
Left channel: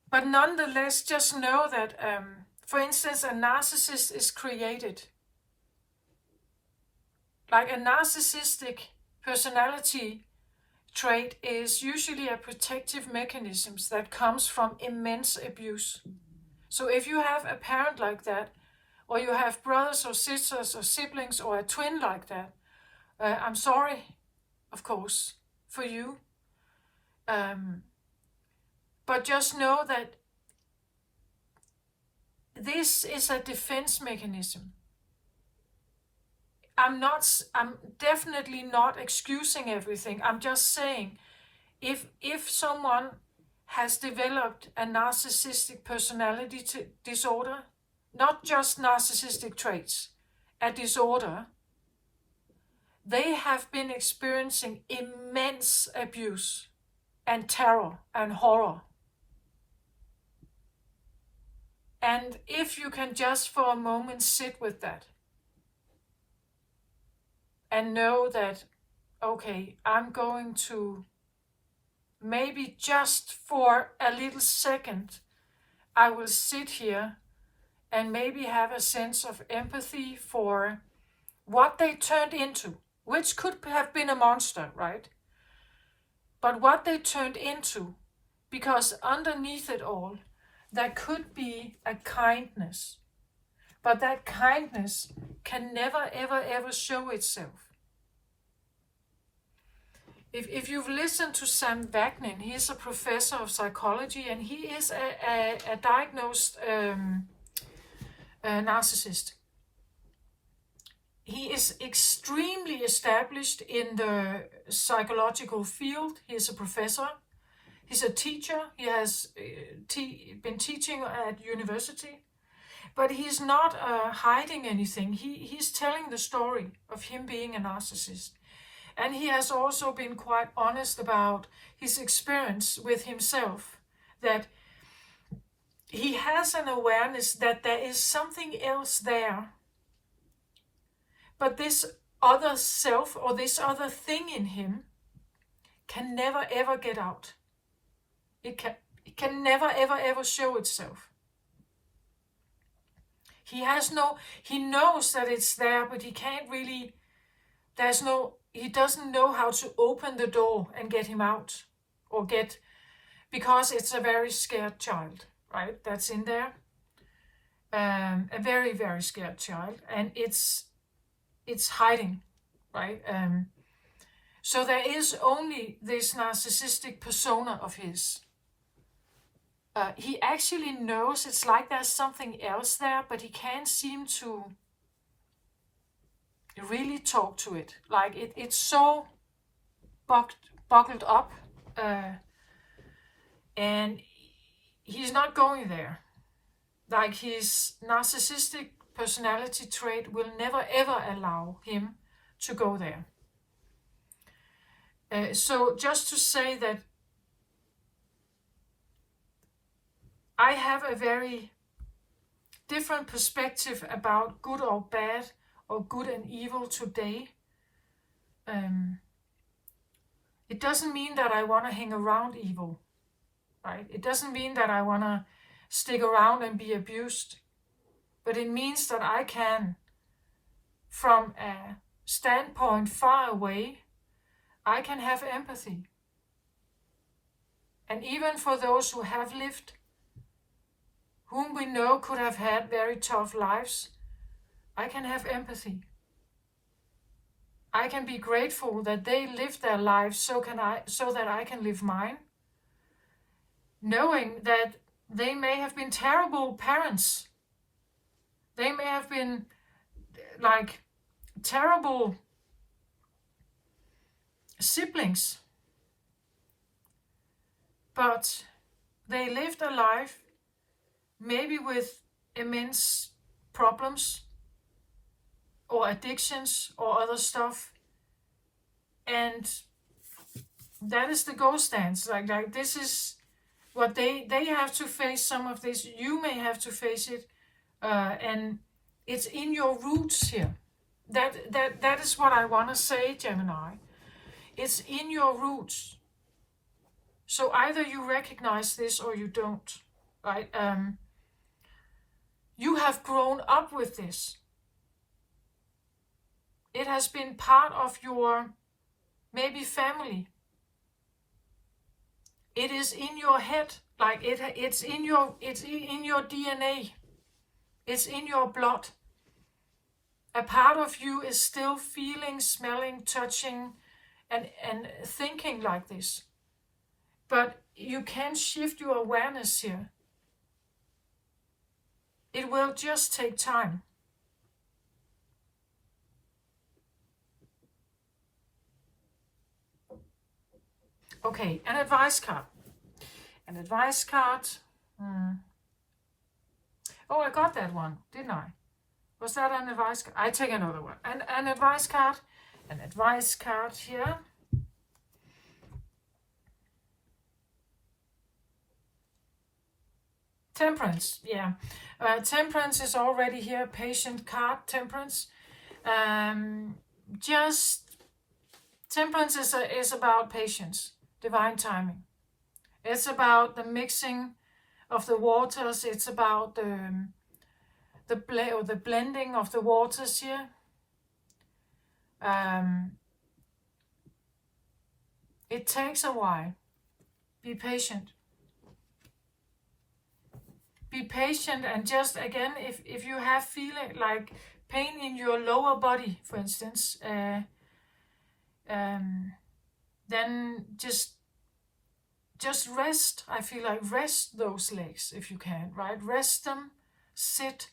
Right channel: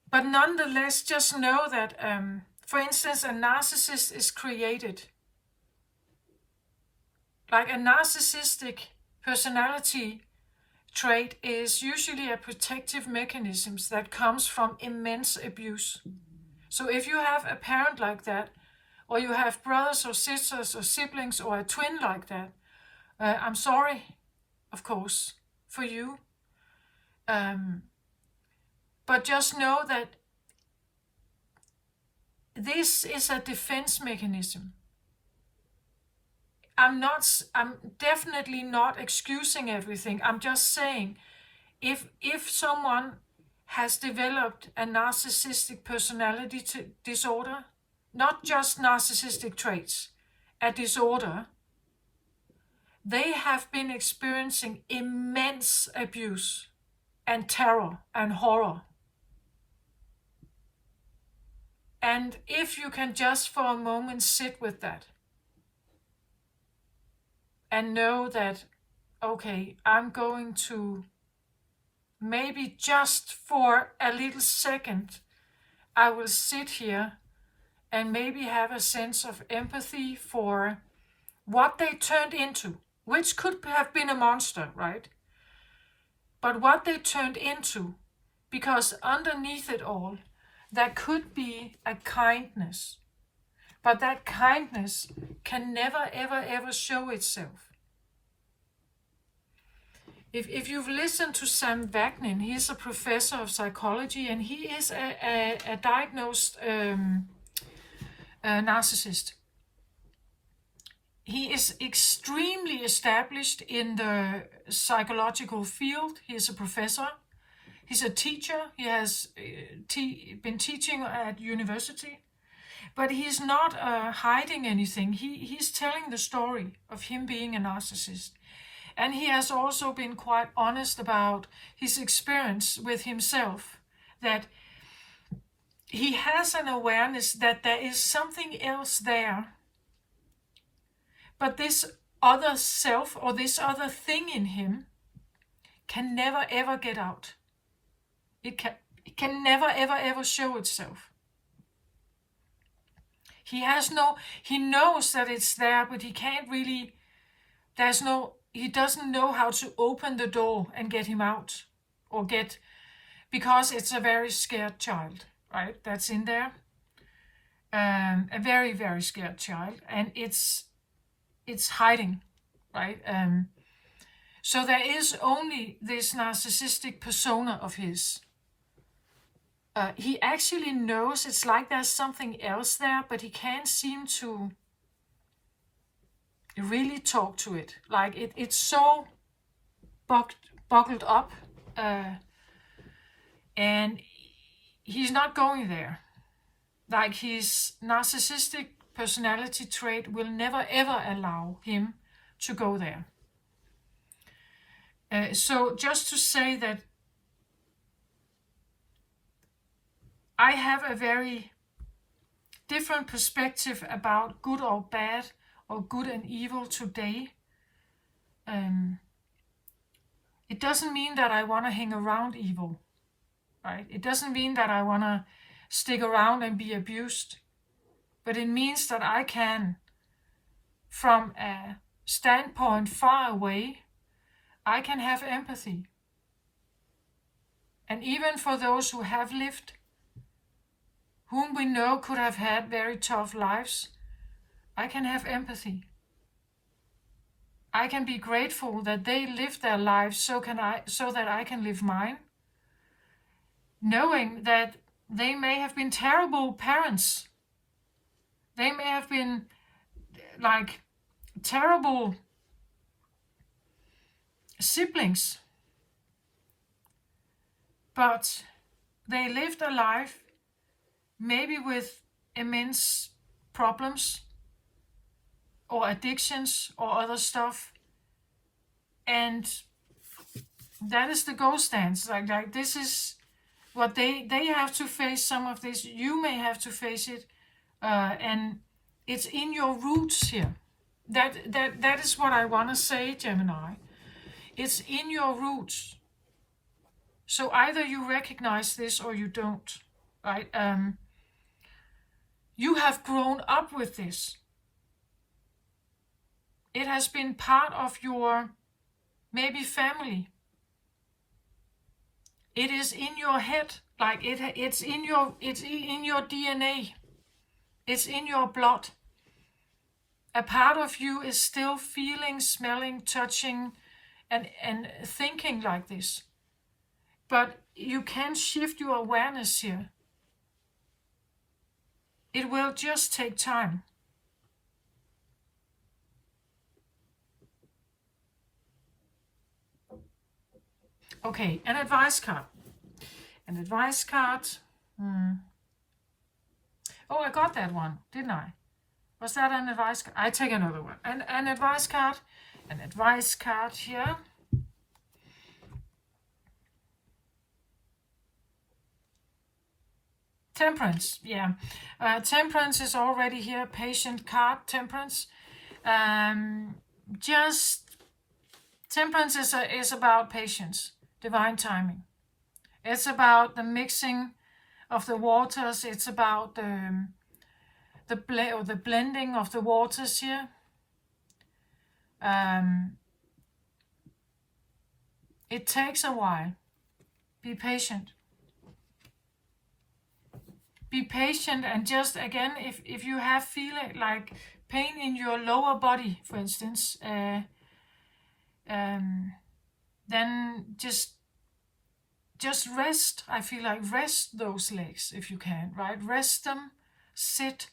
But nonetheless, just know that, for instance, a narcissist is created. Like a narcissistic personality trait is usually a protective mechanism that comes from immense abuse. So if you have a parent like that, or you have brothers or sisters or siblings or a twin like that, I'm sorry, of course, for you. But just know that this is a defense mechanism. I'm definitely not excusing everything. I'm just saying, if someone has developed a narcissistic personality disorder, not just narcissistic traits, a disorder, they have been experiencing immense abuse and terror and horror. And if you can just for a moment sit with that and know that, okay, I'm going to maybe just for a little second, I will sit here and maybe have a sense of empathy for what they turned into, which could have been a monster, right? But what they turned into, because underneath it all, there could be a kindness. But that kindness can never, ever, ever show itself. If you've listened to Sam Vaknin, he's a professor of psychology, and he is a diagnosed narcissist. He is extremely established in the psychological field. He is a professor. He's a teacher. He has been teaching at university. But he's not hiding anything. He's telling the story of him being a narcissist. And he has also been quite honest about his experience with himself, that he has an awareness that there is something else there. But this other self or this other thing in him can never ever get out. It can never ever ever show itself. He knows that it's there, but he can't really, he doesn't know how to open the door and get him out, because it's a very scared child, right? That's in there. A very, very scared child, and it's hiding, right? So there is only this narcissistic persona of his. He actually knows it's like there's something else there, but he can't seem to really talk to it. Like it's so buckled up, and he's not going there. Like his narcissistic personality trait will never ever allow him to go there. So just to say that I have a very different perspective about good or bad, or good and evil today. It doesn't mean that I want to hang around evil, right? It doesn't mean that I want to stick around and be abused. But it means that I can, from a standpoint far away, I can have empathy. And even for those who have lived, whom we know could have had very tough lives, I can have empathy. I can be grateful that they lived their lives so that I can live mine, knowing that they may have been terrible parents. They may have been like terrible siblings, but they lived a life maybe with immense problems or addictions or other stuff. And that is the gold stands. Like this is what they have to face some of this. You may have to face it. And it's in your roots here. That is what I want to say, Gemini. It's in your roots. So either you recognize this or you don't, right? You have grown up with this. It has been part of your maybe family. It is in your head, like it's in your DNA. It's in your blood. A part of you is still feeling, smelling, touching, and thinking like this. But you can shift your awareness here. It will just take time. Okay, an advice card. An advice card. Oh, I got that one, didn't I? Was that an advice card? I take another one. An advice card. An advice card here. Temperance, yeah. Temperance is already here. Patient card, temperance. Temperance is about patience, divine timing. It's about the mixing of the waters. It's about the blending of the waters here. It takes a while. Be patient. Be patient, and just again, if you have feeling like pain in your lower body, for instance, then just rest. I feel like rest those legs if you can, right? Rest them, sit,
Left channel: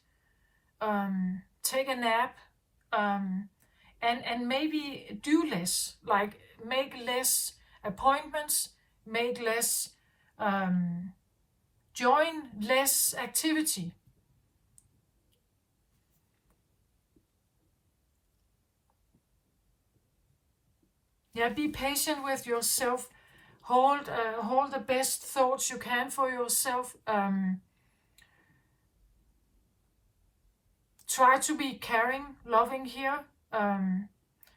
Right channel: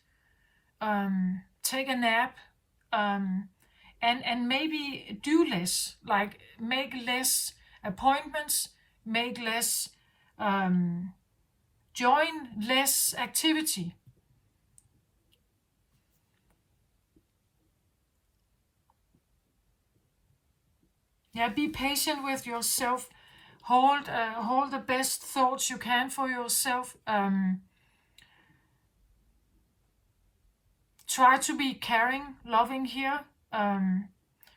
take a nap, and maybe do less, like make less appointments, make less, join less activity. Yeah, be patient with yourself. Hold the best thoughts you can for yourself. Try to be caring, loving here,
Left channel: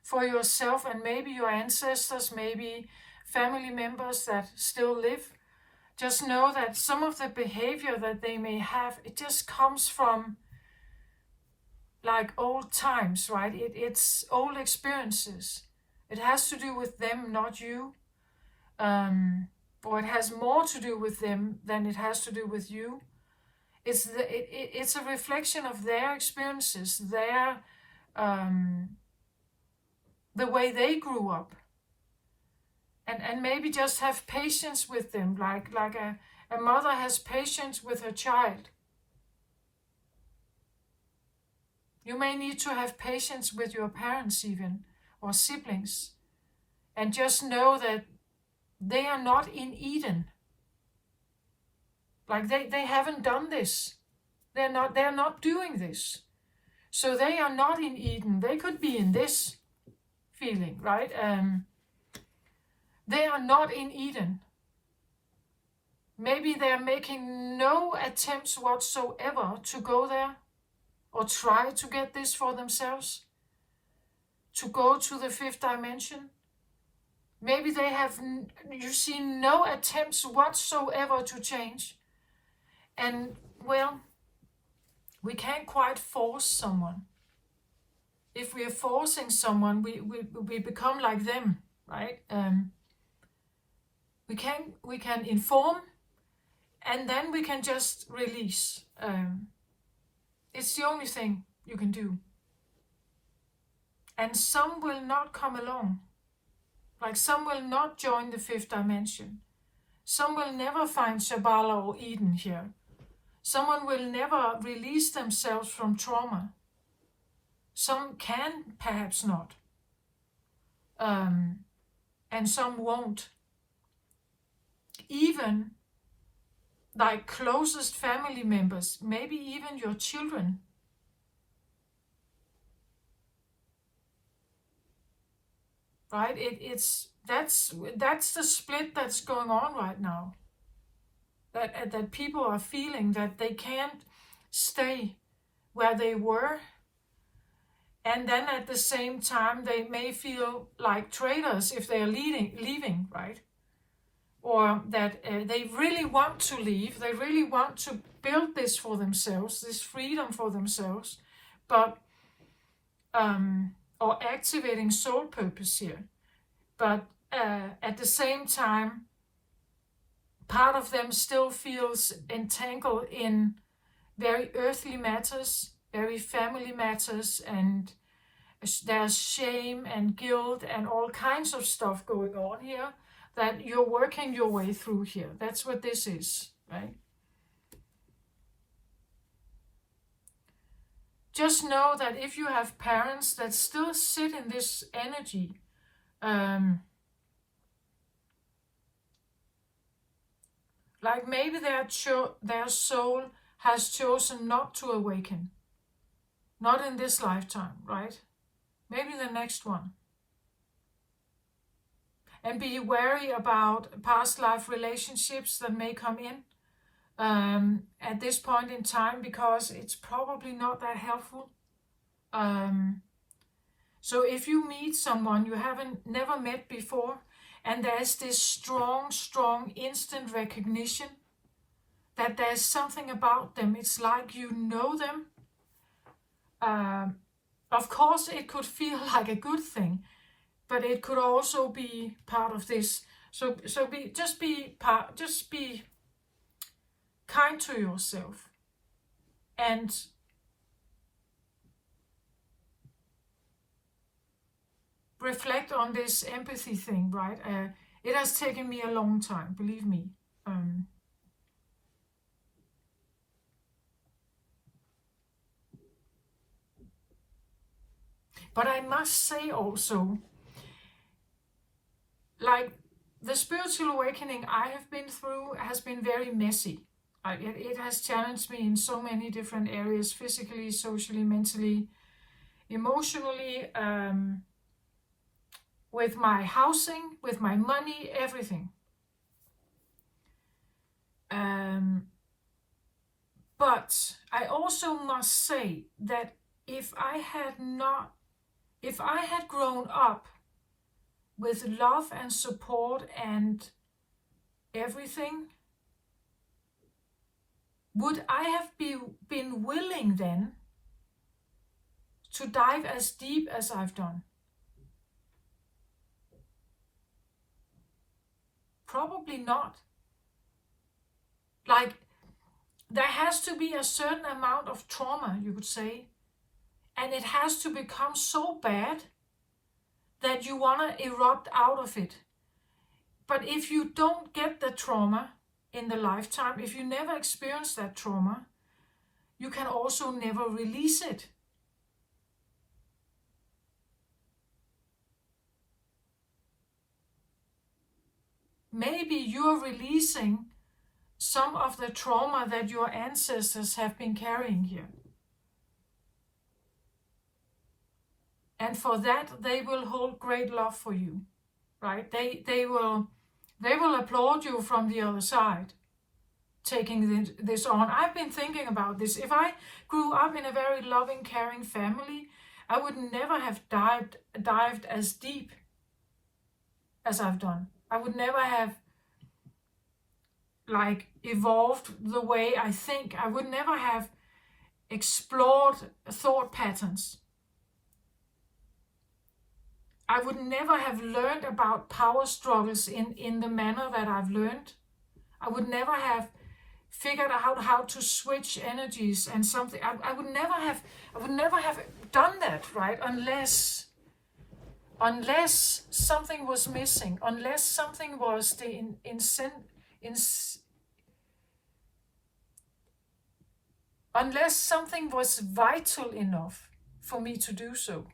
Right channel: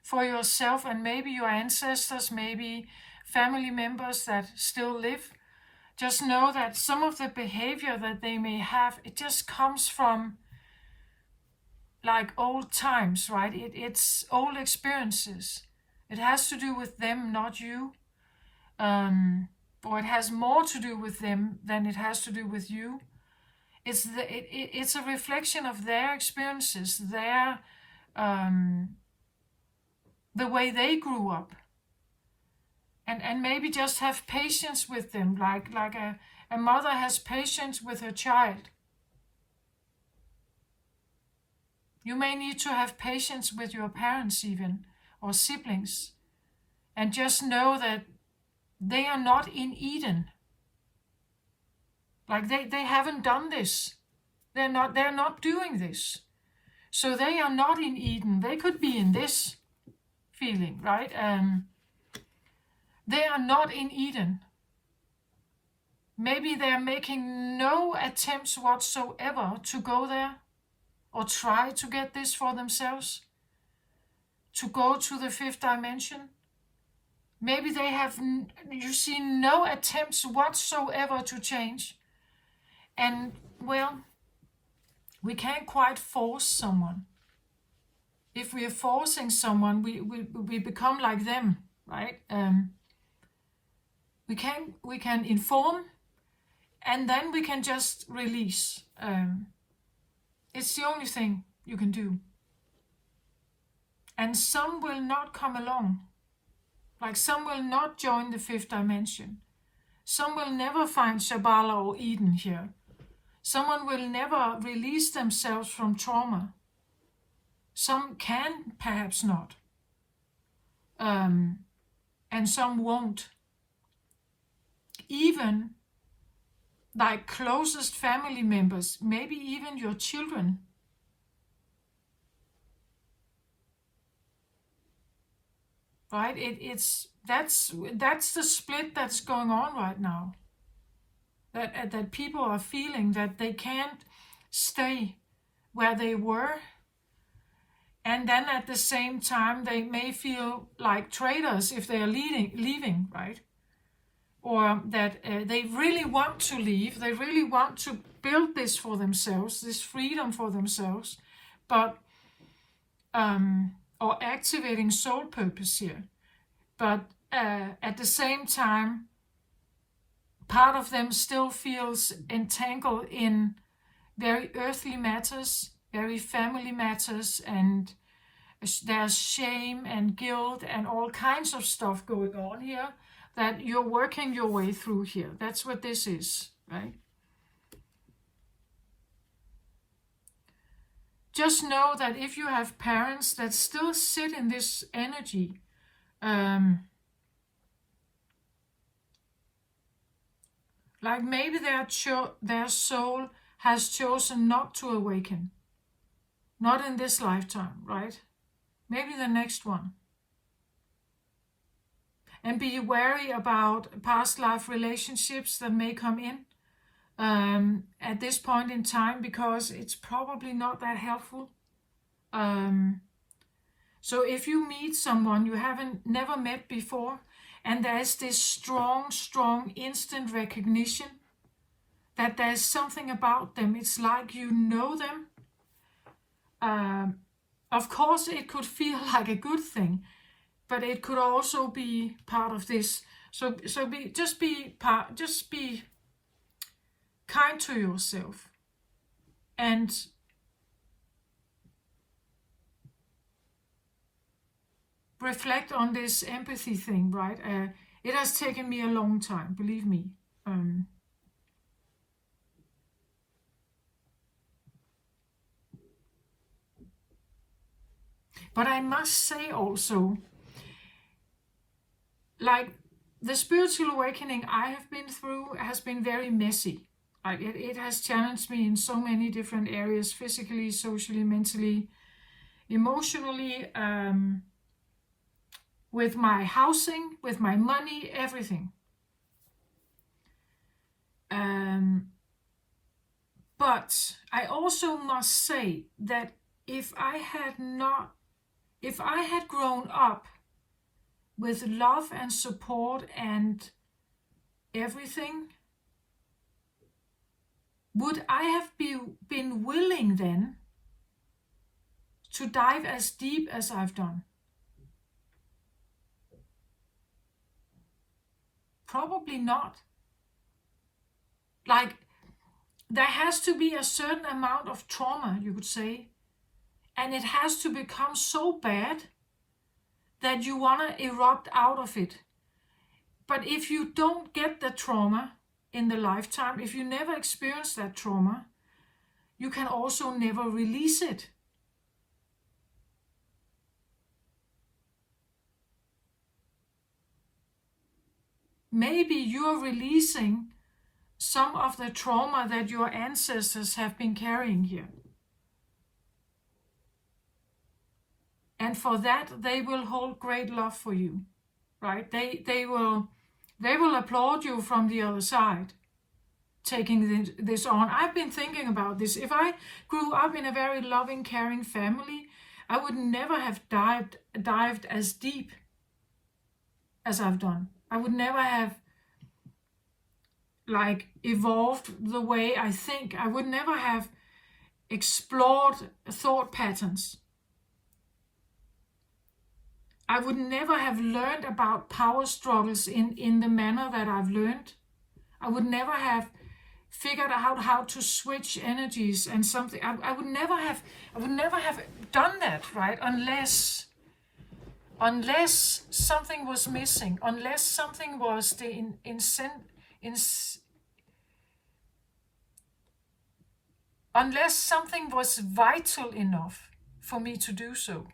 for yourself and maybe your ancestors, maybe family members that still live. Just know that some of the behavior that they may have, it just comes from like old times, right? It's old experiences. It has to do with them, not you. Or it has more to do with them than it has to do with you. It's a reflection of their experiences, their the way they grew up. And maybe just have patience with them, like a mother has patience with her child. You may need to have patience with your parents even, or siblings, and just know that they are not in Eden. Like they haven't done this. They're not doing this. So they are not in Eden. They could be in this feeling, right? They are not in Eden. Maybe they're making no attempts whatsoever to go there or try to get this for themselves, to go to the fifth dimension. Maybe they have, you see, no attempts whatsoever to change. And, well, we can't quite force someone. If we are forcing someone, we become like them, right? We can inform, and then we can just release. It's the only thing you can do. And some will not come along. Like some will not join the fifth dimension. Some will never find Shambhala or Eden here. Someone will never release themselves from trauma. Some can, perhaps not. And some won't. Even like closest family members, maybe even your children. Right? That's the split that's going on right now. That people are feeling that they can't stay where they were, and then at the same time they may feel like traitors if they are leaving, right? Or that they really want to leave, they really want to build this for themselves, this freedom for themselves, but or activating soul purpose here. But at the same time, part of them still feels entangled in very earthly matters, very family matters, and there's shame and guilt and all kinds of stuff going on here that you're working your way through here. That's what this is, right? Just know that if you have parents that still sit in this energy, like maybe their soul has chosen not to awaken. Not in this lifetime, right? Maybe the next one. And be wary about past life relationships that may come in at this point in time, because it's probably not that helpful. So if you meet someone you never met before, and there's this strong instant recognition that there's something about them, it's like you know them. Of course, it could feel like a good thing, but it could also be part of this. So be kind to yourself, and reflect on this empathy thing, right? It has taken me a long time, believe me. But I must say also, like, the spiritual awakening I have been through has been very messy. Like, it has challenged me in so many different areas, physically, socially, mentally, emotionally, with my housing, with my money, everything. But I also must say that if I had grown up with love and support and everything, would I have been willing then to dive as deep as I've done? Probably not. Like, there has to be a certain amount of trauma, you could say, and it has to become so bad that you want to erupt out of it. But if you don't get the trauma in the lifetime, if you never experience that trauma, you can also never release it. Maybe you're releasing some of the trauma that your ancestors have been carrying here. And for that, they will hold great love for you, right? They will applaud you from the other side, taking this on. I've been thinking about this. If I grew up in a very loving, caring family, I would never have dived as deep as I've done. I would never have evolved the way I think. I would never have explored thought patterns. I would never have learned about power struggles in the manner that I've learned. I would never have figured out how to switch energies and something. I would never have done that, right? Unless something was missing, unless something was unless something was vital enough for me to do so.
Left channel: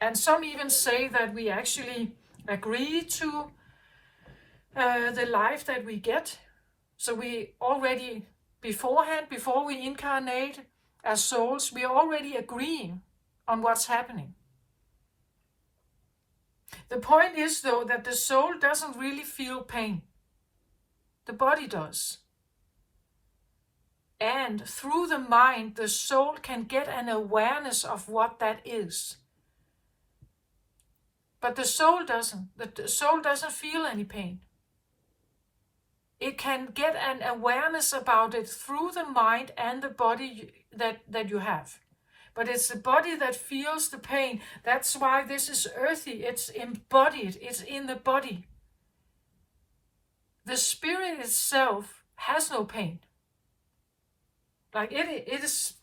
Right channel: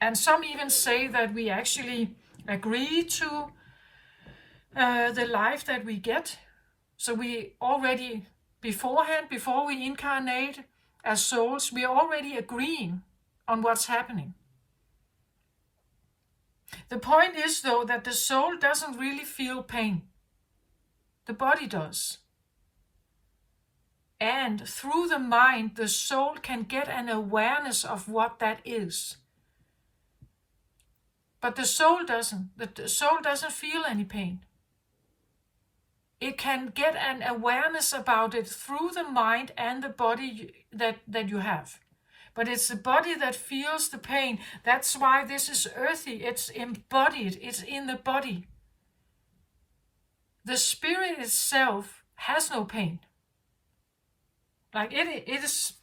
And some even say that we actually agree to the life that we get. So we already beforehand, before we incarnate as souls, we are already agreeing on what's happening. The point is, though, that the soul doesn't really feel pain. The body does. And through the mind, the soul can get an awareness of what that is. But the soul doesn't. The soul doesn't feel any pain. It can get an awareness about it through the mind and the body that you have. But it's the body that feels the pain. That's why this is earthy. It's embodied. It's in the body. The spirit itself has no pain. Like it's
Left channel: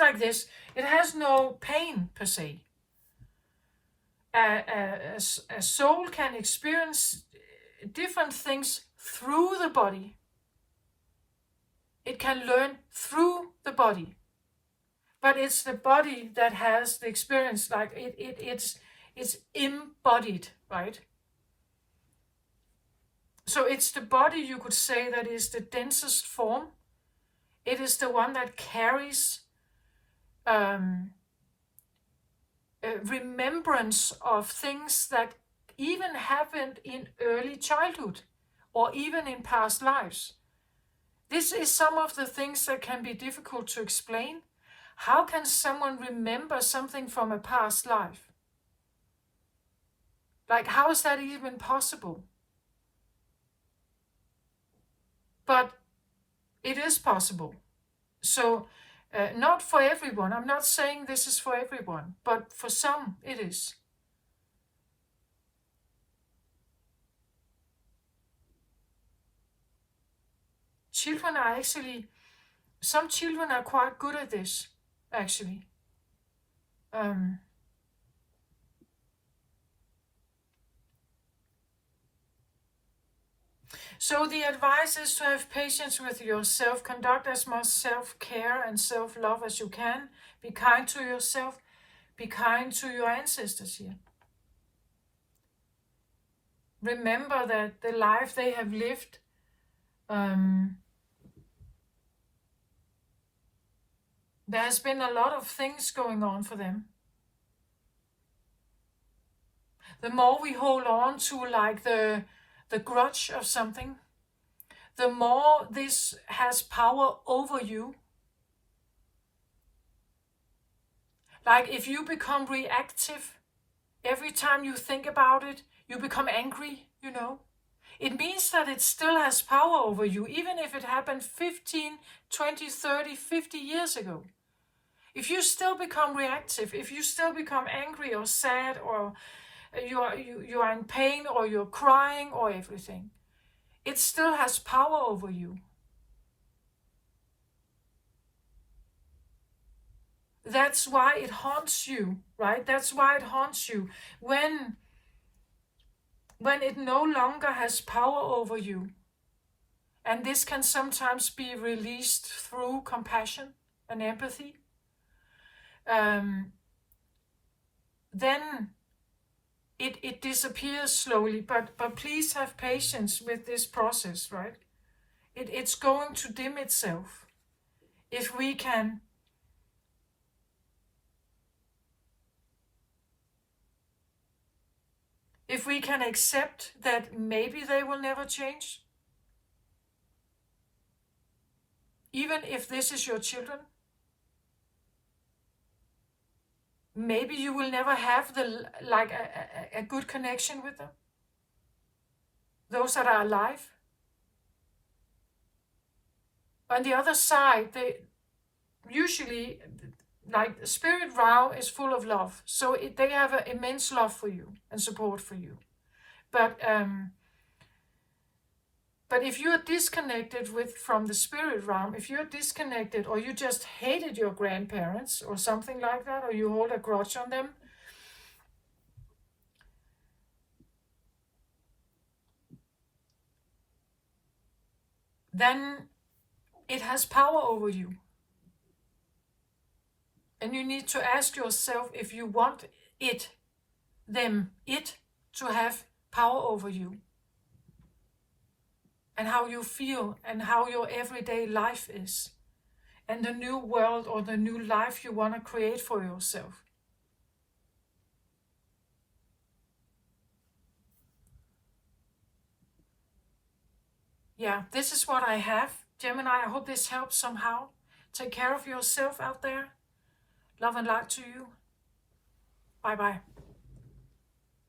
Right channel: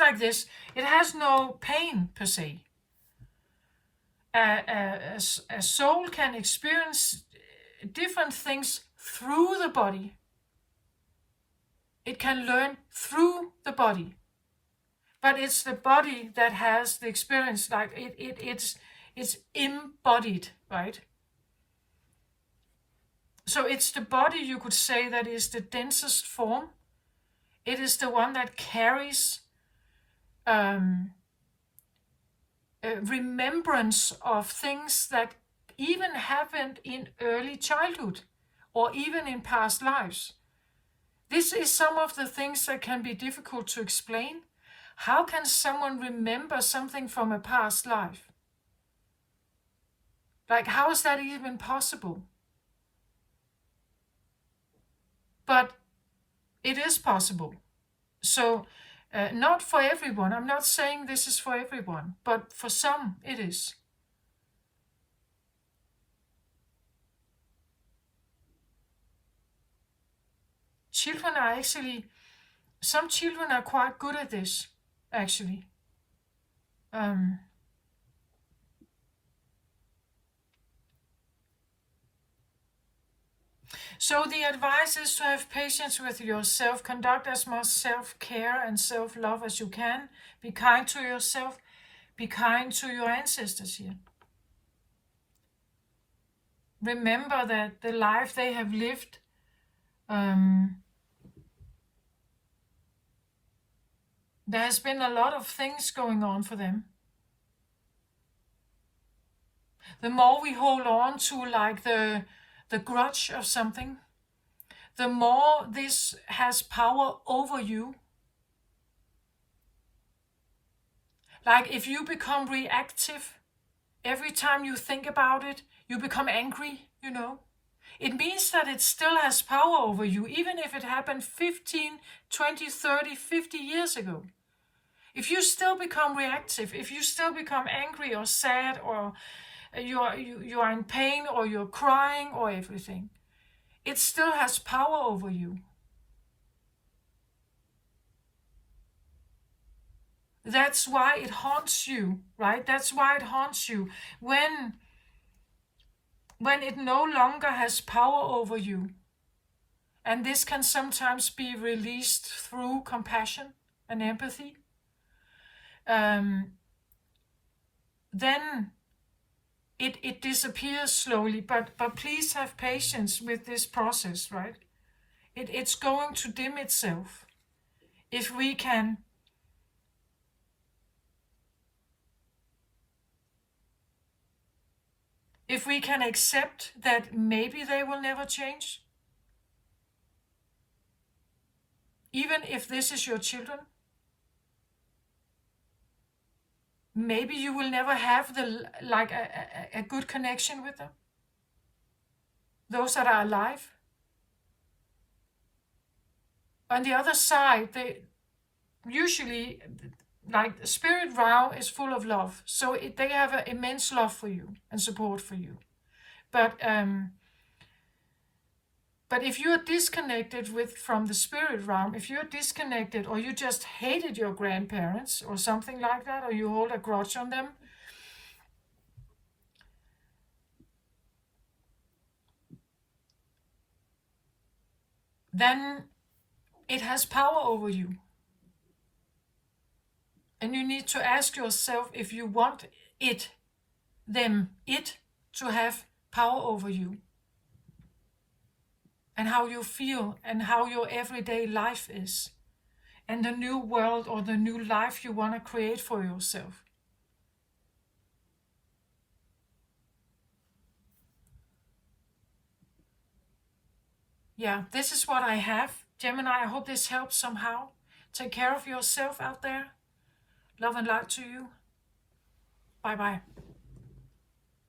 like this. It has no pain per se. A soul can experience different things through the body. It can learn through the body. But it's the body that has the experience, like it's embodied, right? So it's the body, you could say, that is the densest form. It is the one that carries remembrance of things that even happened in early childhood or even in past lives. This is some of the things that can be difficult to explain. How can someone remember something from a past life? Like, how is that even possible? But it is possible. So, not for everyone. I'm not saying this is for everyone, but for some it is. Children are actually, some children are quite good at this, actually. So the advice is to have patience with yourself, conduct as much self-care and self-love as you can, be kind to yourself, be kind to your ancestors here. Remember that the life they have lived there has been a lot of things going on for them. The more we hold on to like the grudge of something, the more this has power over you. Like if you become reactive, every time you think about it, you become angry, you know. It means that it still has power over you, even if it happened 15, 20, 30, 50 years ago. If you still become reactive, if you still become angry or sad, or you are in pain, or you're crying, or everything, it still has power over you. That's why it haunts you, right? That's why it haunts you. When it no longer has power over you, and this can sometimes be released through compassion and empathy, then it disappears slowly. But please have patience with this process, right? It's going to dim itself if we can accept that maybe they will never change, even if this is your children. Maybe you will never have a good connection with them, those that are alive. On the other side, they usually, like the spirit realm is full of love, so they have an immense love for you and support for you. But if you're disconnected from the spirit realm, if you're disconnected, or you just hated your grandparents or something like that, or you hold a grudge on them, then it has power over you. And you need to ask yourself if you want it to have power over you. and how you feel and how your everyday life is, and the new world or the new life you want to create for yourself. Yeah, this is what I have. Gemini, I hope this helps somehow. Take care of yourself out there. Love and light to you. Bye bye.